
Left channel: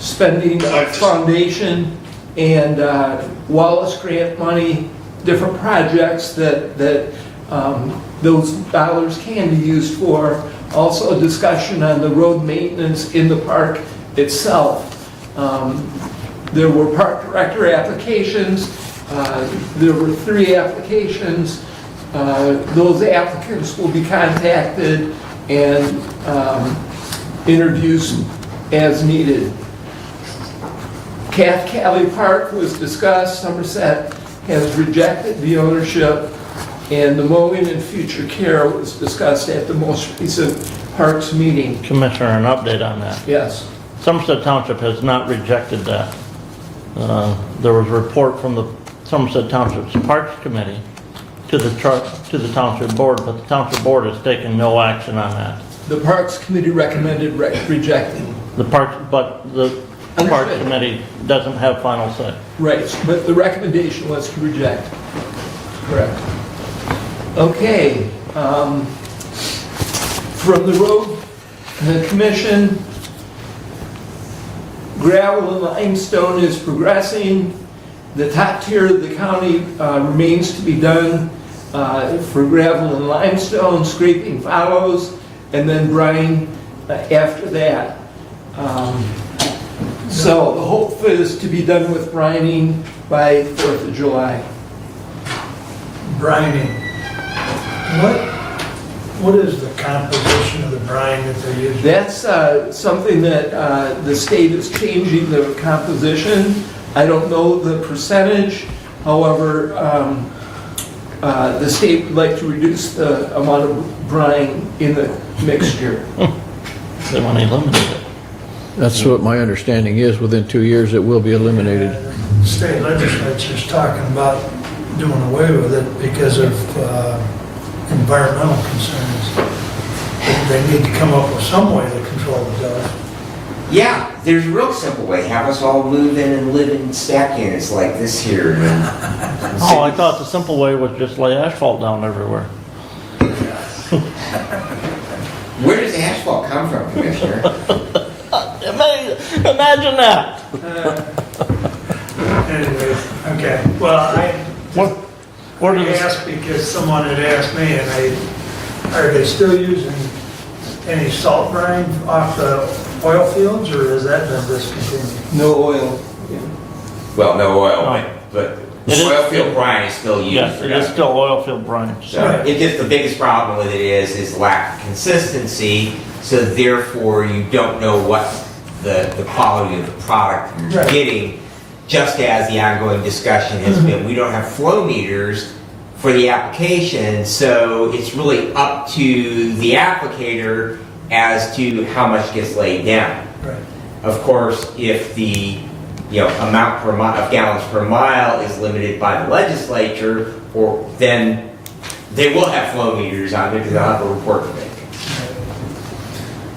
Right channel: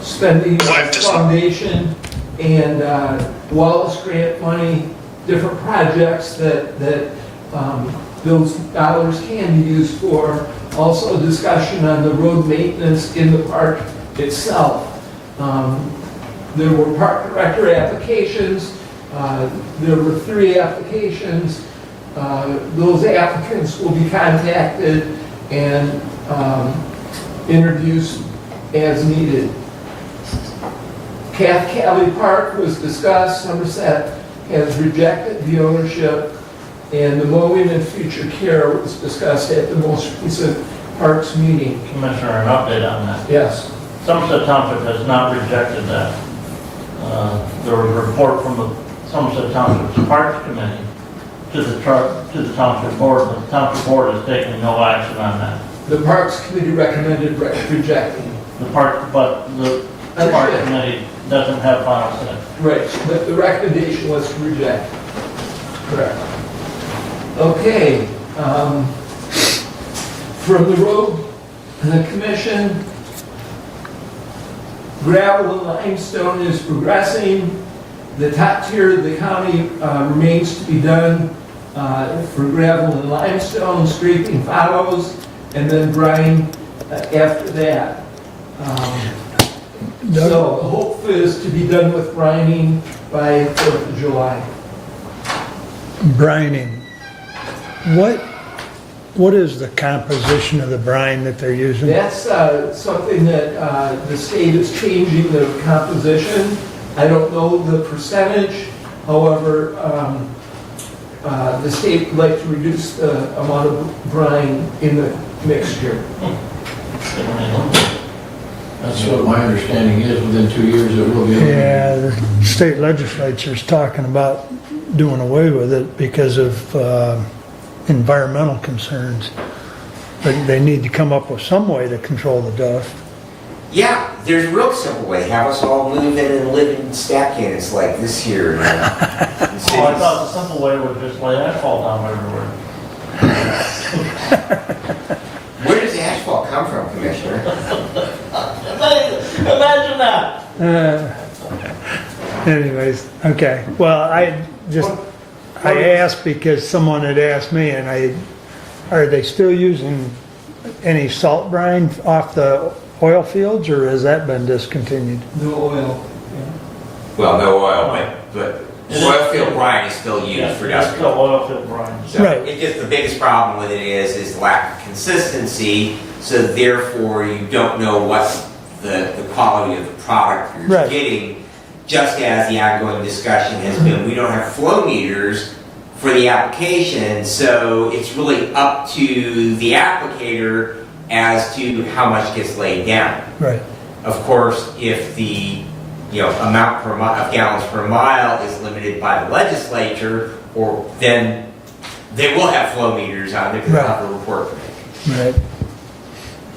spending of foundation and Wallace grant money, different projects that those dollars can be used for. Also a discussion on the road maintenance in the park itself. There were park director applications. There were 3 applications. Those applicants will be contacted and introduced as needed. Cath Cali Park was discussed. Somerset has rejected the ownership, and the mowing and future care was discussed at the most recent Parks meeting. Commissioner, an update on that. Yes. Somerset Township has not rejected that. There was a report from the Somerset Township's Parks Committee to the Township Board, but the Township Board has taken no action on that. The Parks Committee recommended rejecting. The Parks Committee doesn't have final say. Right, but the recommendation was to reject. Correct. Okay. From the road, the commission, gravel and limestone is progressing. The top tier of the county remains to be done for gravel and limestone. Scraping follows, and then brine after that. So the hope is to be done with brining by 4th of July. Brining. What is the composition of the brine that they're using? That's something that the state is changing the composition. I don't know the percentage. However, the state would like to reduce the amount of brine in the mixture. They want to eliminate it. That's what my understanding is. Within 2 years, it will be eliminated. Yeah, the state legislature's talking about doing away with it because of environmental concerns. But they need to come up with some way to control the dust. Yeah, there's a real simple way. Have us all move in and live in stack units like this here. Oh, I thought the simple way was just lay asphalt down everywhere. Where does the asphalt come from, Commissioner? Imagine that. Anyways, okay. Well, I asked because someone had asked me, and are they still using any salt brine off the oil fields, or has that been discontinued? No oil. Well, no oil, but Oil field brine is still used. Yes, it is still oil field brine. So it just, the biggest problem with it is lack of consistency, so therefore you don't know what the quality of the product you're getting, just as the ongoing discussion has been. We don't have flow meters for the application, so it's really up to the applicator as to how much gets laid down. Right. Of course, if the amount per of gallons per mile is limited by the legislature, or then they will have flow meters on there because they'll have a report to make. Right.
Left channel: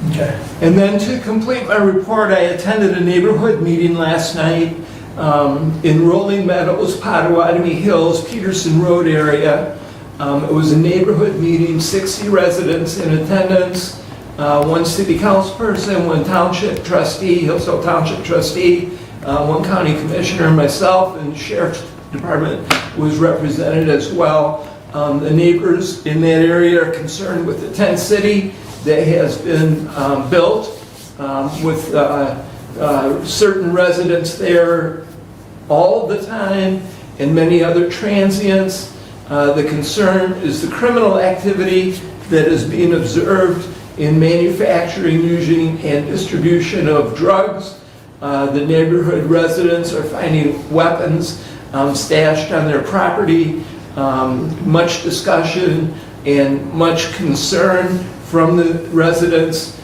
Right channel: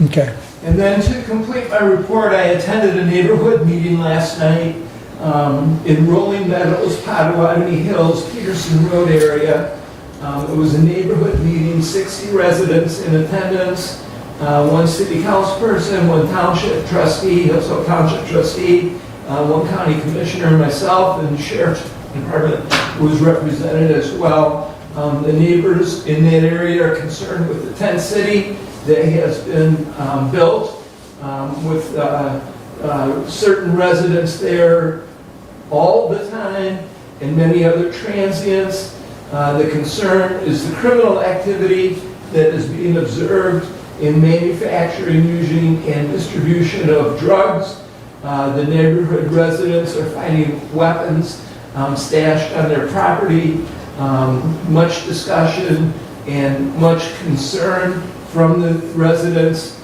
Okay. And then to complete my report, I attended a neighborhood meeting last night in Rolling Meadows, Potawatomi Hills, Peterson Road area. It was a neighborhood meeting, 60 residents in attendance, one city councilperson, one township trustee, Hillsdale Township trustee, one county commissioner, myself, and the sheriff's department was represented as well. The neighbors in that area are concerned with the tent city that has been built with certain residents there all the time and many other transients. The concern is the criminal activity that is being observed in manufacturing, using, and distribution of drugs. The neighborhood residents are finding weapons stashed on their property. Much discussion and much concern from the residents.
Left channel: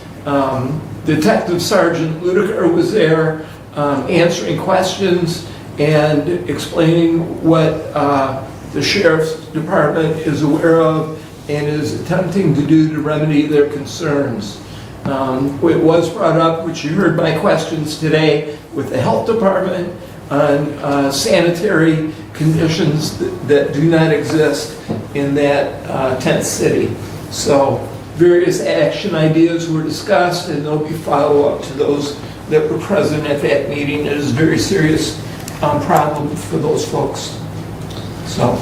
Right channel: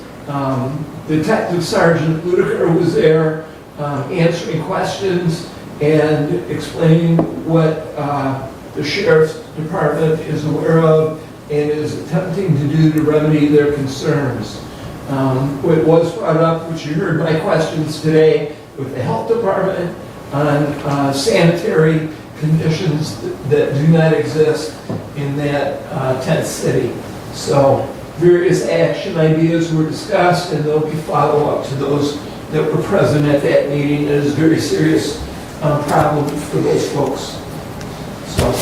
Detective Sergeant Ludiker was there answering questions and explaining what the sheriff's department is aware of and is attempting to do to remedy their concerns. It was brought up, which you heard my questions today, with the health department on sanitary conditions that do not exist in that tent city. So various action ideas were discussed, and there'll be follow-up to those that were present at that meeting. It is a very serious problem for those folks. So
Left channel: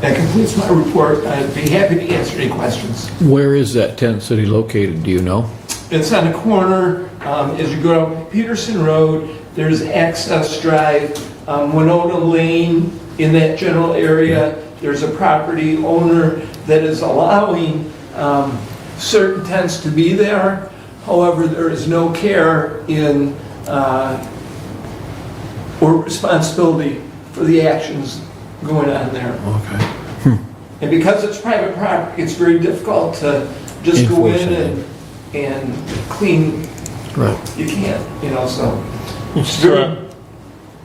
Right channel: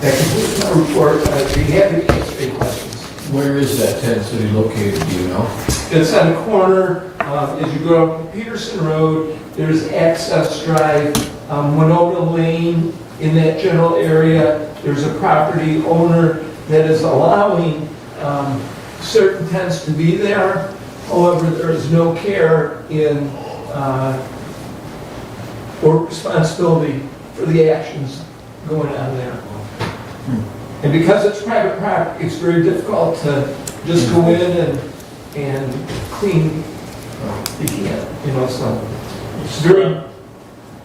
that concludes my report. I'd be happy to answer any questions. Where is that tent city located, do you know? It's on the corner, as you go up Peterson Road, there's Access Drive, Winona Lane in that general area. There's a property owner that is allowing certain tents to be there. However, there is no care in or responsibility for the actions going on there. Okay. And because it's private property, it's very difficult to just go in and clean. Right. You can't, so. It's very,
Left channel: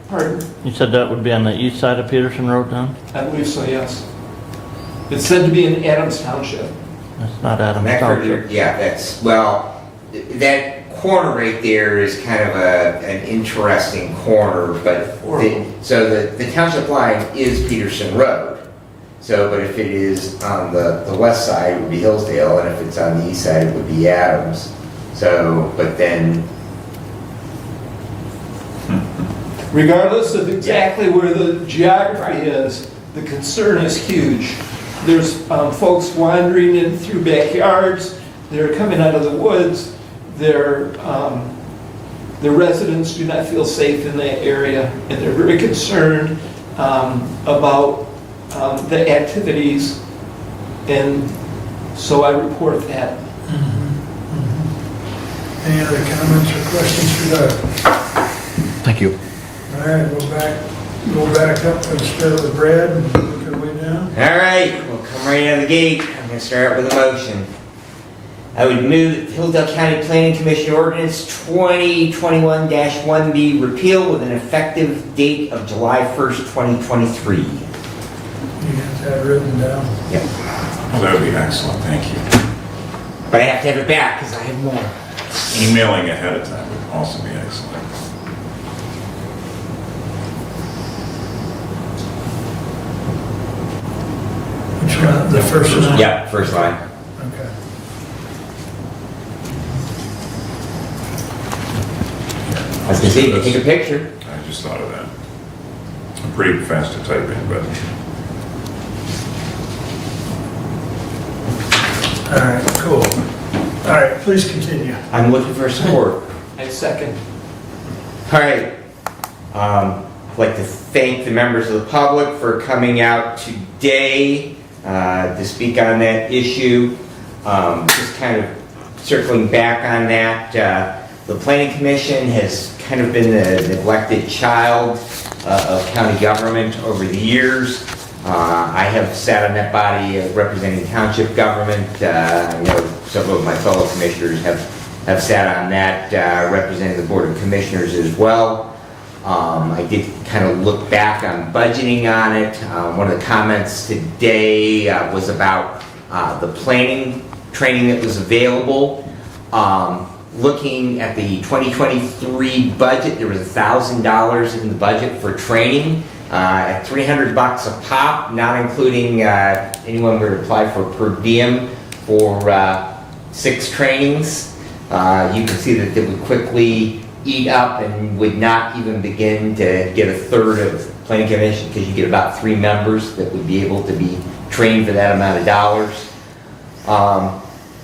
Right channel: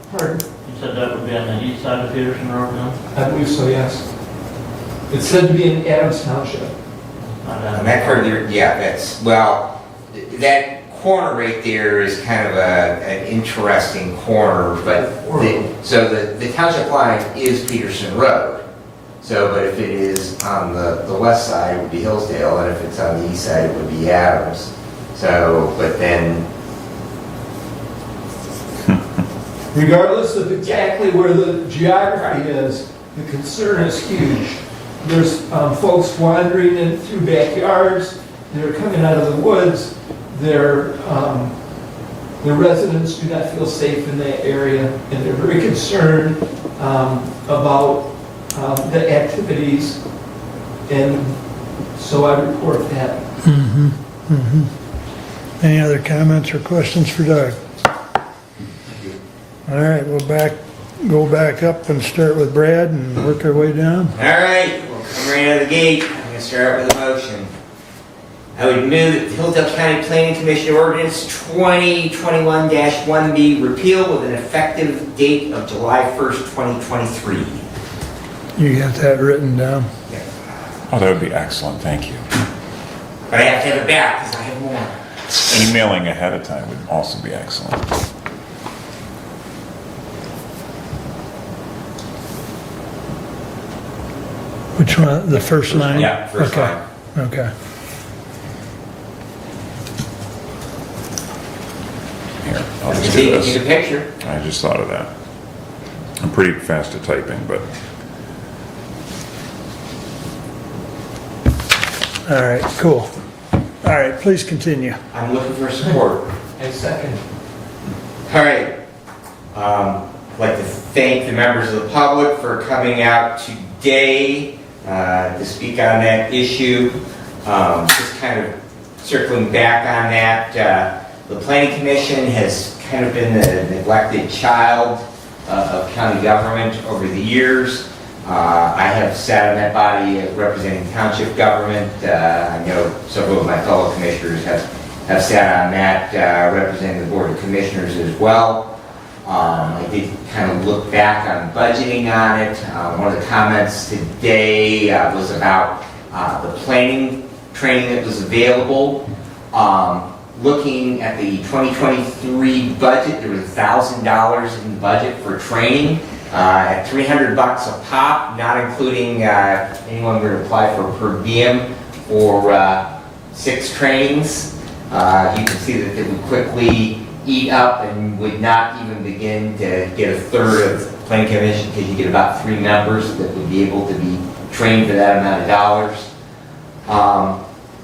pardon? You said that would be on the east side of Peterson Road now? I believe so, yes. It's said to be in Adams Township. That's not Adams That Township. that's, well, that corner right there is kind of an interesting corner, but so the township line is Peterson Road. So, but if it is on the west side, it would be Hillsdale, and if it's on the east side, it would be Adams. So, but then... Regardless of exactly where the geography is, the concern is huge. There's folks wandering in through backyards, they're coming out of the woods, their residents do not feel safe in that area, and they're very concerned about the activities, and so I report that. Any other comments or questions for Doug? Thank you. All right, go back up and start with Brad and work our way down. All right, we'll come right out of the gate. I'm going to start with a motion. I would move that the Hillsdale County Planning Commission Ordinance 2021-1B repeal with an effective date of July 1st, 2023. You got that written down? Yep. Oh, that would be excellent, thank you. But I have to have it back because I have more. Emailing ahead of time would also be excellent. Which one, the first line? Yeah, first line. Okay. Here, I can see, take a picture. I just thought of that. I'm pretty fast at typing, but All right, cool. All right, please continue. I'm looking for support. I second. All right. I'd like to thank the members of the public for coming out today to speak on that issue. Just kind of circling back on that, the Planning Commission has kind of been the neglected child of county government over the years. I have sat on that body representing township government. I know several of my fellow commissioners have sat on that representing the Board of Commissioners as well. I did kind of look back on budgeting on it. One of the comments today was about the planning training that was available. Looking at the 2023 budget, there was $1,000 in the budget for training at $300 a pop, not including anyone who would apply for per diem for 6 trainings. You can see that it would quickly eat up and would not even begin to get a third of the Planning Commission, because you get about 3 members that would be able to be trained for that amount of dollars.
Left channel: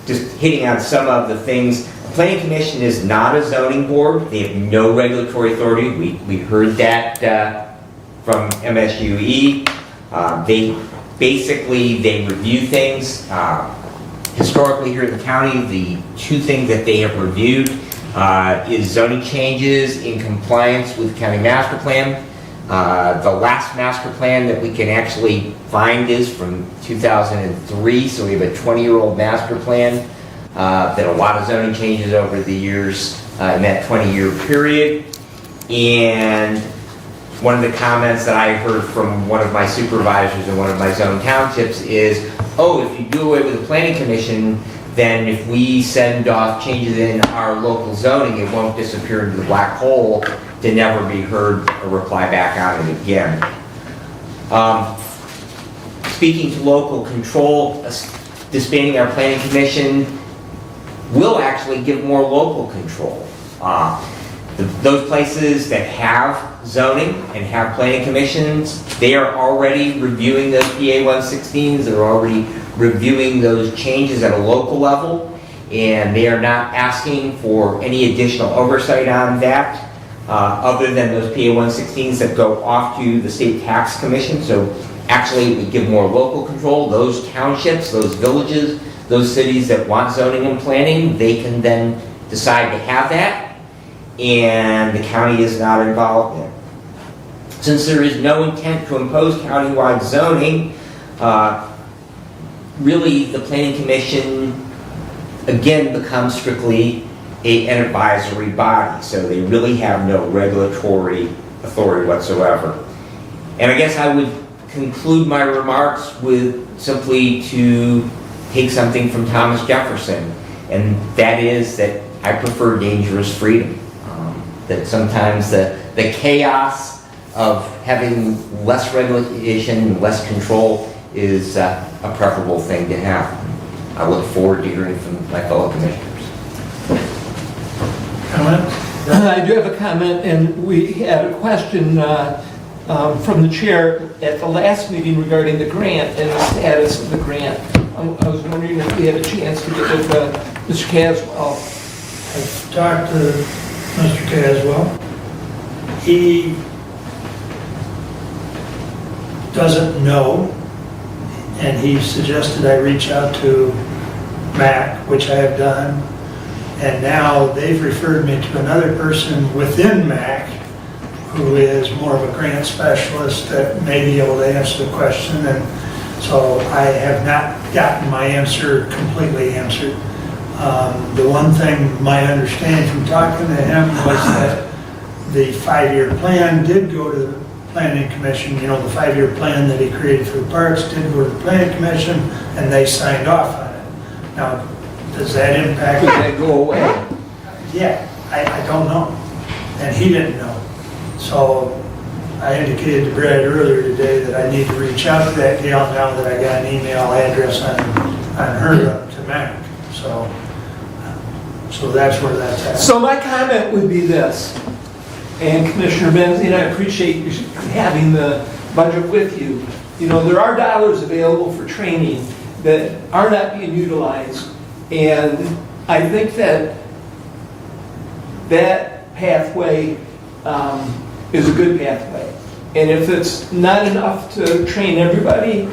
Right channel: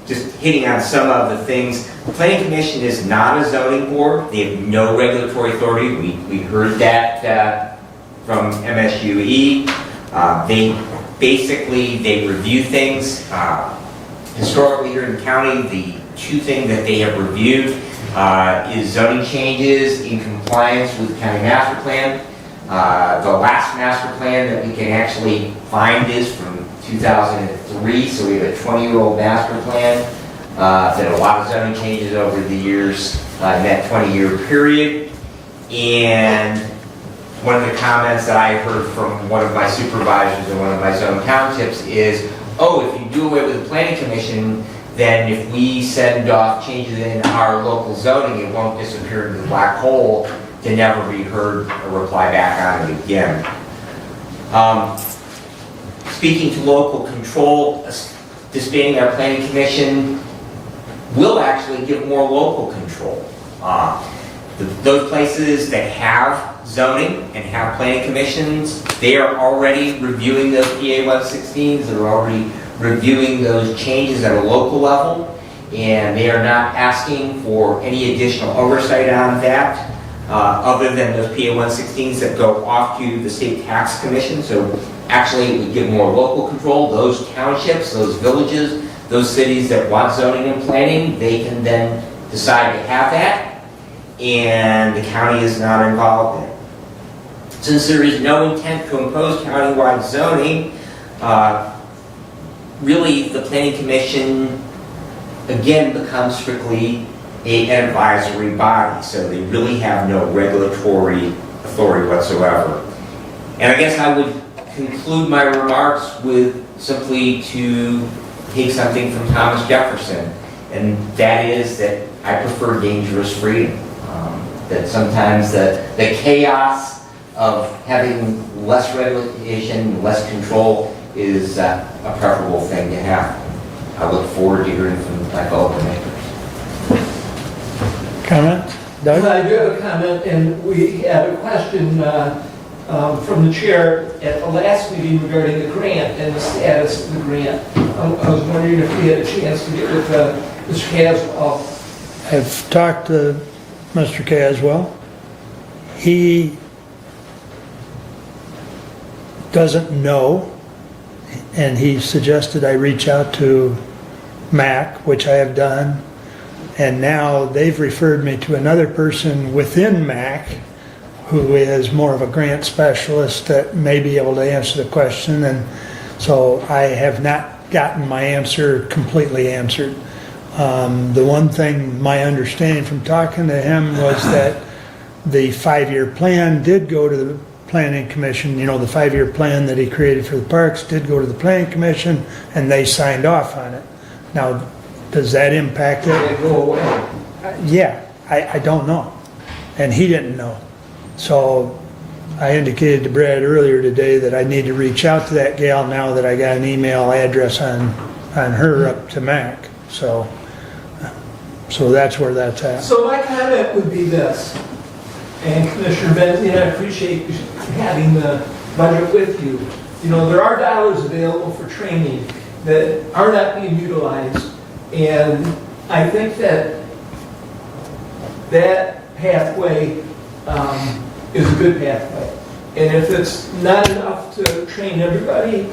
Just hitting on some of the things. The Planning Commission is not a zoning board. They have no regulatory authority. We heard that from MSUE. They review things. Historically here in the county, the 2 things that they have reviewed is zoning changes in compliance with the county master plan. The last master plan that we can actually find is from 2003, so we have a 20-year-old master plan. There are a lot of zoning changes over the years in that 20-year period. And one of the comments that I heard from one of my supervisors in one of my zone townships is, oh, if you do away with the Planning Commission, then if we send off changes in our local zoning, it won't disappear into the black hole to never be heard or reply back on it again. Speaking to local control, disbanding our Planning Commission will actually give more local control. Those places that have zoning and have planning commissions, they are already reviewing those PA 116s, they're already reviewing those changes at a local level, and they are not asking for any additional oversight on that, other than those PA 116s that go off to the state tax commission. So actually it would give more local control. Those townships, those villages, those cities that want zoning and planning, they can then decide to have that, and the county is not involved in it. Since there is no intent to impose countywide zoning, really the Planning Commission again becomes strictly an advisory body, so they really have no regulatory authority whatsoever. And I guess I would conclude my remarks with simply to take something from Thomas Jefferson, and that is that I prefer dangerous freedom. That sometimes the chaos of having less regulation, less control is a preferable thing to have. I look forward to hearing from my fellow commissioners. Comment? I do have a comment, and we had a question from the chair at the last meeting regarding the grant and the status of the grant. I was wondering if we had a chance to get with Mr. Caswell. I've talked to Mr. Caswell. He doesn't know, and he suggested I reach out to MAC, which I have done, and now they've referred me to another person within MAC who is more of a grant specialist that may be able to answer the question, and so I have not gotten my answer completely answered. The one thing, my understanding from talking to him was that the 5-year plan did go to the Planning Commission. You know, the 5-year plan that he created for the parks did go to the Planning Commission, and they signed off on it. Now, does that impact? Could that go away? Yeah, I don't know, and he didn't know. So I indicated to Brad earlier today that I need to reach out to that gal now that I got an email address on her up to MAC. So that's where that's at. So my comment would be this, and Commissioner Benzine, I appreciate you having the budget with you. You know, there are dollars available for training that are not being utilized, and I think that pathway is a good pathway. And if it's not enough to train everybody,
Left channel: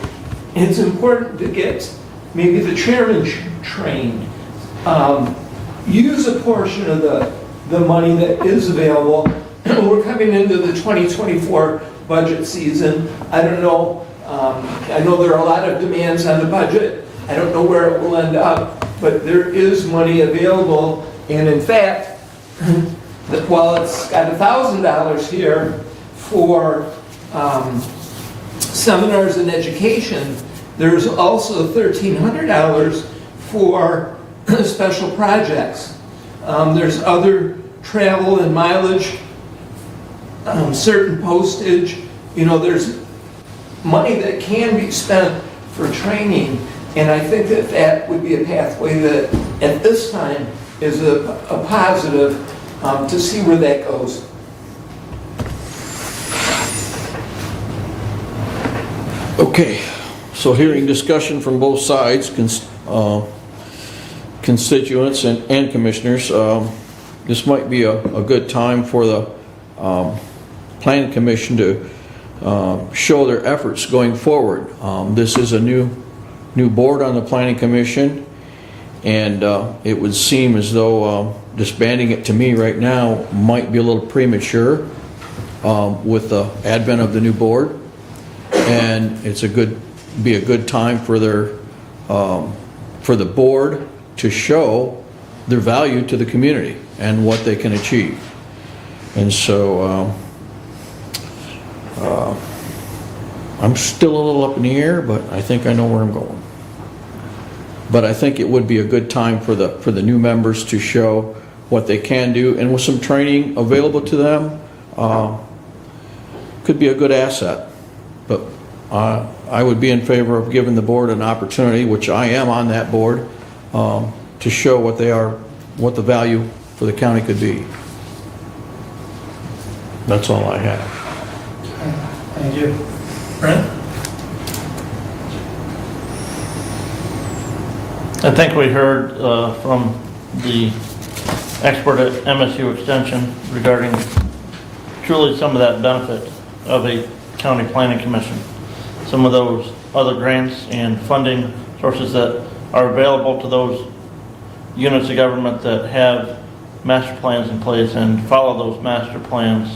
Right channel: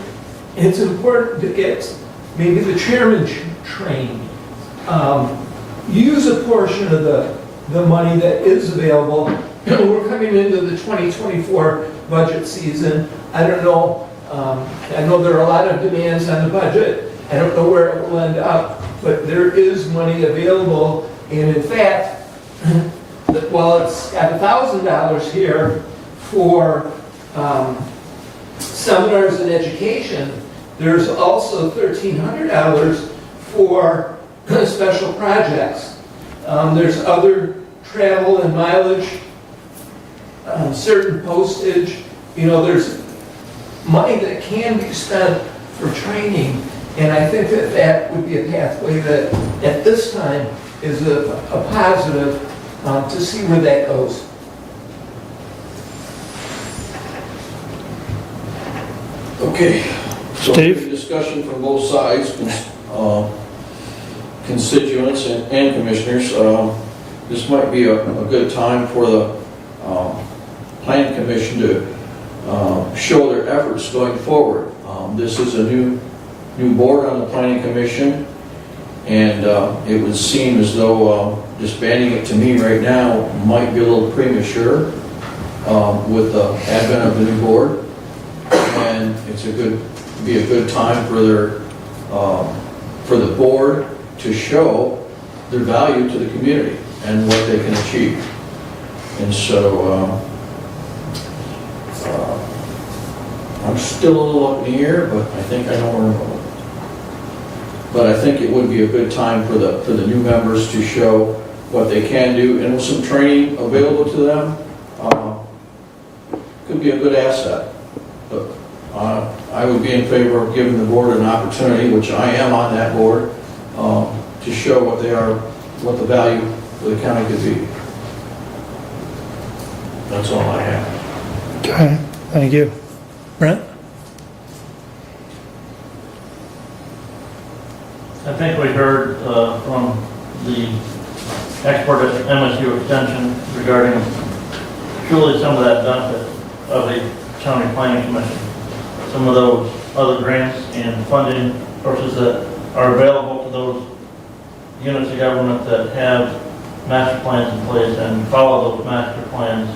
it's important to get maybe the chairman trained. Use a portion of the money that is available. We're coming into the 2024 budget season. I don't know, I know there are a lot of demands on the budget. I don't know where it will end up, but there is money available. And in fact, while it's got $1,000 here for seminars and education, there's also $1,300 for special projects. There's other travel and mileage, certain postage. You know, there's money that can be spent for training, and I think that that would be a pathway that at this time is a positive to see where that goes. Okay, so hearing discussion from both sides, constituents and commissioners, this might be a good time for the Planning Commission to show their efforts going forward. This is a new board on the Planning Commission, and it would seem as though disbanding it to me right now might be a little premature with the advent of the new board. And it's be a good time for the board to show their value to the community and what they can achieve. And so I'm still a little up in the air, but I think I know where I'm going. But I think it would be a good time for the new members to show what they can do, and with some training available to them, could be a good asset. But I would be in favor of giving the board an opportunity, which I am on that board, to show what they are, what the value for the county could be. That's all I have. Okay, thank you. Brent? I think we heard from the expert at MSU Extension regarding truly some of that benefit of a county planning commission. Some of those other grants and funding sources that are available to those units of government that have master plans in place and follow those master plans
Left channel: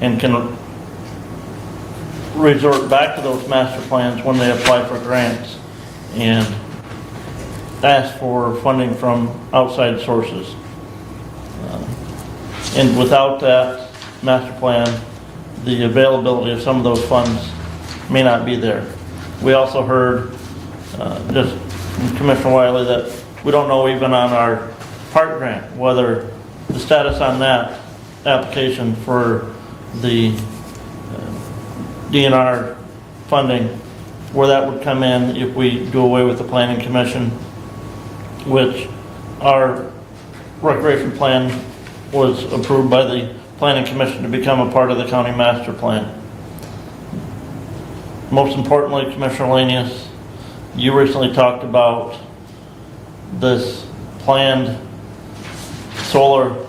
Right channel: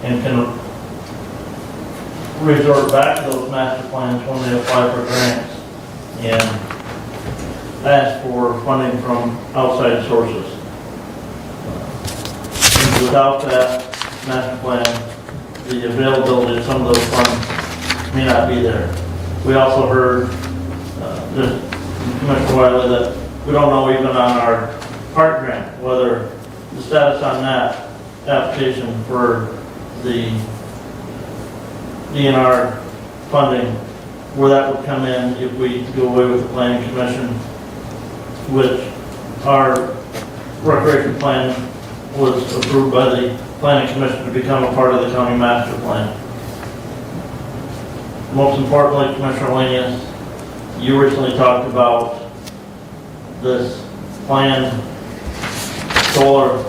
and can resort back to those master plans when they apply for grants and ask for funding from outside sources. And without that master plan, the availability of some of those funds may not be there. We also heard just from Commissioner Wiley that we don't know even on our park grant whether the status on that application for the DNR funding, where that would come in if we do away with the Planning Commission, which our recreation plan was approved by the Planning Commission to become a part of the county master plan. Most importantly, Commissioner Lanius, you recently talked about this planned solar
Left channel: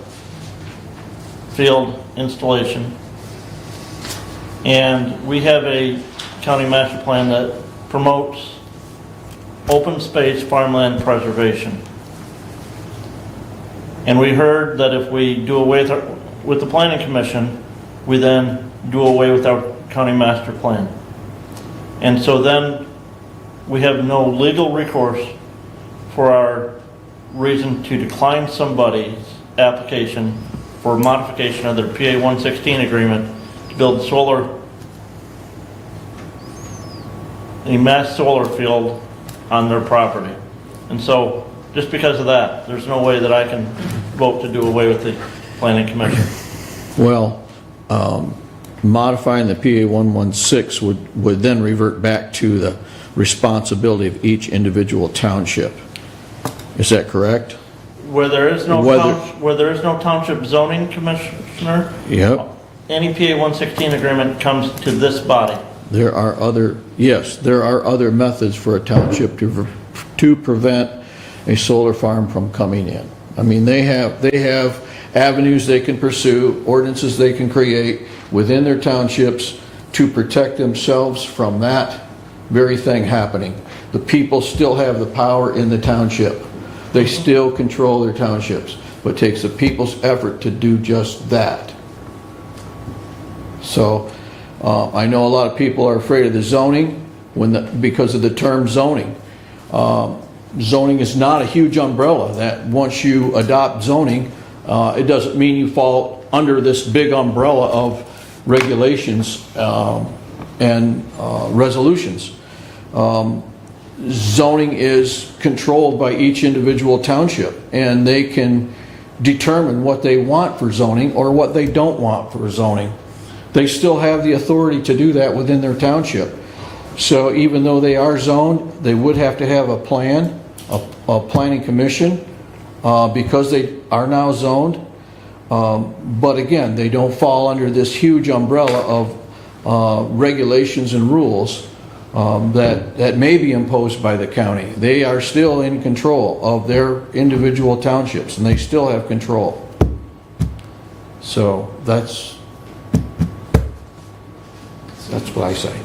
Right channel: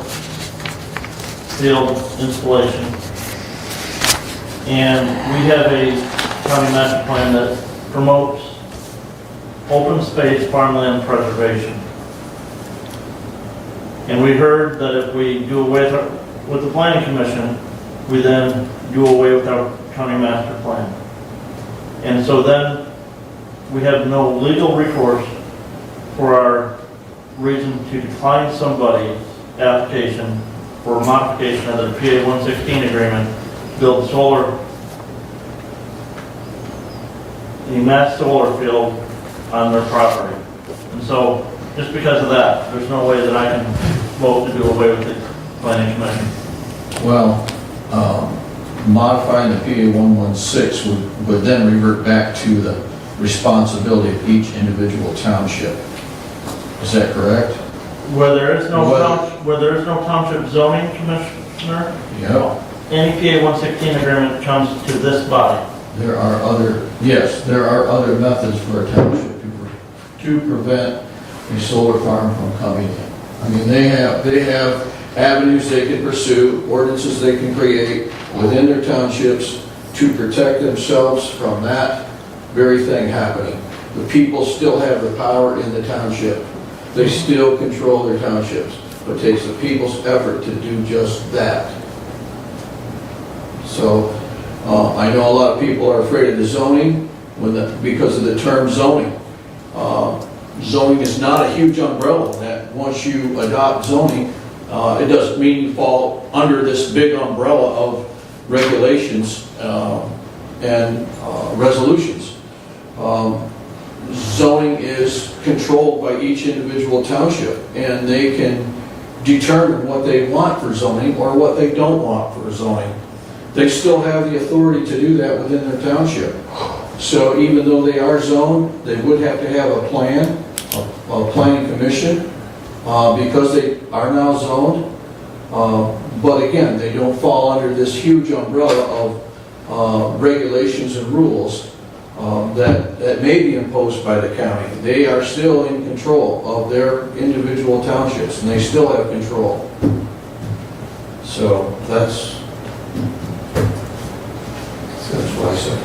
field installation. And we have a county master plan that promotes open space farmland preservation. And we heard that if we do away with the Planning Commission, we then do away with our county master plan. And so then we have no legal recourse for our reason to decline somebody's application for modification of their PA 116 agreement to build a mass solar field on their property. And so just because of that, there's no way that I can vote to do away with the Planning Commission. Well, modifying the PA 116 would then revert back to the responsibility of each individual township. Is that correct? Where there is no township zoning commissioner, Yeah. any PA 116 agreement comes to this body. There are other methods for a township to prevent a solar farm from coming in. I mean, they have avenues they can pursue, ordinances they can create within their townships to protect themselves from that very thing happening. The people still have the power in the township. They still control their townships, but it takes the people's effort to do just that. So I know a lot of people are afraid of the zoning because of the term zoning. Zoning is not a huge umbrella that once you adopt zoning, it doesn't mean you fall under this big umbrella of regulations and resolutions. Zoning is controlled by each individual township, and they can determine what they want for zoning or what they don't want for zoning. They still have the authority to do that within their township. So even though they are zoned, they would have to have a plan, a planning commission, because they are now zoned. But again, they don't fall under this huge umbrella of regulations and rules that may be imposed by the county. They are still in control of their individual townships, and they still have control. So that's what I say.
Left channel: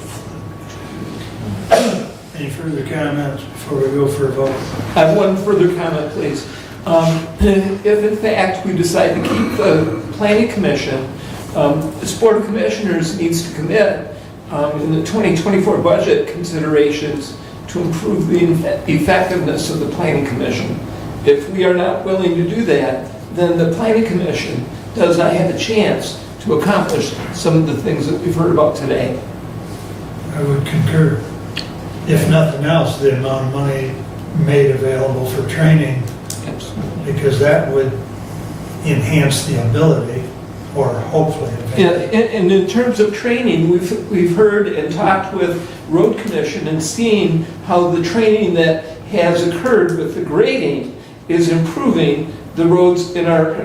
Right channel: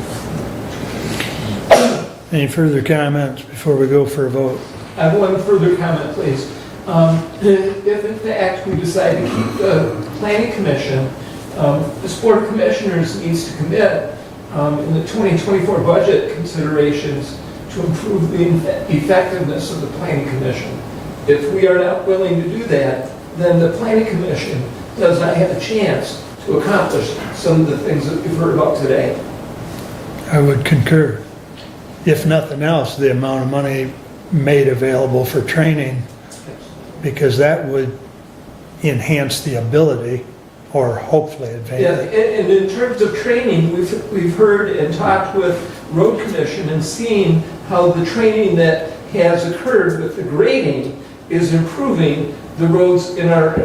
Any further comments before we go for a vote? I have one further comment, please. If in fact we decide to keep the planning commission, this board of commissioners needs to commit in the 2024 budget considerations to improve the effectiveness of the planning commission. If we are not willing to do that, then the planning commission does not have a chance to accomplish some of the things that we've heard about today. I would concur. If nothing else, the amount of money made available for training, because that would enhance the ability, or hopefully enhance. Yeah, and in terms of training, we've heard and talked with Road Commission and seen how the training that has occurred with the grading is improving the roads in our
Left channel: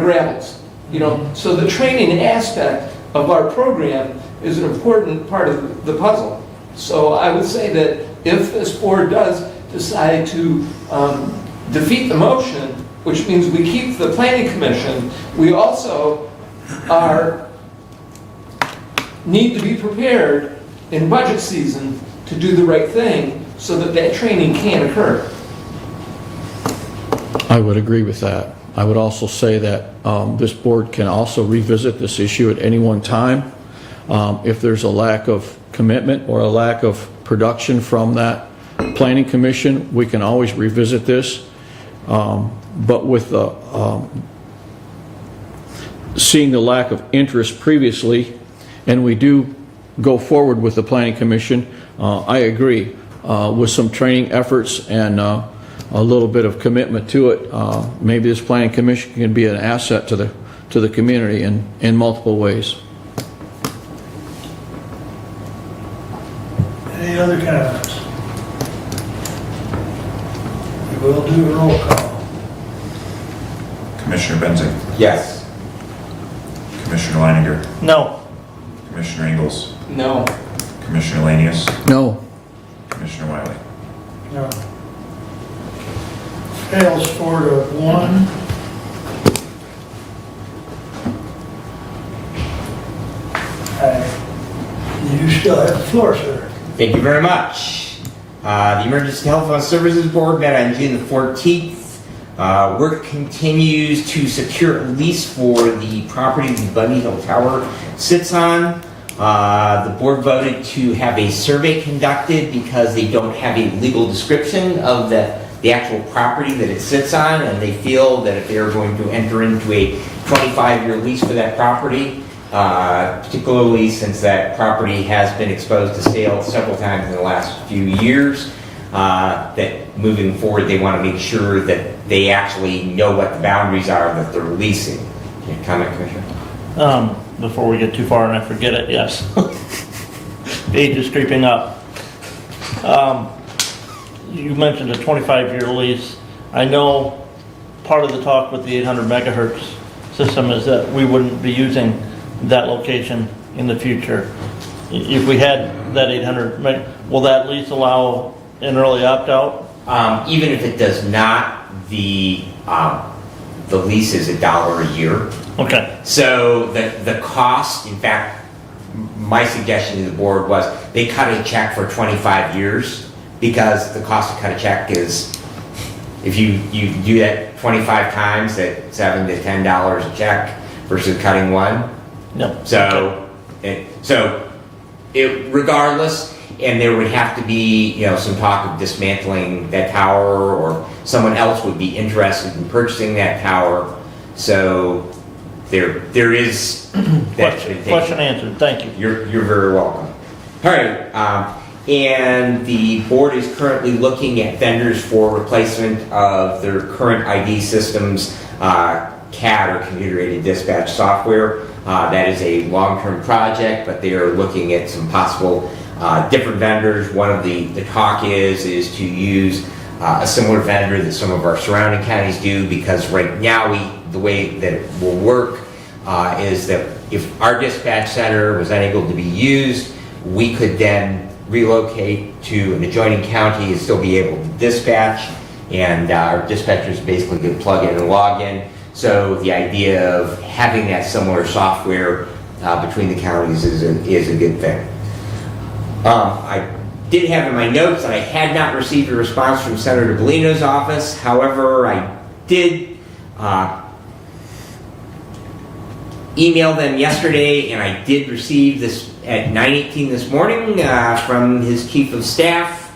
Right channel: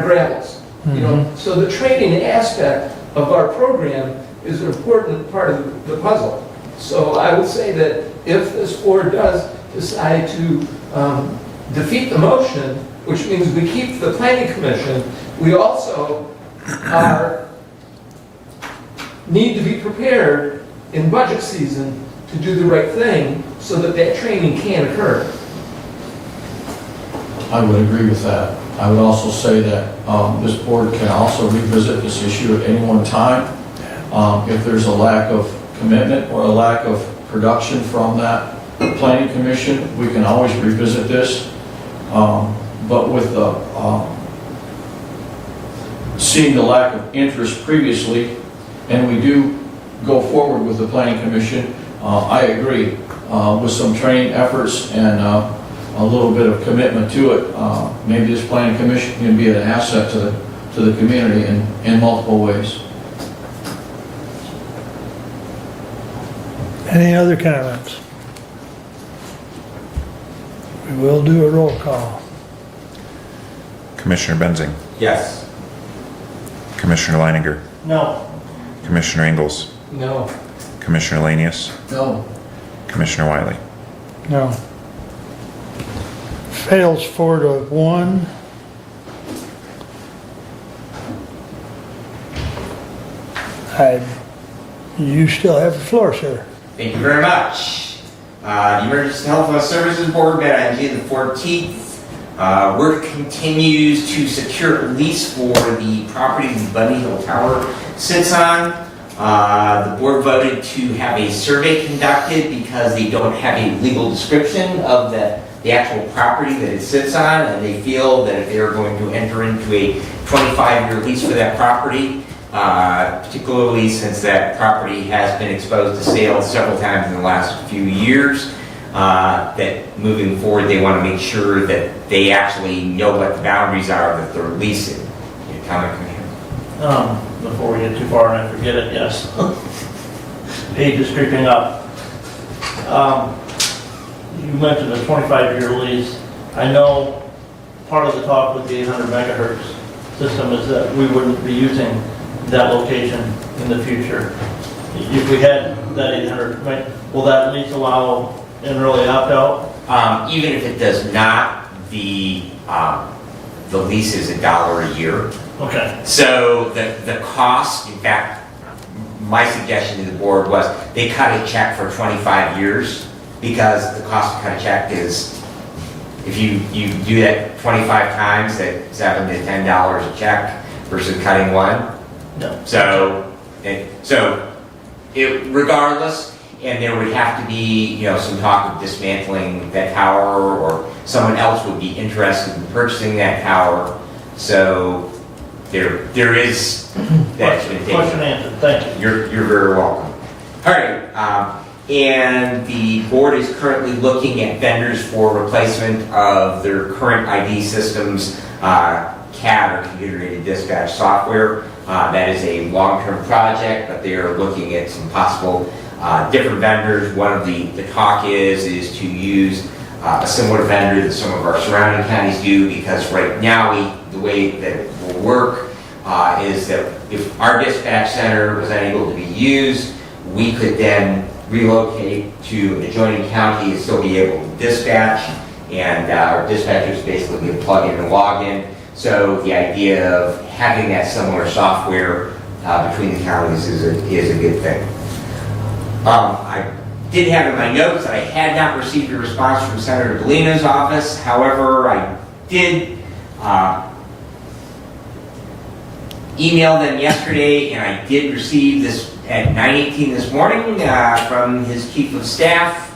gravels. You know, so the training aspect of our program is an important part of the puzzle. So I would say that if this board does decide to defeat the motion, which means we keep the planning commission, we also need to be prepared in budget season to do the right thing so that that training can occur. I would agree with that. I would also say that this board can also revisit this issue at any one time. If there's a lack of commitment or a lack of production from that planning commission, we can always revisit this. But with seeing the lack of interest previously, and we do go forward with the planning commission, I agree with some training efforts and a little bit of commitment to it. Maybe this planning commission can be an asset to the community in multiple ways. Any other comments? We will do a roll call. Commissioner Benzing, Yes. Commissioner Leininger, No. Commissioner Ingalls, No. Commissioner Lanius, No. Commissioner Wiley. No. Fails 4-1. You still have the floor, sir. Thank you very much. The Emergency Health Services Board met on June the 14th. Work continues to secure a lease for the property the Bunny Hill Tower sits on. The board voted to have a survey conducted because they don't have a legal description of the actual property that it sits on, and they feel that if they're going to enter into a 25-year lease for that property, particularly since that property has been exposed to sales several times in the last few years, that moving forward they want to make sure that they actually know what the boundaries are that they're leasing. Any comment, Commissioner? Before we get too far and I forget it, yes. The age is creeping up. You mentioned a 25-year lease. I know part of the talk with the 800 megahertz system is that we wouldn't be using that location in the future. If we had that 800 meg, will that lease allow an early opt-out? Even if it does not, the the lease is $1 a year. Okay. So the cost, in fact, my suggestion to the board was they cut a check for 25 years because the cost to cut a check is, if you do that 25 times at $7 to $10 a check versus cutting one. No. So regardless, and there would have to be, you know, some talk of dismantling that tower, or someone else would be interested in purchasing that tower. So there is that. Question answered, thank you. You're very welcome. All right, and the board is currently looking at vendors for replacement of their current ID systems, CAD or computer-aided dispatch software. That is a long-term project, but they are looking at some possible different vendors. One of the talk is to use a similar vendor that some of our surrounding counties do, because right now the way that it will work is that if our dispatch center was unable to be used, we could then relocate to an adjoining county and still be able to dispatch, and our dispatchers basically could plug in and log in. So the idea of having that similar software between the counties is a good thing. I did have in my notes that I had not received a response from Senator Bellino's office. However, I did email them yesterday, and I did receive this at 9:18 this morning from his chief of staff.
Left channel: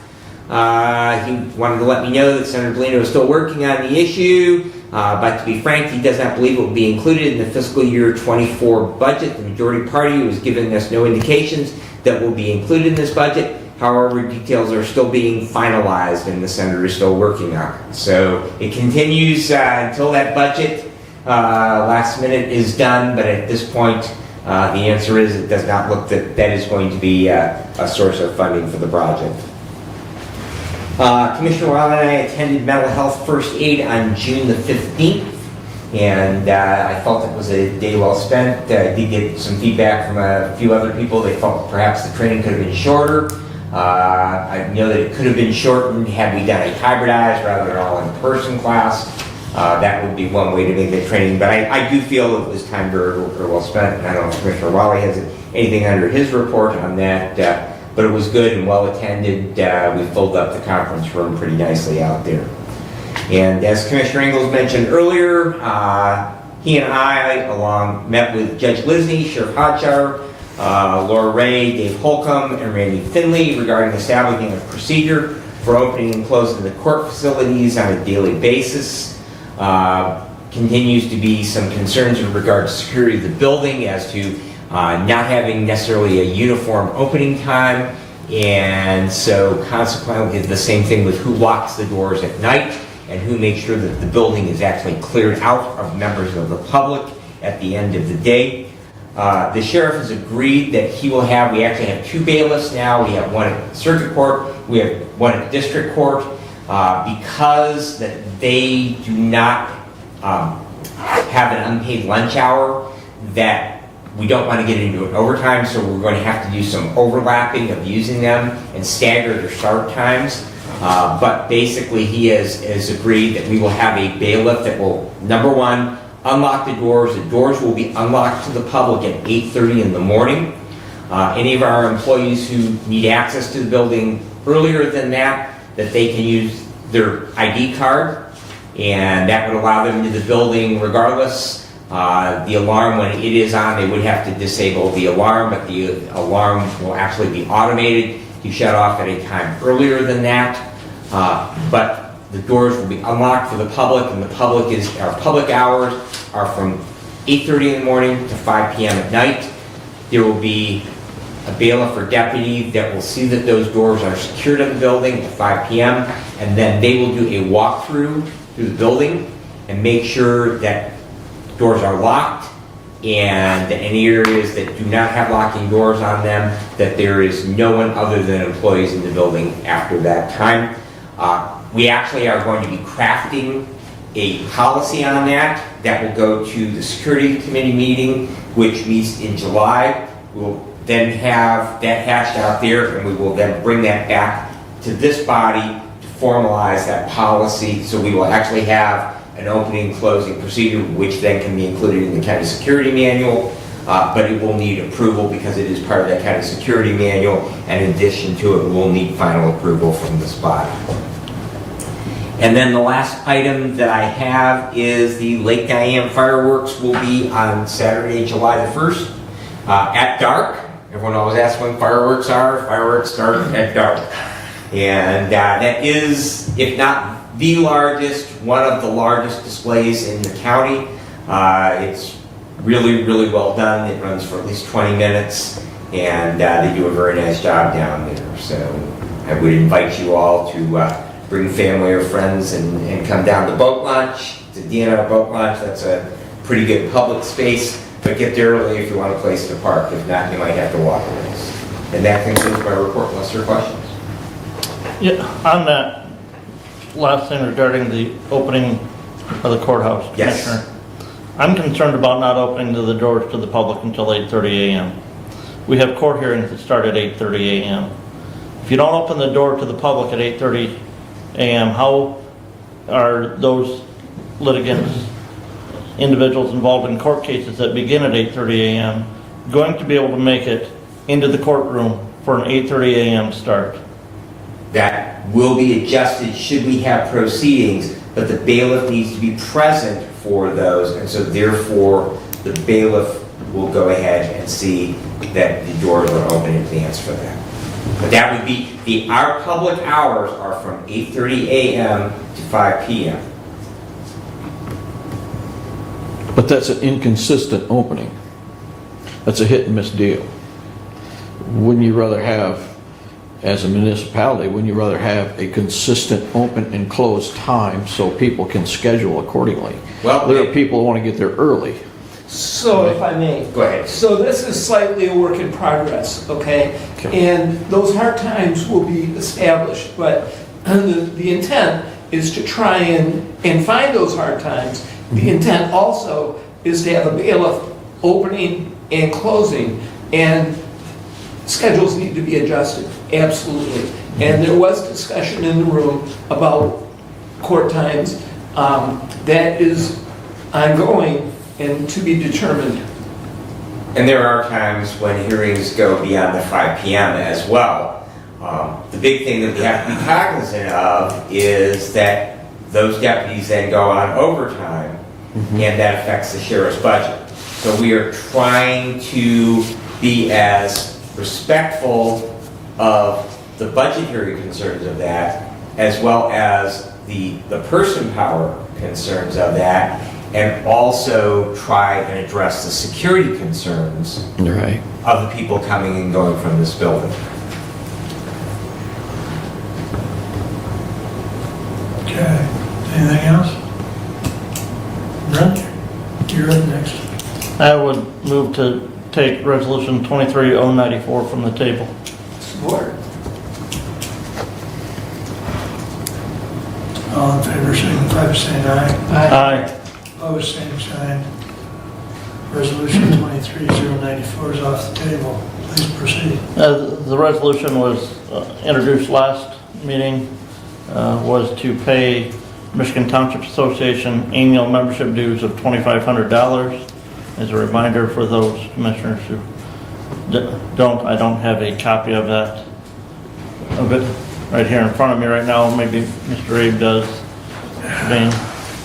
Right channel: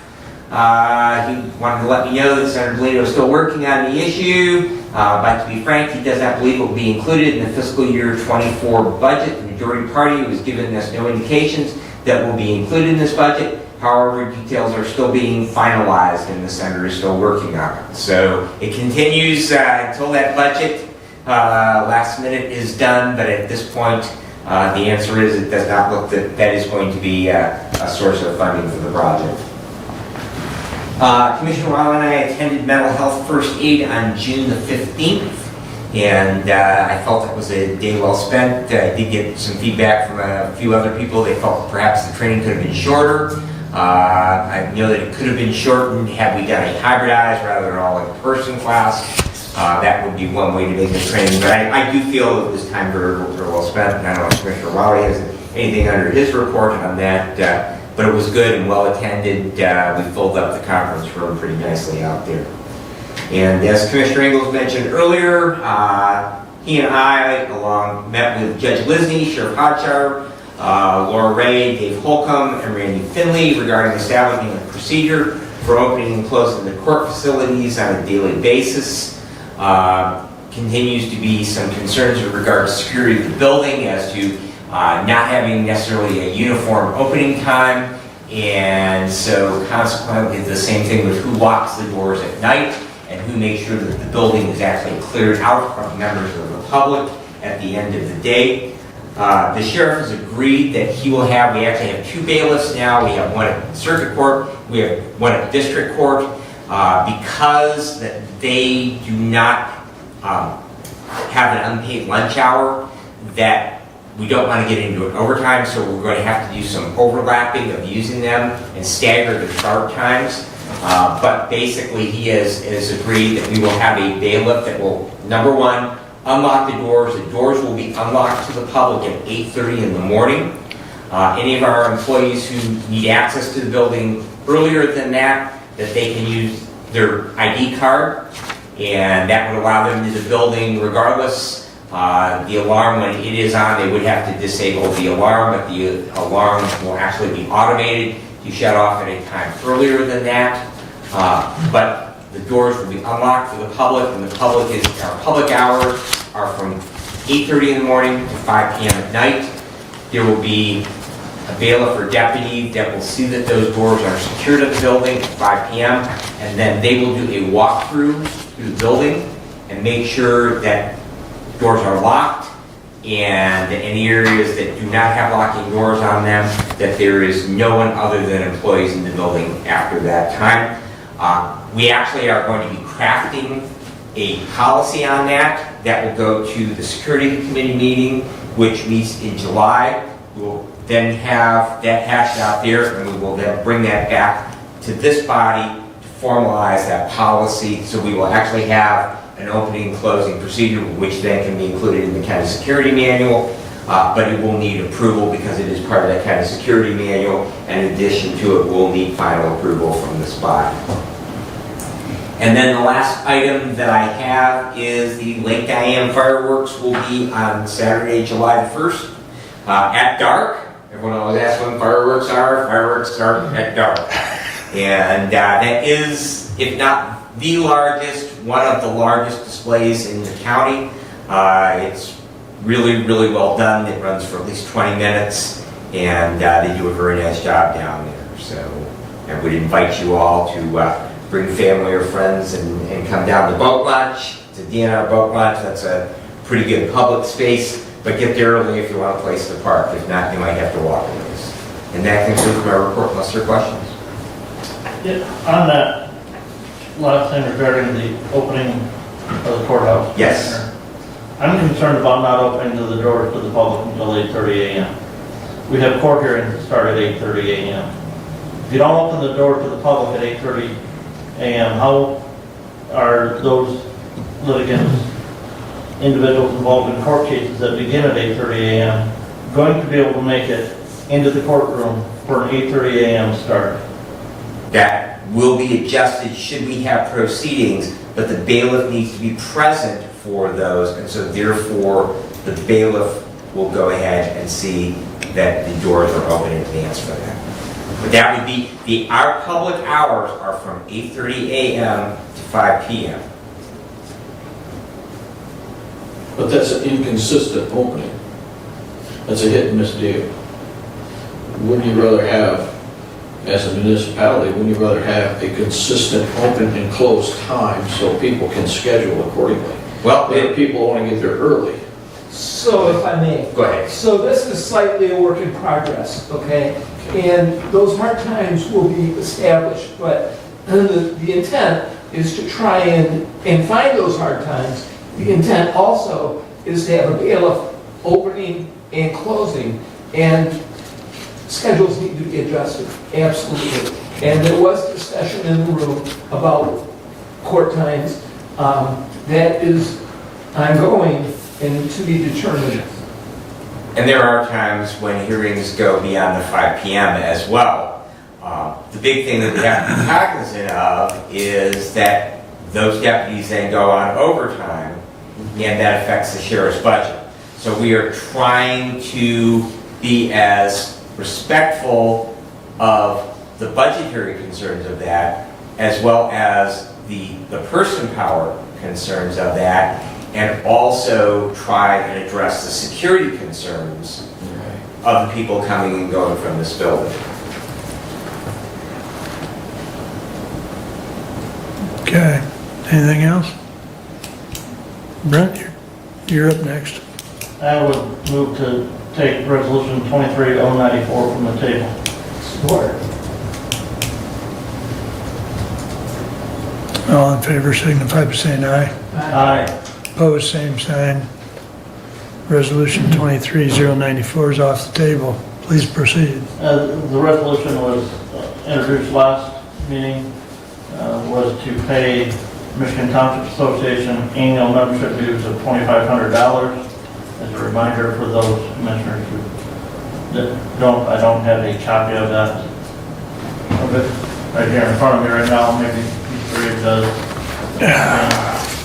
He wanted to let me know that Senator Bellino is still working on the issue, but to be frank, he does not believe it will be included in the fiscal year 24 budget. The majority party was giving us no indications that will be included in this budget. However, details are still being finalized, and the senator is still working on it. So it continues until that budget last minute is done, but at this point, the answer is it does not look that is going to be a source of funding for the project. Commissioner Wall and I attended Mental Health First Aid on June the 15th, and I felt it was a day well spent. I did get some feedback from a few other people. They felt perhaps the training could have been shorter. I know that it could have been shortened had we done a hybridized rather than all in-person class. That would be one way to make the training, but I do feel it was time very well spent, and I don't know if Commissioner Raleigh has anything under his report on that, but it was good and well attended. We filled up the conference room pretty nicely out there. And as Commissioner Ingles mentioned earlier, he and I met with Judge Lisney, Sheriff Hotchar, Laura Ray, Dave Holcomb, and Randy Finley regarding establishing a procedure for opening and closing the court facilities on a daily basis. Continues to be some concerns with regard to security of the building as to not having necessarily a uniform opening time, and so consequently the same thing with who locks the doors at night and who makes sure that the building is actually cleared out of members of the public at the end of the day. The sheriff has agreed that we actually have 2 bailiffs now. We have one at circuit court, we have one at district court, because that they do not have an unpaid lunch hour, that we don't want to get into an overtime, so we're going to have to do some overlapping of using them and stagger their start times. But basically he has agreed that we will have a bailiff that will, number one, unlock the doors. The doors will be unlocked to the public at 8:30 in the morning. Any of our employees who need access to the building earlier than that they can use their ID card, and that would allow them into the building regardless. The alarm, when it is on, they would have to disable the alarm, but the alarm will actually be automated to shut off at a time earlier than that. But the doors will be unlocked for the public, and our public hours are from 8:30 in the morning to 5 p.m. at night. There will be a bailiff or deputy that will see that those doors are secured at the building at 5 p.m. and then they will do a walkthrough through the building and make sure that doors are locked, and that any areas that do not have locking doors on them, that there is no one other than employees in the building after that time. We actually are going to be crafting a policy on that will go to the security committee meeting, which meets in July. We'll then have that hashed out there, and we will then bring that back to this body to formalize that policy. So we will actually have an opening, closing procedure, which then can be included in the county security manual, but it will need approval because it is part of that county security manual, and in addition to it, will need final approval from this body. And then the last item that I have is the Lake Diane fireworks will be on Saturday, July the 1st, at dark. Everyone always asks when fireworks are. Fireworks start at dark. And that is, if not the largest, one of the largest displays in the county. It's really, really well done. It runs for at least 20 minutes, and they do a very nice job down there. So I would invite you all to bring family or friends and come down to boat launch, to DNR boat launch. That's a pretty good public space, but get there early if you want a place to park. If not, you might have to walk a ways. And that concludes my report, unless there are questions. Yeah, on that last thing regarding the opening of the courthouse. Yes. Commissioner, I'm concerned about not opening the doors to the public until 8:30 a.m. We have court hearings that start at 8:30 a.m. If you don't open the door to the public at 8:30 a.m., how are those litigants, individuals involved in court cases that begin at 8:30 a.m., going to be able to make it into the courtroom for an 8:30 a.m. start? That will be adjusted should we have proceedings, but the bailiff needs to be present for those, and so therefore the bailiff will go ahead and see that the doors are open in advance for that. But that would be, our public hours are from 8:30 a.m. to 5 p.m. But that's an inconsistent opening. That's a hit and miss deal. Wouldn't you rather have, as a municipality, wouldn't you rather have a consistent open and close time so people can schedule accordingly? Well, there are people who want to get there early. So if I may. Go ahead. So this is slightly a work in progress, okay? And those hard times will be established, but the intent is to try and find those hard times. The intent also is to have a bailiff opening and closing, and schedules need to be adjusted, absolutely. And there was discussion in the room about court times. That is ongoing and to be determined. And there are times when hearings go beyond the 5 p.m. as well. The big thing that we have to be cognizant of is that those deputies then go on overtime, and that affects the sheriff's budget. So we are trying to be as respectful of the budgetary concerns of that, as well as the person power concerns of that, and also try and address the security concerns Right. of the people coming and going from this building. Okay, anything else? Brent, you're up next. I would move to take resolution 23094 from the table. Support. All in favor, signify by saying aye. Aye. Opposed, same sign. Resolution 23094 is off the table. Please proceed. The resolution was introduced last meeting, was to pay Michigan Township Association annual membership dues of $2,500. As a reminder for those commissioners who don't, I don't have a copy of that. Okay, right here in front of me right now, maybe Mr. Reeve does.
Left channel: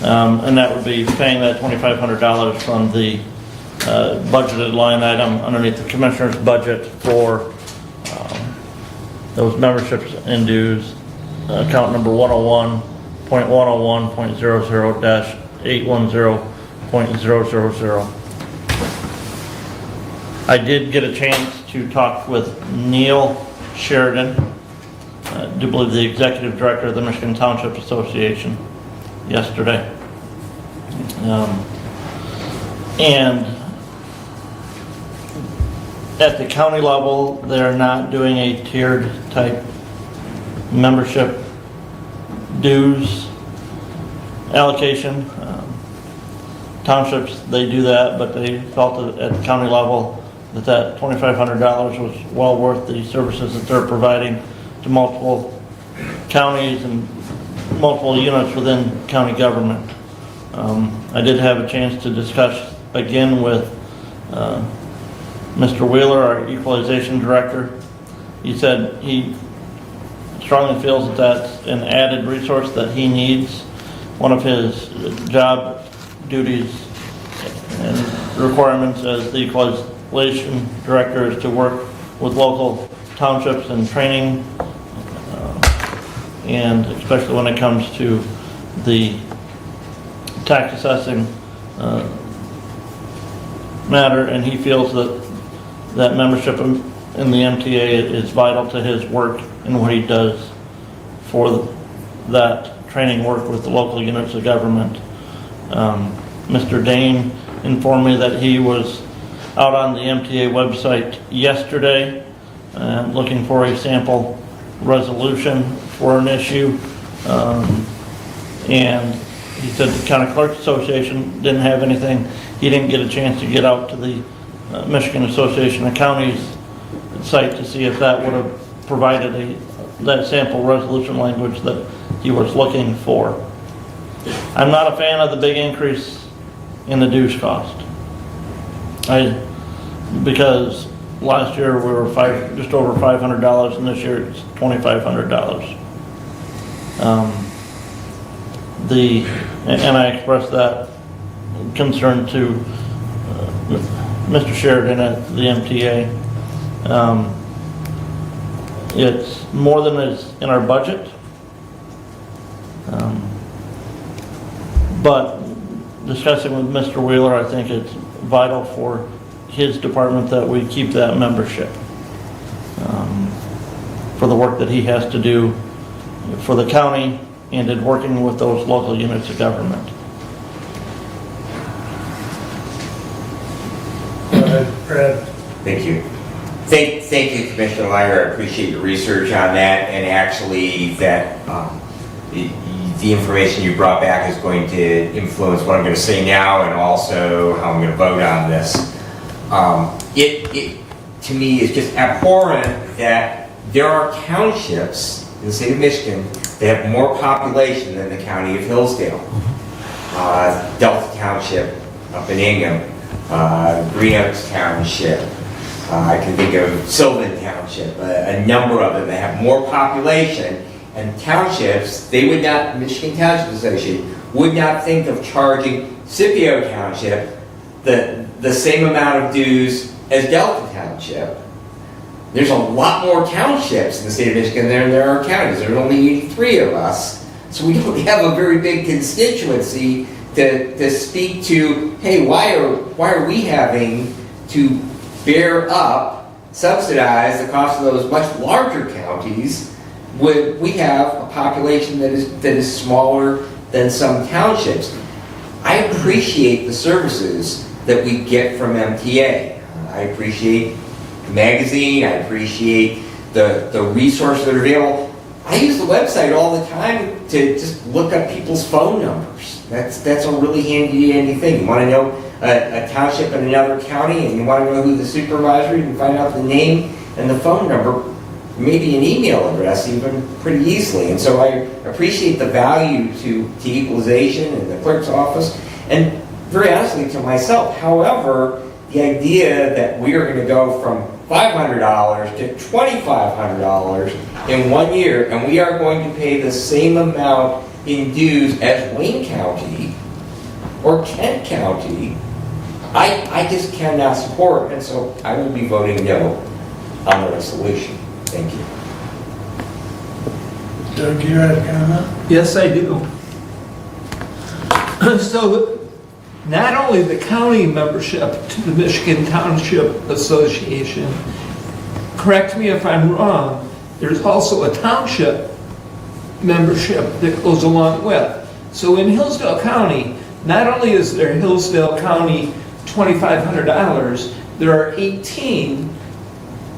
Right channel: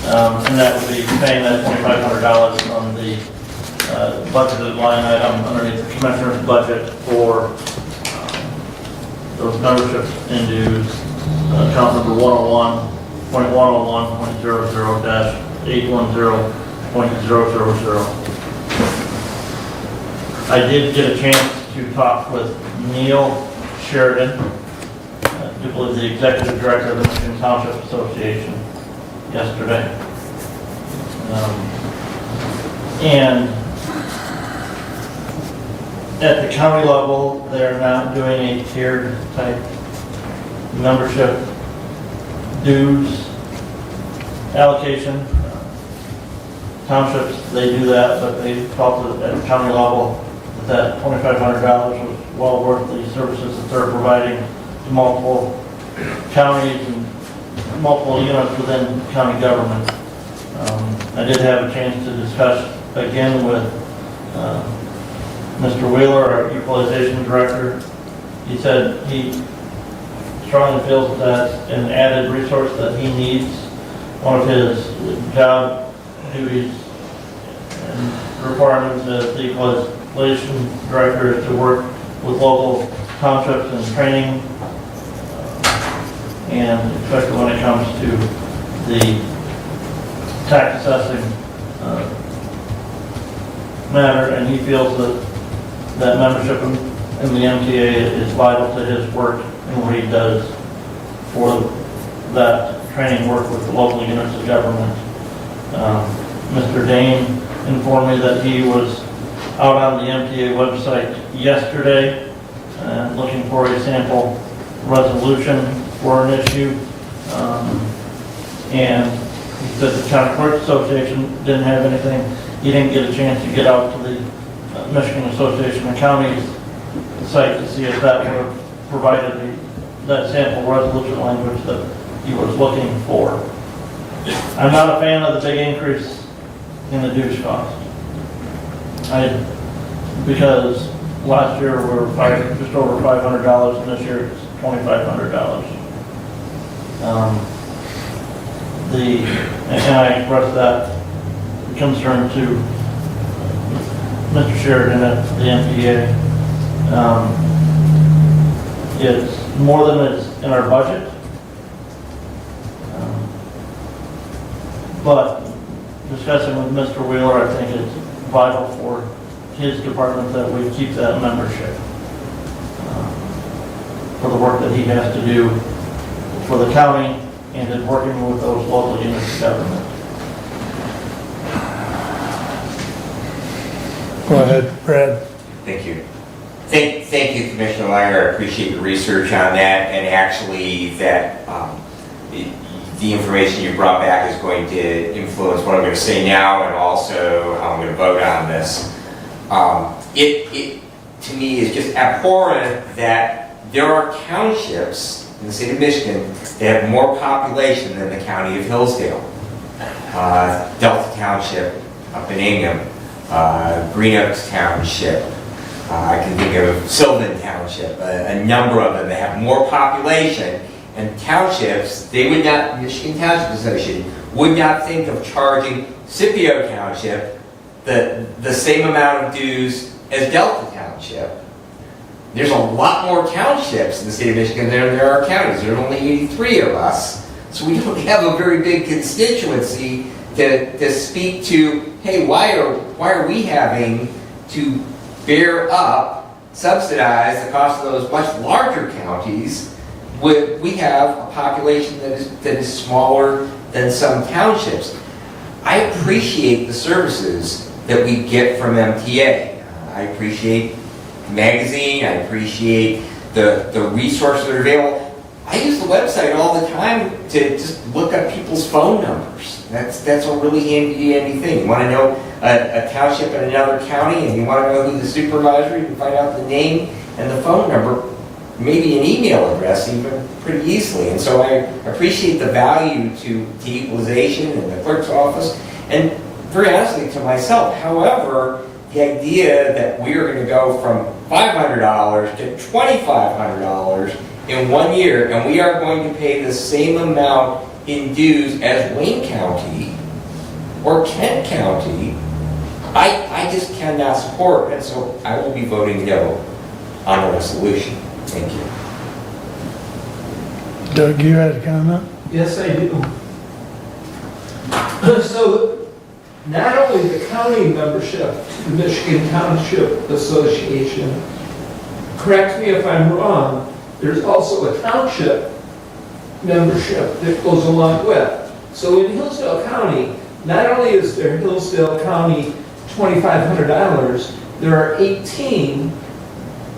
And that would be paying that $2,500 from the budgeted line item underneath the commissioner's budget for those memberships and dues, account number 101.101.00-810.000. I did get a chance to talk with Neil Sheridan, I do believe the executive director of the Michigan Township Association, yesterday. And at the county level, they're not doing a tiered type membership dues allocation. Townships, they do that, but they felt that at the county level that $2,500 was well worth the services that they're providing to multiple counties and multiple units within county government. I did have a chance to discuss again with Mr. Wheeler, our equalization director. He said he strongly feels that that's an added resource that he needs. One of his job duties and requirements as the equalization director is to work with local townships and training, and especially when it comes to the tax assessing matter, and he feels that membership in the MTA is vital to his work and what he does for that training work with the local units of government. Mr. Dane informed me that he was out on the MTA website yesterday looking for a sample resolution for an issue, and he said the County Clerks Association didn't have anything. He didn't get a chance to get out to the Michigan Association of Counties site to see if that would have provided that sample resolution language that he was looking for. I'm not a fan of the big increase in the dues cost. Because last year we were just over $500, and this year it's $2,500. And I expressed that concern to Mr. Sheridan at the MTA. It's more than is in our budget, but discussing with Mr. Wheeler, I think it's vital for his department that we keep that membership for the work that he has to do for the county and in working with those local units of government. Go ahead, Brad. Thank you. Thank you, Commissioner Meyer. I appreciate your research on that, and actually that the information you brought back is going to influence what I'm going to say now and also how I'm going to vote on this. It to me is just abhorrent that there are townships in the state of Michigan that have more population than the county of Hillsdale. Delta Township up in Ingham, Green Oaks Township, I can think of Sylvan Township, a number of them that have more population, and townships, they would not, Michigan Township Association, would not think of charging Scipio Township the same amount of dues as Delta Township. There's a lot more townships in the state of Michigan than there are counties. There's only 83 of us, so we don't have a very big constituency to speak to, hey, why are we having to bear up, subsidize the cost of those much larger counties when we have a population that is smaller than some townships. I appreciate the services that we get from MTA. I appreciate the magazine, I appreciate the resources that are available. I use the website all the time to just look up people's phone numbers. That's a really handy thing. You want to know a township in another county and you want to know who the supervisor, you can find out the name and the phone number, maybe an email address even pretty easily. And so I appreciate the value to equalization and the clerk's office, and very honestly to myself. However, the idea that we are going to go from $500 to $2,500 in 1 year, and we are going to pay the same amount in dues as Wayne County or Kent County, I just cannot support, and so I will be voting no on the resolution. Thank you. Doug, you had a comment? Yes, I do. So, not only the county membership to the Michigan Township Association, correct me if I'm wrong, there's also a township membership that goes along with. So in Hillsdale County, not only is there Hillsdale County $2,500, there are 18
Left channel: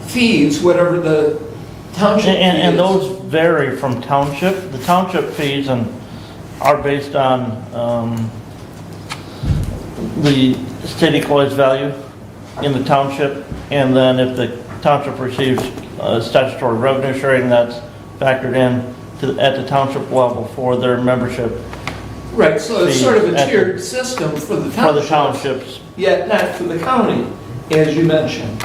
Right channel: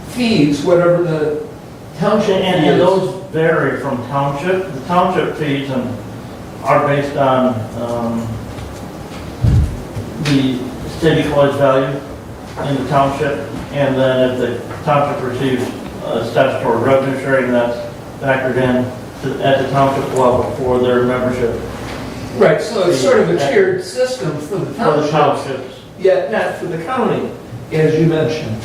fees, whatever the township fee is. And those vary from township. The township fees are based on the state equalized value in the township, and then if the township receives statutory revenue sharing, that's factored in at the township level for their membership Right, so it's sort of a tiered system for the For the townships, townships. yet not for the county, as you mentioned.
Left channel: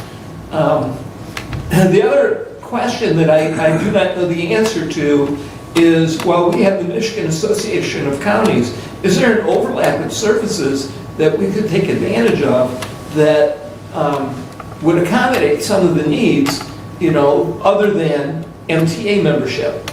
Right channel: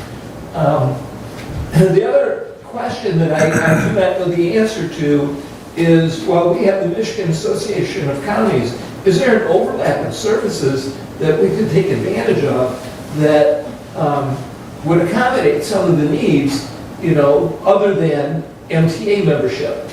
And the other question that I do not know the answer to is, well, we have the Michigan Association of Counties. Is there an overlap of services that we could take advantage of that would accommodate some of the needs, you know, other than MTA membership?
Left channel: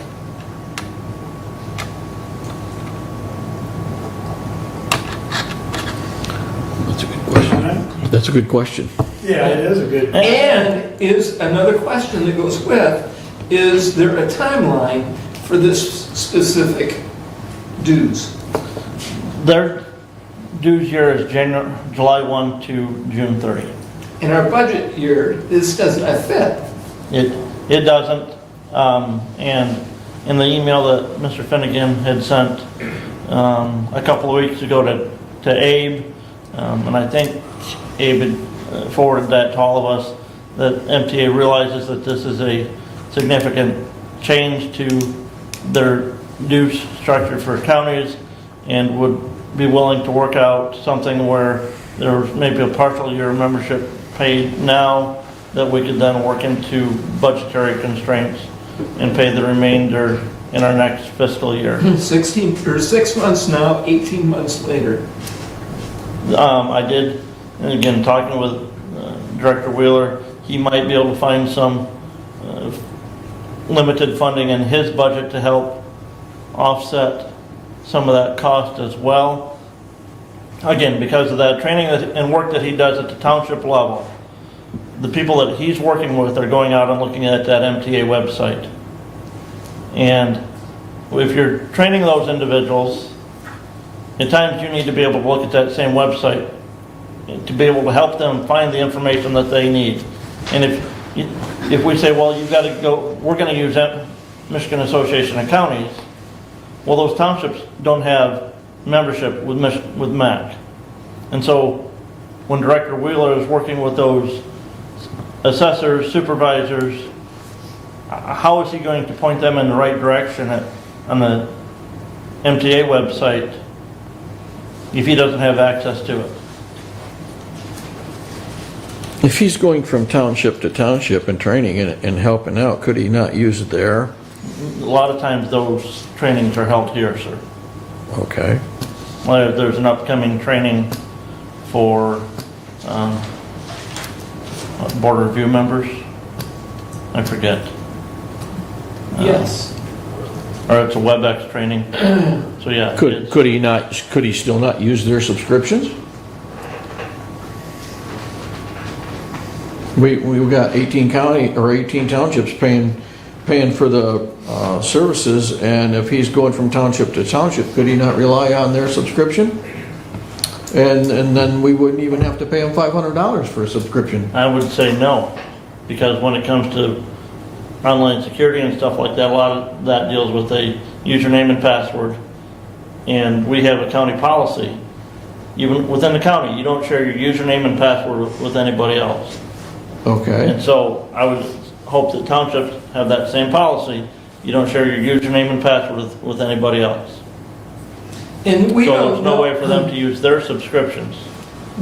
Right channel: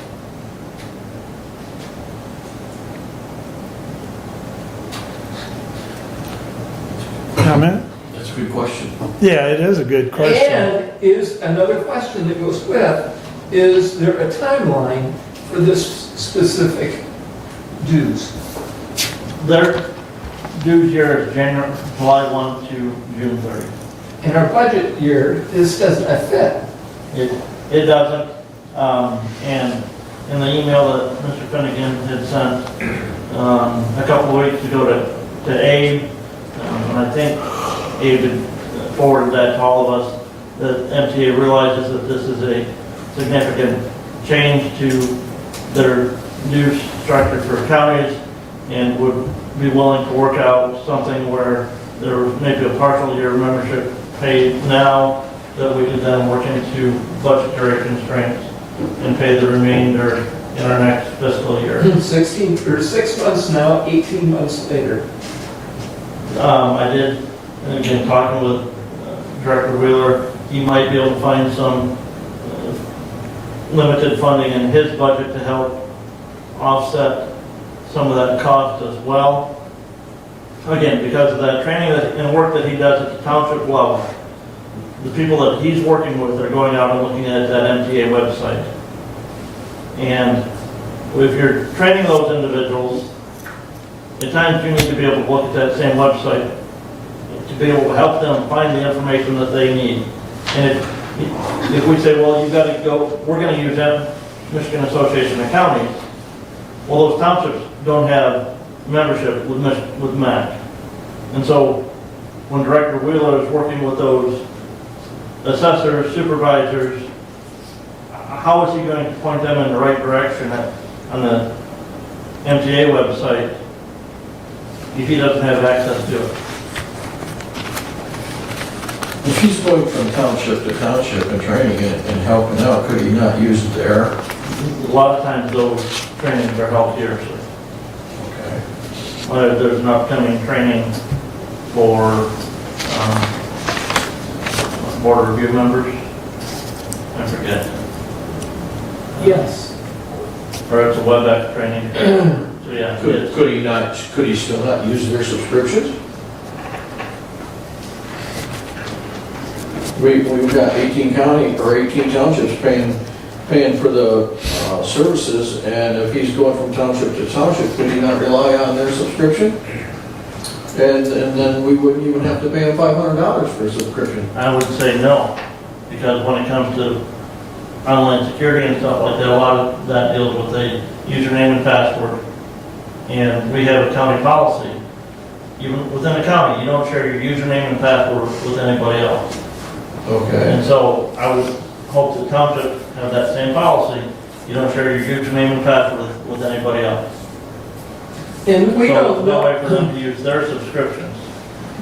Comment? That's a good question. Yeah, it is a good question. And is another question that goes with, is there a timeline for this specific dues? Their due year is July 1 to June 30. In our budget year, this doesn't fit. It doesn't, and in the email that Mr. Finnegan had sent a couple of weeks ago to Abe, and I think Abe had forwarded that to all of us, that MTA realizes that this is a significant change to their dues structure for counties and would be willing to work out something where there may be a partial year membership paid now that we could then work into budgetary constraints and pay the remainder in our next fiscal year. 16 or 6 months now, 18 months later. I did, and again, talking with Director Wheeler, he might be able to find some limited funding in his budget to help offset some of that cost as well. Again, because of that training and work that he does at the township level, the people that he's working with are going out and looking at that MTA website. And if you're training those individuals, at times you need to be able to look at that same website to be able to help them find the information that they need. And if we say, well, you've got to go, we're going to use that Michigan Association of Counties, well, those townships don't have membership with MAC. And so when Director Wheeler is working with those assessors, supervisors, how is he going to point them in the right direction on the MTA website if he doesn't have access to it? If he's going from township to township and training it and helping out, could he not use their? A lot of times those trainings are held here, sir. Okay. Well, there's an upcoming training for board review members. I forget. Yes. Or it's a WebEx training. So yeah. Could he still not use their subscriptions? We've got 18 townships paying for the services, and if he's going from township to township, could he not rely on their subscription? And then we wouldn't even have to pay him $500 for a subscription. I would say no, because when it comes to online security and stuff like that, a lot of that deals with a username and password. And we have a county policy. Even within the county, you don't share your username and password with anybody else. Okay. And so I would hope that townships have that same policy. You don't share your username and password with anybody else. And we So don't there's no know, way for them to use their subscriptions.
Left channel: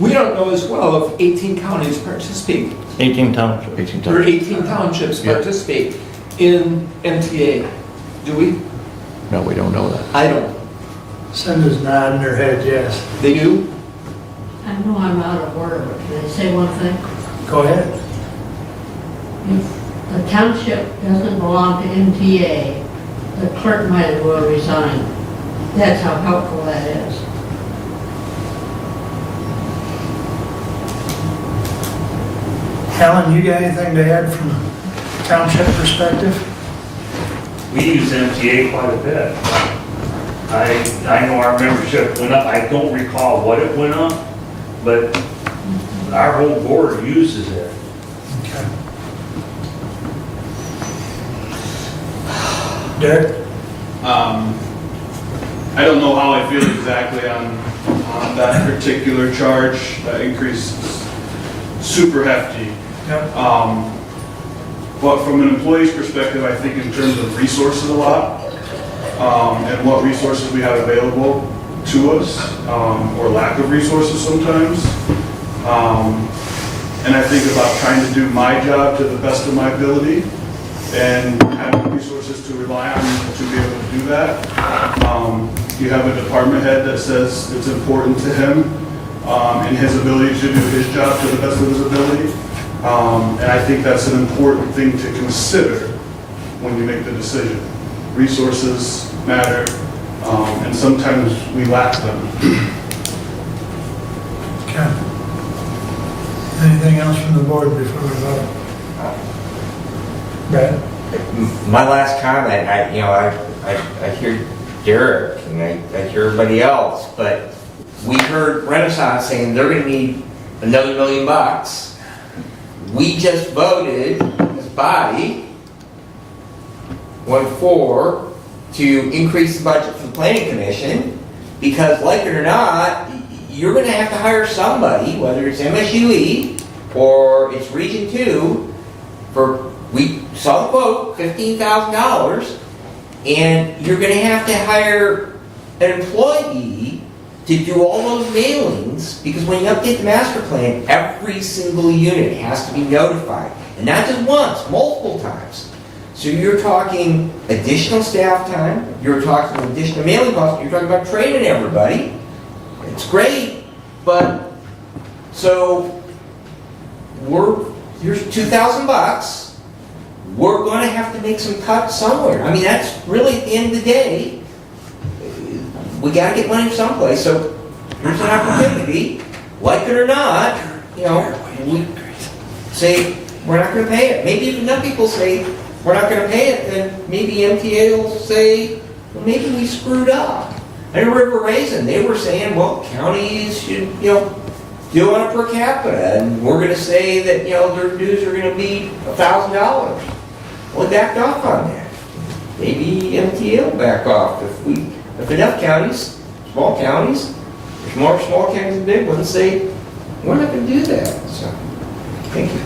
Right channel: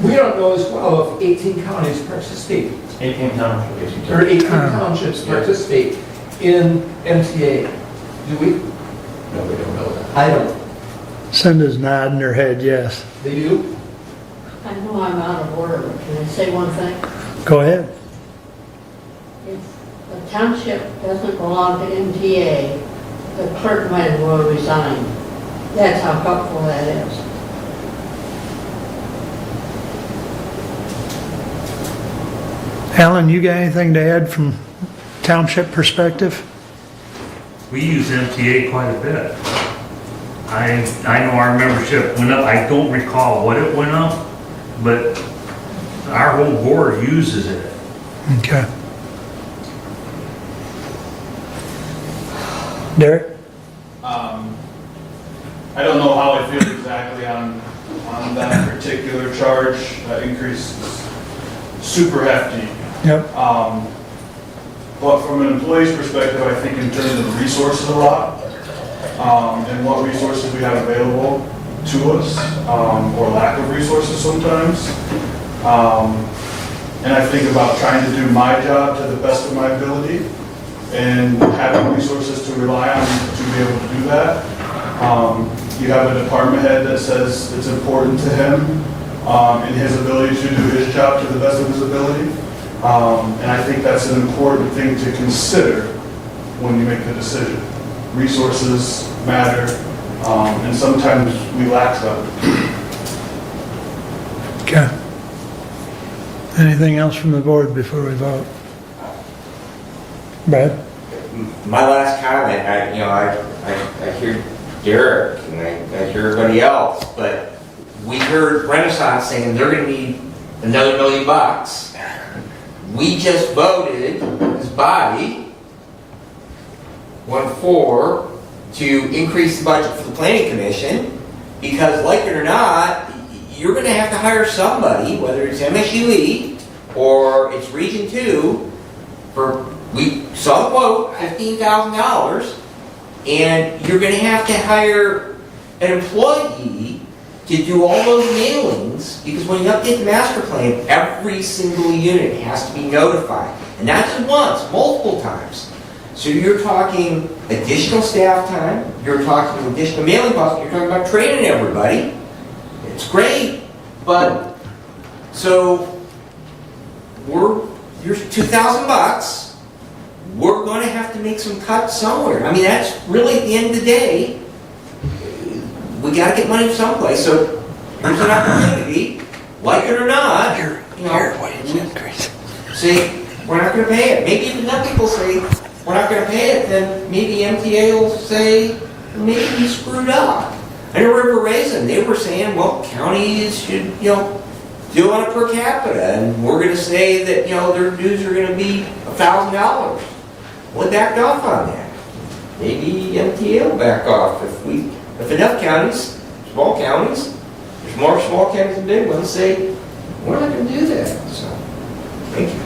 we don't know as well if 18 counties participate, 18 townships. or 18 townships participate in MTA. Do we? No, we don't know that. I don't. Cinda's nodding her head, yes. They do? I know I'm out of order, but can I say one thing? Go ahead. If the township doesn't belong to MTA, the clerk might as well resign. That's how helpful that is. Alan, you got anything to add from township perspective? We use MTA quite a bit. I know our membership went up. I don't recall what it went up, but our whole board uses it. Okay. Derek? I don't know how I feel exactly on that particular charge. That increase is super hefty. Yep. But from an employee's perspective, I think in terms of resources a lot, and what resources we have available, to us, or lack of resources sometimes. And I think about trying to do my job to the best of my ability and having resources to rely on to be able to do that. You have a department head that says it's important to him and his ability to do his job to the best of his ability. And I think that's an important thing to consider when you make the decision. Resources matter, and sometimes we lack them. Okay. Anything else from the board before we vote? Brad? My last comment, I hear Derek and I hear everybody else, but we heard Renaissance saying they're going to need another $1 million. We just voted, this body, 1-4, to increase the budget for the planning commission, because like it or not, you're going to have to hire somebody, whether it's MSUE or it's Region 2, we saw the quote, $15,000, and you're going to have to hire an employee to do all those mailings, because when you update the master plan, every single unit has to be notified, and not just once, multiple times. So you're talking additional staff time, you're talking additional mailing costs, you're talking about training everybody. It's great, but so here's $2,000. We're going to have to make some cuts somewhere. I mean, that's really at the end of the day, we got to get money someplace. So there's an opportunity, like it or not. Say we're not going to pay it. Maybe if enough people say we're not going to pay it, then maybe MTA will say, well, maybe we screwed up. I know River Raisin, they were saying, well, counties should, do on a per capita, and we're going to say that, their dues are going to be $1,000. Well, backed off on that. Maybe MTA will back off if enough counties, small counties, there's more small counties than big ones, say, we're not going to do that. So, thank you.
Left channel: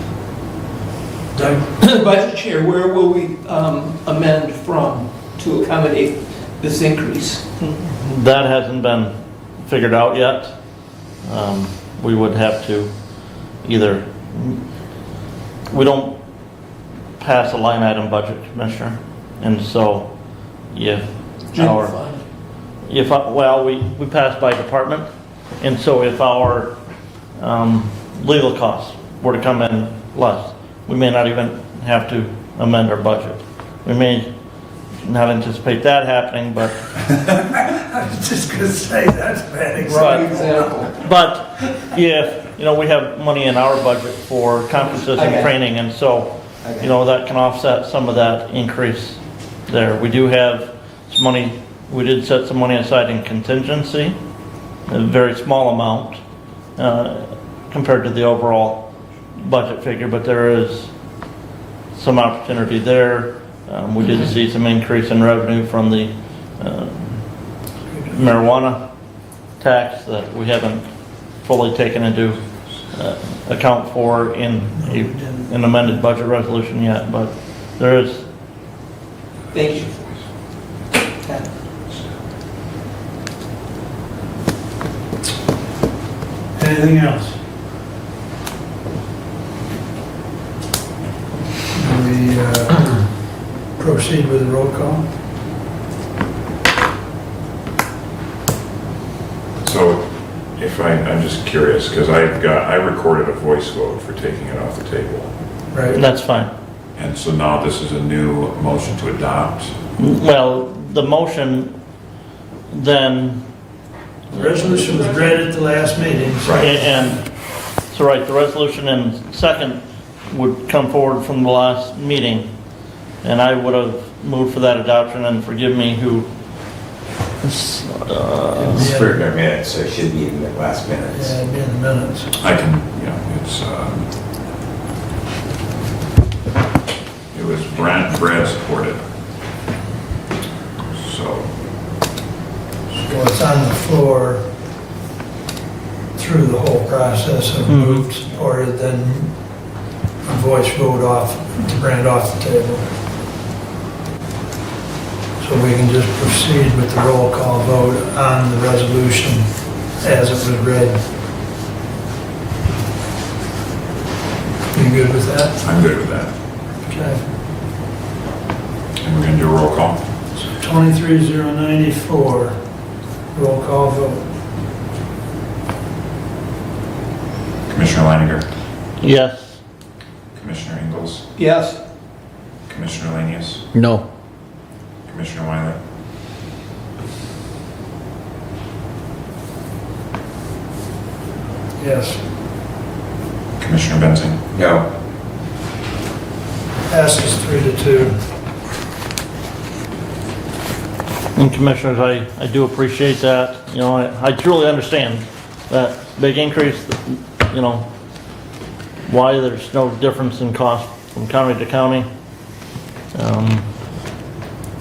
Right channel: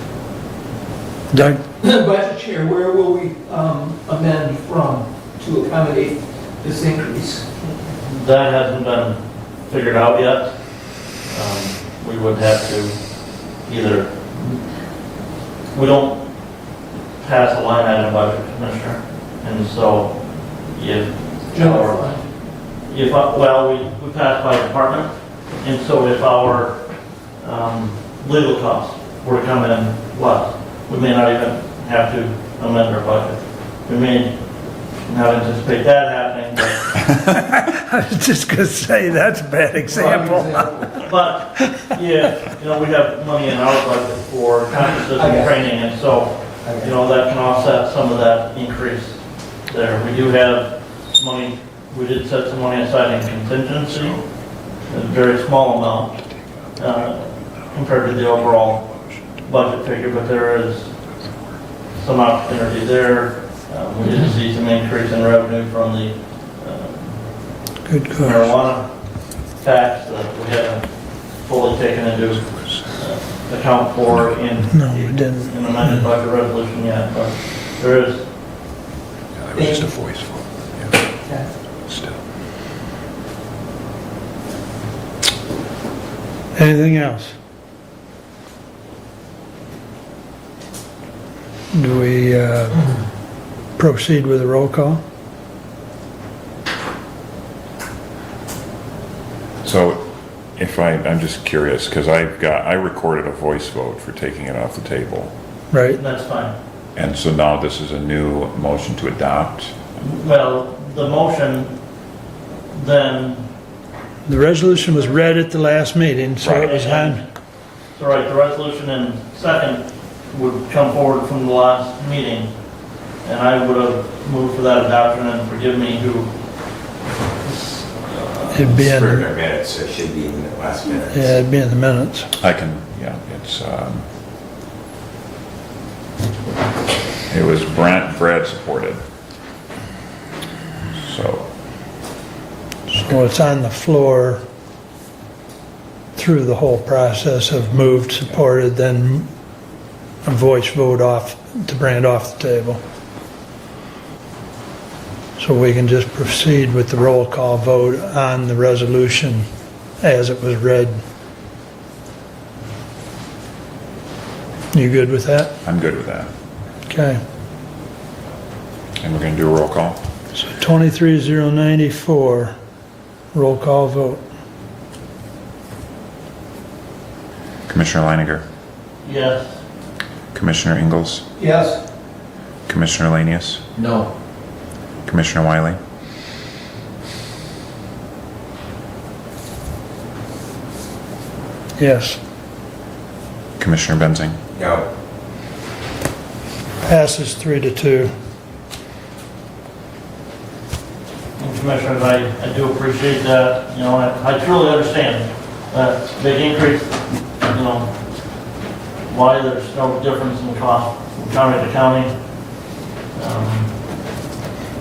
Doug? Budget Chair, where will we amend from to accommodate this increase? That hasn't been figured out yet. We would have to either, we don't pass a line item budget, Commissioner, and so we pass by department, and so if our legal costs were to come in less, we may not even have to amend our budget. We may not anticipate that happening, but I was just going to say that's a bad example. But yeah, we have money in our budget for conferences and training, and so that can offset some of that increase there. We do have some money. We did set some money aside in contingency, a very small amount compared to the overall budget figure, but there is some opportunity there. We did see some increase in revenue from the marijuana tax that we haven't fully taken into account for in an amended budget resolution yet, but there is. It's a voice vote. Yeah. Still. Anything else? Do we proceed with a roll call? So if I'm just curious, because I recorded a voice vote for taking it off the table. Right. That's fine. And so now this is a new motion to adopt. Well, the motion then. The resolution was read at the last meeting. So the resolution in second would come forward from the last meeting, and I would have moved for that adoption, and forgive me, who it'd be in the minutes, so it should be in the last minutes. Yeah, it'd be in the minutes. It was Brad supported. So it's on the floor through the whole process of moved, supported, then a voice vote off to bring it off the table. So we can just proceed with the roll call vote on the resolution as it was read. You good with that? I'm good with that. Okay. And we're gonna do a roll call. So 23,094, roll call vote. Commissioner Leininger, Yes. Commissioner Ingalls, Yes. Commissioner Lanius, No. Commissioner Wiley, Yes. Commissioner Benzing. No. Passes 3-2. And Commissioners, I do appreciate that. You know, I truly understand that big increase, you know, why there's no difference in cost from county to county.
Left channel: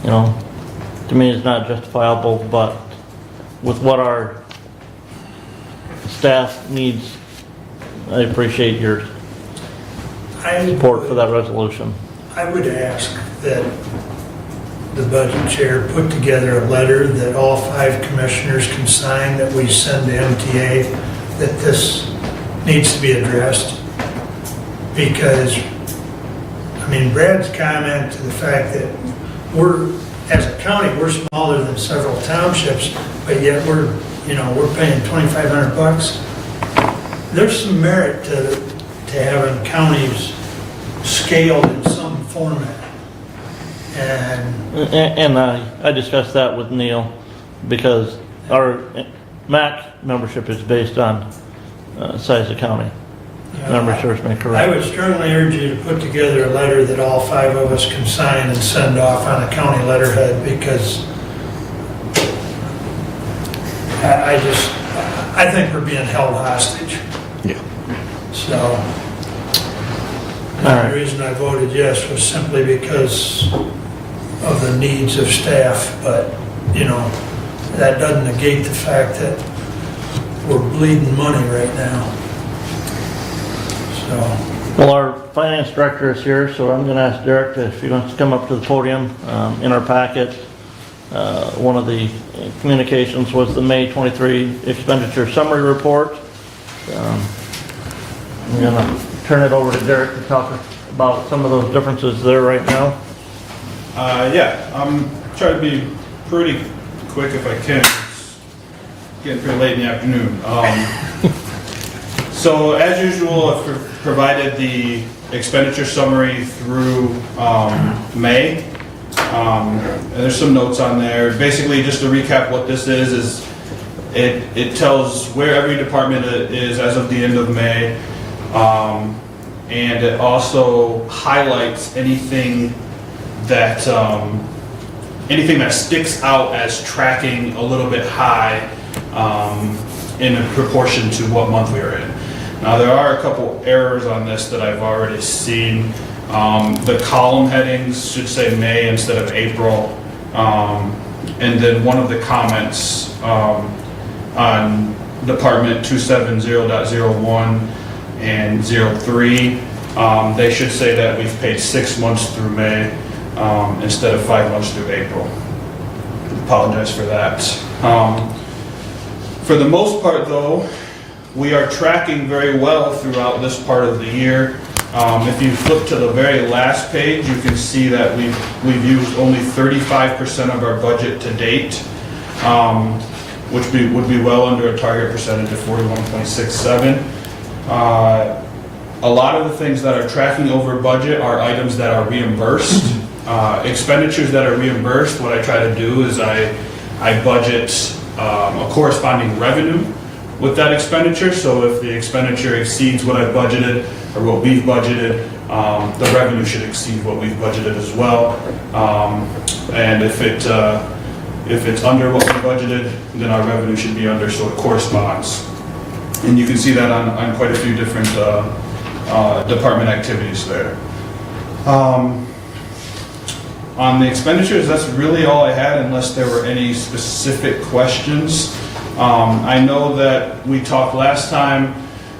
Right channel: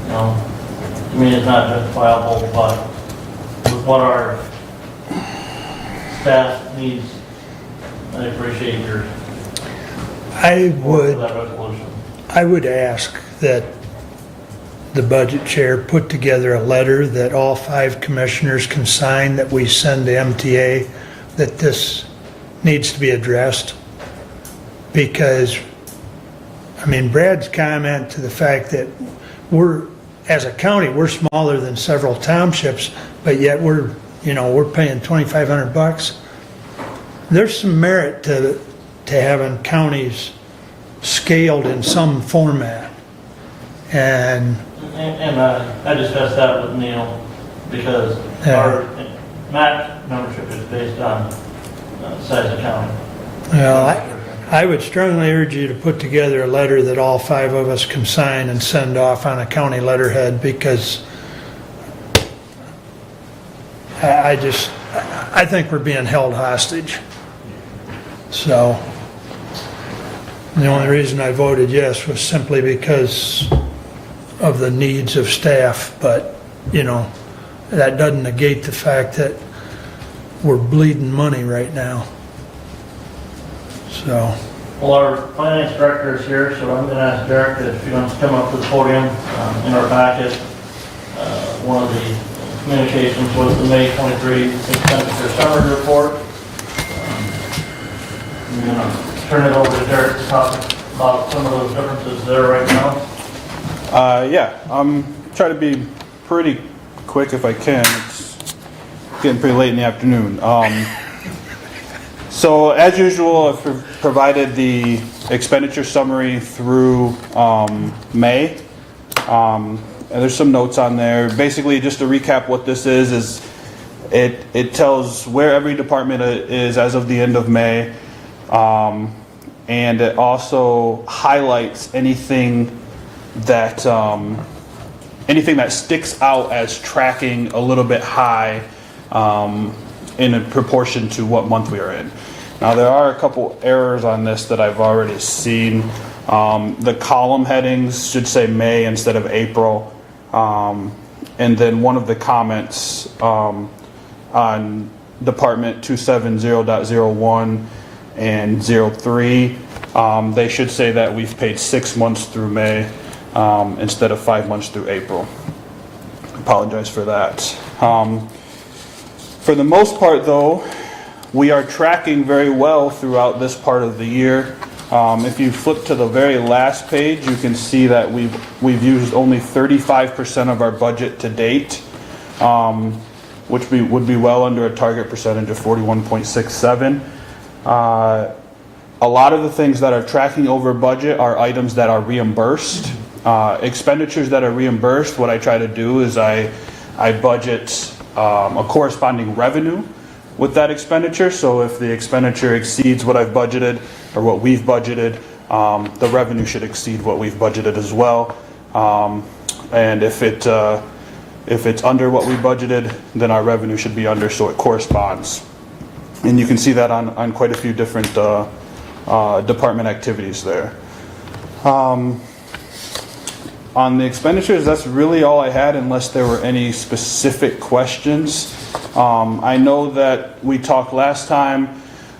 You know, to me, it's not justifiable, but with what our staff needs, I appreciate your support for that resolution. I would ask that the budget chair put together a letter that all 5 commissioners can sign that we send to MTA, that this needs to be addressed. Because, I mean, Brad's comment to the fact that we're, as a county, we're smaller than several townships, but yet we're paying $2,500. There's some merit to having counties scaled in some format. And I discussed that with Neil, because our MAC membership is based on size of county. I would strongly urge you to put together a letter that all 5 of us can sign and send off on a county letterhead, because I think we're being held hostage. Yeah. So, the only reason I voted yes was simply because of the needs of staff, but, you know, that doesn't negate the fact that we're bleeding money right now. So. Well, our finance director is here, so I'm going to ask Derek if he wants to come up to the podium. In our packet, one of the communications was the May 23 expenditure summary report. I'm going to turn it over to Derek to talk about some of those differences there right now. Yeah, I'm trying to be pretty quick if I can. It's getting pretty late in the afternoon. So as usual, I've provided the expenditure summary through May. And there's some notes on there. Basically, just to recap what this is it tells where every department is as of the end of May. And it also highlights anything that sticks out as tracking a little bit high in proportion to what month we are in. Now, there are a couple errors on this that I've already seen. The column headings should say May instead of April. And then one of the comments on Department 270.01 and 03, they should say that we've paid 6 months through May instead of 5 months through April. Apologize for that. For the most part, though, we are tracking very well throughout this part of the year. If you flip to the very last page, you can see that we've used only 35% of our budget to date, which would be well under a target percentage of 41.67. A lot of the things that are tracking over budget are items that are reimbursed. Expenditures that are reimbursed, what I try to do is I budget a corresponding revenue with that expenditure. So if the expenditure exceeds what I've budgeted or what we've budgeted, the revenue should exceed what we've budgeted as well. And if it's under what we budgeted, then our revenue should be under, so it corresponds. And you can see that on quite a few different department activities there. On the expenditures, that's really all I had, unless there were any specific questions. I know that we talked last time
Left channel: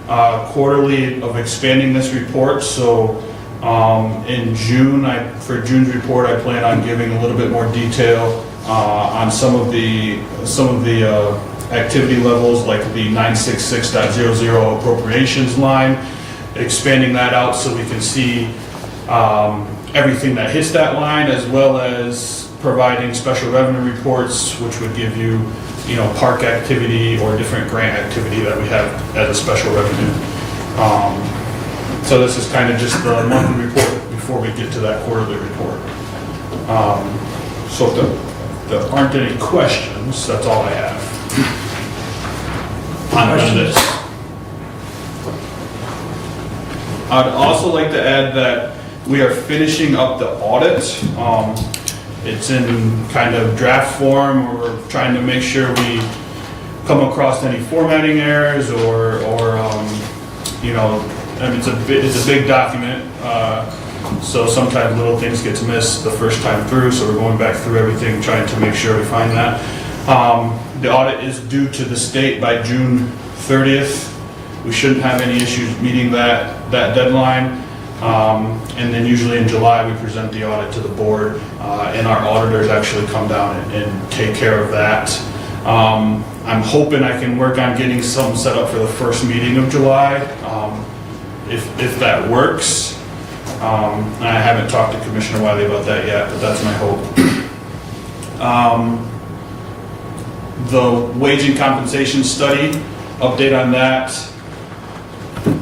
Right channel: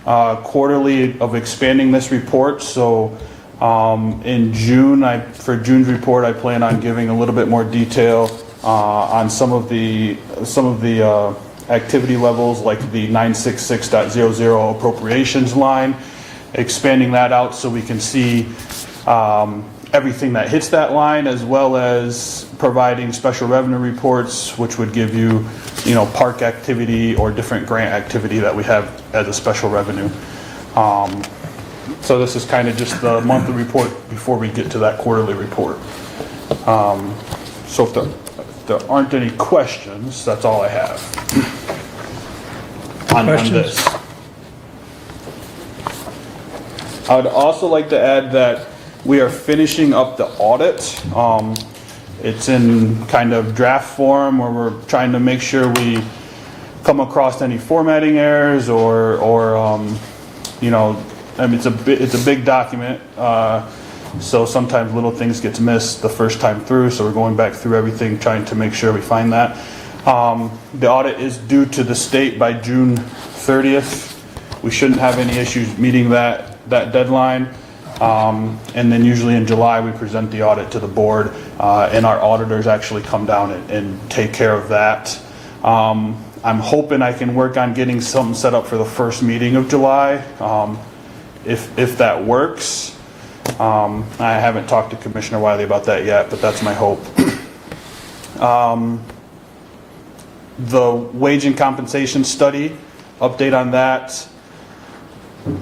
quarterly of expanding this report, so In June, for June's report, I plan on giving a little bit more detail on some of the activity levels, like the 966.00 appropriations line, expanding that out so we can see everything that hits that line, as well as providing special revenue reports, which would give you, park activity or different grant activity that we have as a special revenue. So this is kind of just the monthly report before we get to that quarterly report. So if there aren't any questions, that's all I have. On this. I'd also like to add that we are finishing up the audit. It's in kind of draft form, where we're trying to make sure we come across any formatting errors or it's a big document, so sometimes little things gets missed the first time through, so we're going back through everything, trying to make sure we find that. The audit is due to the state by June 30th. We shouldn't have any issues meeting that deadline. And then usually in July, we present the audit to the board, and our auditors actually come down and take care of that. I'm hoping I can work on getting something set up for the first meeting of July, if that works. I haven't talked to Commissioner Wiley about that yet, but that's my hope. The wage and compensation study, update on that.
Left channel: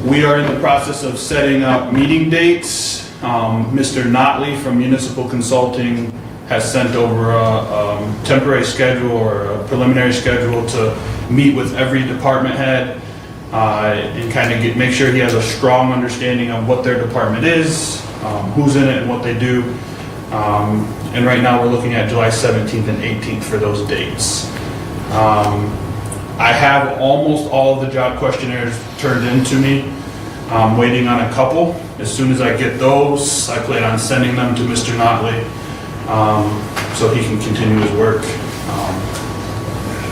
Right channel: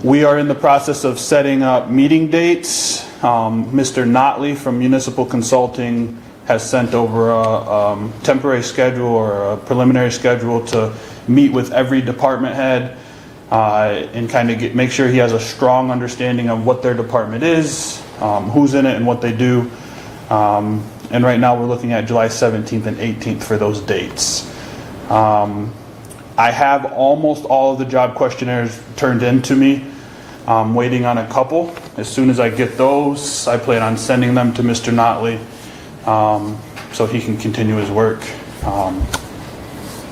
We are in the process of setting up meeting dates. Mr. Notley from Municipal Consulting has sent over a temporary schedule or a preliminary schedule to meet with every department head and kind of make sure he has a strong understanding of what their department is, who's in it and what they do. And right now we're looking at July 17th and 18th for those dates. I have almost all of the job questionnaires turned in to me. I'm waiting on a couple. As soon as I get those, I plan on sending them to Mr. Notley so he can continue his work.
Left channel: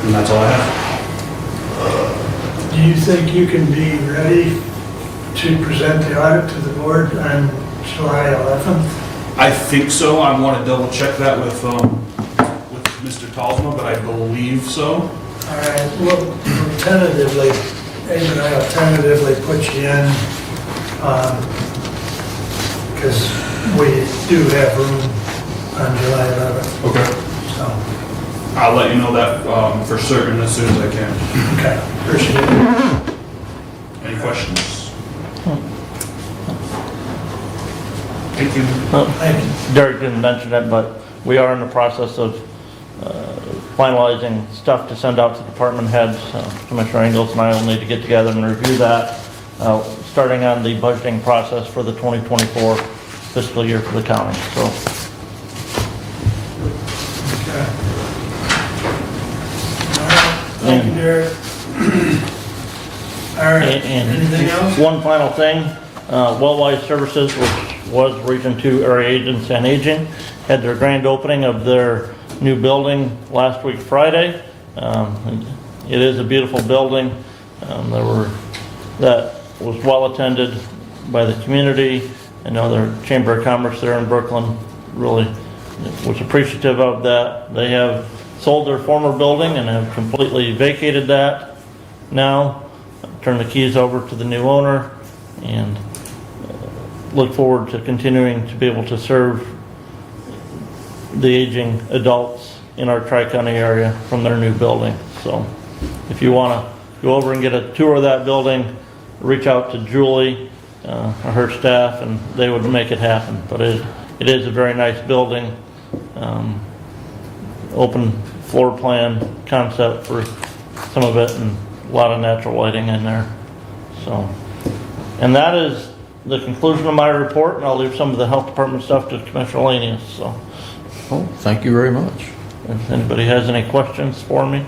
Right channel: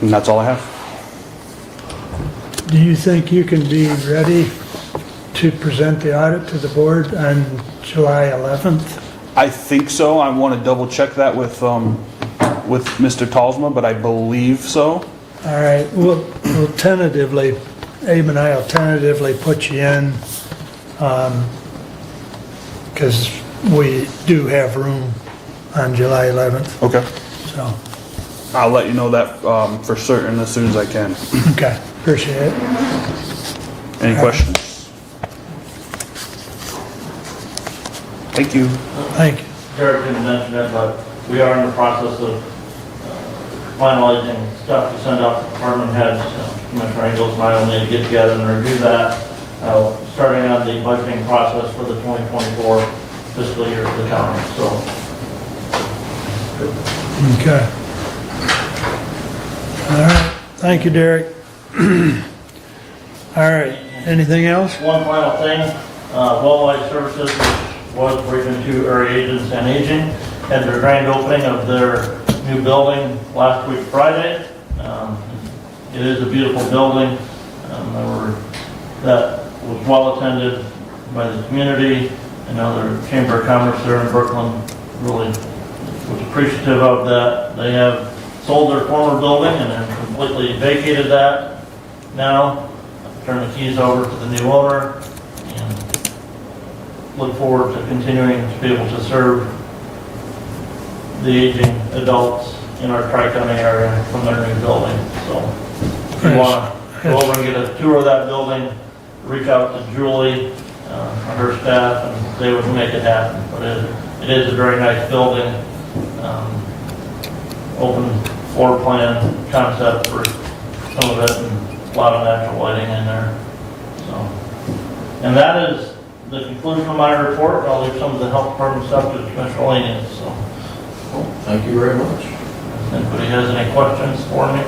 And that's all I have. Do you think you can be ready to present the audit to the board on July 11th? I think so. I want to double check that with Mr. Talsma, but I believe so. All right, we'll tentatively, Abe and I will tentatively put you in, because we do have room on July 11th. Okay. So, I'll let you know that for certain as soon as I can. okay, appreciate it. Any questions? Thank you. Thank you. Derek didn't mention it, but we are in the process of finalizing stuff to send out to department heads. Commissioner Engels and I will need to get together and review that, starting on the budgeting process for the 2024 fiscal year for the county. So. Okay. All right, thank you, Derek. All right, anything else? One final thing, Welllife Services, which was Region 2 Area Agents and Aging, had their grand opening of their new building last week Friday. It is a beautiful building. That was well attended by the community. I know their Chamber of Commerce there in Brooklyn really was appreciative of that. They have sold their former building and have completely vacated that now, turned the keys over to the new owner, and look forward to continuing to be able to serve the aging adults in our Tri-County area from their new building. So if you want to go over and get a tour of that building, reach out to Julie or her staff, and they would make it happen. But it is a very nice building, open floor plan concept for some of it, and a lot of natural lighting in there. So, and that is the conclusion of my report, and I'll leave some of the health department stuff to Commissioner Lanius. So, Well, thank you very much. if anybody has any questions for me.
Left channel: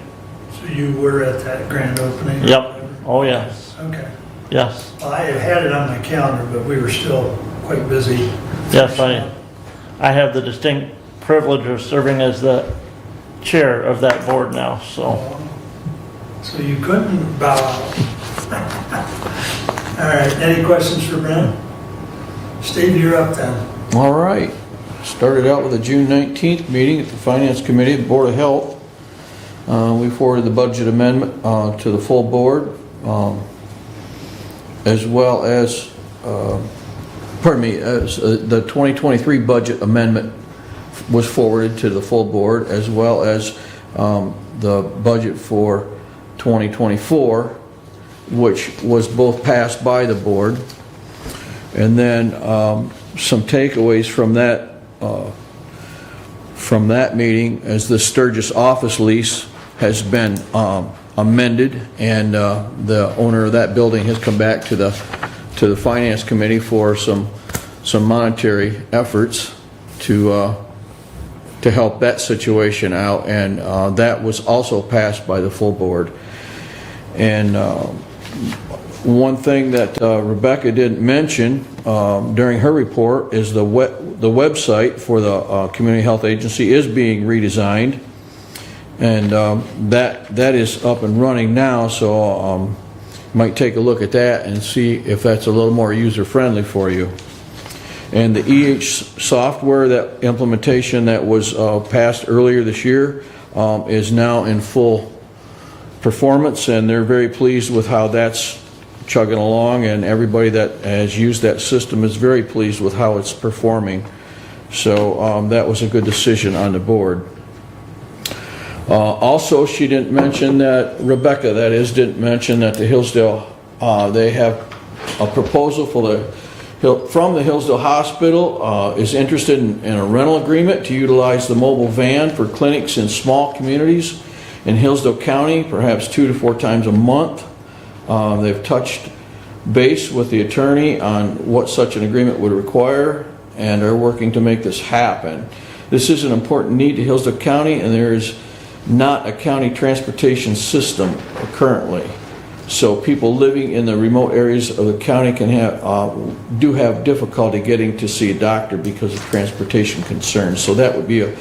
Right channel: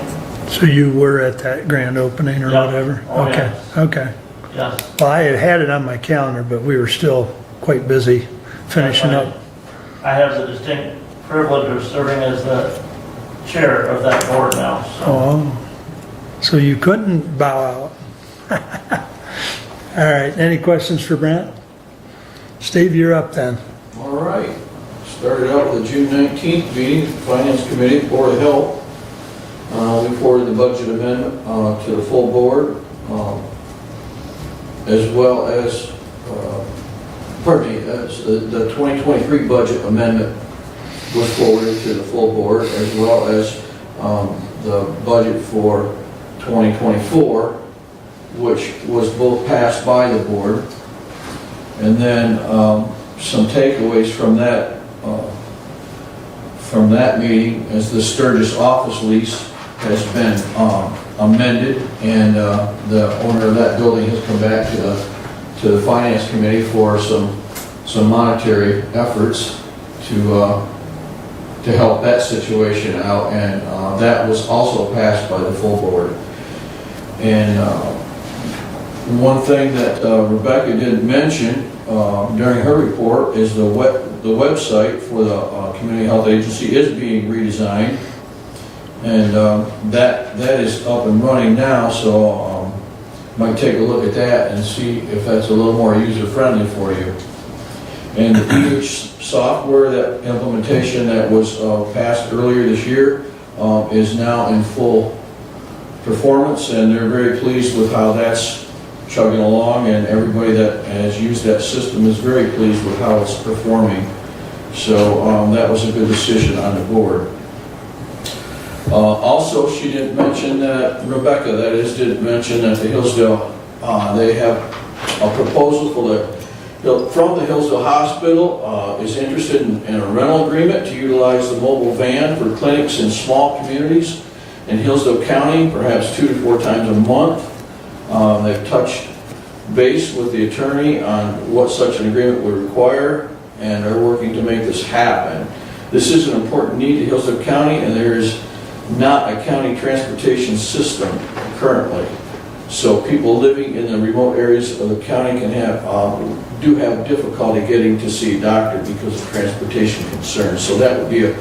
So you were at that grand opening or Yeah. whatever? Oh, okay. yes. Okay. Yes. Well, I had it on my calendar, but we were still quite busy finishing Yes, up. I have the distinct privilege of serving as the chair of that board now, so. Oh, so you couldn't bow out. All right, any questions for Brent? Steve, you're up then. All right. Started out with the June 19th meeting at the Finance Committee, the Board of Health. We forwarded the budget amendment to the full board, as well as, the 2023 budget amendment was forwarded to the full board, as well as the budget for 2024, which was both passed by the board. And then some takeaways from that meeting, as the Sturgis office lease has been amended, and the owner of that building has come back to the Finance Committee for some monetary efforts to help that situation out, and that was also passed by the full board. And one thing that Rebecca didn't mention during her report is the website for the Community Health Agency is being redesigned, and that is up and running now, so might take a look at that and see if that's a little more user-friendly for you. And the EH software, that implementation that was passed earlier this year, is now in full performance, and they're very pleased with how that's chugging along, and everybody that has used that system is very pleased with how it's performing. So that was a good decision on the board. Also, she didn't mention that, Rebecca that is, didn't mention that the Hillsdale, they have a proposal from the Hillsdale Hospital is interested in a rental agreement to utilize the mobile van for clinics in small communities in Hillsdale County, perhaps 2 to 4 times a month. They've touched base with the attorney on what such an agreement would require, and are working to make this happen. This is an important need to Hillsdale County, and there is not a county transportation system currently. So people living in the remote areas of the county can have difficulty getting to see a doctor because of transportation concerns. So that would be a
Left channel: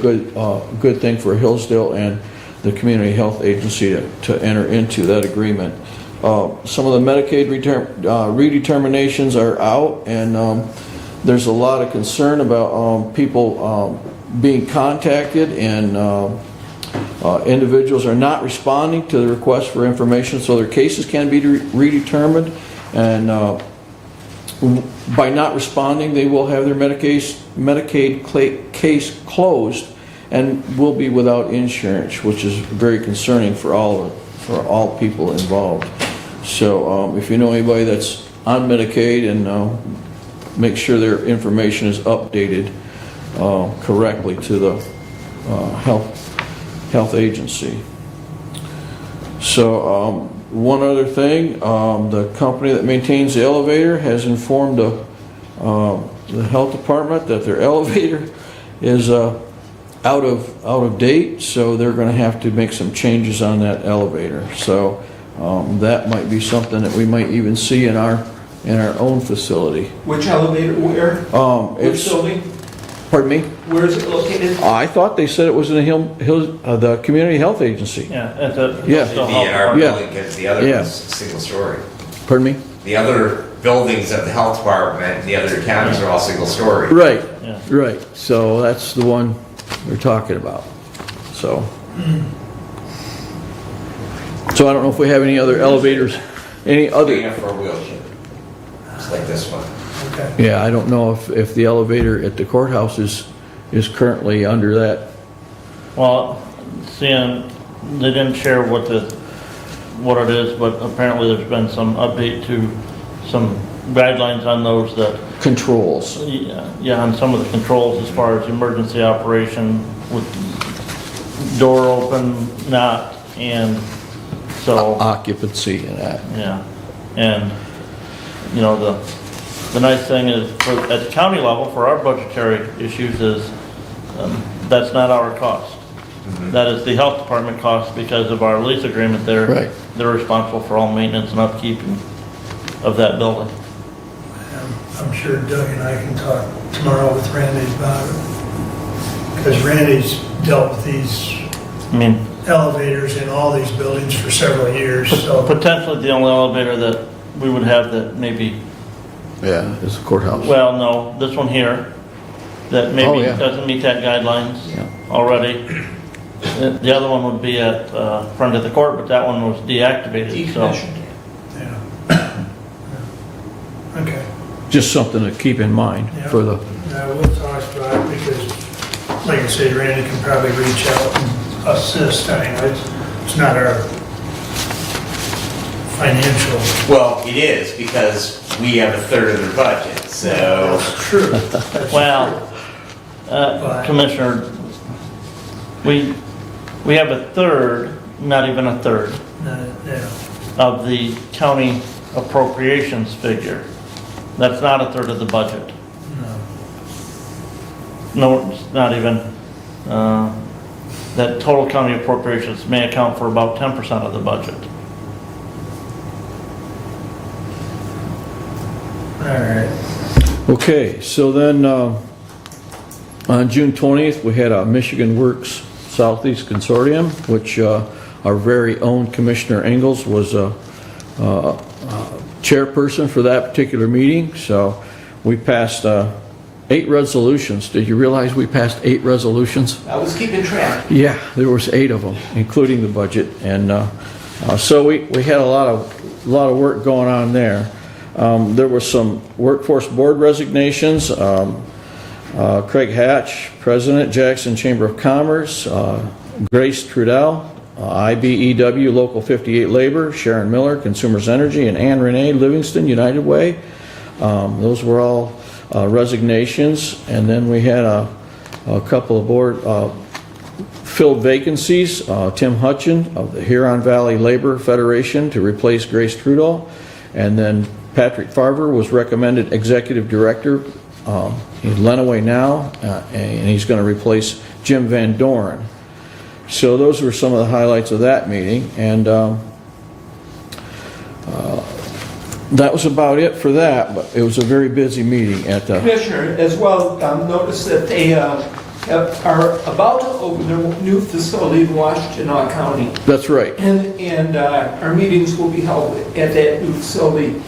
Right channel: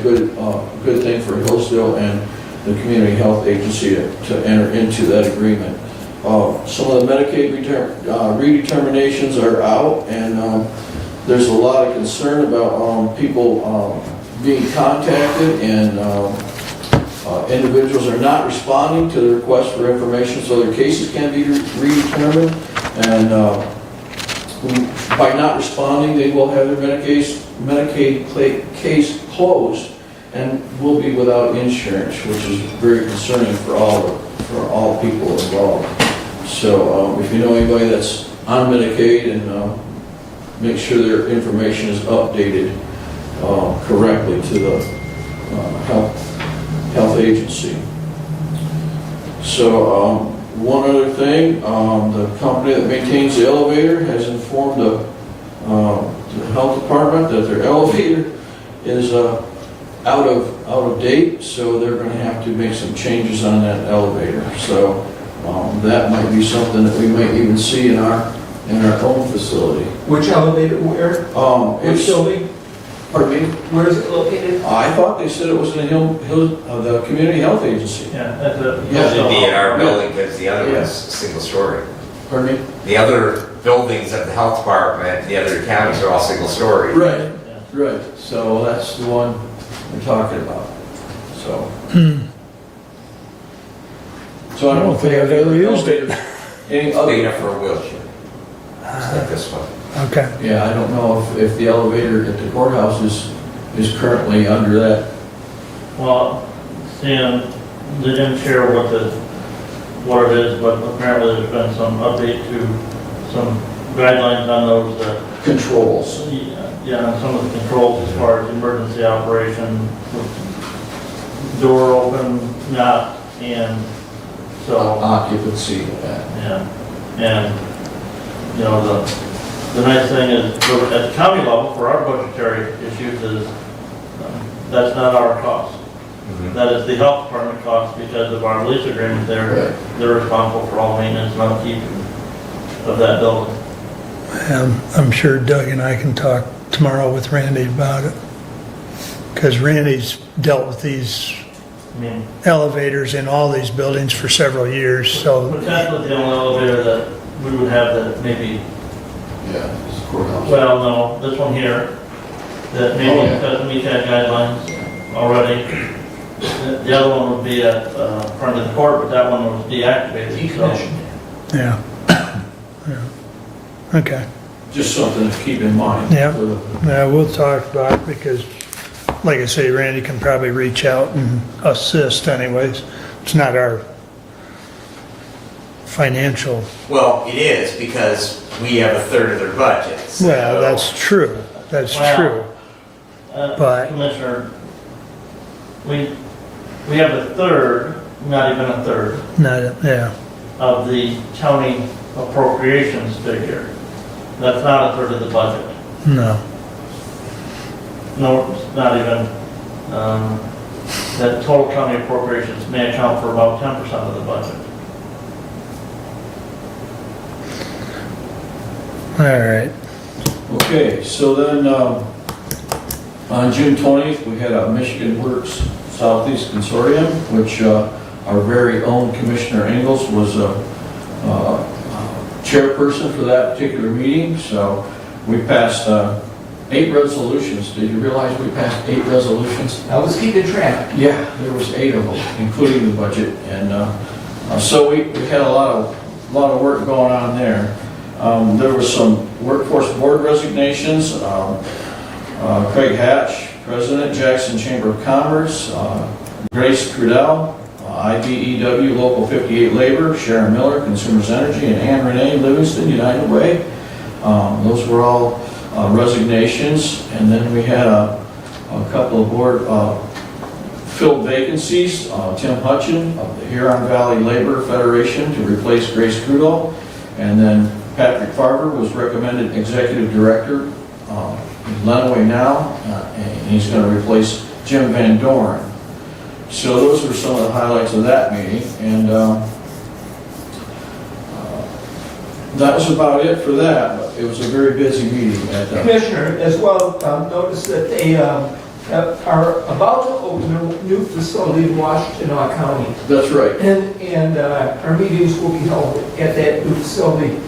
good thing for Hillsdale and the Community Health Agency to enter into that agreement. Some of the Medicaid redeterminations are out, and there's a lot of concern about people being contacted, and individuals are not responding to the request for information, so their cases can be redetermined, and by not responding, they will have their Medicaid case closed and will be without insurance, which is very concerning for all people involved. So if you know anybody that's on Medicaid, and make sure their information is updated correctly to the health agency. So one other thing, the company that maintains the elevator has informed the health department that their elevator is out of date, so they're going to have to make some changes on that elevator. So that might be something that we might even see in our own facility. Which elevator, where? It's building? Pardon me? Where is it located? I thought they said it was in the Community Health Agency. Yeah, that's a. Yeah. It'd be in our Yeah. building, because the other Yeah. is single story. Pardon me? The other buildings of the health department, the other counties are all single story. Right, Yeah. right. So that's the one we're talking about. So I don't know if we have any other elevators, any Big other. enough for a wheelchair. Just like this one. Okay. Yeah, I don't know if the elevator at the courthouse is currently under that. Well, seeing, they didn't share what it is, but apparently there's been some update to some guidelines on those that. Controls. Yeah, on some of the controls as far as emergency operation with door open, not, and so. Occupancy, yeah. Yeah, and, you know, the nice thing is, at the county level, for our budgetary issues is, that's not our cost. That is the health department cost, because of our lease agreement there. Right. They're responsible for all maintenance and upkeep of that building. I'm sure Doug and I can talk tomorrow with Randy about it, because Randy's dealt with these elevators in all these buildings for several years, so. Potentially the only elevator that we would have that maybe Yeah, it's the courthouse. Well, no, this one here, that maybe Oh, yeah. doesn't meet that guidelines already. The other one would be at front of the court, but that one was deactivated, so. Yeah. Yeah. Okay. Just something to keep in mind Yeah. for the, Yeah, we'll talk about it because, like I say, Randy can probably reach out and assist anyways. It's not our financial. Well, it is because we have a third of their budget, so. Yeah, that's true. That's Well, true. But Commissioner, we have a third, not even a third, Yeah. of the county appropriations figure. That's not a third of the budget. No. No, it's not even, that total county appropriations may account for about 10% of the budget. All right. okay, so then, on June 20th, we had a Michigan Works Southeast Consortium, which our very own Commissioner Engels was a chairperson for that particular meeting. So we passed 8 resolutions. Did you realize we passed 8 resolutions? I was keeping track. Yeah, there was 8 of them, including the budget. And so we had a lot of work going on there. There were some workforce board resignations. Craig Hatch, President, Jackson Chamber of Commerce, Grace Crudell, IBEW Local 58 Labor, Sharon Miller, Consumers Energy, and Ann Renee Livingston, United Way. Those were all resignations. And then we had a couple of board filled vacancies. Tim Hutchin of the Huron Valley Labor Federation to replace Grace Crudell. And then Patrick Farver was recommended Executive Director. He's Lenawee now, and he's going to replace Jim Van Dorn. So those were some of the highlights of that meeting, and that was about it for that. But it was a very busy meeting at the. Commissioner, as well, noticed that they are about to open a new facility in Washtenaw County. That's right. And our meetings will be held at that new facility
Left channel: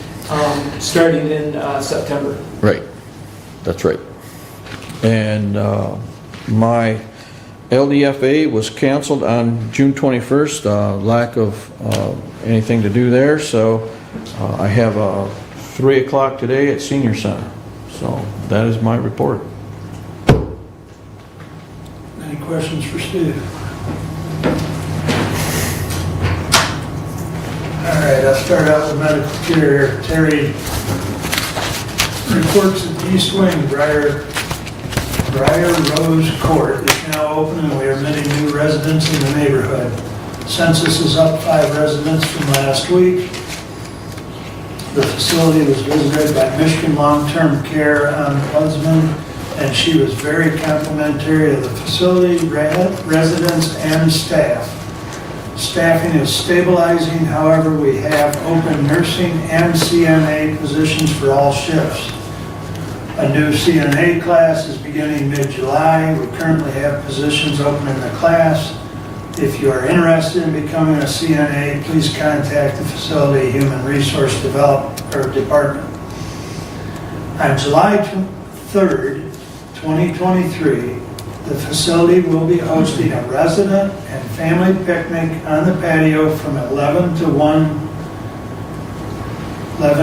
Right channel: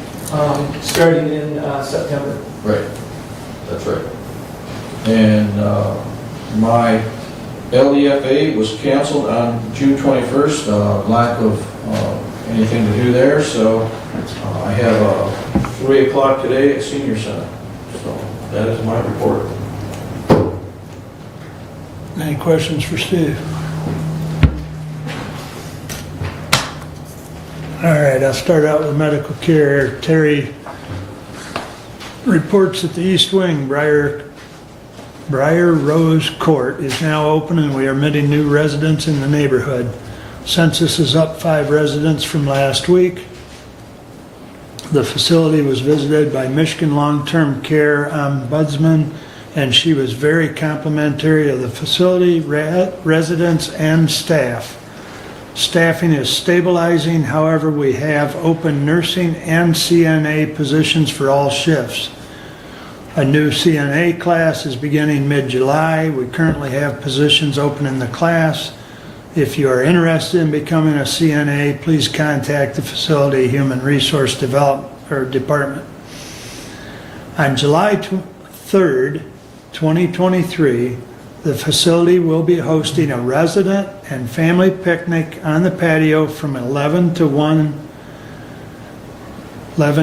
starting in September. Right. That's right. And my LEFA was canceled on June 21st, lack of anything to do there, so I have a 3 o'clock today at Senior Center. So that is my report. Any questions for Steve? All right, I'll start out with medical care. Terry reports that the East Wing Briar Rose Court is now open and we are admitting new residents in the neighborhood. Census is up 5 residents from last week. The facility was visited by Michigan Long-Term Care Ombudsman, and she was very complimentary of the facility, residents, and staff. Staffing is stabilizing, however, we have open nursing and CNA positions for all shifts. A new CNA class is beginning mid-July. We currently have positions open in the class. If you are interested in becoming a CNA, please contact the facility Human Resource Department. On July 3rd, 2023, the facility will be hosting a resident and family picnic on the patio from 11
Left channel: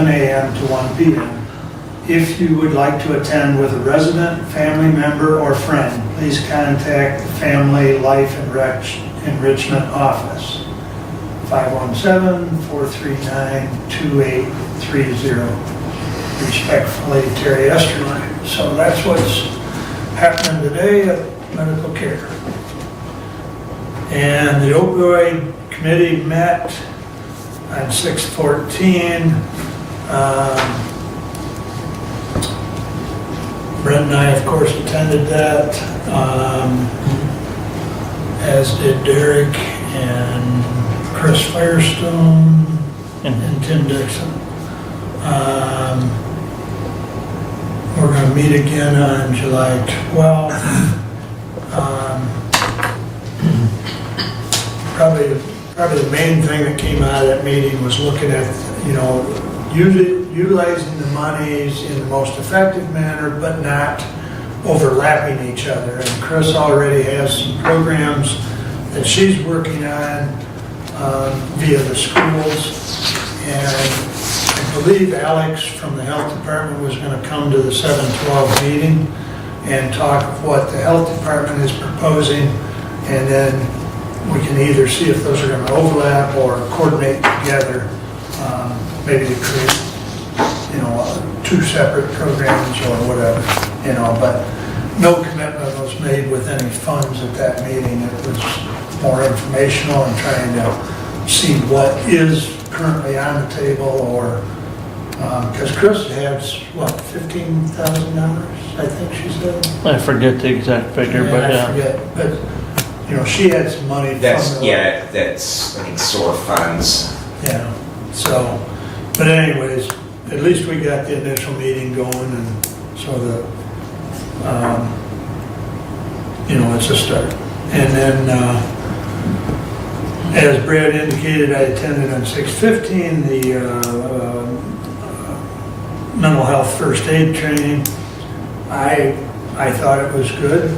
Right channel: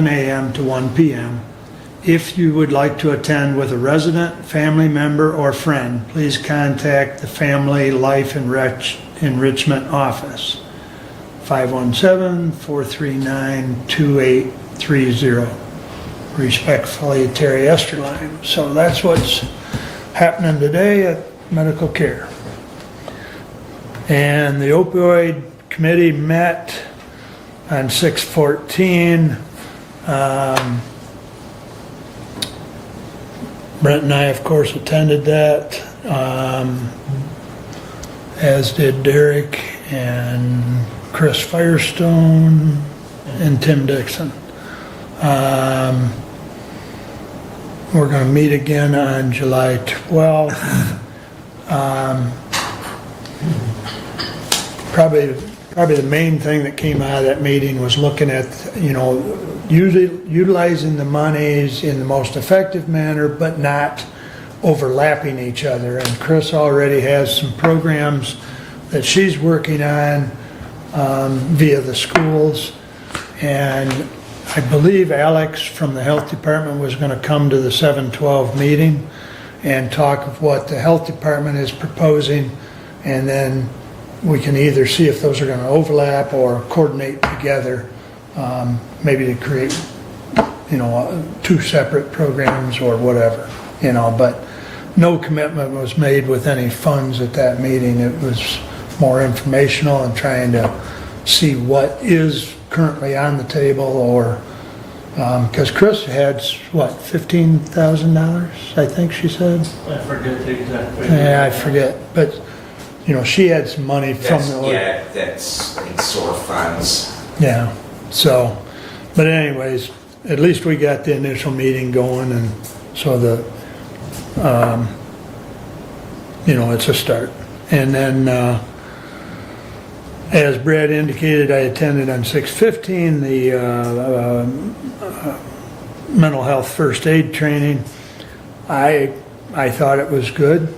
a.m. to 1 p.m. If you would like to attend with a resident, family member, or friend, please contact the Family Life Enrichment Office, 517-439-2830. Respectfully, Terry Esterline. So that's what's happening today at medical care. And the opioid committee met on 6/14. Brent and I, of course, attended that, as did Derek and Chris Firestone and Tim Dixon. We're going to meet again on July 12th. Probably the main thing that came out of that meeting was looking at, utilizing the monies in the most effective manner, but not overlapping each other. And Chris already has some programs that she's working on via the schools. And I believe Alex from the health department was going to come to the 7/12 meeting and talk of what the health department is proposing. And then we can either see if those are going to overlap or coordinate together, maybe to create, two separate programs or whatever, but no commitment was made with any funds at that meeting. It was more informational and trying to see what is currently on the table, or, because Chris had, $15,000, I think she said? I forget the exact figure. Yeah, but I forget, but, she had some money from That's, the... that's like in SOAR funds. Yeah, so, but anyways, at least we got the initial meeting going, and so it's a start. And then, as Brad indicated, I attended on 6/15 the mental health first aid training. I thought it was good.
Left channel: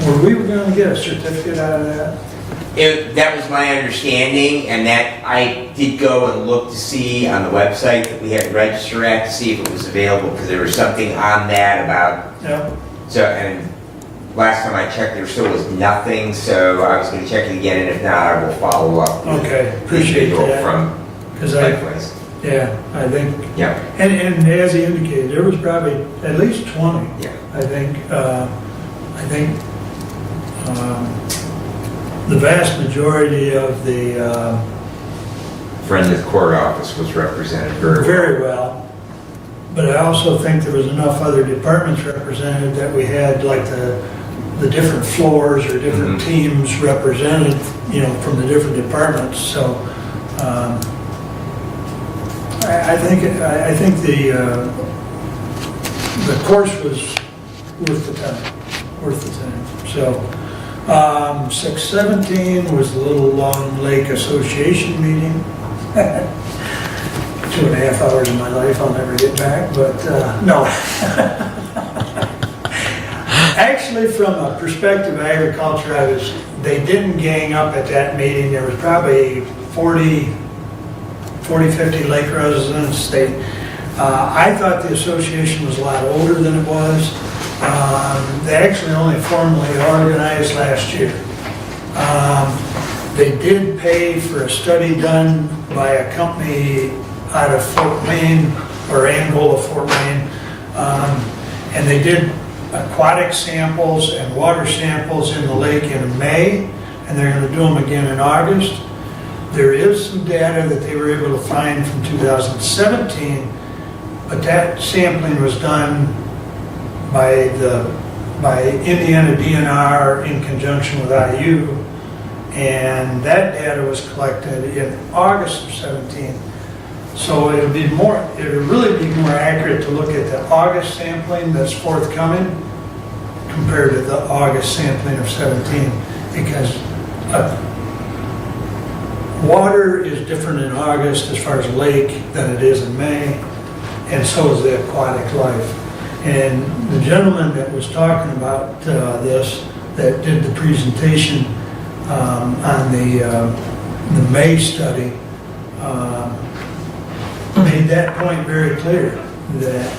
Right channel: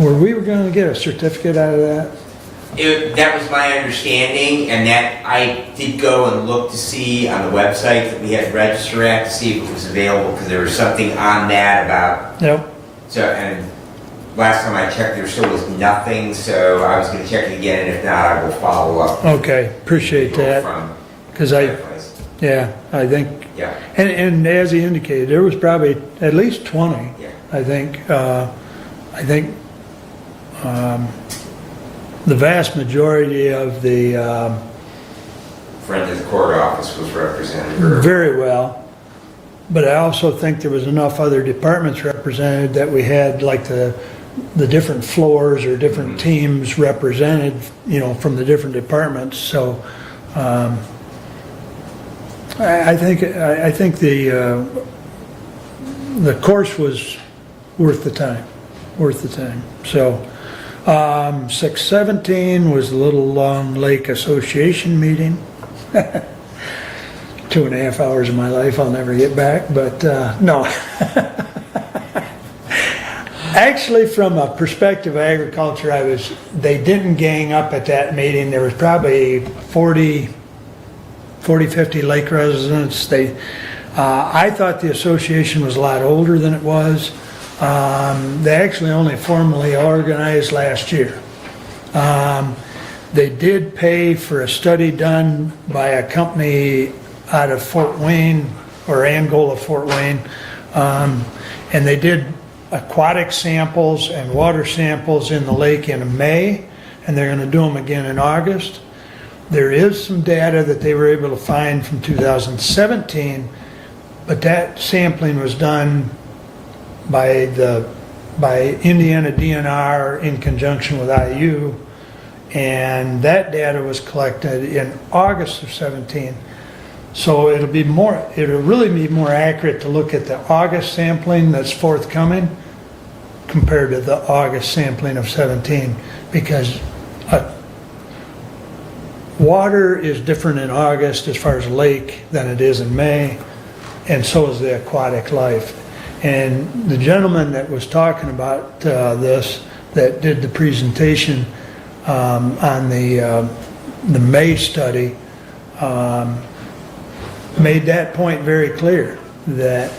Were we going to get a certificate out of that? That was my understanding, and that I did go and look to see on the website that we had to register at to see if it was available, because there was something on that about. Yep. So, and last time I checked, there still was nothing, so I was going to check it again, and if not, I will follow up. Okay, appreciate that. From because likewise. Yeah, I think. Yeah. And as he indicated, there was probably at least 20. Yeah. I think. The vast majority of the Friend of the court office was represented very well. But I also think there was enough other departments represented that we had like the different floors or different teams represented, from the different departments. So I think the course was worth the time. So 6/17 was the Little Long Lake Association meeting. 2.5 hours of my life I'll never get back, but no. Actually, from a perspective of agriculture, they didn't gang up at that meeting. There was probably 40, 50 lake residents. I thought the association was a lot older than it was. They actually only formally organized last year. They did pay for a study done by a company out of Fort Wayne, or Angola, Fort Wayne, and they did aquatic samples and water samples in the lake in May, and they're going to do them again in August. There is some data that they were able to find from 2017, but that sampling was done by Indiana DNR in conjunction with IU, and that data was collected in August of 17. So it'll really be more accurate to look at the August sampling that's forthcoming compared to the August sampling of 17, because water is different in August as far as lake than it is in May, and so is the aquatic life. And the gentleman that was talking about this, that did the presentation on the May study, made that point very clear, that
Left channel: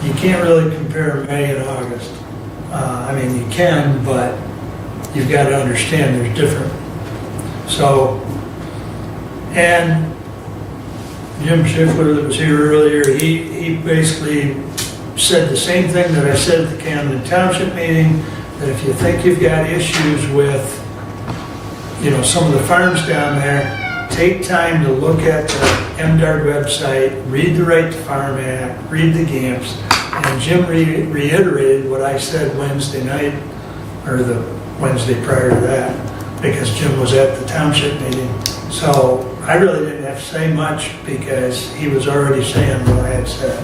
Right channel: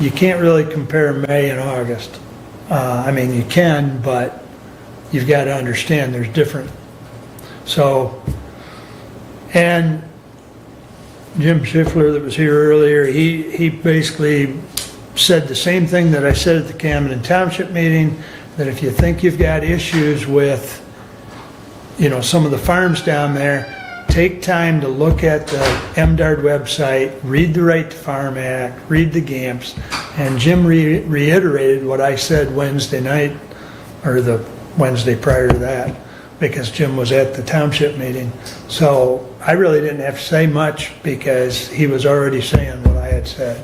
you can't really compare May and August. You can, but you've got to understand there's different. So, and Jim Schiffler that was here earlier, he basically said the same thing that I said at the Camden Township meeting, that if you think you've got issues with, some of the farms down there, take time to look at the MDARD website, read the Right to Farm Act, read the GAMPs, and Jim reiterated what I said Wednesday night, or the Wednesday prior to that, because Jim was at the township meeting. So I really didn't have to say much, because he was already saying what I had said.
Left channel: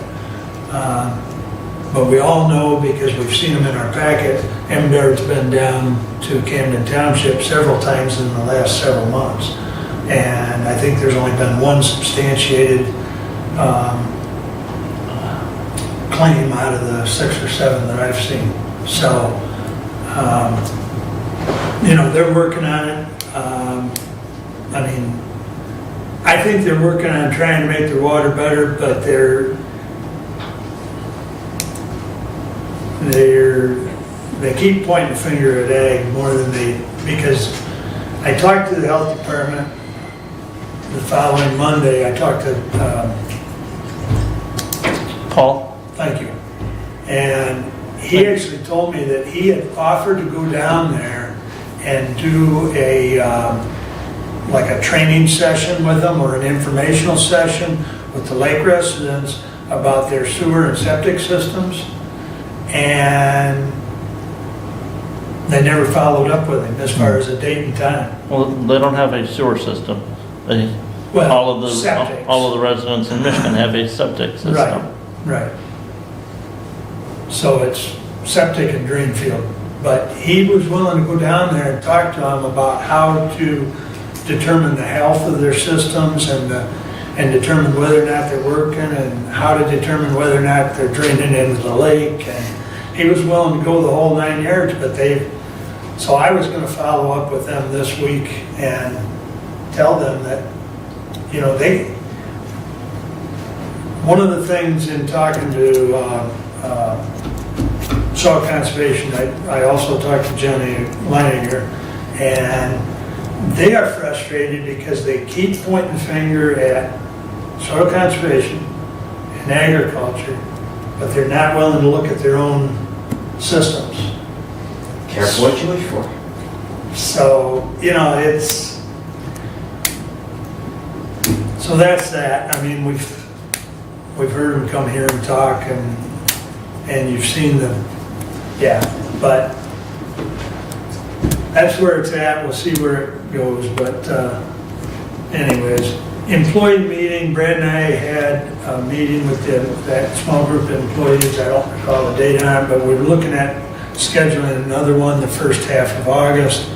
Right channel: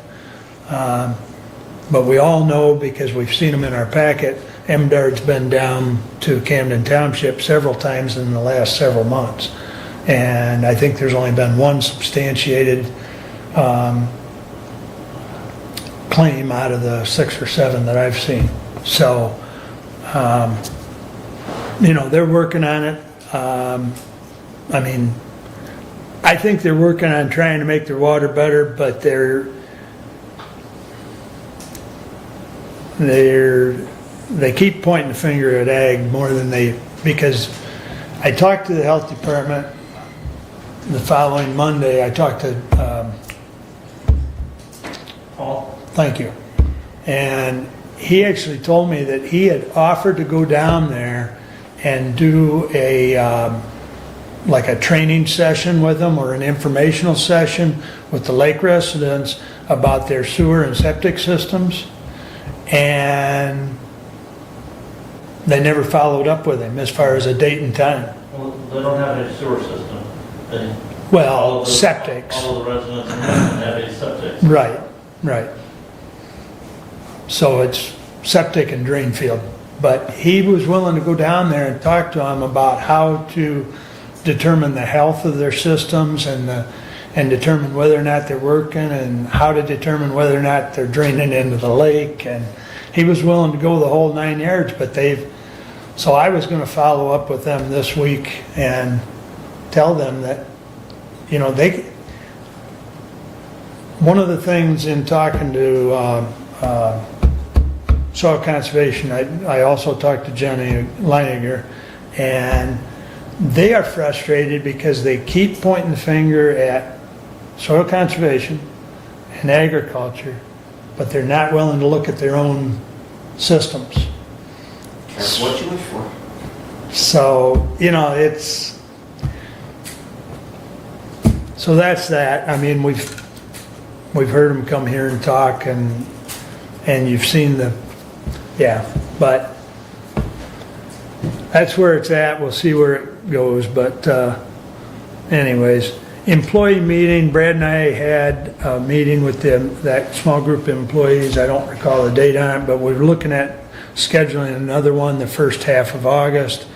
But we all know, because we've seen them in our packet, MDARD's been down to Camden Township several times in the last several months. And I think there's only been one substantiated claim out of the 6 or 7 that I've seen. So, they're working on it. I think they're working on trying to make their water better, but they keep pointing the finger at ag more than because I talked to the health department the following Monday. I talked to Paul? Thank you. And he actually told me that he had offered to go down there and do like a training session with them or an informational session with the lake residents about their sewer and septic systems. And they never followed up with him as far as a date and time. Well, they don't have a sewer system. Well, all of the septics. all of the residents in Michigan have a septic system. Right. So it's septic and drain field. But he was willing to go down there and talk to them about how to determine the health of their systems and determine whether or not they're working and how to determine whether or not they're draining into the lake. And he was willing to go the whole 9 yards, but so I was going to follow up with them this week and tell them that, one of the things in talking to Soil Conservation, I also talked to Jenny Leininger, and they are frustrated because they keep pointing the finger at soil conservation and agriculture, but they're not willing to look at their own systems. Careful what you wish for. So, so that's that. We've heard them come here and talk, and you've seen but that's where it's at. We'll see where it goes, but anyways, employee meeting, Brad and I had a meeting with that small group of employees. I don't recall the date on it, but we were looking at scheduling another one the first half of August.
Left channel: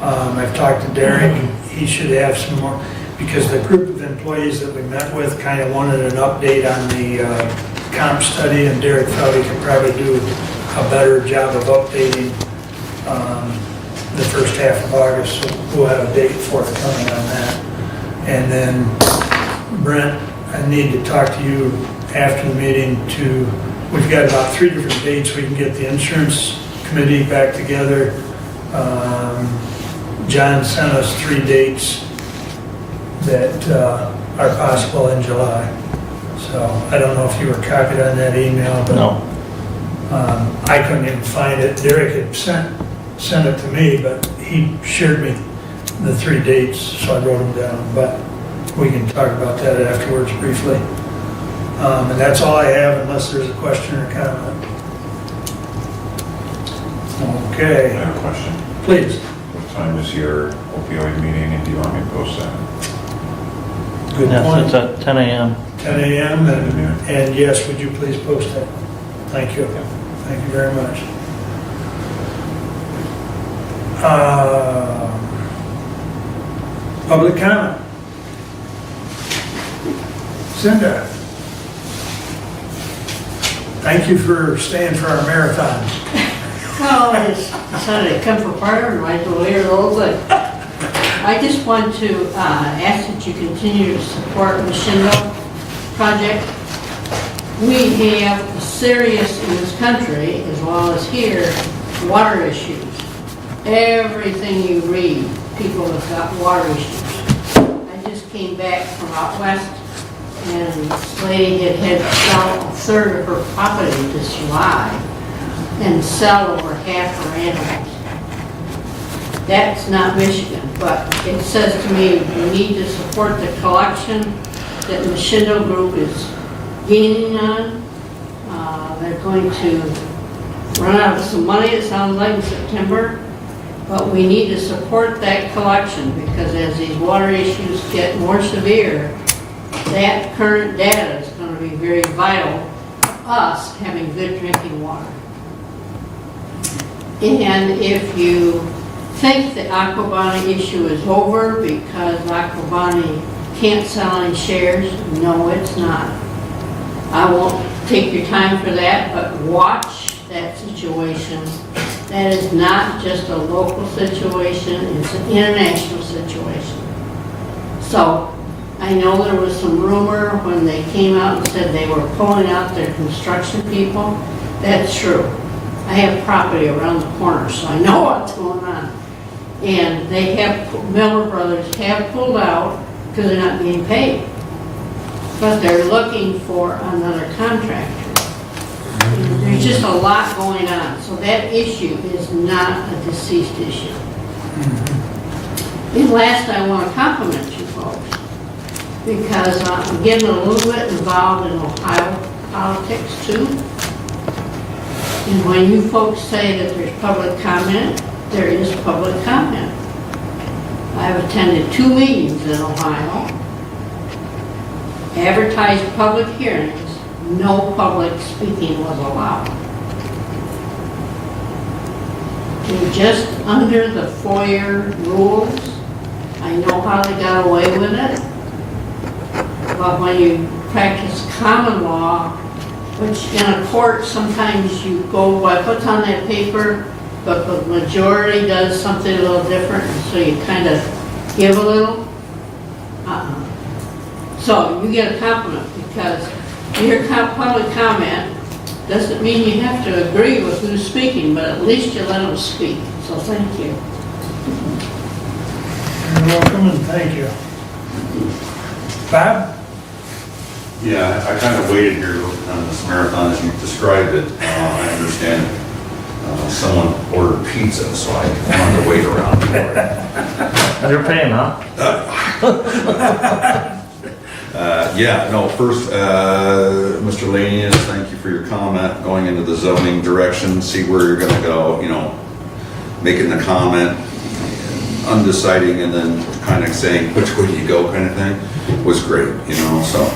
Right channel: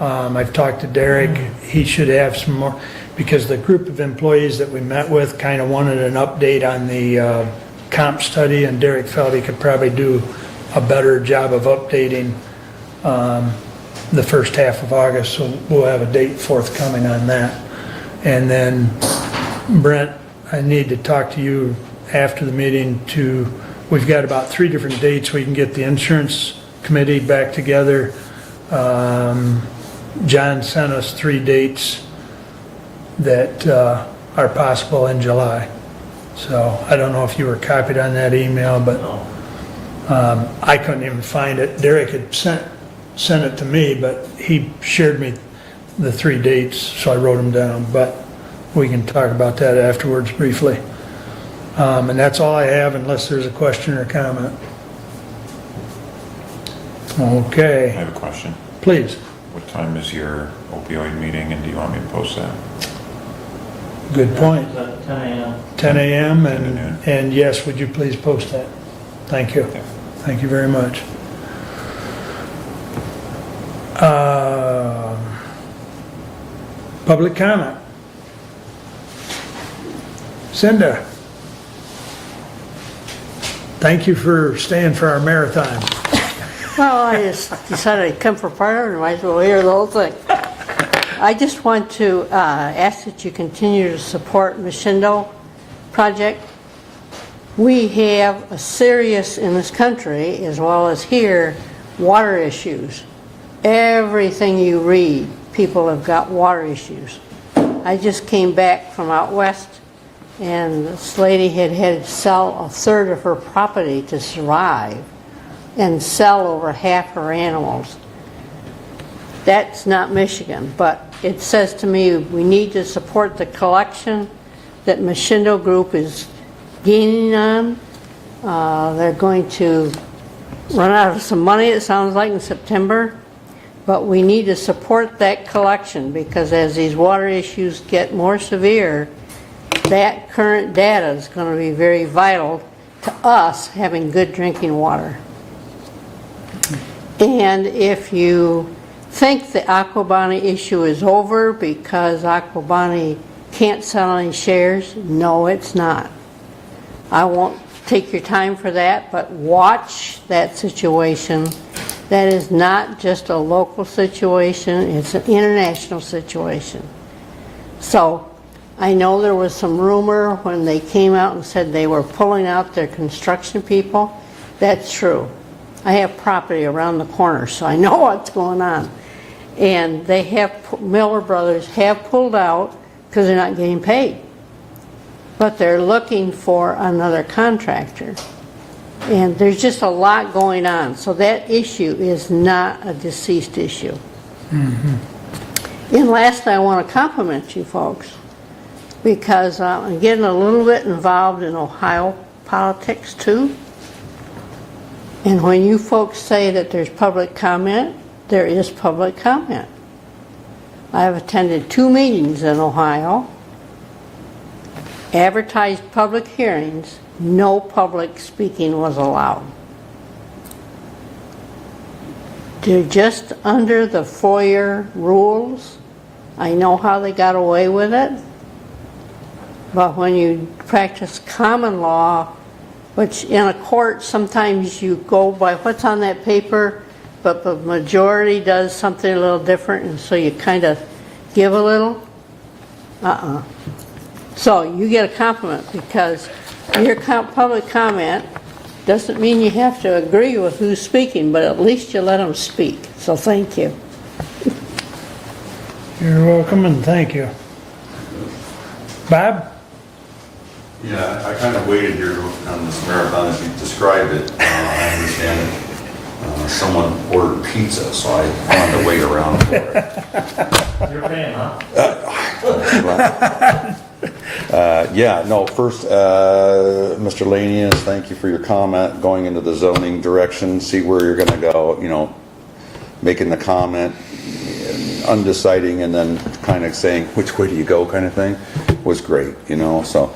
I've talked to Derek. He should have some more, because the group of employees that we met with kind of wanted an update on the comp study, and Derek felt he could probably do a better job of updating the first half of August, so we'll have a date forthcoming on that. And then Brent, I need to talk to you after the meeting we've got about 3 different dates we can get the insurance committee back together. John sent us 3 dates that are possible in July. So I don't know if you were copied on that email, but no. I couldn't even find it. Derek had sent it to me, but he shared me the 3 dates, so I wrote them down. But we can talk about that afterwards briefly. And that's all I have, unless there's a question or comment. Okay. I have a question. Please. What time is your opioid meeting, and do you want me to post that? Good Yes, point. it's at 10 a.m. 10 a.m. And yes, would you please post that? Thank you. Thank you very much. Public comment. Cinda. Thank you for staying for our marathon. Well, I just decided to come for part of it, might as well hear the whole thing. I just want to ask that you continue to support the Hillsdale project. We have serious, in this country, as well as here, water issues. Everything you read, people have got water issues. I just came back from out west, and this lady had to sell a third of her property to survive and sell over half her animals. That's not Michigan, but it says to me we need to support the collection that Machindo Group is gaining on. They're going to run out of some money, it sounds like, in September, but we need to support that collection, because as these water issues get more severe, that current data is going to be very vital to us having good drinking water. And if you think the Aquabani issue is over because Aquabani can't sell any shares. No, it's not. I won't take your time for that, but watch that situation. That is not just a local situation, it's an international situation. So, I know there was some rumor when they came out and said they were pulling out their construction people. That's true. I have property around the corner, so I know what's going on. And they have, Miller Brothers have pulled out because they're not being paid. But they're looking for another contractor. And there's just a lot going on. So that issue is not a deceased issue. And last, I want to compliment you folks, because I'm getting a little bit involved in Ohio politics too. And when you folks say that there's public comment, there is public comment. I've attended 2 meetings in Ohio, advertised public hearings, no public speaking was allowed. They're just under the FOIA rules. I know how they got away with it. But when you practice common law, which in a court sometimes you go by what's on that paper, but the majority does something a little different, so you kind of give a little. So you get a compliment because your public comment doesn't mean you have to agree with who's speaking, but at least you let them speak. So thank you. You're welcome and thank you. Bob? Yeah, I kind of waited here on this marathon as you described it. I understand it. Someone ordered pizza, so I wanted to wait around for it. You're paying, huh? First, Mr. Lanius, thank you for your comment, going into the zoning direction, see where you're gonna go, making the comment, undeciding, and then kind of saying, which way do you go kind of thing, was great, so,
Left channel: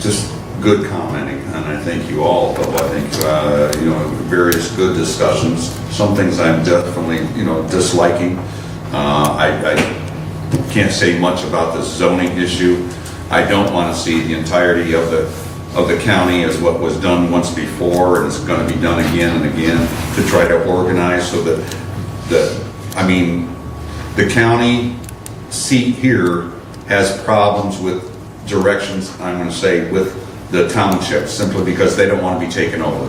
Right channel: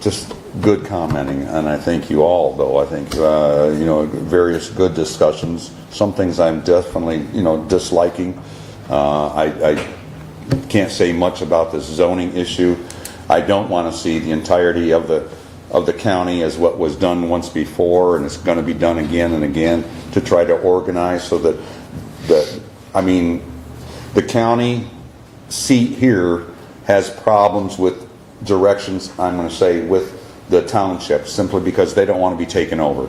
just good commenting, and I thank you all, though, I think, various good discussions, some things I'm definitely, disliking, I can't say much about the zoning issue. I don't want to see the entirety of the county as what was done once before, and it's going to be done again and again to try to organize so that the county seat here has problems with directions, I'm going to say, with the township, simply because they don't want to be taken over.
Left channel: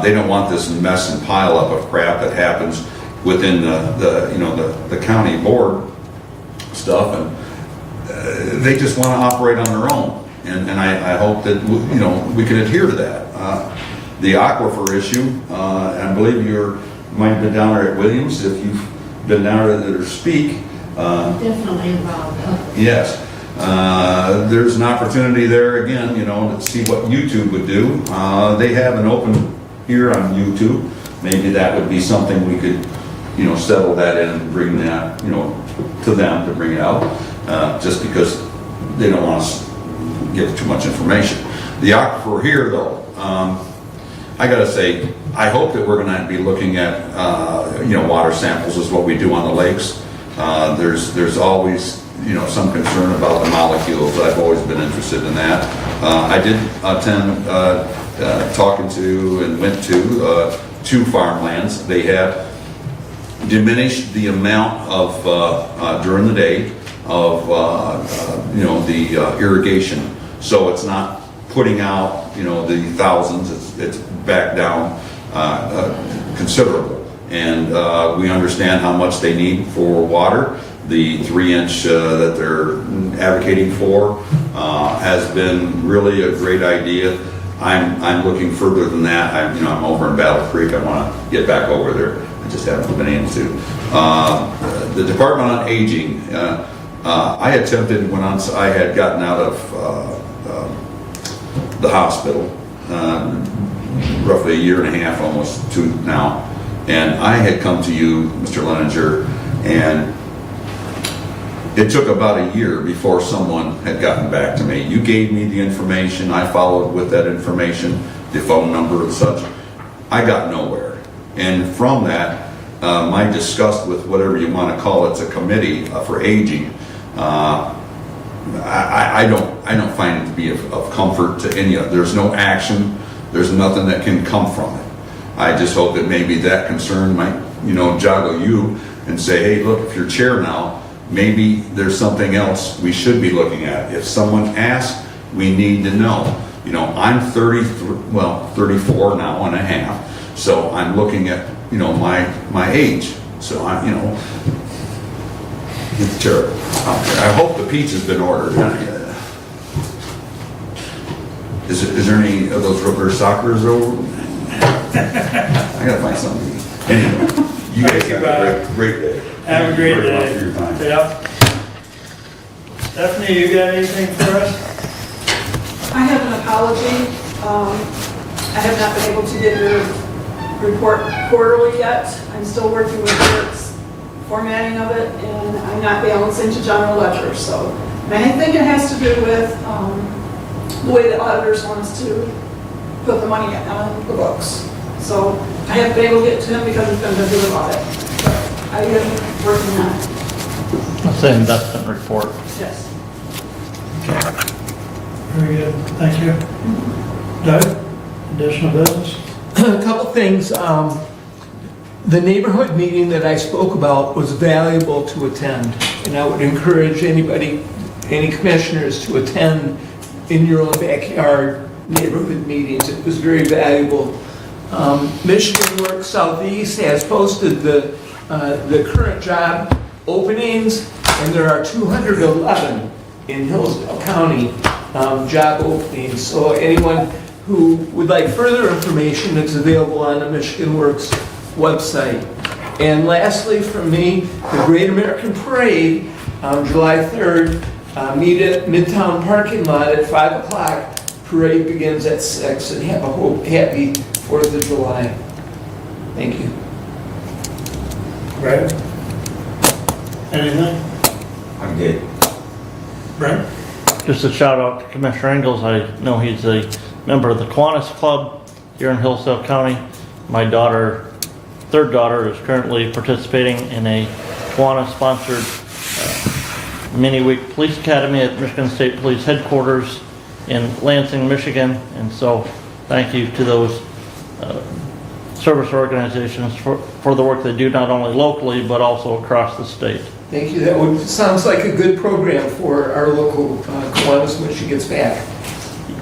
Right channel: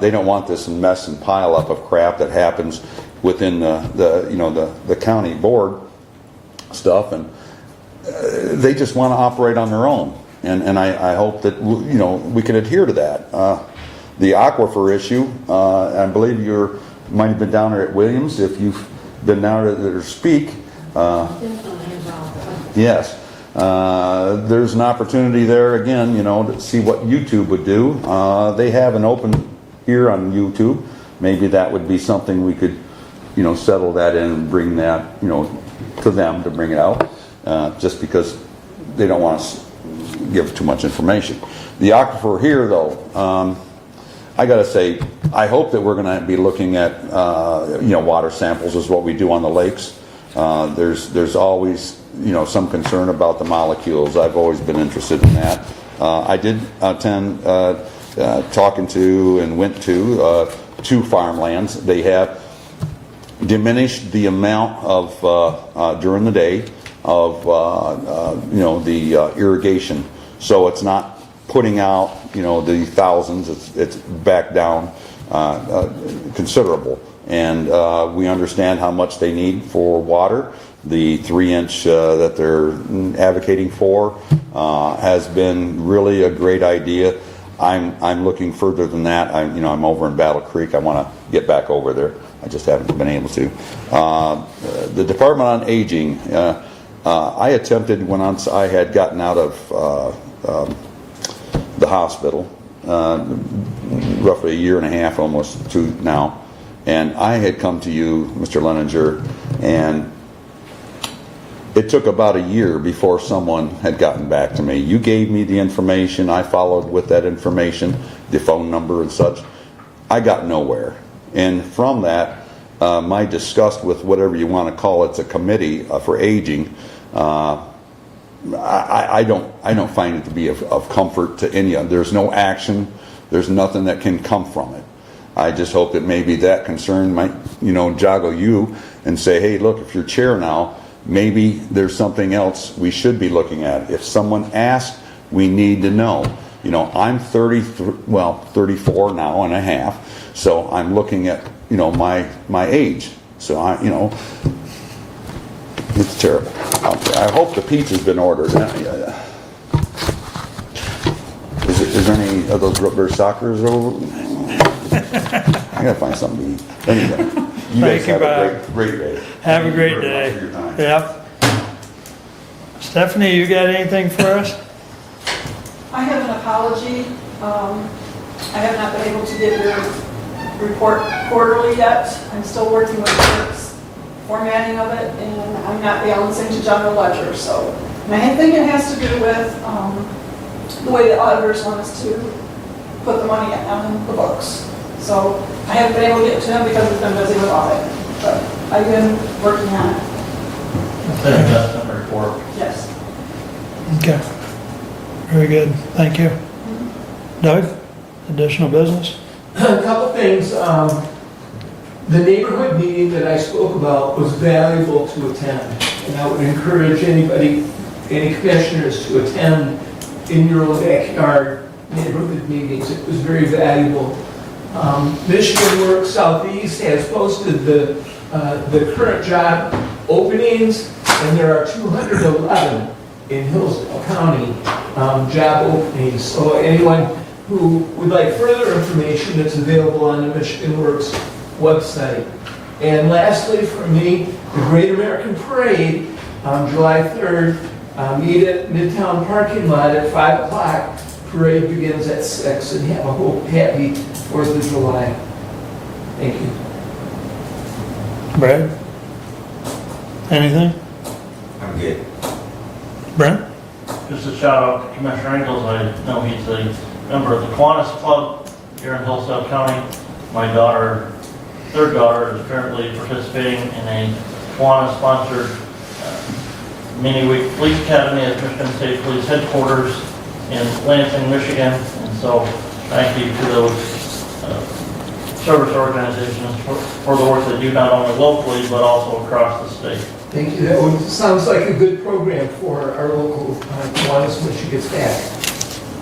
They don't want this mess and pile up of crap that happens within the county board stuff, and they just want to operate on their own, and I hope that we can adhere to that. The aquifer issue, I believe you might have been down there at Williams. If you've been down there to speak, Definitely involved. yes, there's an opportunity there again, to see what YouTube would do. They have an open here on YouTube. Maybe that would be something we could, settle that in and bring that, to them to bring it out, just because they don't want us to give too much information. The aquifer here, though, I got to say, I hope that we're going to be looking at, water samples is what we do on the lakes. There's always, some concern about the molecules. I've always been interested in that. I did attend talking to and went to 2 farmlands. They have diminished the amount of during the day of the irrigation, so it's not putting out the thousands. It's back down considerable, and we understand how much they need for water. The 3-inch that they're advocating for has been really a great idea. I'm looking further than that. I'm over in Battle Creek. I want to get back over there. I just haven't been able to. The Department on Aging, I attempted when I had gotten out of the hospital, roughly a year and a half, almost 2 now, and I had come to you, Mr. Leninger, and it took about a year before someone had gotten back to me. You gave me the information, I followed with that information, the phone number and such. I got nowhere. And from that, my disgust with whatever you want to call it's a committee for aging, I don't find it to be of comfort to any of. There's no action. There's nothing that can come from it. I just hope that maybe that concern might, joggle you and say, hey, look, if you're chair now, maybe there's something else we should be looking at. If someone asks, we need to know. I'm 34 now and a half, so I'm looking at, my age. So it's terrible out there. I hope the pizza's been ordered. Is there any of those reverse soccer's over? I gotta find something to eat. Anyway, you guys have a great day. Have a great Thank you very much day. for your time. Yeah. Stephanie, you got anything for us? I have an apology. I have not been able to get the report quarterly yet. I'm still working with the formatting of it, and I'm not balancing to general ledger. And I think it has to do with the way the auditors want us to put the money on the books. So I haven't been able to get to him because I've been busy with audit. But I've been working on it. That's an investment report. Yes. Okay. Very good. Thank you. Doug, additional business? A couple things. The neighborhood meeting that I spoke about was valuable to attend, and I would encourage any commissioners to attend in your own backyard neighborhood meetings. It was very valuable. Michigan Works Southeast has posted the current job openings, and there are 211 in Hillsdale County job openings. So anyone who would like further information, it's available on the Michigan Works website. And lastly, from me, the Great American Parade on July 3rd, meet at Midtown parking lot at 5 o'clock. Parade begins at 6, and have a happy 4th of July. Thank you. Brad? Anything? I'm good. Brent? Just a shout out to Commissioner Engels. I know he's a member of the Kiwanis Club here in Hillsdale County. My third daughter, is currently participating in a Kiwanis-sponsored mini-week police academy at Michigan State Police Headquarters in Lansing, Michigan. And so thank you to those service organizations for the work they do, not only locally, but also across the state. Thank you. That sounds like a good program for our local Kiwanis when she gets back.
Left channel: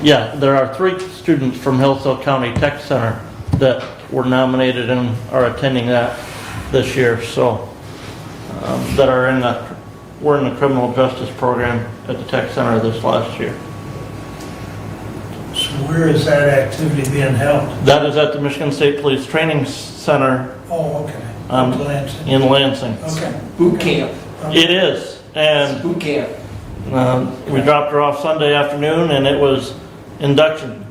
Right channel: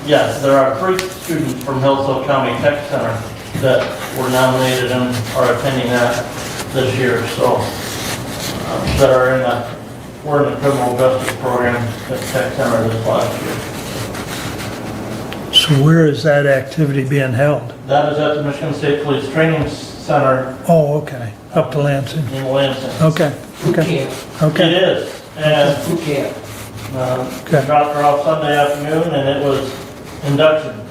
Yeah, there are 3 students from Hillsdale County Tech Center that were nominated and are attending that this year. So that are we're in the criminal justice program at the Tech Center this last year. So where is that activity being held? That is at the Michigan State Police Training Center. Oh, okay. Up to Lansing. In Lansing. Okay. Boot camp. Okay. It is. And Boot camp. we dropped her off Sunday afternoon, and it was induction.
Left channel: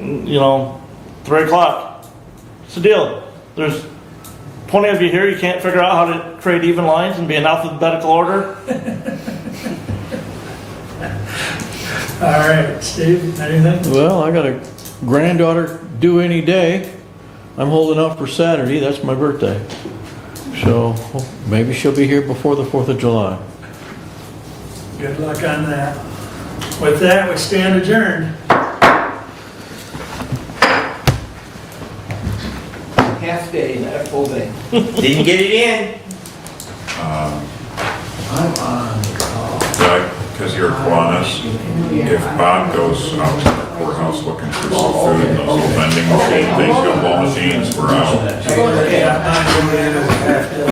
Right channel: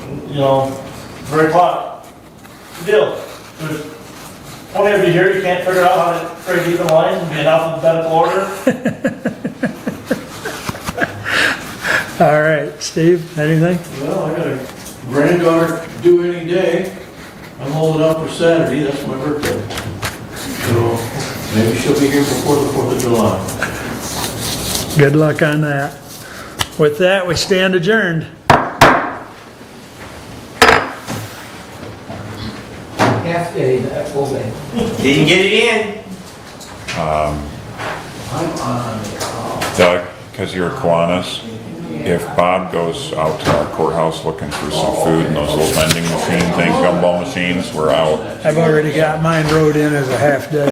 3 o'clock. What's the deal? There's 20 of you here. You can't figure out how to create even lines and be in alphabetical order. All right, Steve, anything? Well, I got a granddaughter due any day. I'm holding out for Saturday, that's my birthday. So maybe she'll be here before the 4th of July. Good luck on that. With that, we stand adjourned. Half day, not full day. Didn't get it in. I'm on the call. Doug, because you're Kiwanis, if Bob goes out to our courthouse looking for some food and those little vending machine things, gumball machines, we're out. I already got mine wrote in as a half day.